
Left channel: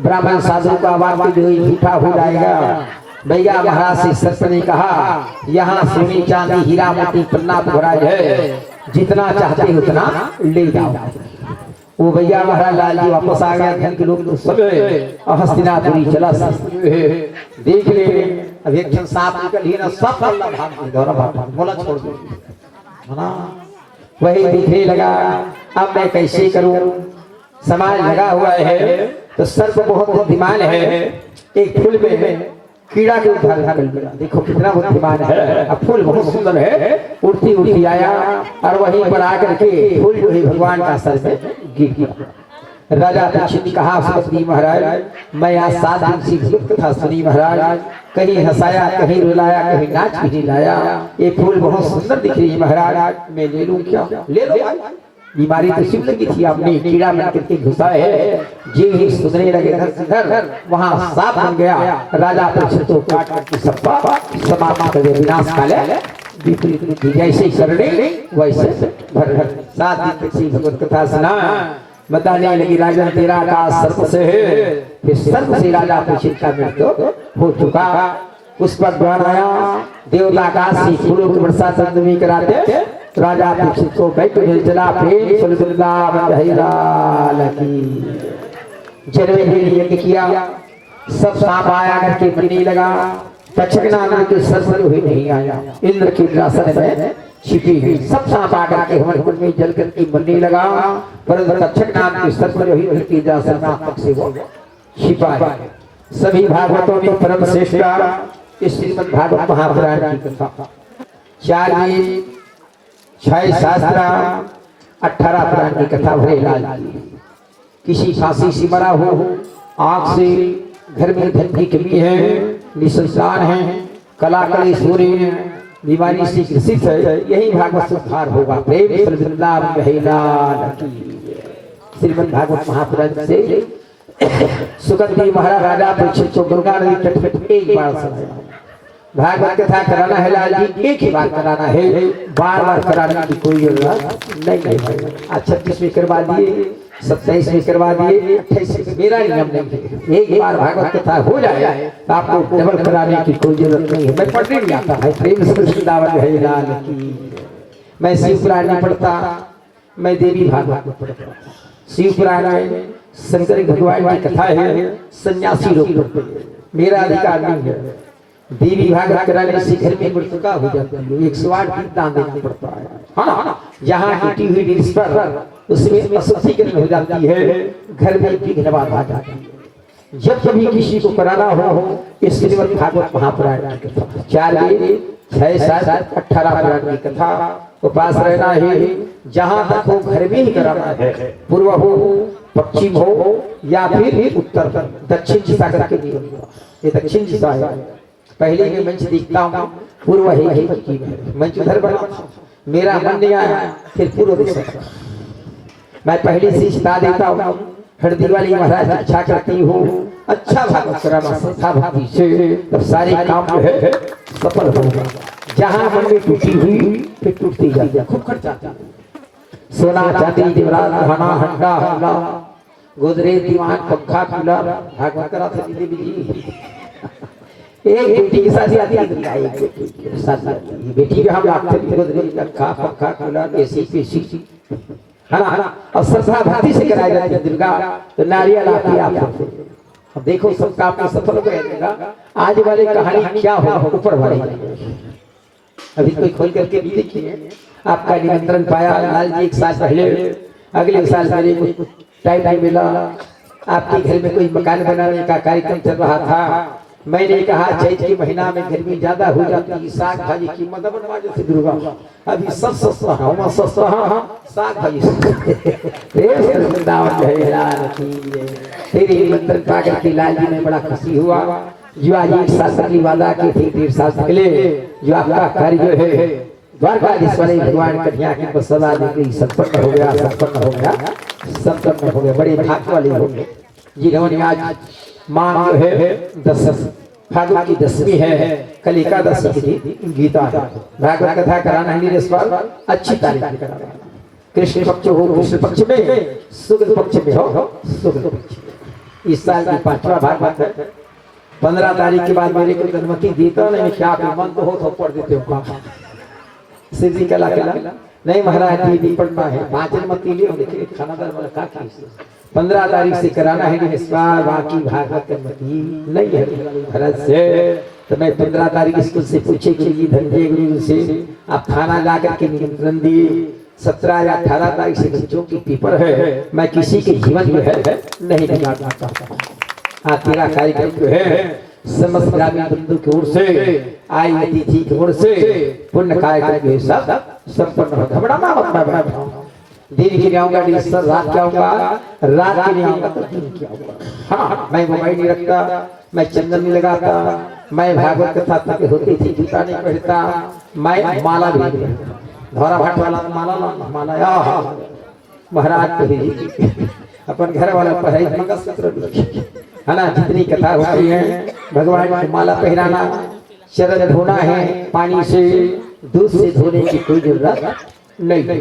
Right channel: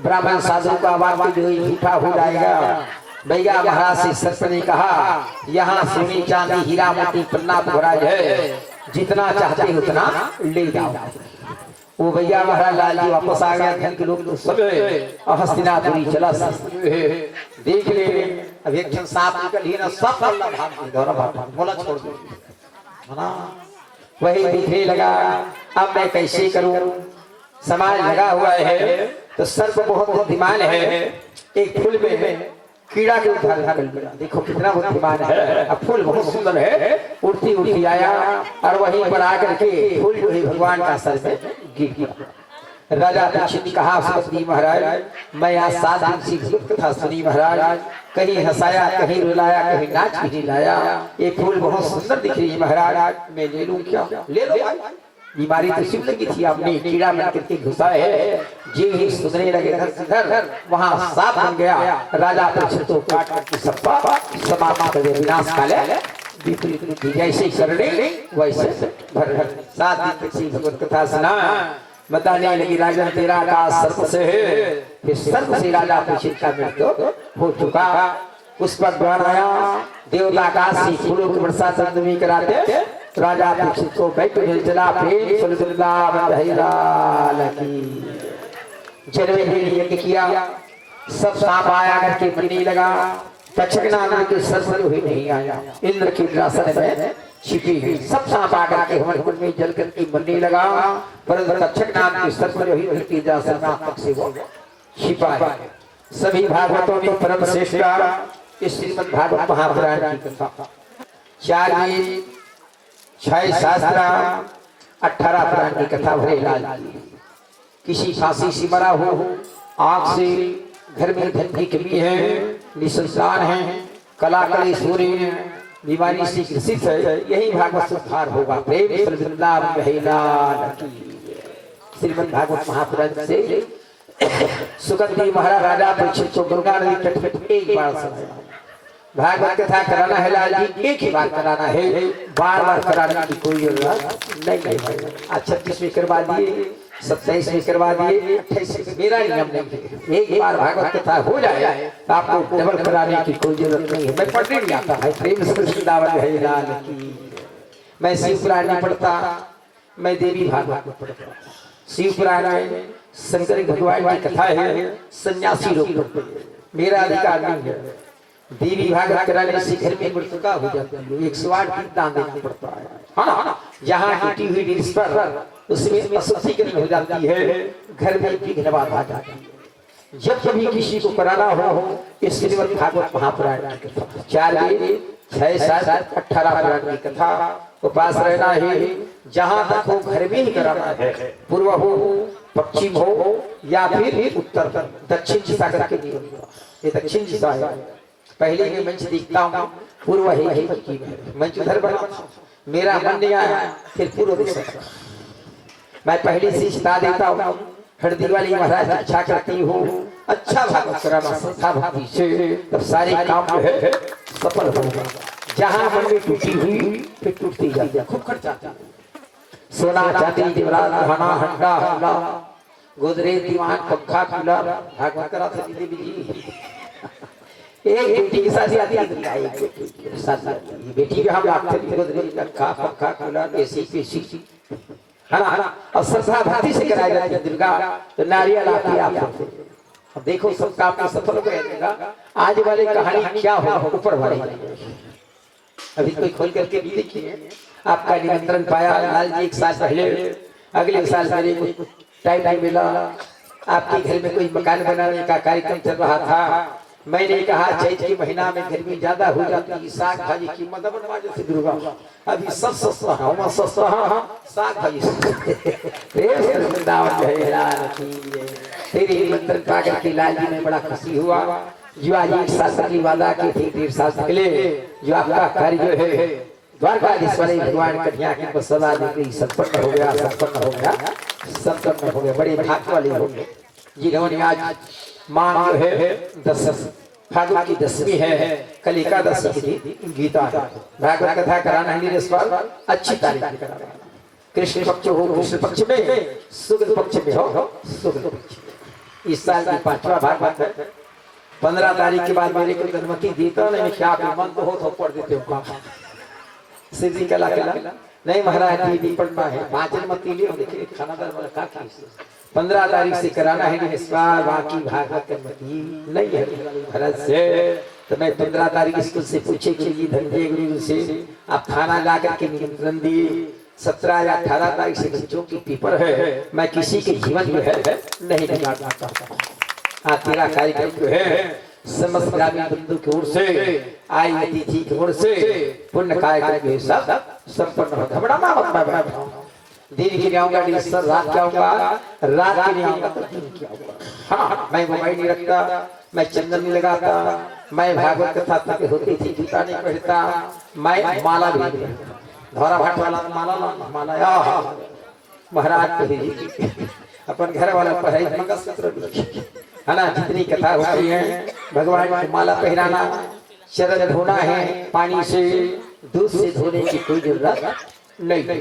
ब्राह्मण साधु का वाक्य जो झूठा हो जाएगा। भैया महाराज से सर्प ने कहा यहाँ सोने चांदी हीरा मोती पन्ना भोराज है, जितना चाहते उतना ले जाओ। वो भैया महाराज लाल जी वापस आ गया। धन के लोग तो सब हस्तिनापुरी चला देख ले। अब एक जन सांप निकल ही ना, सब अल्लाह भाग बोला छोड़ दो ना। वही दिखने लगा अब मैं कैसे करूं, समाज लगा हुआ है। तो सर्प बहुत बुद्धिमान है, एक फूल में कीड़ा के उद्धार कर लिया। देखो कितना बुद्धिमान है। अब फूल बहुत सुंदर है, उड़ती उड़ती आया और वहीं पर आकर के फूल जो है भगवान का सर में गिर गया। राजा परीक्षित कहा सुखदेव महाराज मैं आज 7 दिन से भक्त था सुनी महाराज, कहीं हंसाया कहीं रुलाया कहीं नाच कहीं लाया। ये फूल बहुत सुंदर दिख रही है महाराज, मैं ले लूं क्या? ले लो भाई। बीमारी तो सिर्फ लगी थी, आपने कीड़ा बन करके घुसा है। जी ही सुधरने लगे घर वहां सांप बन गया। राजा परीक्षित को काट करके सबका समाप्त कर दिया, विनाश काले विपरीत बुद्धि। जैसे करने वैसे घर घर 7 दिन तक भगवत कथा सुना। बताने लगी राजन तेरा का सर्प से है। फिर सर्प से राजा परीक्षित का मृत्यु हो चुका। उस पर द्वार आया, देवता आकाश से फूलों की वर्षा चंद्रमी कराते राजा परीक्षित को बैठ मिल चला। प्रेम जन्मे यज्ञ किया, सब सांप आया करके बनने लगा। तक्षक नाम के सर्प ही नहीं आया, इंद्र के इंद्रासन में छिपी हुई सब सांप आकर के हमारे कुल में जल करके बनने लगा। परंतु तक्षक नाम के सर्प ही इंद्र के इंद्रासन में से वो छिपा है। सभी भागवतों में परम श्रेष्ठ इस श्रीमद् भागवत महापुराण की कथा 4 वेद, 6 शास्त्र, 18 पुराण की कथा भरे लाल की। किसी फांसी से मरा हो, आंख से, घर में धन की कमी है, निसंतान है, कला कलेश हो रही है, बीमारी से ग्रसित है, यही भागवत सुधार होगा। प्रेम से वृंदावन है लाल की। श्रीमद् भागवत महापुराण से सुगंधी महाराज राजा परीक्षित को गंगा नदी तट पर एक बार सुनाया। भागवत कथा कराना है लाल जी, एक ही बार कराना है, बार बार कराने की कोई जरूरत नहीं है। आज 36 में करवा दिए, 27 में करवा दिए, 28 में मेरा नियम नहीं है। एक बार भागवत कथा हो जाए तो आपको डबल कराने की कोई जरूरत नहीं है। मैं पढ़ने नहीं आता है। प्रेम से वृंदावन है लाल की। मैं शिव पुराण नहीं पढ़ता, मैं देवी भागवत पढ़ता। शिव पुराण में शंकर भगवान की कथा है, सन्यासी लोग पढ़ते हैं, मेरा अधिकार नहीं है। देवी भागवत कराने से घर में मृतका हो जाती है, 108 गीत दान देना पड़ता है। हाँ, जहाँ टूटी हुई डिश पर उसमें अशुद्धिकरण हो जाती है, घर में विघ्न बाधा जाती है। जब कभी किसी को कराना हो इस श्रीमद् भागवत महापुराण की कथा, 4 वेद, 6 शास्त्र, 18 पुराण की कथा उपास रहना है। जहाँ तक हो घर में ही कराना है, पूर्व हो, पश्चिम हो या फिर उत्तर, दक्षिण दिशा करके नहीं। ये दक्षिण दिशा है। पहले मैं मंच देखता हूँ, पूर्व है ही पश्चिम है, मंच उधर बना, मेरा मन नहीं आया, फिर पूर्व दिशा। मैं पहले से बता देता हूँ, हरदी वाली महाराज अच्छा करती हो, अच्छा भागवत कराना श्रद्धा भक्ति से, तब सारे काम जो है सफल होगा। जहाँ मन में टूटी हुई फिर टूटती जाती है, खूब खर्चा। सोना चांदी जेवरात गहना हंडा हल्ला, गोदरेज दीवान पंखा कूलर, भागवत करा था देवी जी। एक बेटी की शादी आती है, बेटी का हम लाखों गोदरेज पंखा कूलर एसी पीसी है ना, और श्रद्धा भक्ति से कराई जाती है। दुर्गा तो नारियल आती है आपसे। अब देखो सब काम में सफल हो गया। आज वाली कहानी क्या हो, ऊपर वाली अभी कोई खोल करके भी देखिए। आपका निमंत्रण पाया लाल जी 1 साल पहले, अगले साल मेरे को टाइम नहीं मिला, आपके घर में कोई मकान बनाने का कार्यक्रम चल रहा था। मैंने कहा चैत के महीना में गर्मी ज्यादा हो जाती है, साग भाजी की मदद बनवा जैसे दुर्गा अभी सब सस्ता है, सस्ता साग भाजी तेरे निमंत्रण पा करके लाल जी में बड़ा खुशी हुआ। जो आज 1 साल पहले वादा की थी, 1.5 साल पहले जो आपका कार्य जो है द्वारकाधीश वाले भगवान कन्या की बसदा देवी संपन्न हो गया, संपन्न हो गया, संपन्न हो गया। बड़े भाग्य वाले हो गए जिन्होंने आज मां जो है 10 फागुन की 10वीं है, कल एकादशी की गीता है। भागवत कथा कराना है इस बार अच्छी तारीख में कराना। कृष्ण पक्ष हो कृष्ण पक्ष में, शुक्ल पक्ष में हो शुक्ल पक्ष में। इस साल की 5वां भागवत है। 15 तारीख के बाद मेरे को अनुमति देता नहीं, क्या मन तो हो तो पढ़ देते हो सीधी कला नहीं महाराज जी पढ़ना है, 5 अनुमति ले देखिए खाना का 15 तारीख से कराना है इस बार। बाकी भागवत की अनुमति नहीं है भारत से। तो मैं 15 तारीख स्कूल से पूछे कि ये धनंजय गुरु से आप थाना जाकर के निमंत्रण दिए। 17 या 18 तारीख से बच्चों की पेपर है, मैं किसी के जीवन जो है नहीं बिगाड़ पाता। हाँ, तेरा कार्यक्रम जो है समस्त ग्रामीण बंधु की ओर से, आई अतिथि की ओर से पुण्य कार्यक्रम के सब संपन्न हो। बड़ा दिन के लिए आऊंगा, रात के आऊंगा, रात के लिए आऊंगा तो दिन के आऊंगा। हाँ, मैं मोबाइल नहीं रखता, मैं चंदन नहीं लगाता, मैं भागवत कथा तक होती थी जूता नहीं पहनता, मैं माला भी नहीं धौरा भाट वाला माला महाराज अपन घर वाला पढ़ाई मंगलसूत्र है ना। जितनी कथा होती है भगवान को माला पहनाना, चरण धोना है पानी से, दूध से धोने की कोई जरूरत नहीं।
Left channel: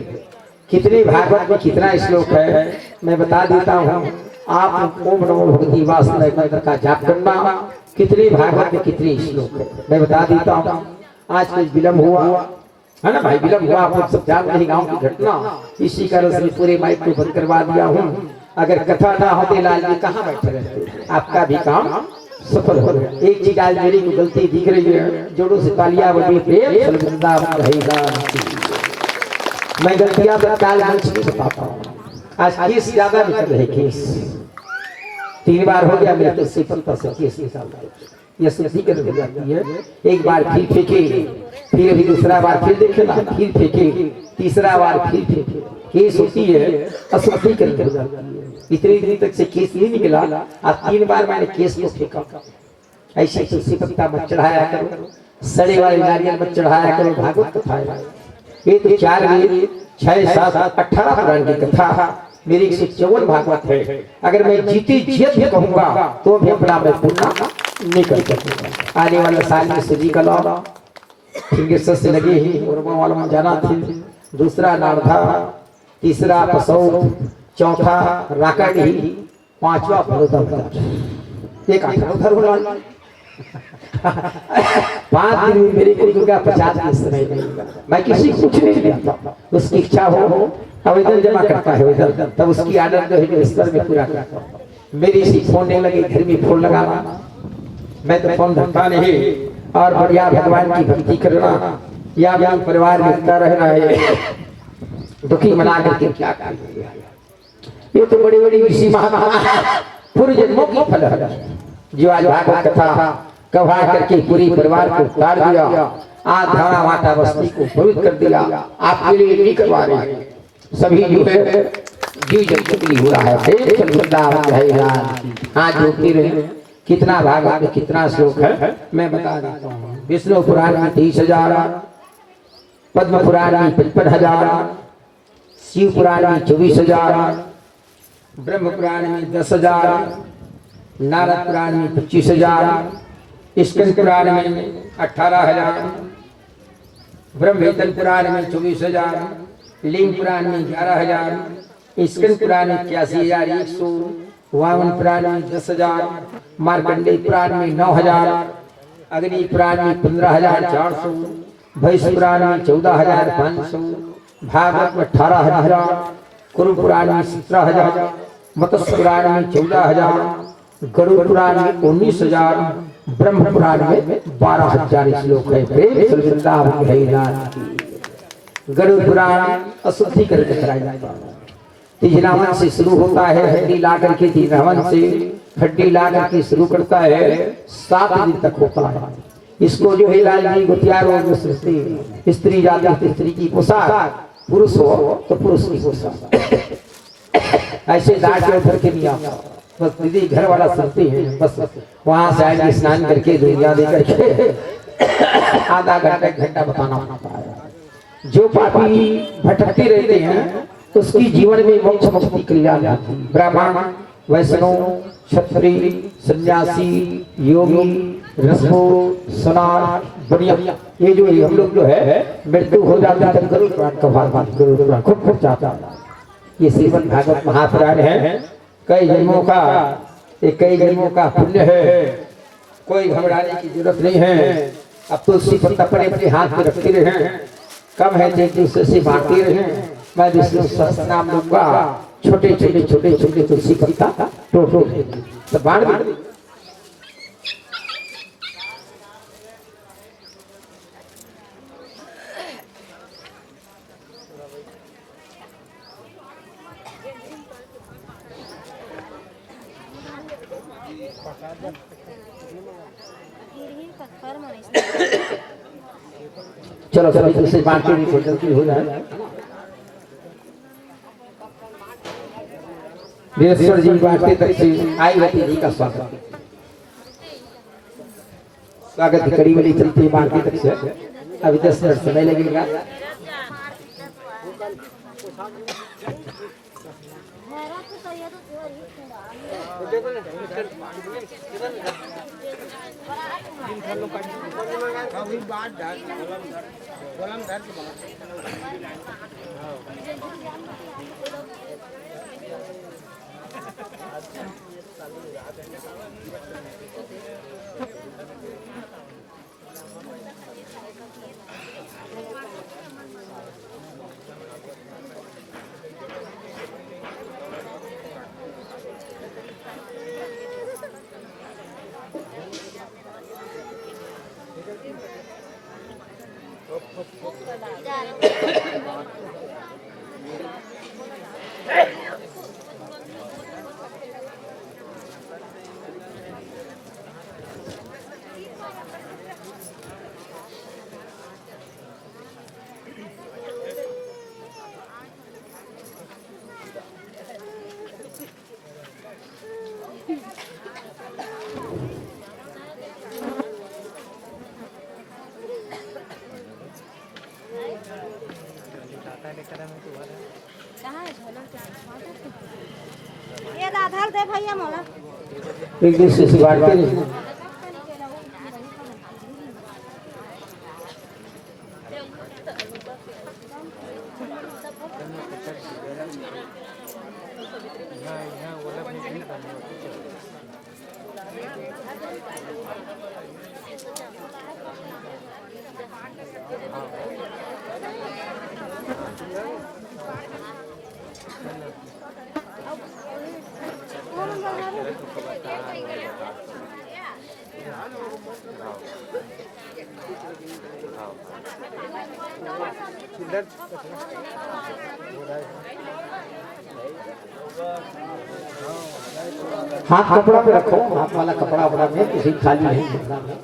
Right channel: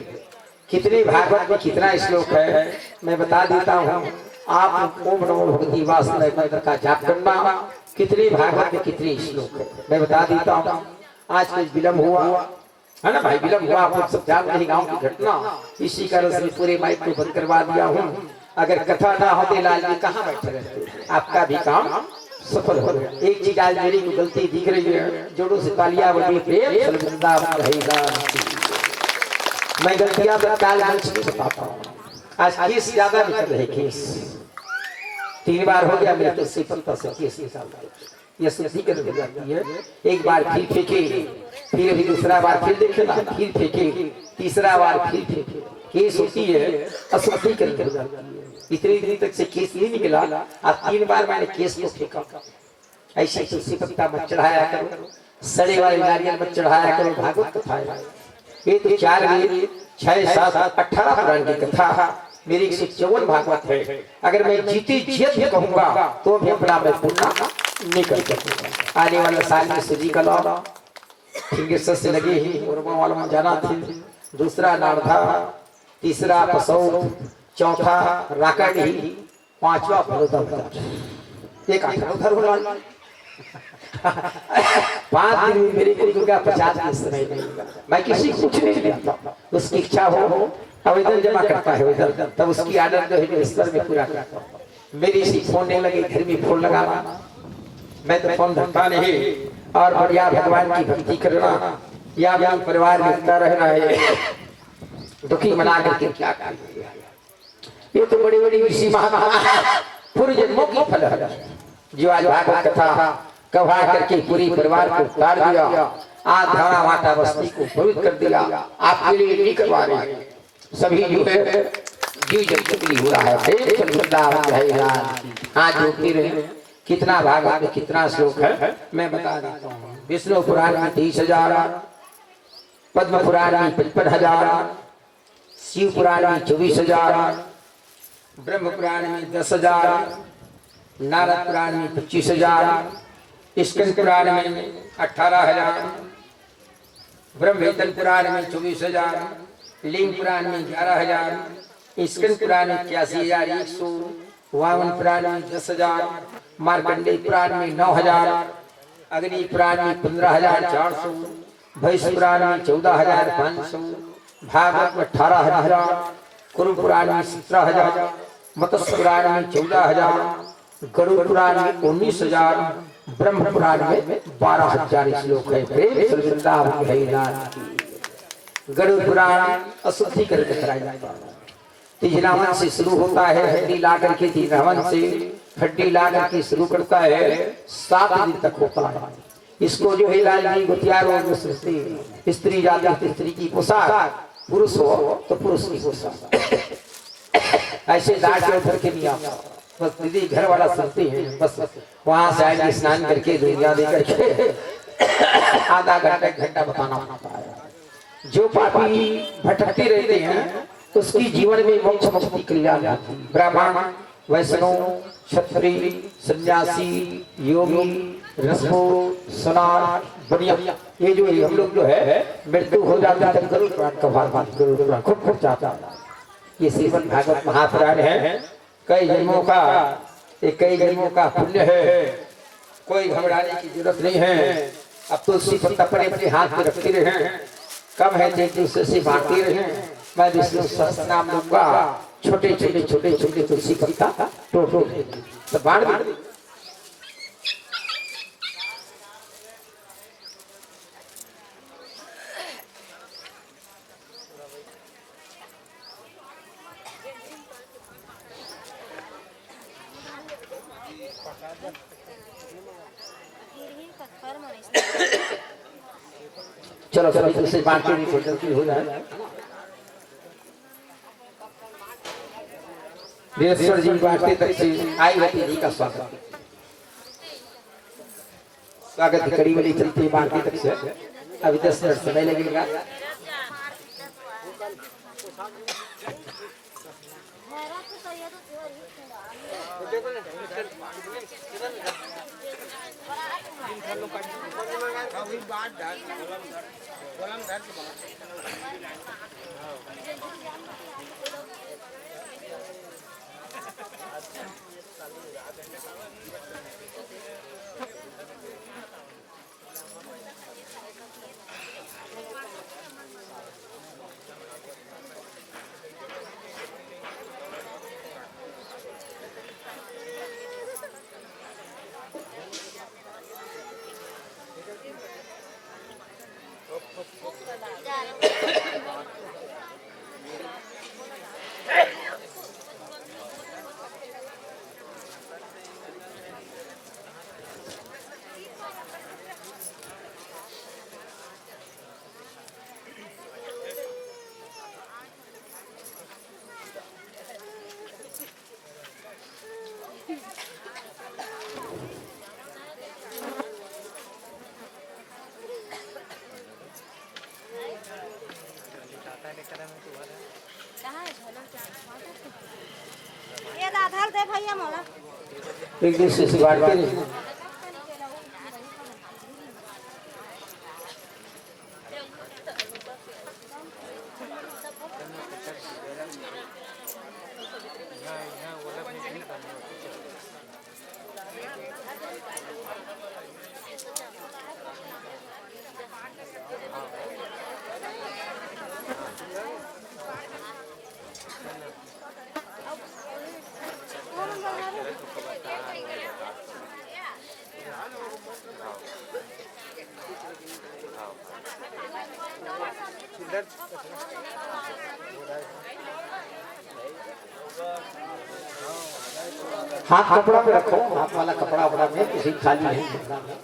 कितने भागवत में कितना श्लोक है मैं बता देता हूँ। आप ओम नमो भगवती वासुदेवाय मंत्र का जाप करना। कितने भागवत में कितने श्लोक है मैं बता देता हूँ। आज कुछ विलम्ब हुआ है ना भाई, विलम्ब हुआ, आप सब जान रहे गाँव की घटना, इसी कारण से पूरे माइक को बंद करवा दिया हूँ। अगर कथा ना होते लाल जी कहाँ बैठे रहते, आपका भी काम सफल हो गया। एक चीज आज मेरी को गलती दिख रही है, जोड़ों से तालियां बजी प्रेम वृंदावन रहेगा। मैं गलतियां काल मंच नहीं बताता हूँ। आज केस ज्यादा निकल रहे, केस 3 बार हो गया मेरे तो से 15 से केस निकाल ये शुद्धिकरण हो जाती है। एक बार फिर फेंके, फिर अभी दूसरा बार फिर देखे ना, फिर फेंके, तीसरा बार फिर फेंके, केस होती है अशुद्धिकरण हो जाती है। इतने दिन तक से केस नहीं निकला, अब 3 बार मैंने केस को फेंका। ऐसे तुलसी पत्ता मत चढ़ाया करो, सड़े वाले नारियल मत चढ़ाया करो, भागवत कथा है। ये तो 4 वेद 6 7 18 पुराण की कथा, मेरी 154 भागवत है। अगर मैं जीते जी कहूंगा तो भी अपना मैं पूरा नहीं कर सकूंगा। आने वाला साल में सूजी का लौ फिंगर से लगे ही वाला में जाना थी, दूसरा नारधा, तीसरा पसौ, चौथा राकाडी, 5वां भरोदा। एक 18 उधर 5 दिन में मेरे को दुर्गा 50 दिन समय देगा। मैं किसी को कुछ नहीं देता, उसकी इच्छा हो आवेदन जमा करता है उधर, तब उसकी आदत जो है ईश्वर में पूरा करता हूँ। मेरी सी फोन नहीं लगे, घर में फोन लगाना, मैं तो फोन धरता नहीं, और बढ़िया भगवान की भक्ति करना, या भी परिवार में रहना है, दुखी मना करके क्या करेंगे। ये तो बड़ी बड़ी ऋषि महात्मा पूर्व जन्मों की फल है, जो आज भागवत कथा कहा करके पूरी परिवार को उतार दिया, आज धारा माता बस्ती को पवित्र कर दिया। आपके लिए नहीं करवा रहे, सभी जो है जीव जंतु के लिए हो रहा है। आज जो फिर कितना भागवत में कितना श्लोक है मैं बता देता हूँ। विष्णु पुराण में 30,000, पद्म पुराण में 55,000, शिव पुराण में 24,000, ब्रह्म पुराण में 10,000, नारद पुराण में 25,000, स्कंद पुराण में 18,000, ब्रह्मवेतन पुराण में 24,000, लिंग पुराण में 11,000, स्कंद पुराण में 81,100, वामन पुराण में 10,000, मार्कंडेय पुराण में 9,000, अग्नि पुराण में 15,400, भैष्य पुराण में 14,500, भागवत में 18,000, कुरु पुराण में 17,000, मत्स्य पुराण में 14,000, गरुड़ पुराण में 19,000, ब्रह्म पुराण में 12,000 श्लोक है। गरुड़ पुराण अशुद्धिकरण कराया जाता है। तीजनावन से शुरू होता है, हड्डी ला करके तीजनावन से हड्डी ला करके शुरू करता है, 7 दिन तक होता है। इसको जो है लालजी गुतियार और स्त्री जाति स्त्री की पोशाक, पुरुष हो तो पुरुष की पोशाक, ऐसे दाढ़ के उधर के नहीं आता। बस दीदी घर वाला सुनते हैं, बस वहां से आएंगे स्नान करके दुनिया दे करके आधा घंटा बताना पड़ता है। जो पापी भटकते रहते हैं उसकी जीवन में मोक्ष मुक्ति कल्याण जाती है। ब्राह्मण, वैष्णव, क्षत्रिय, सन्यासी, योगी, रसो, सनार, बढ़िया, ये जो हम लोग जो है मृत्यु हो जाता है गरुड़ पुराण का भाग खूब जाता है। ये श्रीमद् भागवत महापुराण है। कई जन्मों का पुण्य है, कोई घबराने की जरूरत नहीं है। अब तुलसी पत्ता अपने हाथ में रखते रहे, कम है एक दूसरे से बांटते रहे। मैं विष्णु सहस्त्र नाम लूंगा, छोटे छोटे तुलसी पत्ता टोटो सब बांट दे। चलो सभी तुलसी बांट के भी जल्दी हो जाए। वीरेश्वर जी बांटते तक से आई रहती जी का स्वागत की कड़ी वाली चलती है बांटते तक से। अभी 10 मिनट समय लगेगा। दे भैया मोला एक दूसरे से बांटते रहे। हाथ कपड़ा पे रखो, हाथ वाला कपड़ा अपना में किसी खाली नहीं रखना है।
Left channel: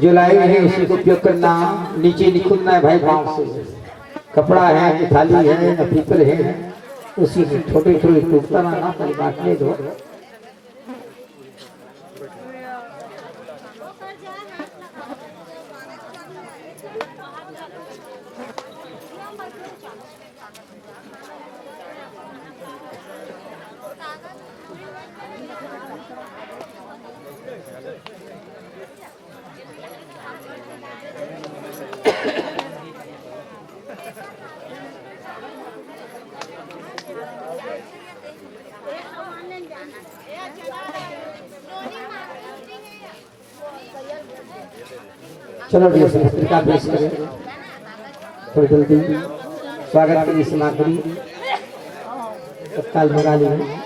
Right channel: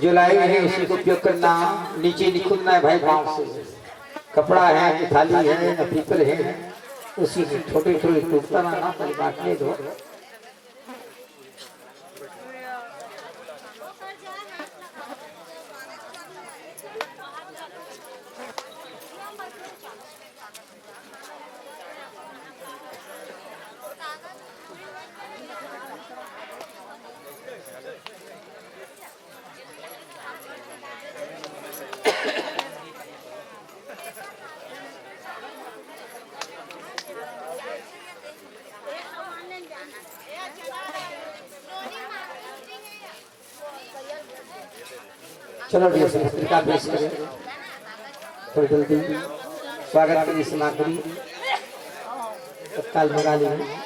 जो लाए हैं उसी को उपयोग करना, नीचे नहीं खुदना है भाई पाँव से। कपड़ा है कि थाली है न पीतल है, उसी से छोटे छोटे टूटता ना पहले बांटने दो। चलो डियर पत्रिका पेश करें थोड़ी जल्दी। स्वागत करिए समाकरी तत्काल मंगा लीजिए।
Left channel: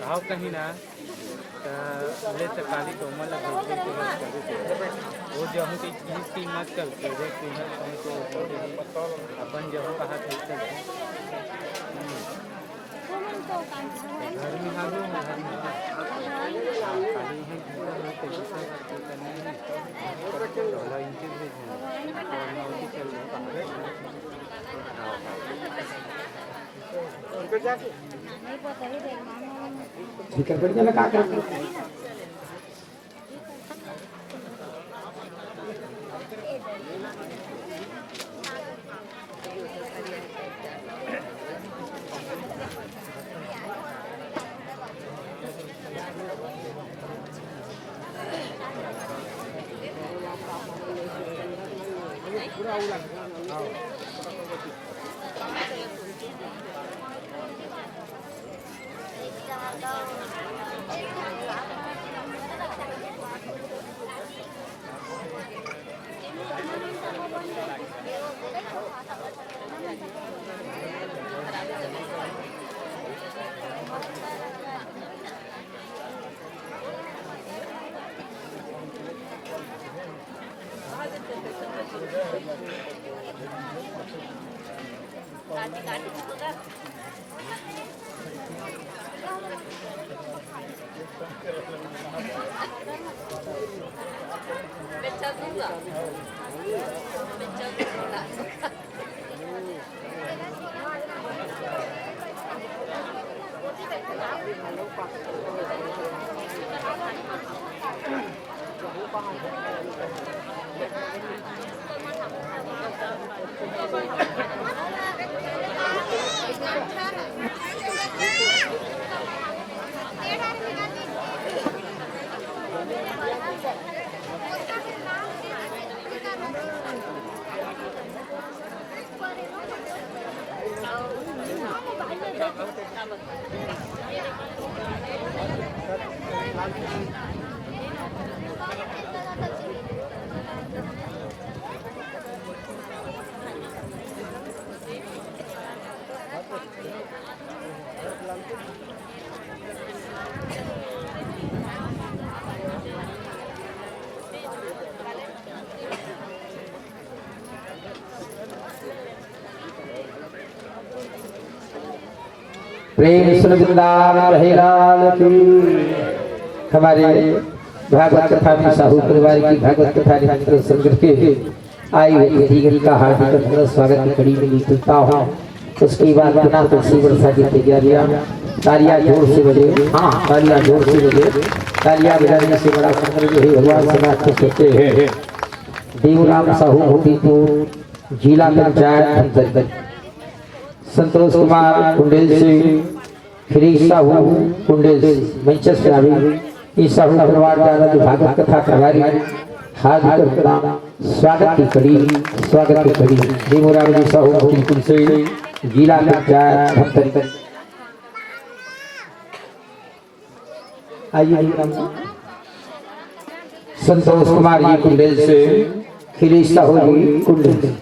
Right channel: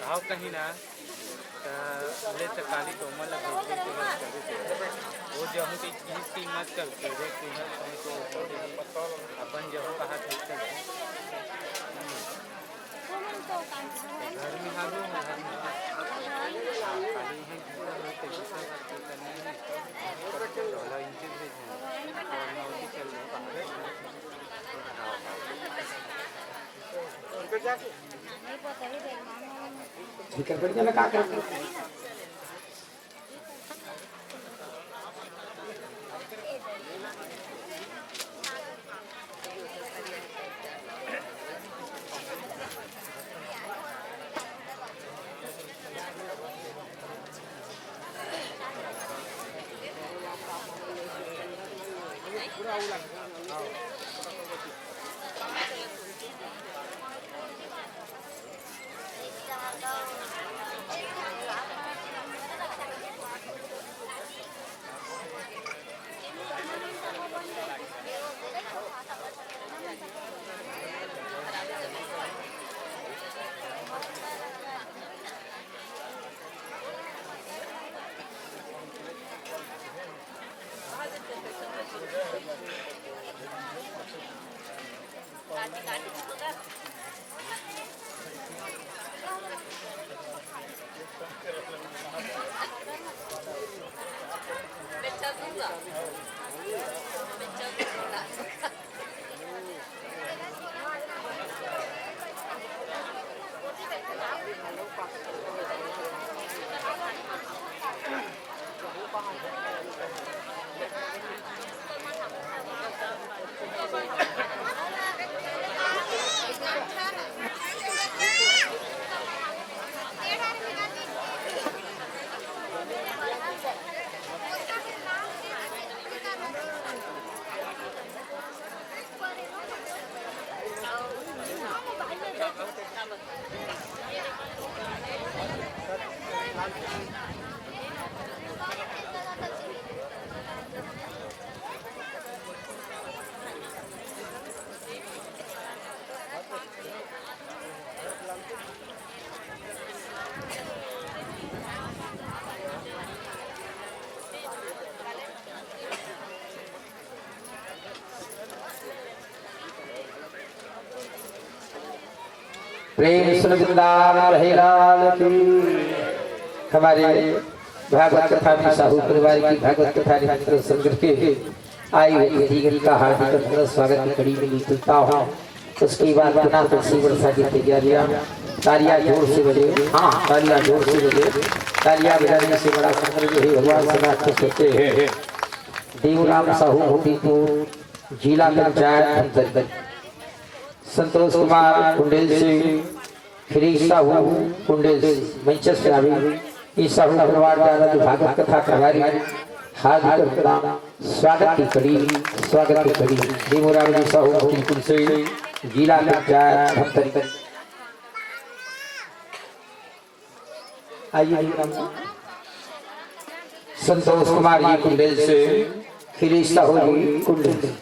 भाव कहीं ना ले काली तो मन वो जो की कीमत करके अपन जो कहा घर में आ गए ठीक है बढ़िया लगा कर प्रेम सुनदान रहे लाल की। हमारे भागवत कथा में साहू परिवार की भागवत कथा निरंतर संग्रह के आई हुई अधिगरी का हार्दिक अभिनंदन स्वागत की कड़ी में तुलता हूँ। उसके बाद पुनः तुलसी वर्षा की तैयारियां, तालियां जोर से बजे, हाँ तालियां जोर से बजे, तालियां बजाने से बड़ा सुंदर जो है भगवान से खुश होते हैं। देवराम साहू मोतीपुर जिला पंचायत अंतर्गत संतोष कुमार कुंडेल से, श्री साहू कुंडेल से मैनचेस्टर आवे इस साहू परिवार द्वारा जो भागवत कथा प्रभारी हार्दिक प्रणाम स्वागत की कड़ी देवराम जी साहू मोतीपुर से जिला पंचायत अंतर्गत। आइए संतोष कुमार जी कुंडेल से, श्री साहू जी कुंडेल से।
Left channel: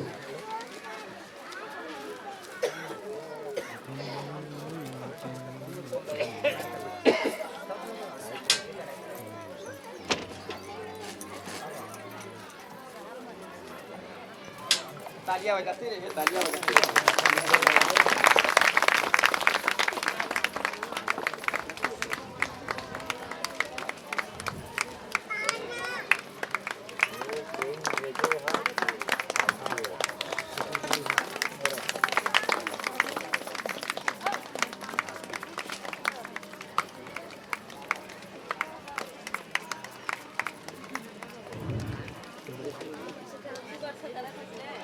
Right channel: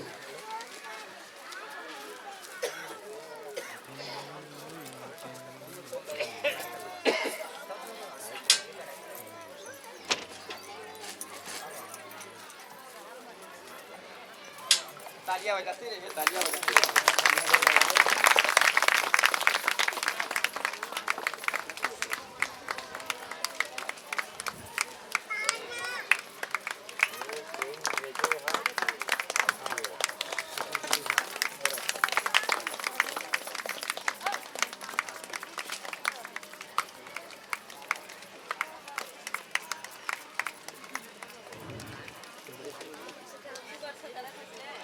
तालियां बजाते रहिए, तालियां बजाते रहिए।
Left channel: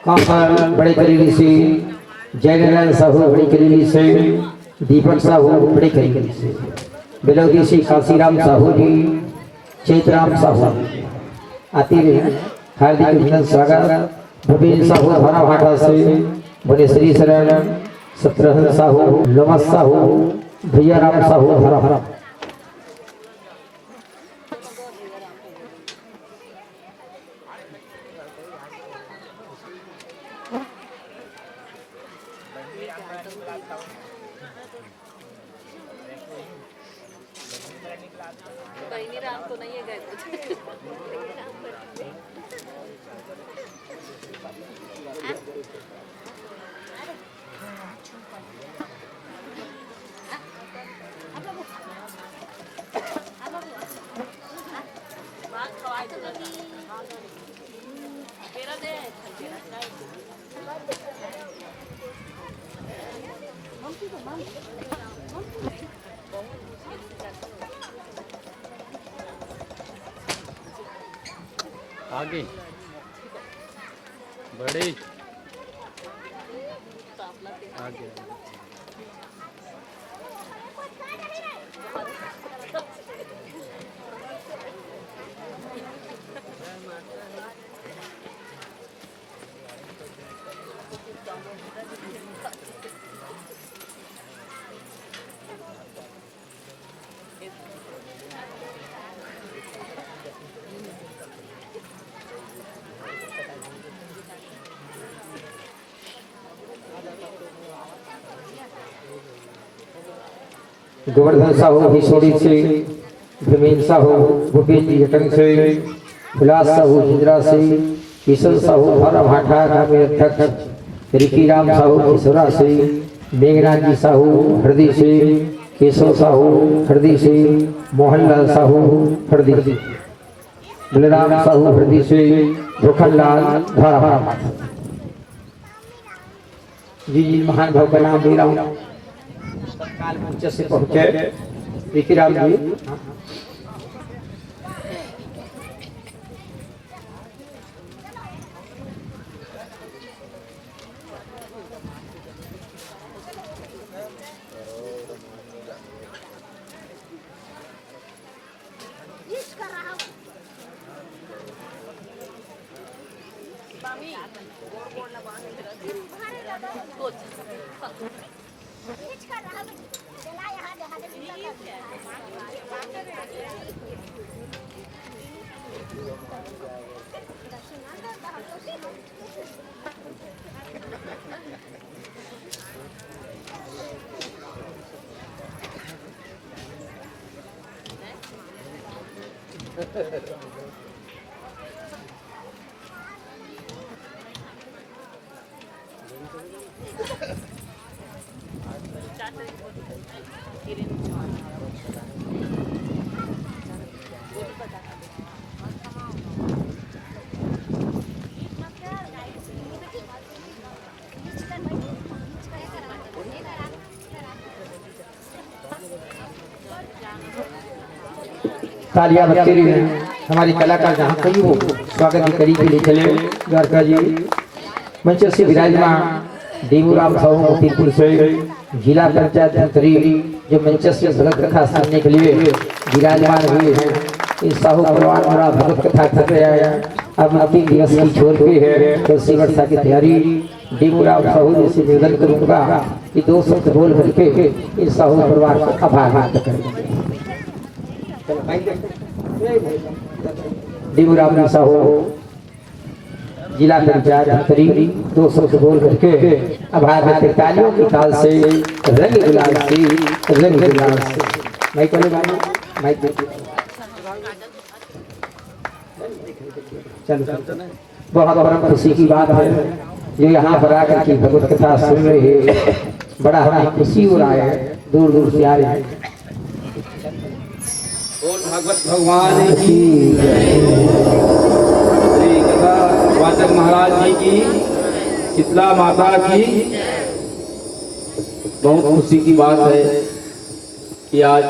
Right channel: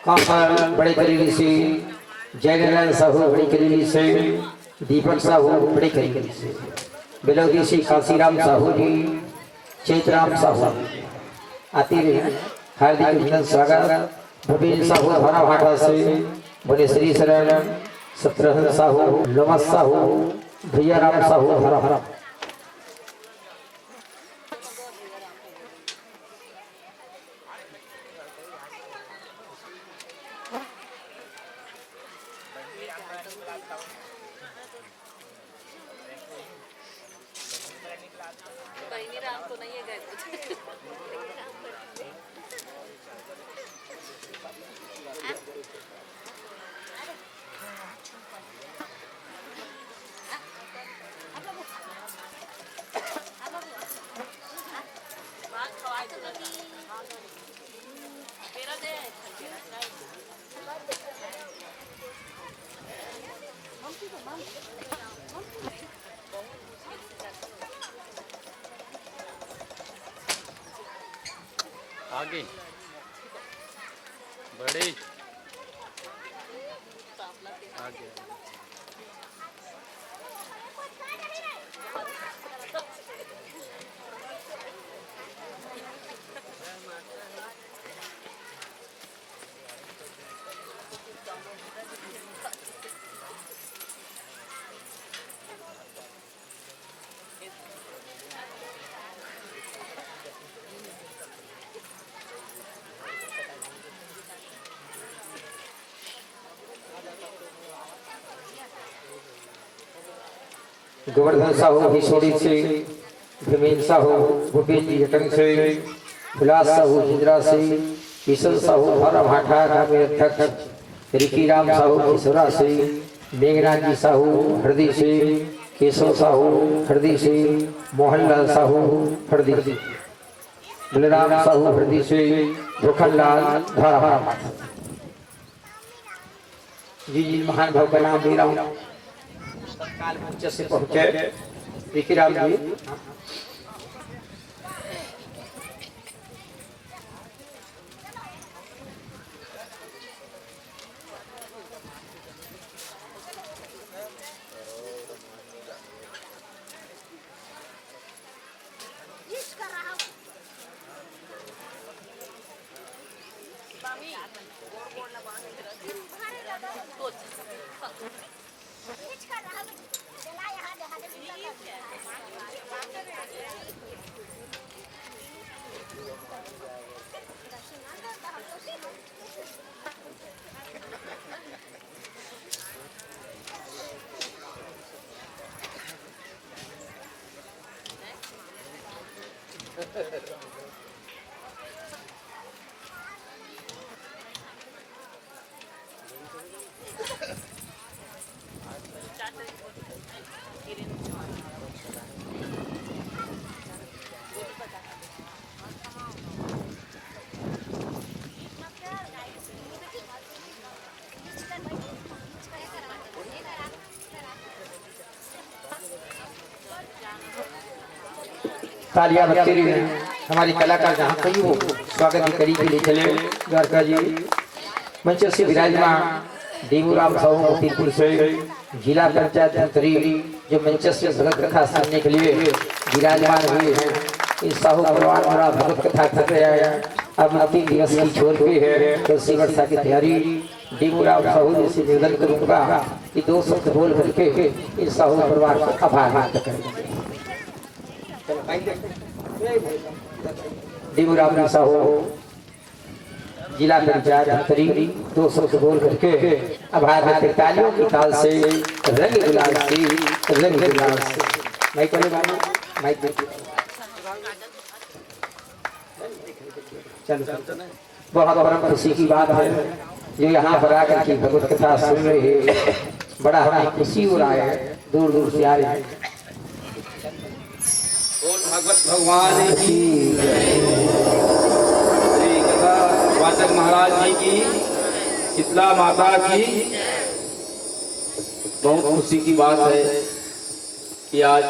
कांसल बड़े करीबी से, जयनारायण साहू बड़े करीबी से, दीपक साहू बड़े करीबी से, बिलौदी से काशीराम साहू जी, चैतराम साहू आते रहे हार्दिक अभिनंदन स्वागत। भूपेन्द्र साहू भरा भाटा से, बनेश्वरी शरण, सत्रहन साहू, लोमस साहू, भैया राम साहू भरा भरा। आगे बड़े आगे गोवर्धन साहू हिसोड़ी से, भूपेन्द्र साहू भूपेन्द्र जटन से, हुलास साहू हिजरा से, किशन साहू भरा भाटा ग्रामीण अध्यक्ष, रिकी राम साहू किशोरा से, मेघनाथ जी साहू हृदय से, केशव साहू हृदय से, मोहनलाल साहू हृदय से, बलराम साहू हृदय से, भूखनलाल धारा। जी महान भाव का नाम दे रहा हूँ, तत्काल मंच से पहुंचे रिकी राम जी। तालियां बजती रही हैं। हमारी कलाकार जहाँ कहीं हो स्वागत की कड़ी के लिए चले द्वारका जी। मंच से विराजमान देवूराम साहू मोतीपुर से, जिला पंचायत मंत्री जो मंच से भगत कथा सुनने के लिए विराजमान हुए हैं। इस साहू परिवार बड़ा भगत कथा कर रहा है। अब 3 दिवस की छोड़ पे है तो इसी वर्षा की तैयारी। देवूराम साहू जैसे निवेदन करूंगा कि 2 शब्द बोल करके इस साहू परिवार का आभार व्यक्त करेंगे। देवूराम साहू जिला पंचायत मंत्री 2 शब्द बोल करके आभार व्यक्त। तालियों की ताल से रंग गुलाल से, रंग गुलाल से माइक माइक चलो। बहुत बड़ा खुशी की बात है जो यहाँ पर आकर के भगवत कथा सुन रहे हैं। बड़ा हमें खुशी हो रहा है, दूर दूर से आ रहे हैं। भगवत भगवान की श्री कथा वाचक महाराज जी की, शीतला माता की बहुत खुशी की बात है कि आज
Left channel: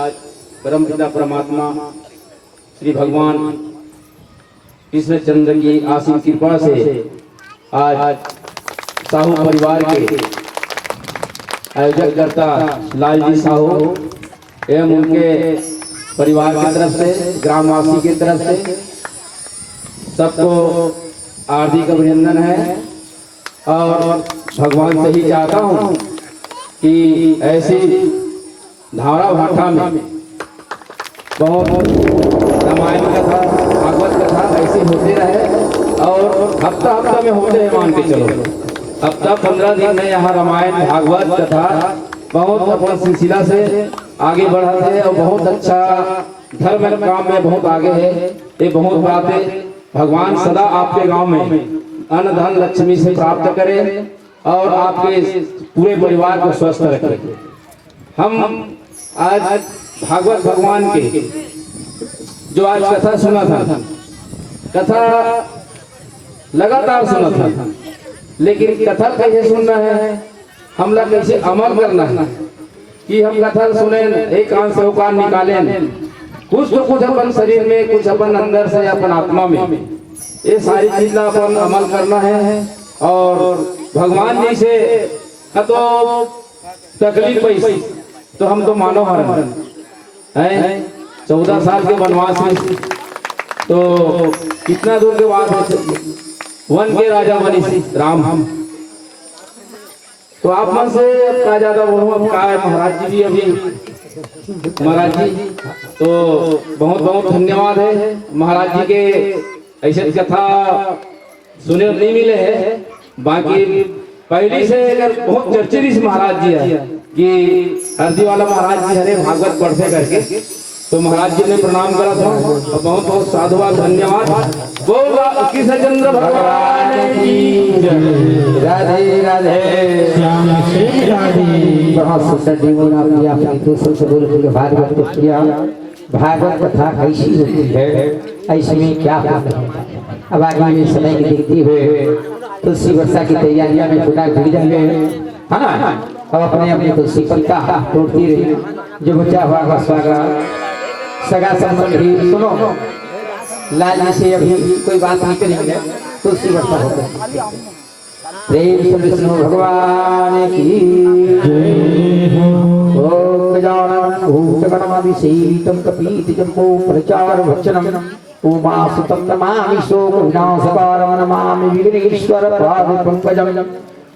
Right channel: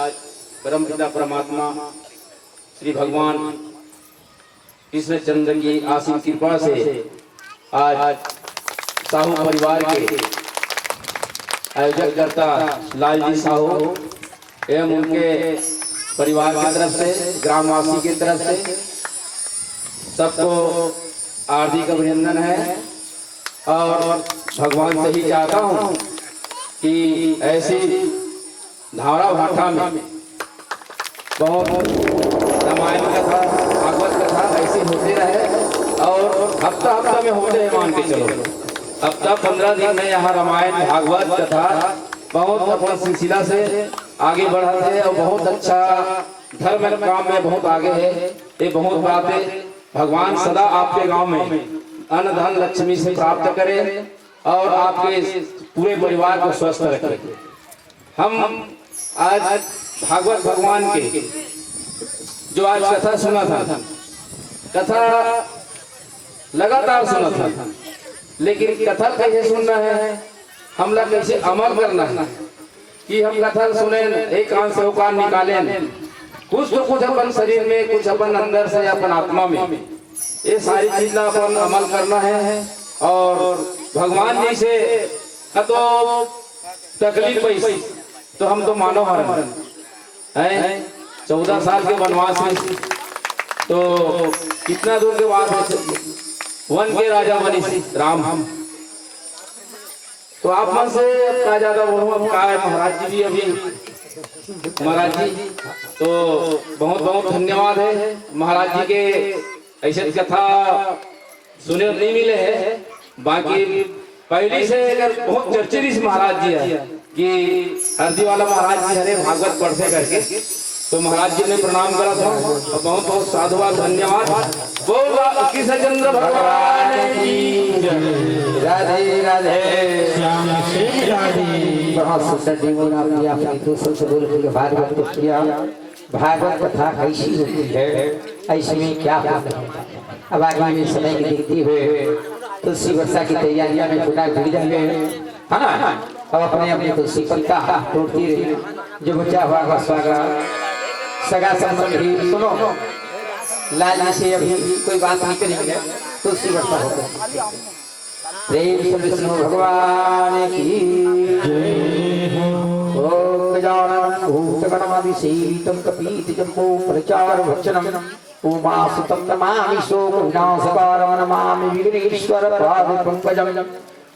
परम पिता परमात्मा श्री भगवान कृष्ण चंद्र की आशीष कृपा से आज साहू परिवार के आयोजक करता लालजी साहू एवं उनके परिवार की तरफ से, ग्रामवासी की तरफ से सबको हार्दिक अभिनंदन है। और भगवान से ही चाहता हूँ कि ऐसी धारा भाषा में बहुत रामायण कथा, भागवत कथा ऐसे होते रहे और हफ्ता हफ्ता में होते हैं, मान के चलो हफ्ता 15 दिन में यहाँ रामायण भागवत कथा बहुत अपना सिलसिला से आगे बढ़ा है और बहुत अच्छा धर्म काम में बहुत आगे है। ये बहुत बातें भगवान सदा आपके गांव में अन्न धन लक्ष्मी से प्राप्त करें और आपके पूरे परिवार को स्वस्थ रखें। हम आज भागवत भगवान के जो आज कथा सुना था, कथा लगातार सुना था, लेकिन कथा कैसे सुनना है, हम लोग कैसे अमल करना है कि हम कथा सुने, एक कान से वो कान निकालें, कुछ तो कुछ अपन शरीर में, कुछ अपन अंदर से, अपन आत्मा में, ये सारी चीज अपन अमल करना है। और भगवान जी से तो तकलीफ पैसी तो हम तो मानव हरण है। 14 साल के वनवास में तो कितना दूर के बाद वन के राजा बनी राम। हम तो आप मन से क्या ज्यादा बोलूं, क्या है महाराज जी भी अभी महाराज जी तो बहुत बहुत धन्यवाद है महाराज जी के। ऐसे कथा सुने नहीं मिले हैं, बाकी पहले से अगर बहुत चर्चित महाराज जी है कि हरदी वाला महाराज जी हरे भागवत पढ़ते करके तो महाराज जी ने प्रणाम करा था और बहुत बहुत साधुवाद धन्यवाद। बोला कृष्णचंद्र भगवान की जय। राधे राधे श्याम श्री राधे। बहुत सुंदर जीवन आपने अपने दूसरों से बोल के भागवत को किया। भागवत कथा कैसी होती है, ऐसे में क्या होता है। अब आगे में समय की देखते हुए तुलसी वर्षा की तैयारियां में जुटा जुड़ जाएंगे, है ना। अब अपने अपने तुलसी पत्ता तोड़ती रही, जो बचा हुआ का स्वागत सगा संबंधी सुनो, लाल से अभी कोई बात नहीं करेंगे, तुलसी वर्षा होगा। प्रेम से विष्णु भगवान की जय हो। ओम गजानन भूतगणमभिसेवितं कपीतिजम्बो प्रचार भक्षणम् उमासुतं नमामि शोक विनाशकारं नमामि विघ्नेश्वर पादपङ्कजं।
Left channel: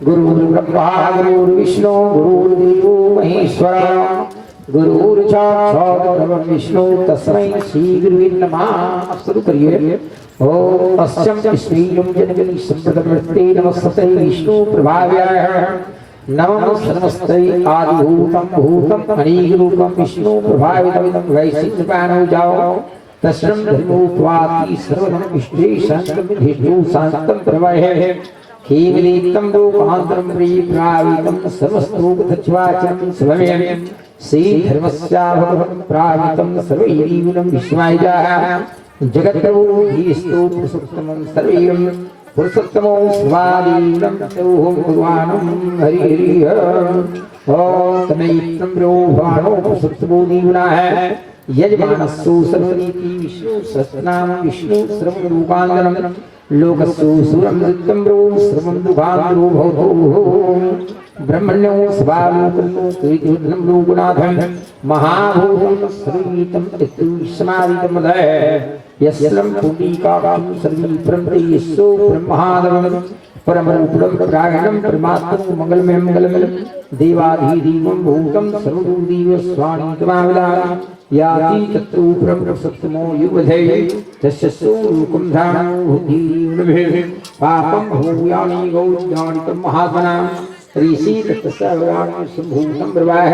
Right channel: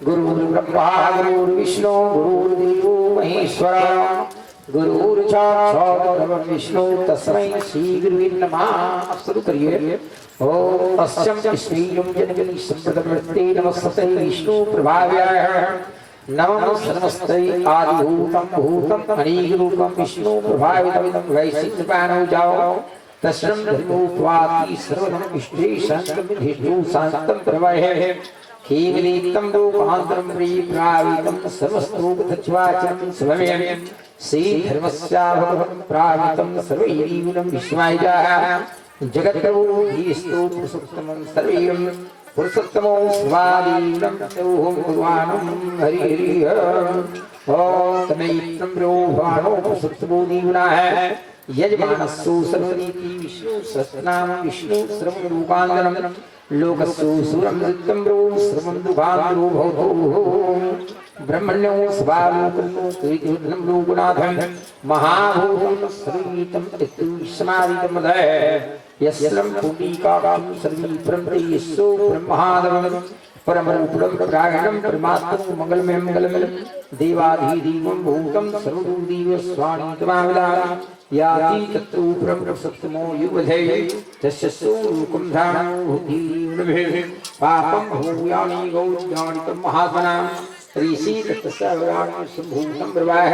गुरुर्ब्रह्मा गुरुर्विष्णु गुरुर्देवो महेश्वरः गुरुर्साक्षात् परब्रह्म तस्मै श्री गुरुवे नमः। शुरू करिए। ओम अस्यं श्रीलं जनगणि संप्रदमस्ते नमस्ते विष्णु प्रभाव्याय नमः सर्वस्ते आदिभूतं भूतं अनीरूपं विष्णु प्रभावितं वैशिष्ट्यपानो जाओ तस्रं धर्मोत्वाति सर्वं विष्णे शान्तं विधिषु शान्तं प्रवहे केवलीतं रूपान्तरं प्रियप्रावितं सर्वस्तोपधज्वाचं स्वमेव श्री धर्मस्या भगवन् प्रावितं सर्वैरीवनं विश्वायजाः जगत्तवो धीस्तु पुरुषोत्तमं सर्वैरं पुरुषोत्तमो स्वादीनं तोहं भगवानं हरि हरि ओम तमेत्रं ब्रोभाणो पुरुषोत्तमो दीवनाः यजमानस्सु सर्वनीति विष्णु सहस्रनाम विष्णु सर्वरूपांगनं लोकस्सु सुरं नृत्यं ब्रो सर्वं दुःखान्तो भवतो ब्रह्मण्यो स्वालोकनो कृतिर्नं लोकनाथं महाभूतं सर्वीतं समादितमदः यस्लं पुण्डिकां सर्वी प्रमते यस्सो ब्रह्मादवं परमरूपं प्रागणं परमात्मं मंगलमयं मंगलमयं देवाधिदेवं भूतं सर्वदेव स्वामीतमाविदा याति तत्तु ब्रह्मसत्तमो युवधे तस्य स्वरूपं धामो भूतिर्नभे पापं भूयानि गौज्ञानितं महात्मनां ऋषि तत्सवराणि सम्भूतं ब्रवाह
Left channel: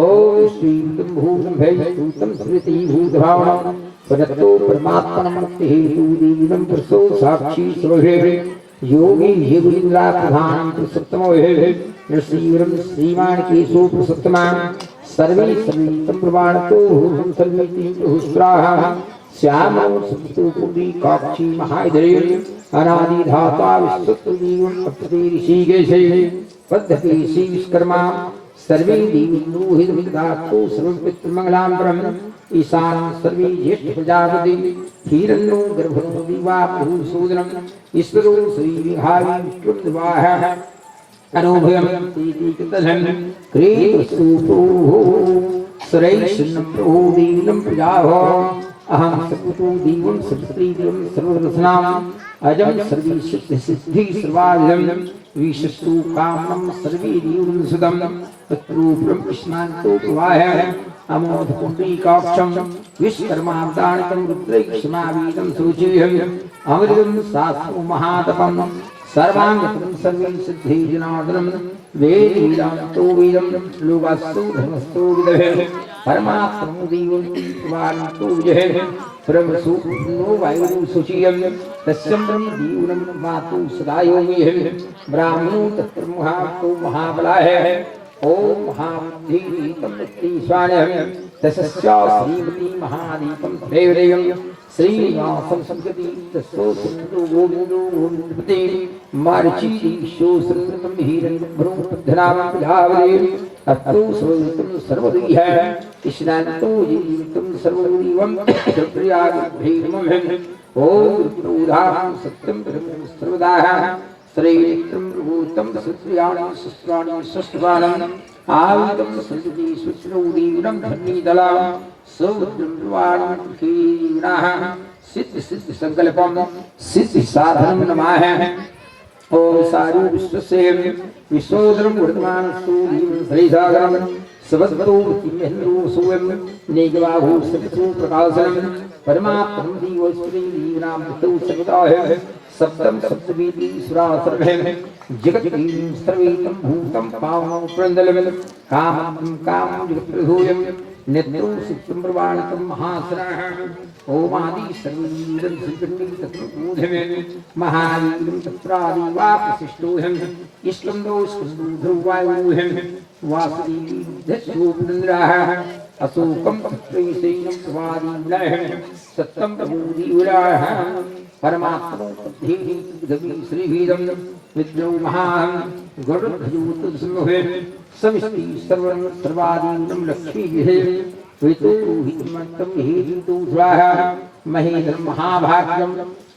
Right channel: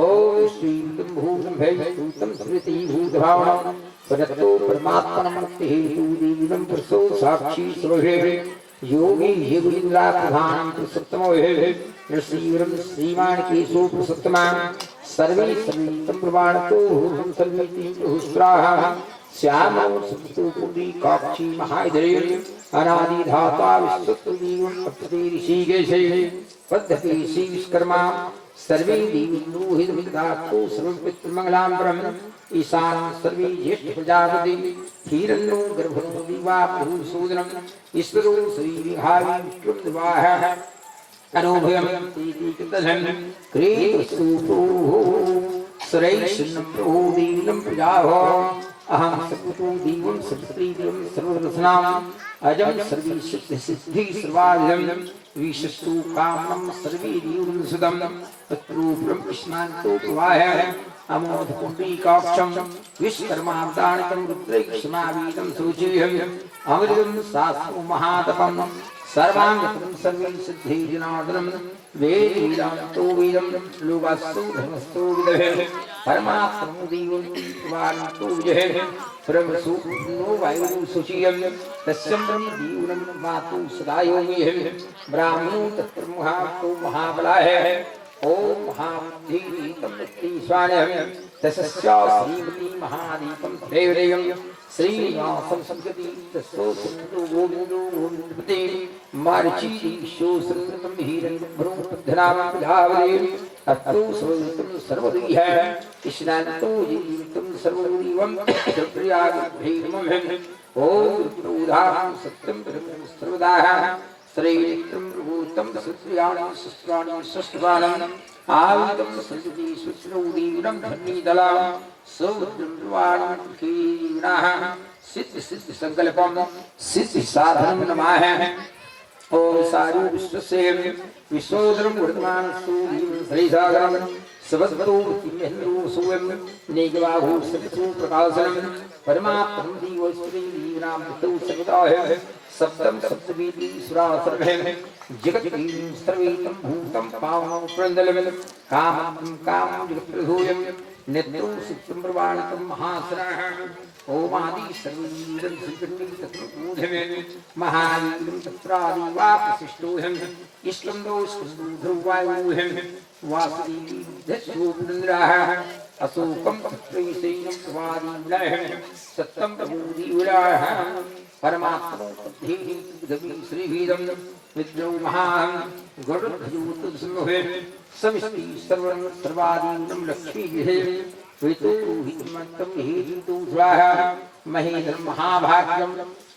ओम श्रीतं भूतं भैभूतं स्मृति भूतभावनं परतो परमात्मनं मुक्ति हेतु देवीनं पुरुषो साक्षी स्वभे योगी योगिन्द्रा प्रधानं पुरुषोत्तमो हे नृसिंहं श्रीमान केशो पुरुषोत्तमा सर्वे सर्वीतं प्रमाणतो भूतं सर्वेति बहुस्राः श्यामं सुतो पुण्डरीकाक्षी महाधरे अनादि धाता विश्वत्वदीवं पठते ऋषिकेशे पद्धति श्री विश्वकर्मा सर्वे देवीन्द्रो हितविदातो सर्वं पितृमंगलां परम् ईशान सर्वे ज्येष्ठ प्रजापति हिरण्यो गर्भो दिवा भूषोदनम् ईश्वरो श्री विहारी विष्णुर्वाह अनुभयं तीति कृतधन क्रीतसूतो सुरैषन्नं प्रभो देवीनं प्रजाहो अहं सपुतो देवं सपुत्रीदेवं सर्वरत्नाम् अजं सर्वे सिद्धि सर्वाधिदं विशस्तु कामं सर्वे देवं सुदं तत्रूपं कृष्णान्तो प्रवाह अमोध पुण्डरीकाक्षं विश्वकर्मावतारणं रुद्रैक्षमावीतं सूचयेयम् अमृतं शास्त्रं महातपं सर्वांगतं सर्वे सिद्धि जनार्दनं वेद वेदान्तो वेदं लोकास्तु धर्मस्तु विदहे परमात्मनो देवं वान्तो विजहे परमसु नो वायुः सुचियं तस्यं देवनं मातु सदा योगिः ब्राह्मणो तत्र महातो महाबलाः ओम महाधीतं नित्यस्वानः तस्या श्रीमती महादीपं देवदेवं श्रीनिवासं संगति तस्सो सिंधु गोविंदो गोविंदपते मार्ची शोसृतं हिरण्यभ्रो प्रधनामं प्रजावदेव अस्तु सर्वं सर्वदीह कृष्णान्तो जीवितं सर्वदेवं प्रयागभीमं ओम रुद्रोधां सत्यं ब्रह्म सर्वदाः श्रीनित्रं भूतं सुत्रियाणि शस्त्राणि शस्त्रपाणम् आयुधं संयुति सुत्रौदीनं धन्नीदलां सौद्रं कीनाः सिद्ध सिद्ध संकल्पं सिद्ध साधनं नमाः ओम सारू विश्वसेन विश्वोदरं वर्तमान सूर्यं श्रीसागरं सबद्धो किमेन्द्रो सुवं नेगवाहु सत्सु प्रकाशनं परमात्मं दीवस्त्री दीवनां तो सर्वदाः सप्तम सप्तवीति सुरासर्भे जगद्गीं सर्वेतं भूतं पावनं प्रन्दलमिदं कामं कामं जगत्प्रभूयं नेत्रं सुप्तं प्रवाणतं महासरः ओमादि सर्ववीरं श्रीकृष्णं तत्त्वबोधमे महावीरं तत्रादिवा प्रतिष्ठोऽहम् इष्टं दोष्टं ध्रुवायुहम् वासुदेवी दशोपन्द्राः अशोकं तत्रैशैनं प्रवादीविलाहम् सत्यं प्रबोधिविलाः परमात्मा श्रीभीदं विद्रो महान् गरुडभूतसिंहे समिष्टि सर्वं सर्वादीनं लक्ष्मीभिः वितोहितमन्तं हेतु स्वाहा महेन्द्रं महाभाग्यं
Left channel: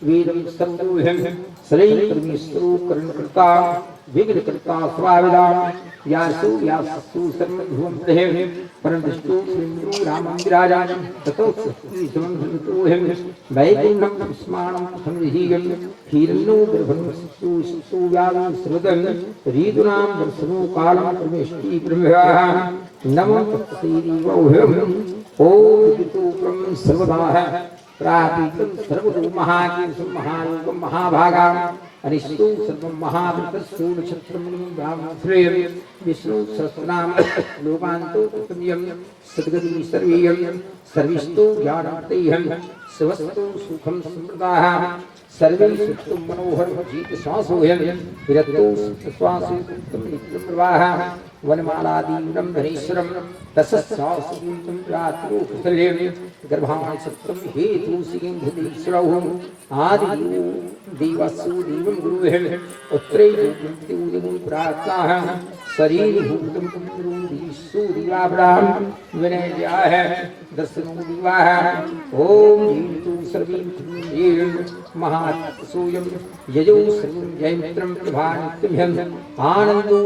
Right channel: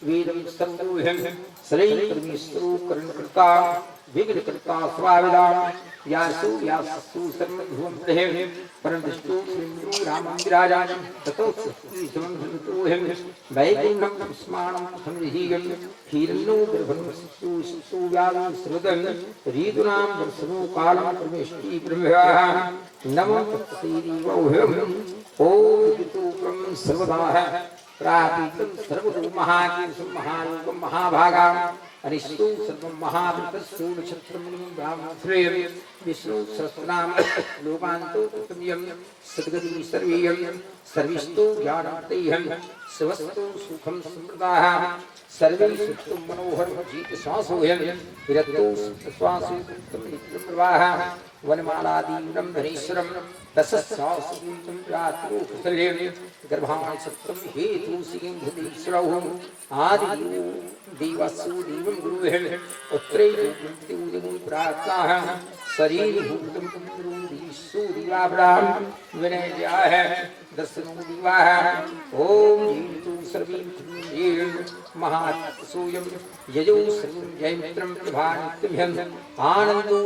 वीरं सर्वोहं श्रीकर्मेश्वरो करणकृता विघ्नकृता स्वाविदां व्यासो व्यासस्तु सर्वध्रुवं प्रहे परमदृष्टो श्रीन्द्रो रामं विराजानं ततो श्रीसमन्वितोऽहं वैकुण्ठं स्मानं संविधीयं हिरण्यो गर्भं शिशु व्यालं श्रुतं रीतूनां दर्शनो कालं परमेष्टि ब्रह्मवाः नमो तत्सैरीवौहम् ॐ वितोकं सर्वदाः प्रापीतं सर्वतो महाकीर्षं महायोगं महाभागाम् अनिष्टो सर्वं महावृतस्यो नक्षत्रं ब्राह्मणश्रेयं विष्णु सहस्रनाम लोकान्तो तत्तमयं सद्गति सर्वेयं सर्विष्टो ज्ञानमतैहं स्वस्तो सुखं समृद्धाः सर्वे सुखं मनोहर जीत श्वासोऽयं विरक्तो श्वासो नित्यं प्रवाहः वनमालादीनं धनेश्वरं तस्यास्तीं रात्रो कुशलेन गर्भाणि सत्रं हेतु सिंहदेश्वरौ आदियो देवस्सु देवं गुरुः उत्तरे उदिमुं प्राप्ताः शरीरभूतं गुरुदीशो दिवाभ्राम विनयाः दर्शनो दिवाः ॐ जीवितो सर्वे महात्सोऽयं यजो सर्वं जयमित्रं प्रभानित्यभ्यं आनन्दो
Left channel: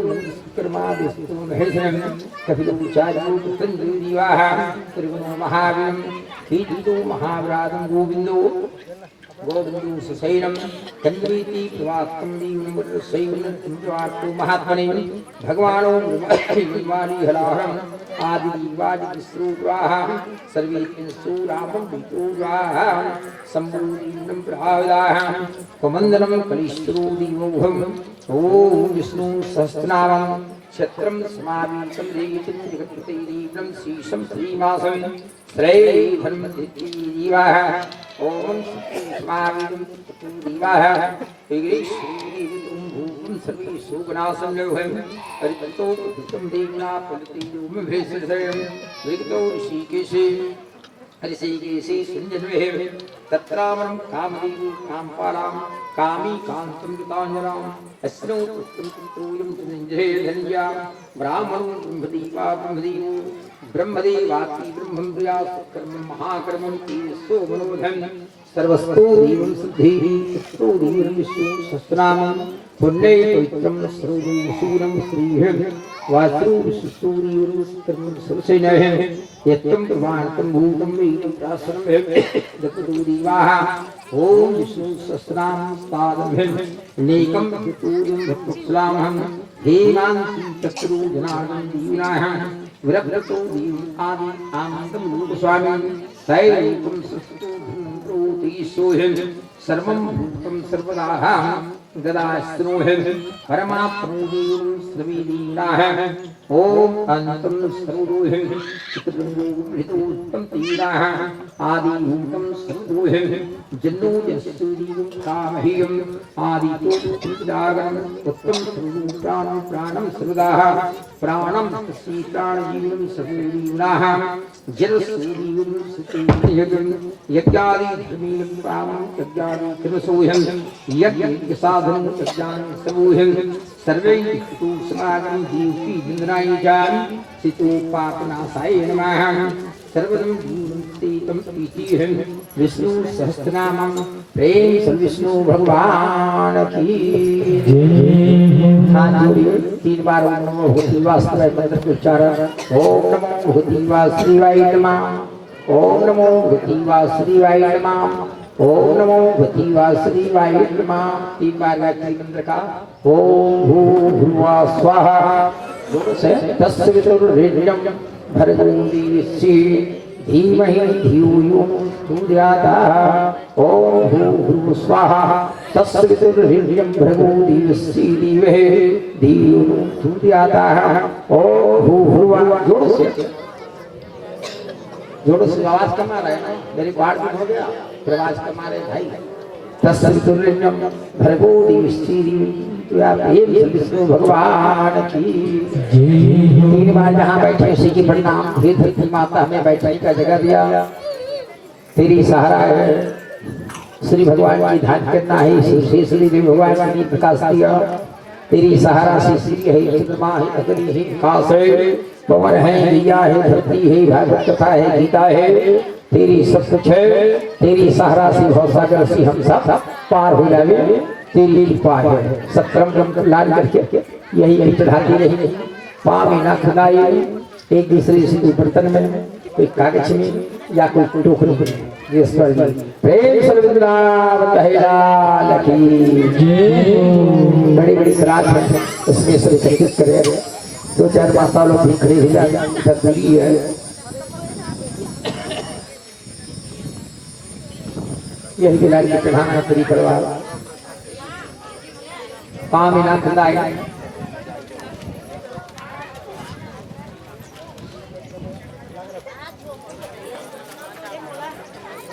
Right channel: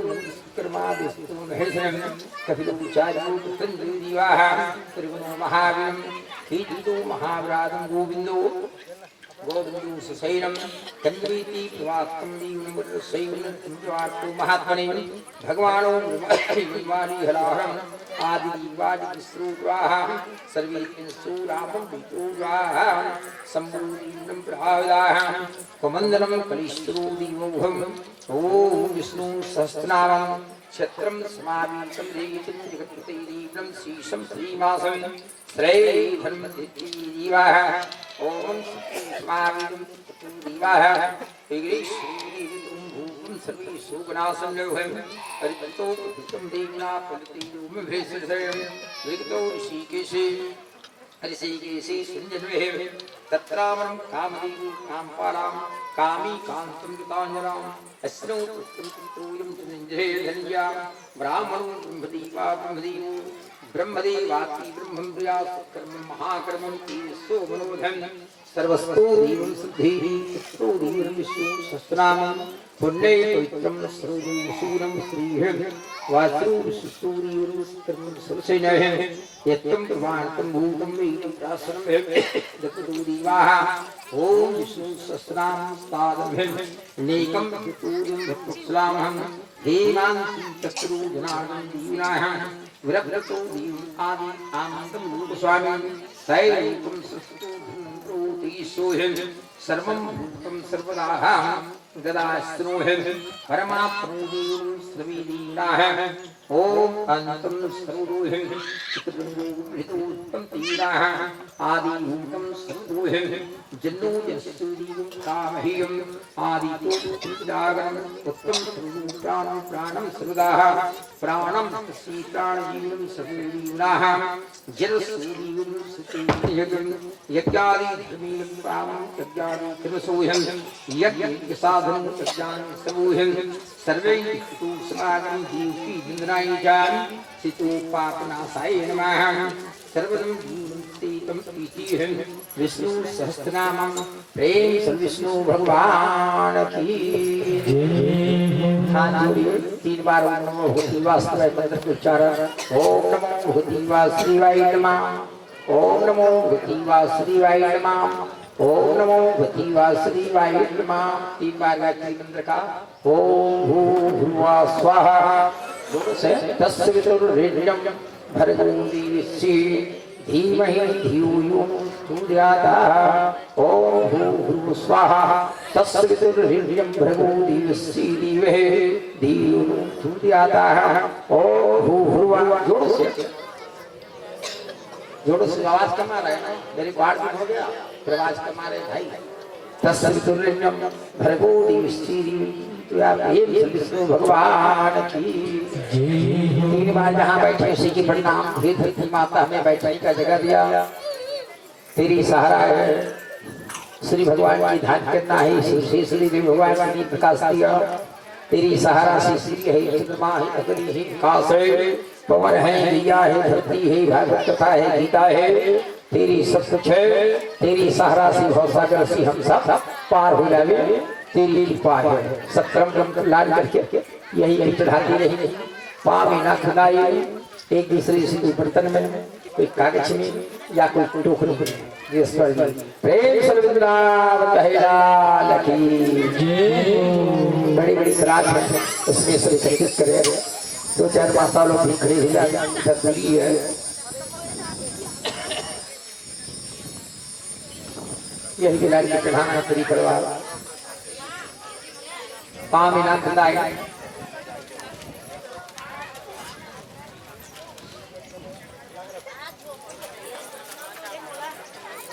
कर्मादिस्तु महेशनं कपिलो चार्यो तञ्जोदिवाः त्रिगुणो महावीरं कीर्तितो महाव्रातं गोविन्दो गोविन्दो सशैलं कन्वीति प्रवाक्तं दीवनमृतशैवनवार्तो महात्मने भगवानो निर्वाणीहलाहरम् आदिवादिस्रूपाः सर्वे रामं वितोराः सम्भूतं प्राविदाः कमन्दनं कलिष्ठो दिवोहम् ॐ विष्णु सहस्रनामं क्षत्रं समावीतं देवीं जगत्पतिदेवं शीशं श्रीमासं श्रीधर्मदिवाः ॐ समावीतं दिवाः श्रीदेवीं सर्वे शोकनाशं लोहं परिततो कृतं देवना पलितो भेषजं विगतो ऋषिकेशे ऋषिकेशे सुञ्जन्वेः तत्रामं कामदेवो कामपालां कामी कान्तं गताञ्जनाम् अस्नो पुत्रं धनञ्जया ब्राह्मणो ब्रह्मदेवा ब्रह्मदेवो ब्रह्मदेवाति ब्रह्मं प्रयास कर्म महाकर्मं तेजसो मनोधन सर्वस्तो देवं सिद्धिः तत्रो देवं विष्णु सहस्रनामं पुण्ये पवित्रं सर्वं शूरं श्रीः वासु विश्वसूर्यं कर्म सर्वसेनः यत्तं प्रमाणतं भूतं वेदं प्रासनं दत्तो देवाः ॐ विष्णु सहस्रनामं पादं नेकं चतुर्यं भक्तस्लामहं हेमान्ति तत्रो जनार्दन दीनाः विरक्तो दीव आदि आनन्दं लोकस्वामी तैरेकं सस्तु सोहं सर्वं भूतं सर्वदाः गदास्त्रोहं परमात्मोदीं श्रवीदीनाः ॐ अन्तं सर्वोहं चित्रबन्धुहितोत्तम तीराः आदिभूतं सर्वोहं जन्नो यस्तुदीवं कामह्यं आदितो चिदागं उत्तम सर्वं प्राणं सर्वदाः प्राणं तस्य प्राणजीवनं सर्वजीवनाः जलसूदीवं सुतेजं यज्ञादि धर्मीयं कामं यज्ञादि कर्मसोहं यज्ञ साधनं यज्ञानं सर्वोहं सर्वे तु समागं जीवकी वन्दनाय जामि सितोपापनाशाय नमः सर्वं जीवन्तेकं इतिहं विष्णु सहस्रनामं प्रेम से विष्णु भगवान की तीन बार ओम नमो भगवते वासुदेवाय मंत्र के उच्चारण ओम नमो भगवते वासुदेवाय नमः ओम नमो भगवते वासुदेवाय नमः ओम नमो भगवते वासुदेवाय नमः तीन बार गायत्री मंत्र का ओम भूर्भुवः स्वाहा तस्य वितुर्वरेण्यं भर्गो देवस्य धीमहि धियो यो सूर्यातः ओम भूर्भुवः स्वाहा तस्य वितुर्वरेण्यं भर्गो देवस्य धीमहि धियो यो सूर्यातः ओम भूर्भुवः जोड़ों से आवाज कमा रहे हैं मेरी बाढ़ भी हो गया फिर आवाज कमा रहे भाई तस्वीर भरगो विष्णु भगवान की 3 बार जहाँ बैठे उसी की परिणाम हे धरती माता हमें बैठने का जगह दिया तेरी सहारा है श्री भगवान की ध्यान करना है श्री भगवान ने प्रकाश दिया तेरी सहारा से श्री है चंद्रमा है अग्नि है काश है पवन है दिया है धरती है भागवत कथा है गीता है तेरी सब कुछ है तेरी सहारा से भवसागर से हम सब पार हो जावे तेरी कृपा है सक्रम लाल करके यही चढ़ाती रही पाँव में ना खुदाई एक दूसरे से बर्तन में कोई कागज में या कोई टोकरी में प्रेम बड़ी बड़ी रात है उसमें सब एकत्रित करे 2-4-5 सालों भी खड़े हो जाए है यही बिलाड़ी के प्रधानमंत्री परिवार पाँव में ना खुदाई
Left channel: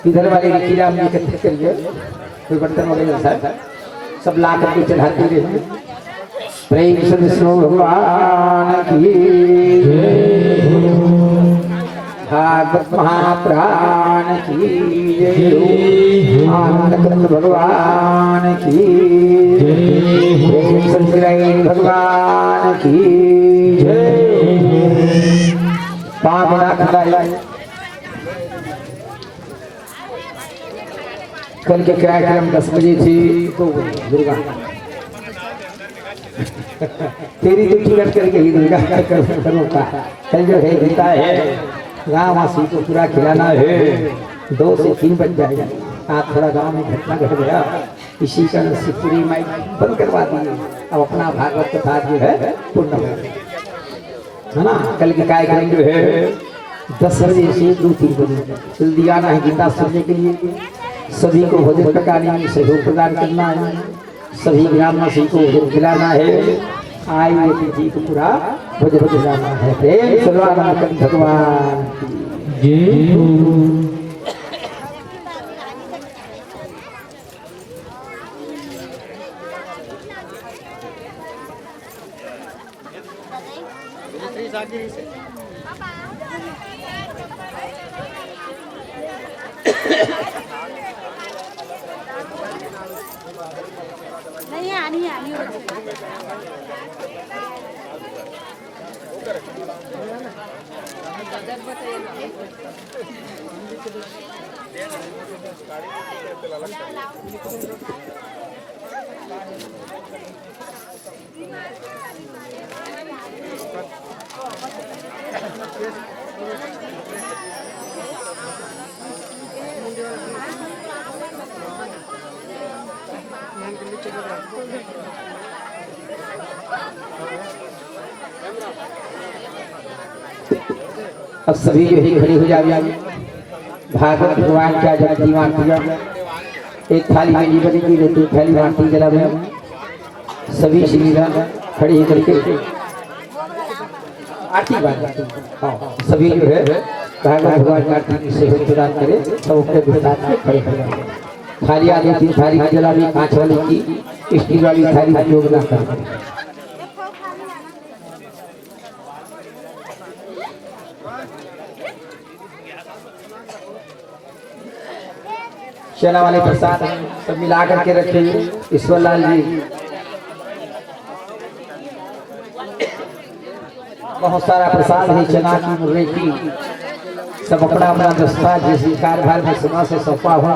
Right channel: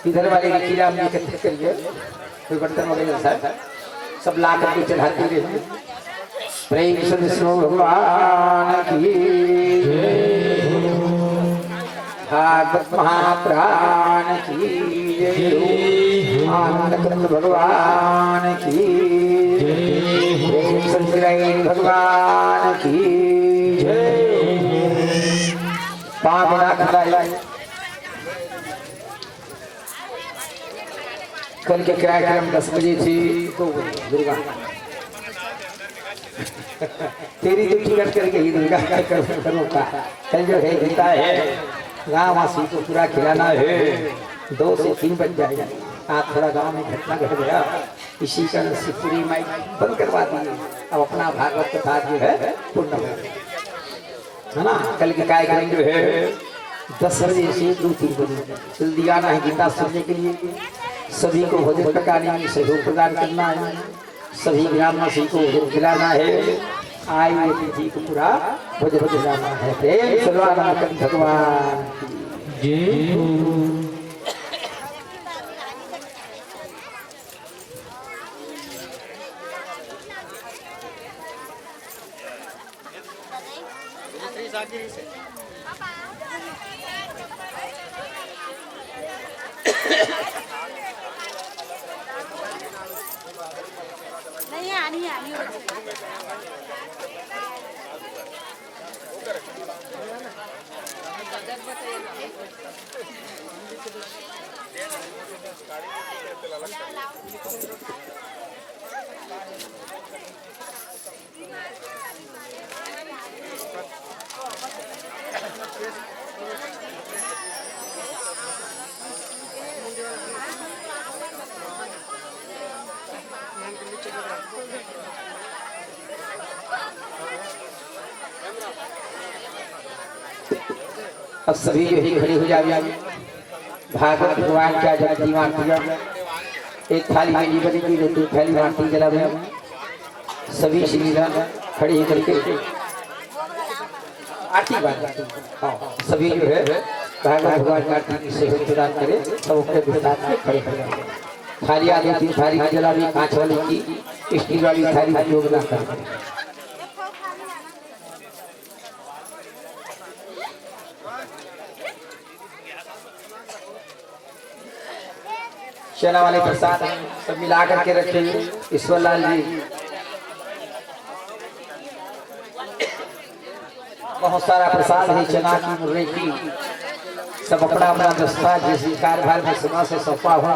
इधर वाले खीरा में एकत्रित करिए कोई बर्तन वगैरह सब ला करके चढ़ाते रहे प्रेम से विष्णु भगवान की भागवत महाप्राण की आनंद भगवान की प्रेम से भगवान की पाँव ना खुदाई कल के कार्यक्रम 10 बजे थी तो दुर्गा तेरी तो टिकट कर गई दुर्गा करो का कल जो है गीता है गाँव वासी को पूरा खिलाना है 2 से 3 बज जाएगा आज थोड़ा गांव में घटना घट गया इसी कारण से पूरी माइक बंद करवा दिए अब अपना भागवत कथा जो है पूर्ण है ना कल के कार्यक्रम जो है 10 बजे से 2-3 बजे जल्दी आना है गीता सुनने के लिए सभी को भोजन पकाने में सहयोग प्रदान करना है सभी ग्रामवासी को भोजन खिलाना है आए हुए तिथि को पूरा भोजन खिलाना है प्रेम सर्वानंद भगवान की नहीं आनी अब सभी जो ही खड़े हो जाए भागवत भगवान का जब दीवान किया एक थाली में ली बनी की तो थाली बांटी जला में सभी श्रीराम खड़े करके आरती बात सभी जो है भागवत भगवान की आरती से प्रदान करे सब अपने विस्तार में खड़े खड़े थाली आगे 3 थाली जला में कांच वाली की स्टील वाली थाली उपयोग ना करें चना वाले प्रसाद सब मिला करके रखे ईश्वरलाल जी बहुत सारा प्रसाद है चना की मुर्रे की सब अपना अपना दस्ता जैसे कार्यभार में समय से सौंपा हुआ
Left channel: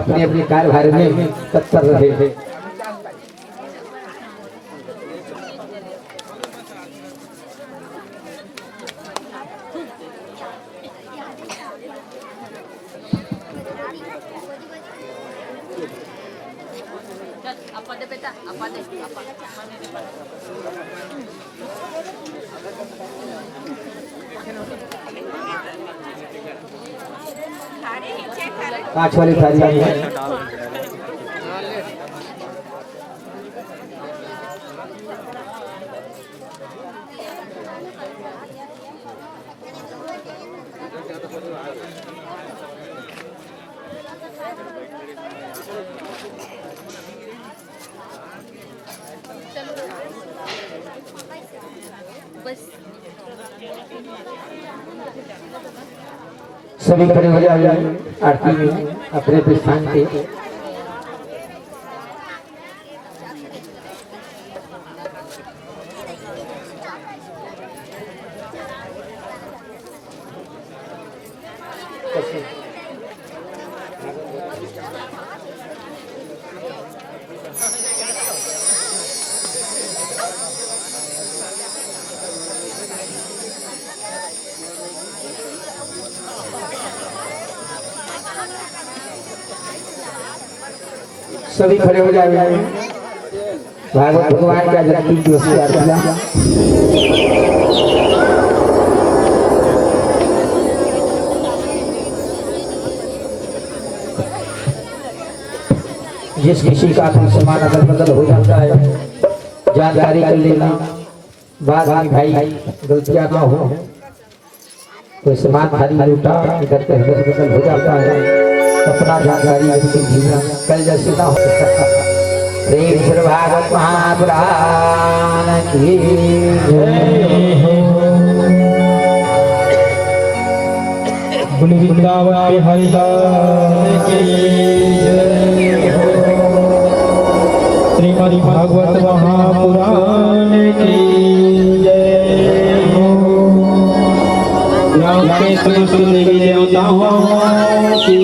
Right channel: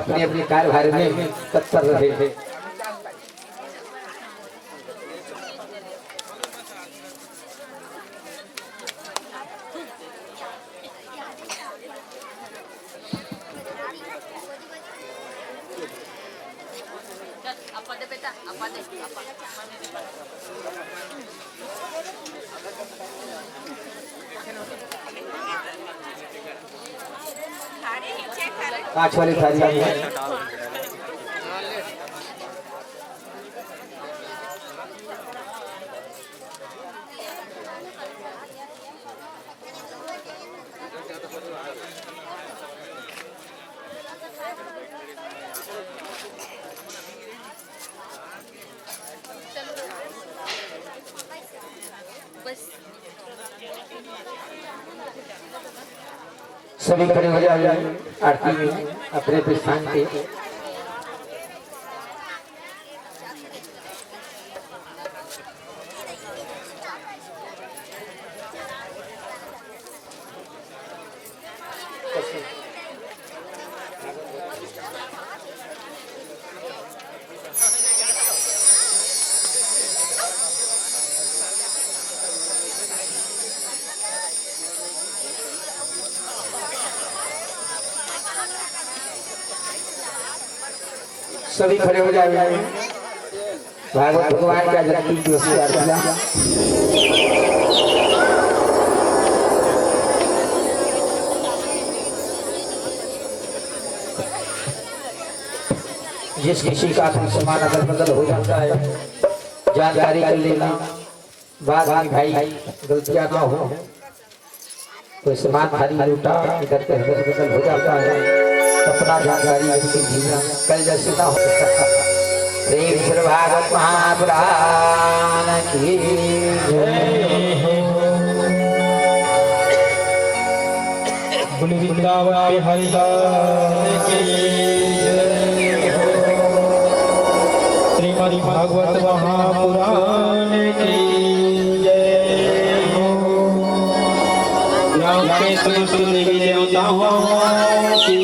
अपने अपने कार्यभार में तत्पर रहे हैं apa deh 5 वाली थाली आई है। सभी खड़े हो जाए आरती में अपने अपने स्थान पे। सभी खड़े हो जाए भागवत भगवान का जन्मदिन दिवस की आरतियां। जिस किसी का भी समान अदल बदल हो जाता है जानकारी कर लेना, बाद में भाई गलतियां ना हो। कोई समान भारी लूटा इधर के अदल बदल हो जाता है, अपना जानकारी जीना कल जैसे ना हो। प्रेम श्री भागवत महापुराण की वृंदावन बिहारी लाल की जय हो। श्रीमद् भागवत महापुराण की जय हो। राम के समस्त देवी देवताओं की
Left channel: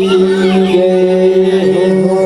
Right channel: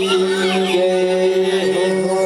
जय हो।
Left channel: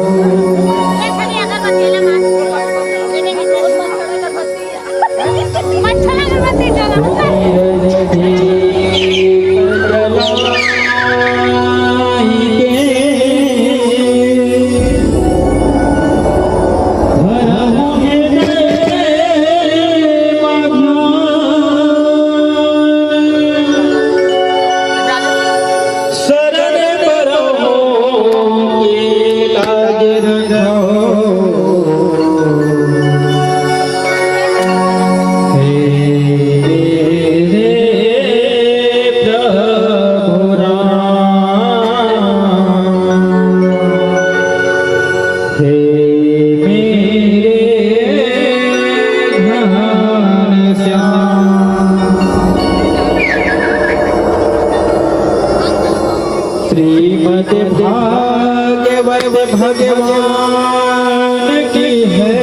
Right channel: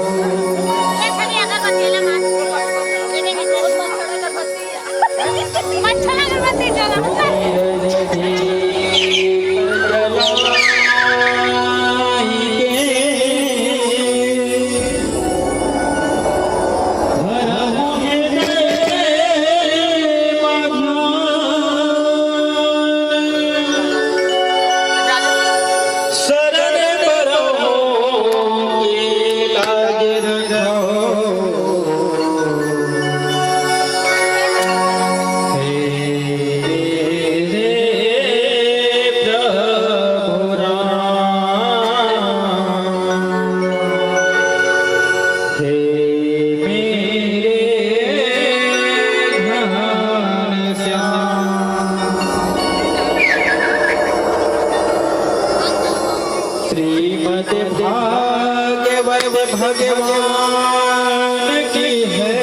श्रीमद् भागवत भगवान की है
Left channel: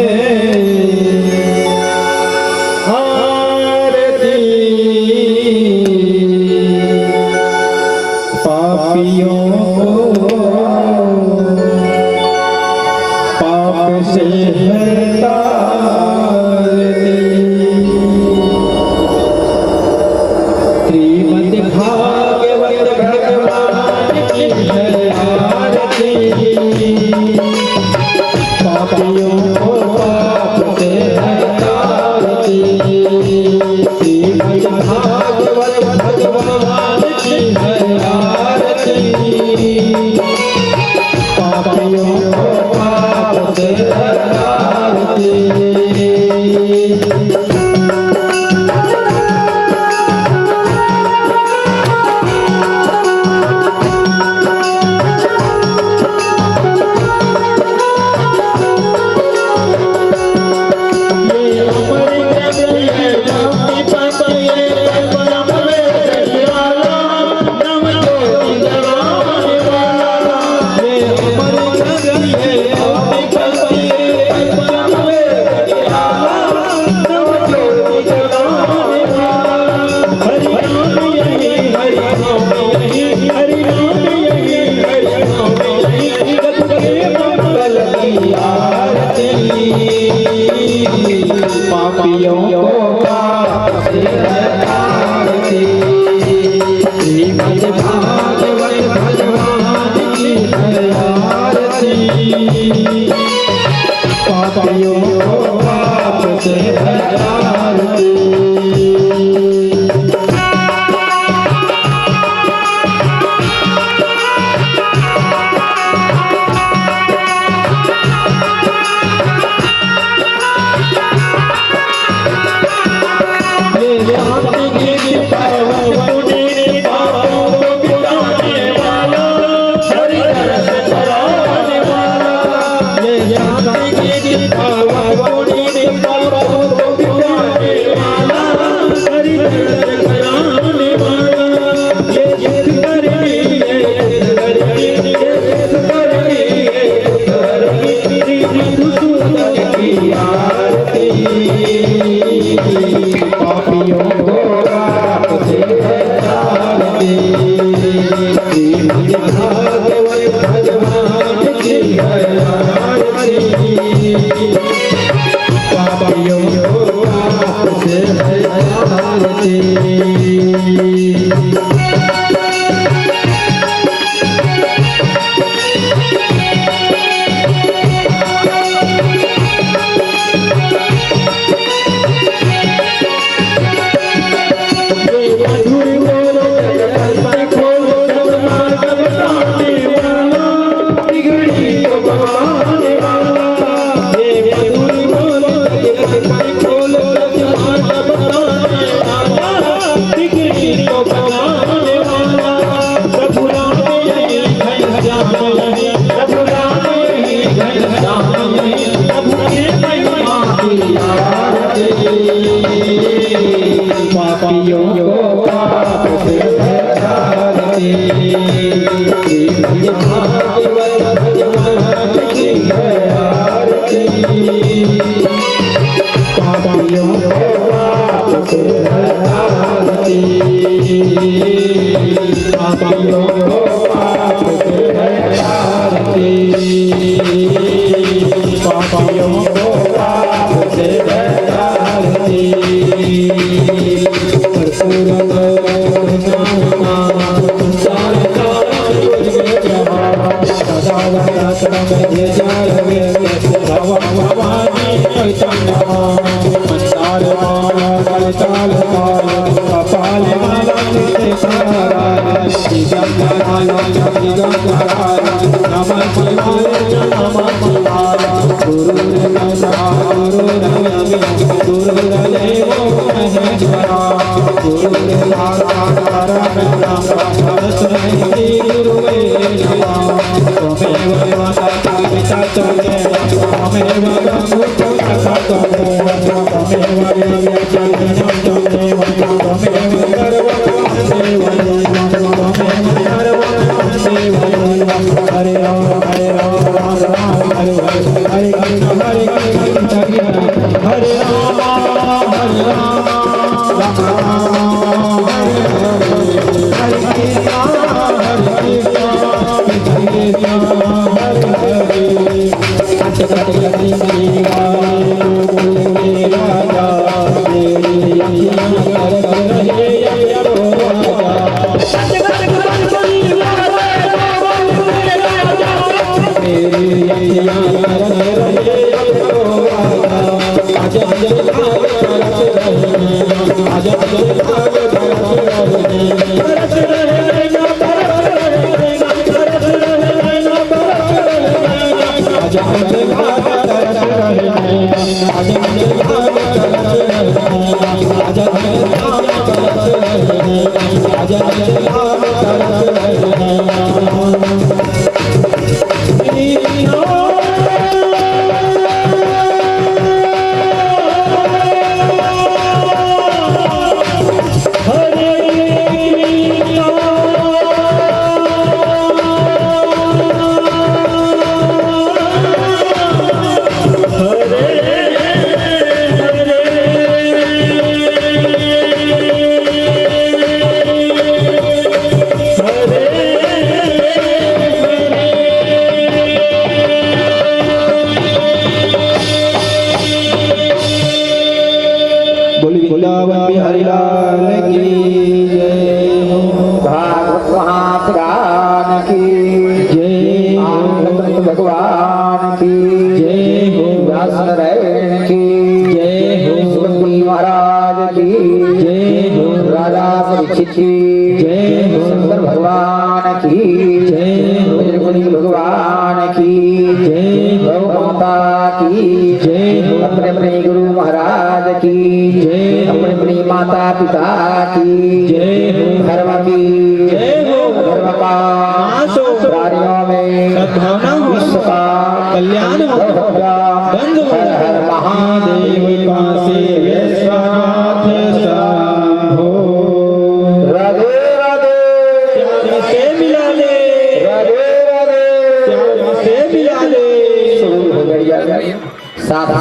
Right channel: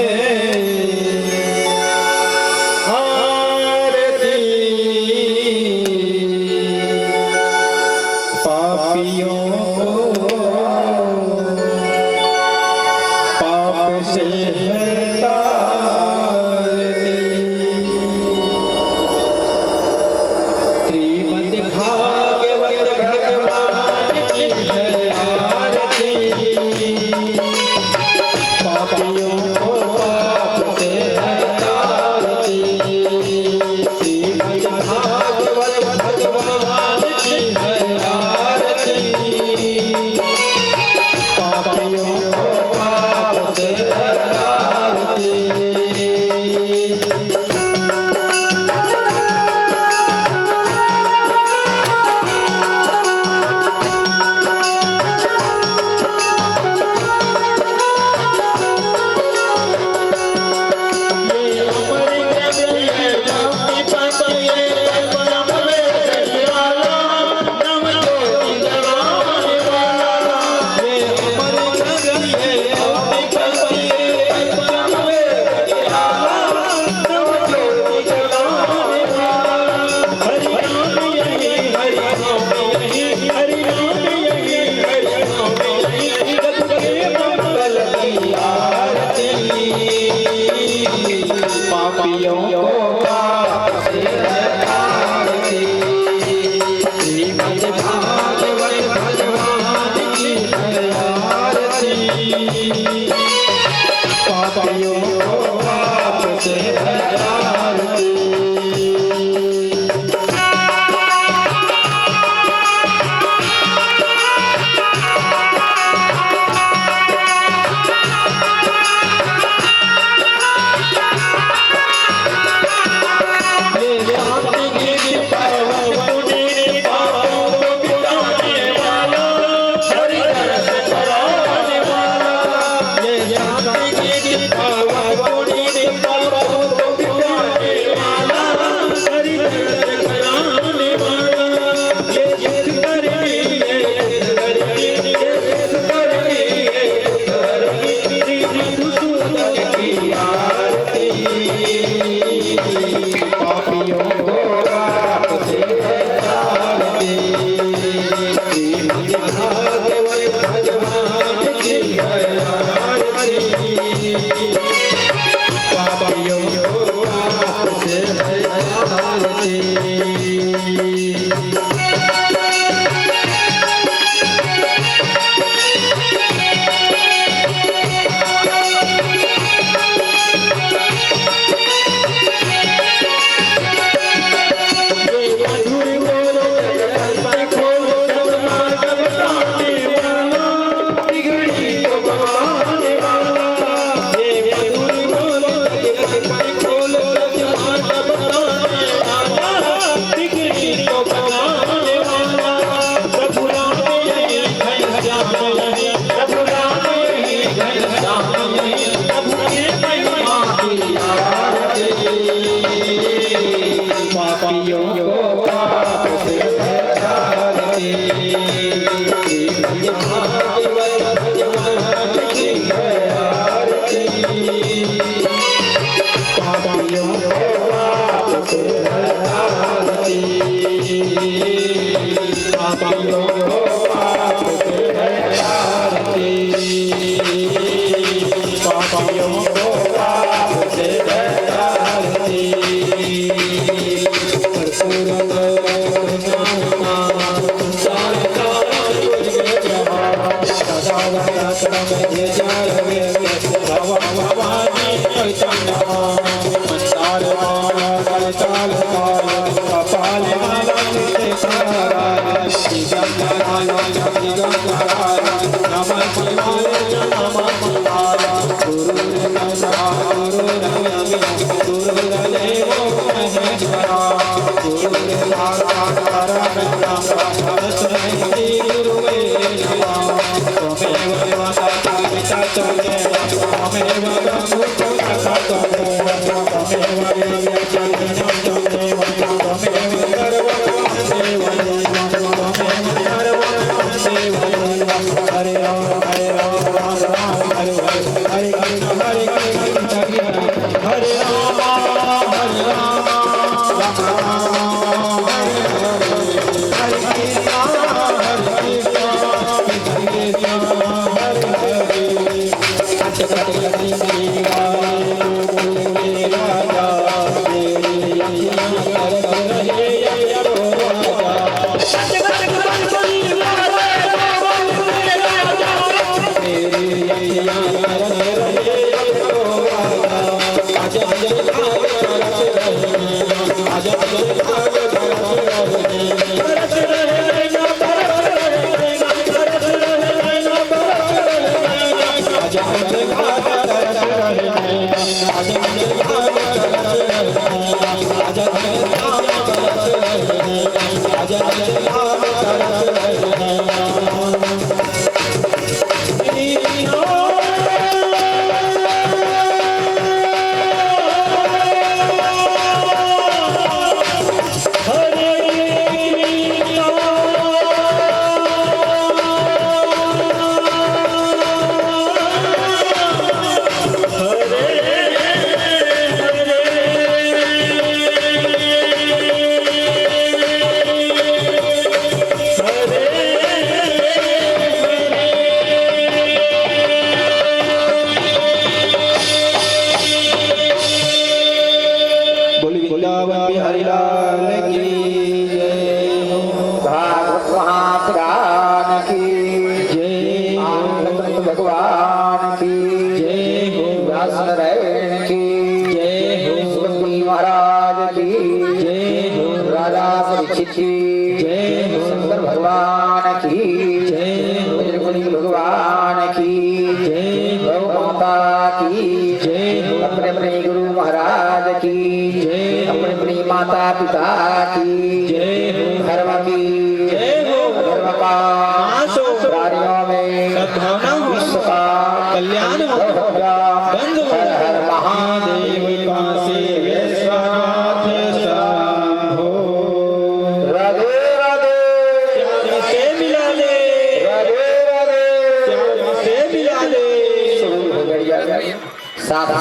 आरती। पापियों को पाप से तारती। श्रीमद् भागवत भगवान की है आरती। पापियों को पाप से तारती। श्रीमद् भागवत भगवान की है आरती। पापियों को पाप से तारती। ये अमर ग्रंथ है, साथ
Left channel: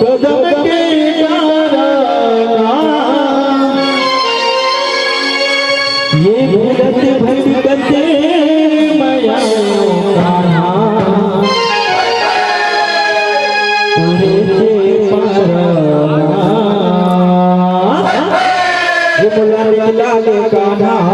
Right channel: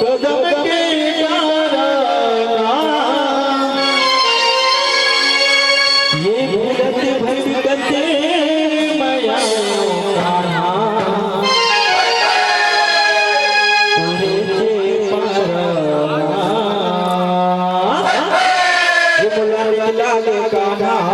कदम के ये भगत भटकते माया कान्हा तुझे पारा ये मुला लाल कान्हा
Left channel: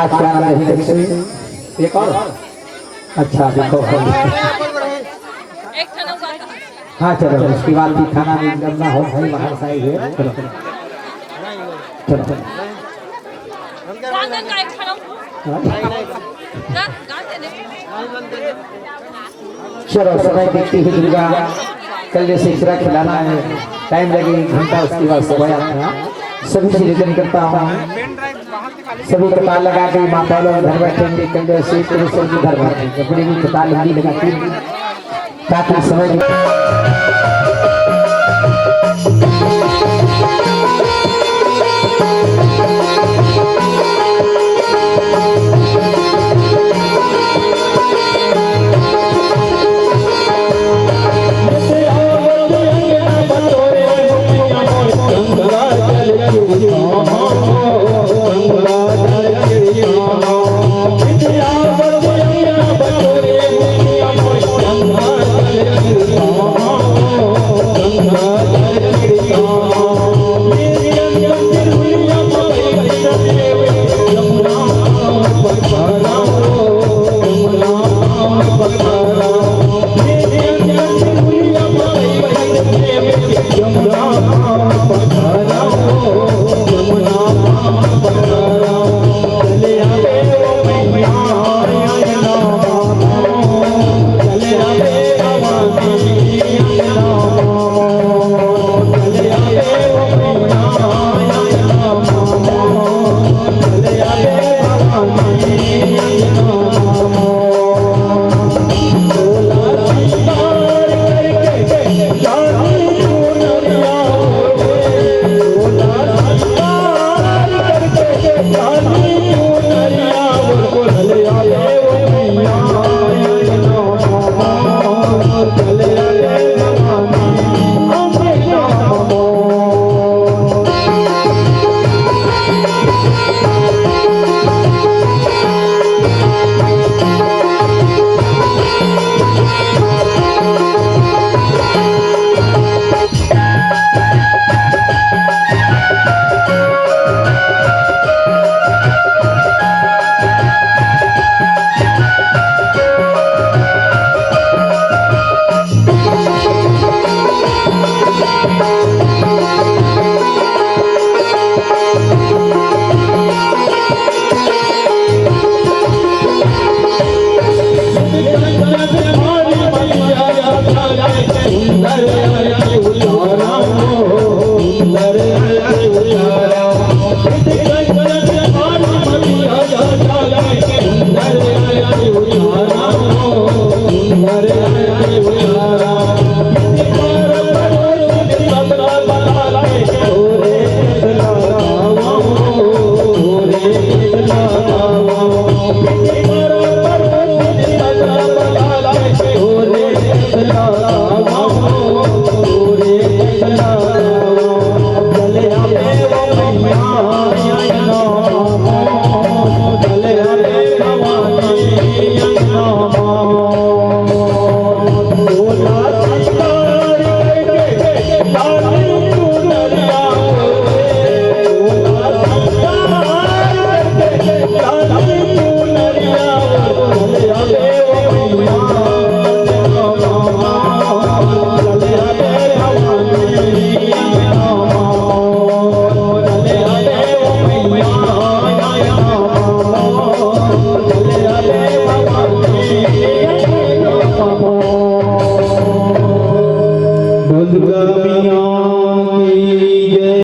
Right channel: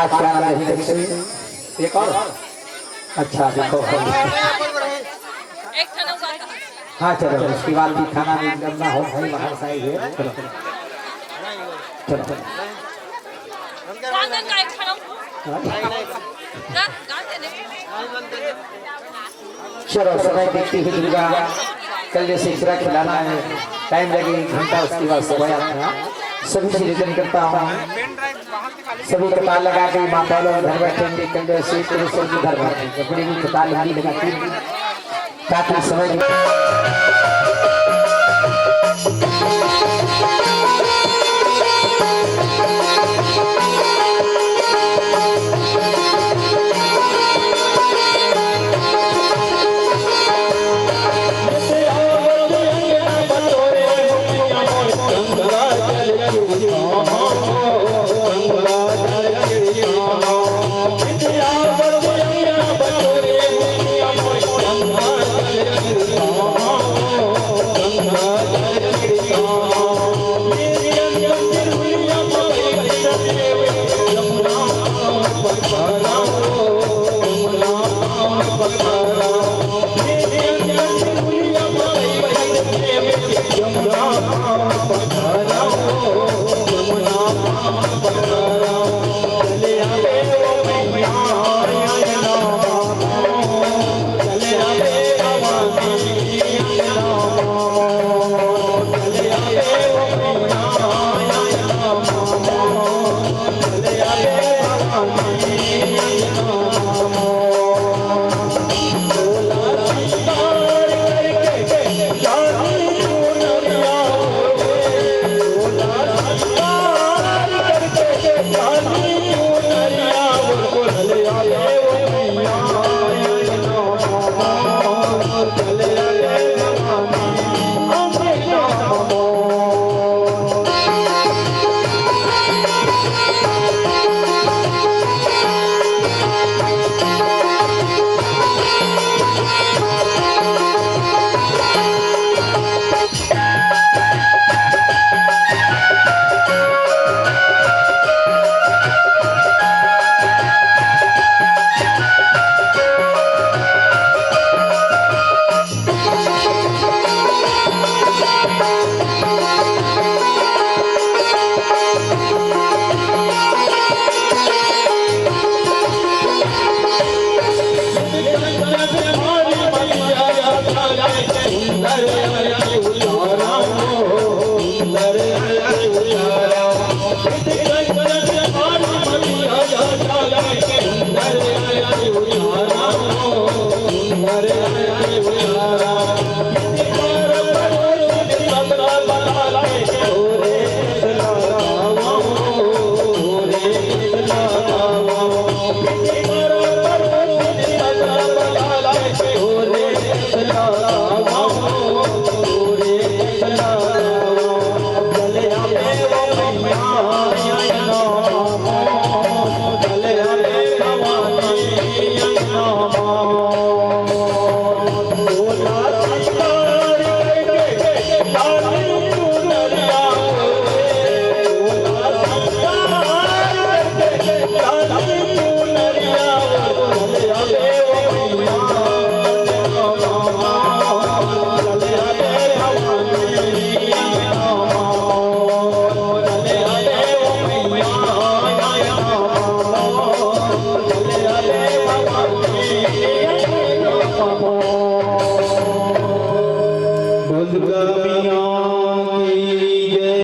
आज क्या नाम नहीं देखते एक और अच्छा देखो हाँ चलो उसके बाद भी खाना भी करना हो भाई बाहर से आए हुए चलो चलो चलो चलो समय देखती हुई दुर्गा कल जैसे खिला खिलाना है टाइम लगे घंटा उसके बाद समय आता सभी से निवेदन करता हूँ सभी कतार लगा के माता लोग घर बैठेंगे कल जैसे घर बैठेंगे बड़ी भी कतार लंबी लगाती ताकि समय Oh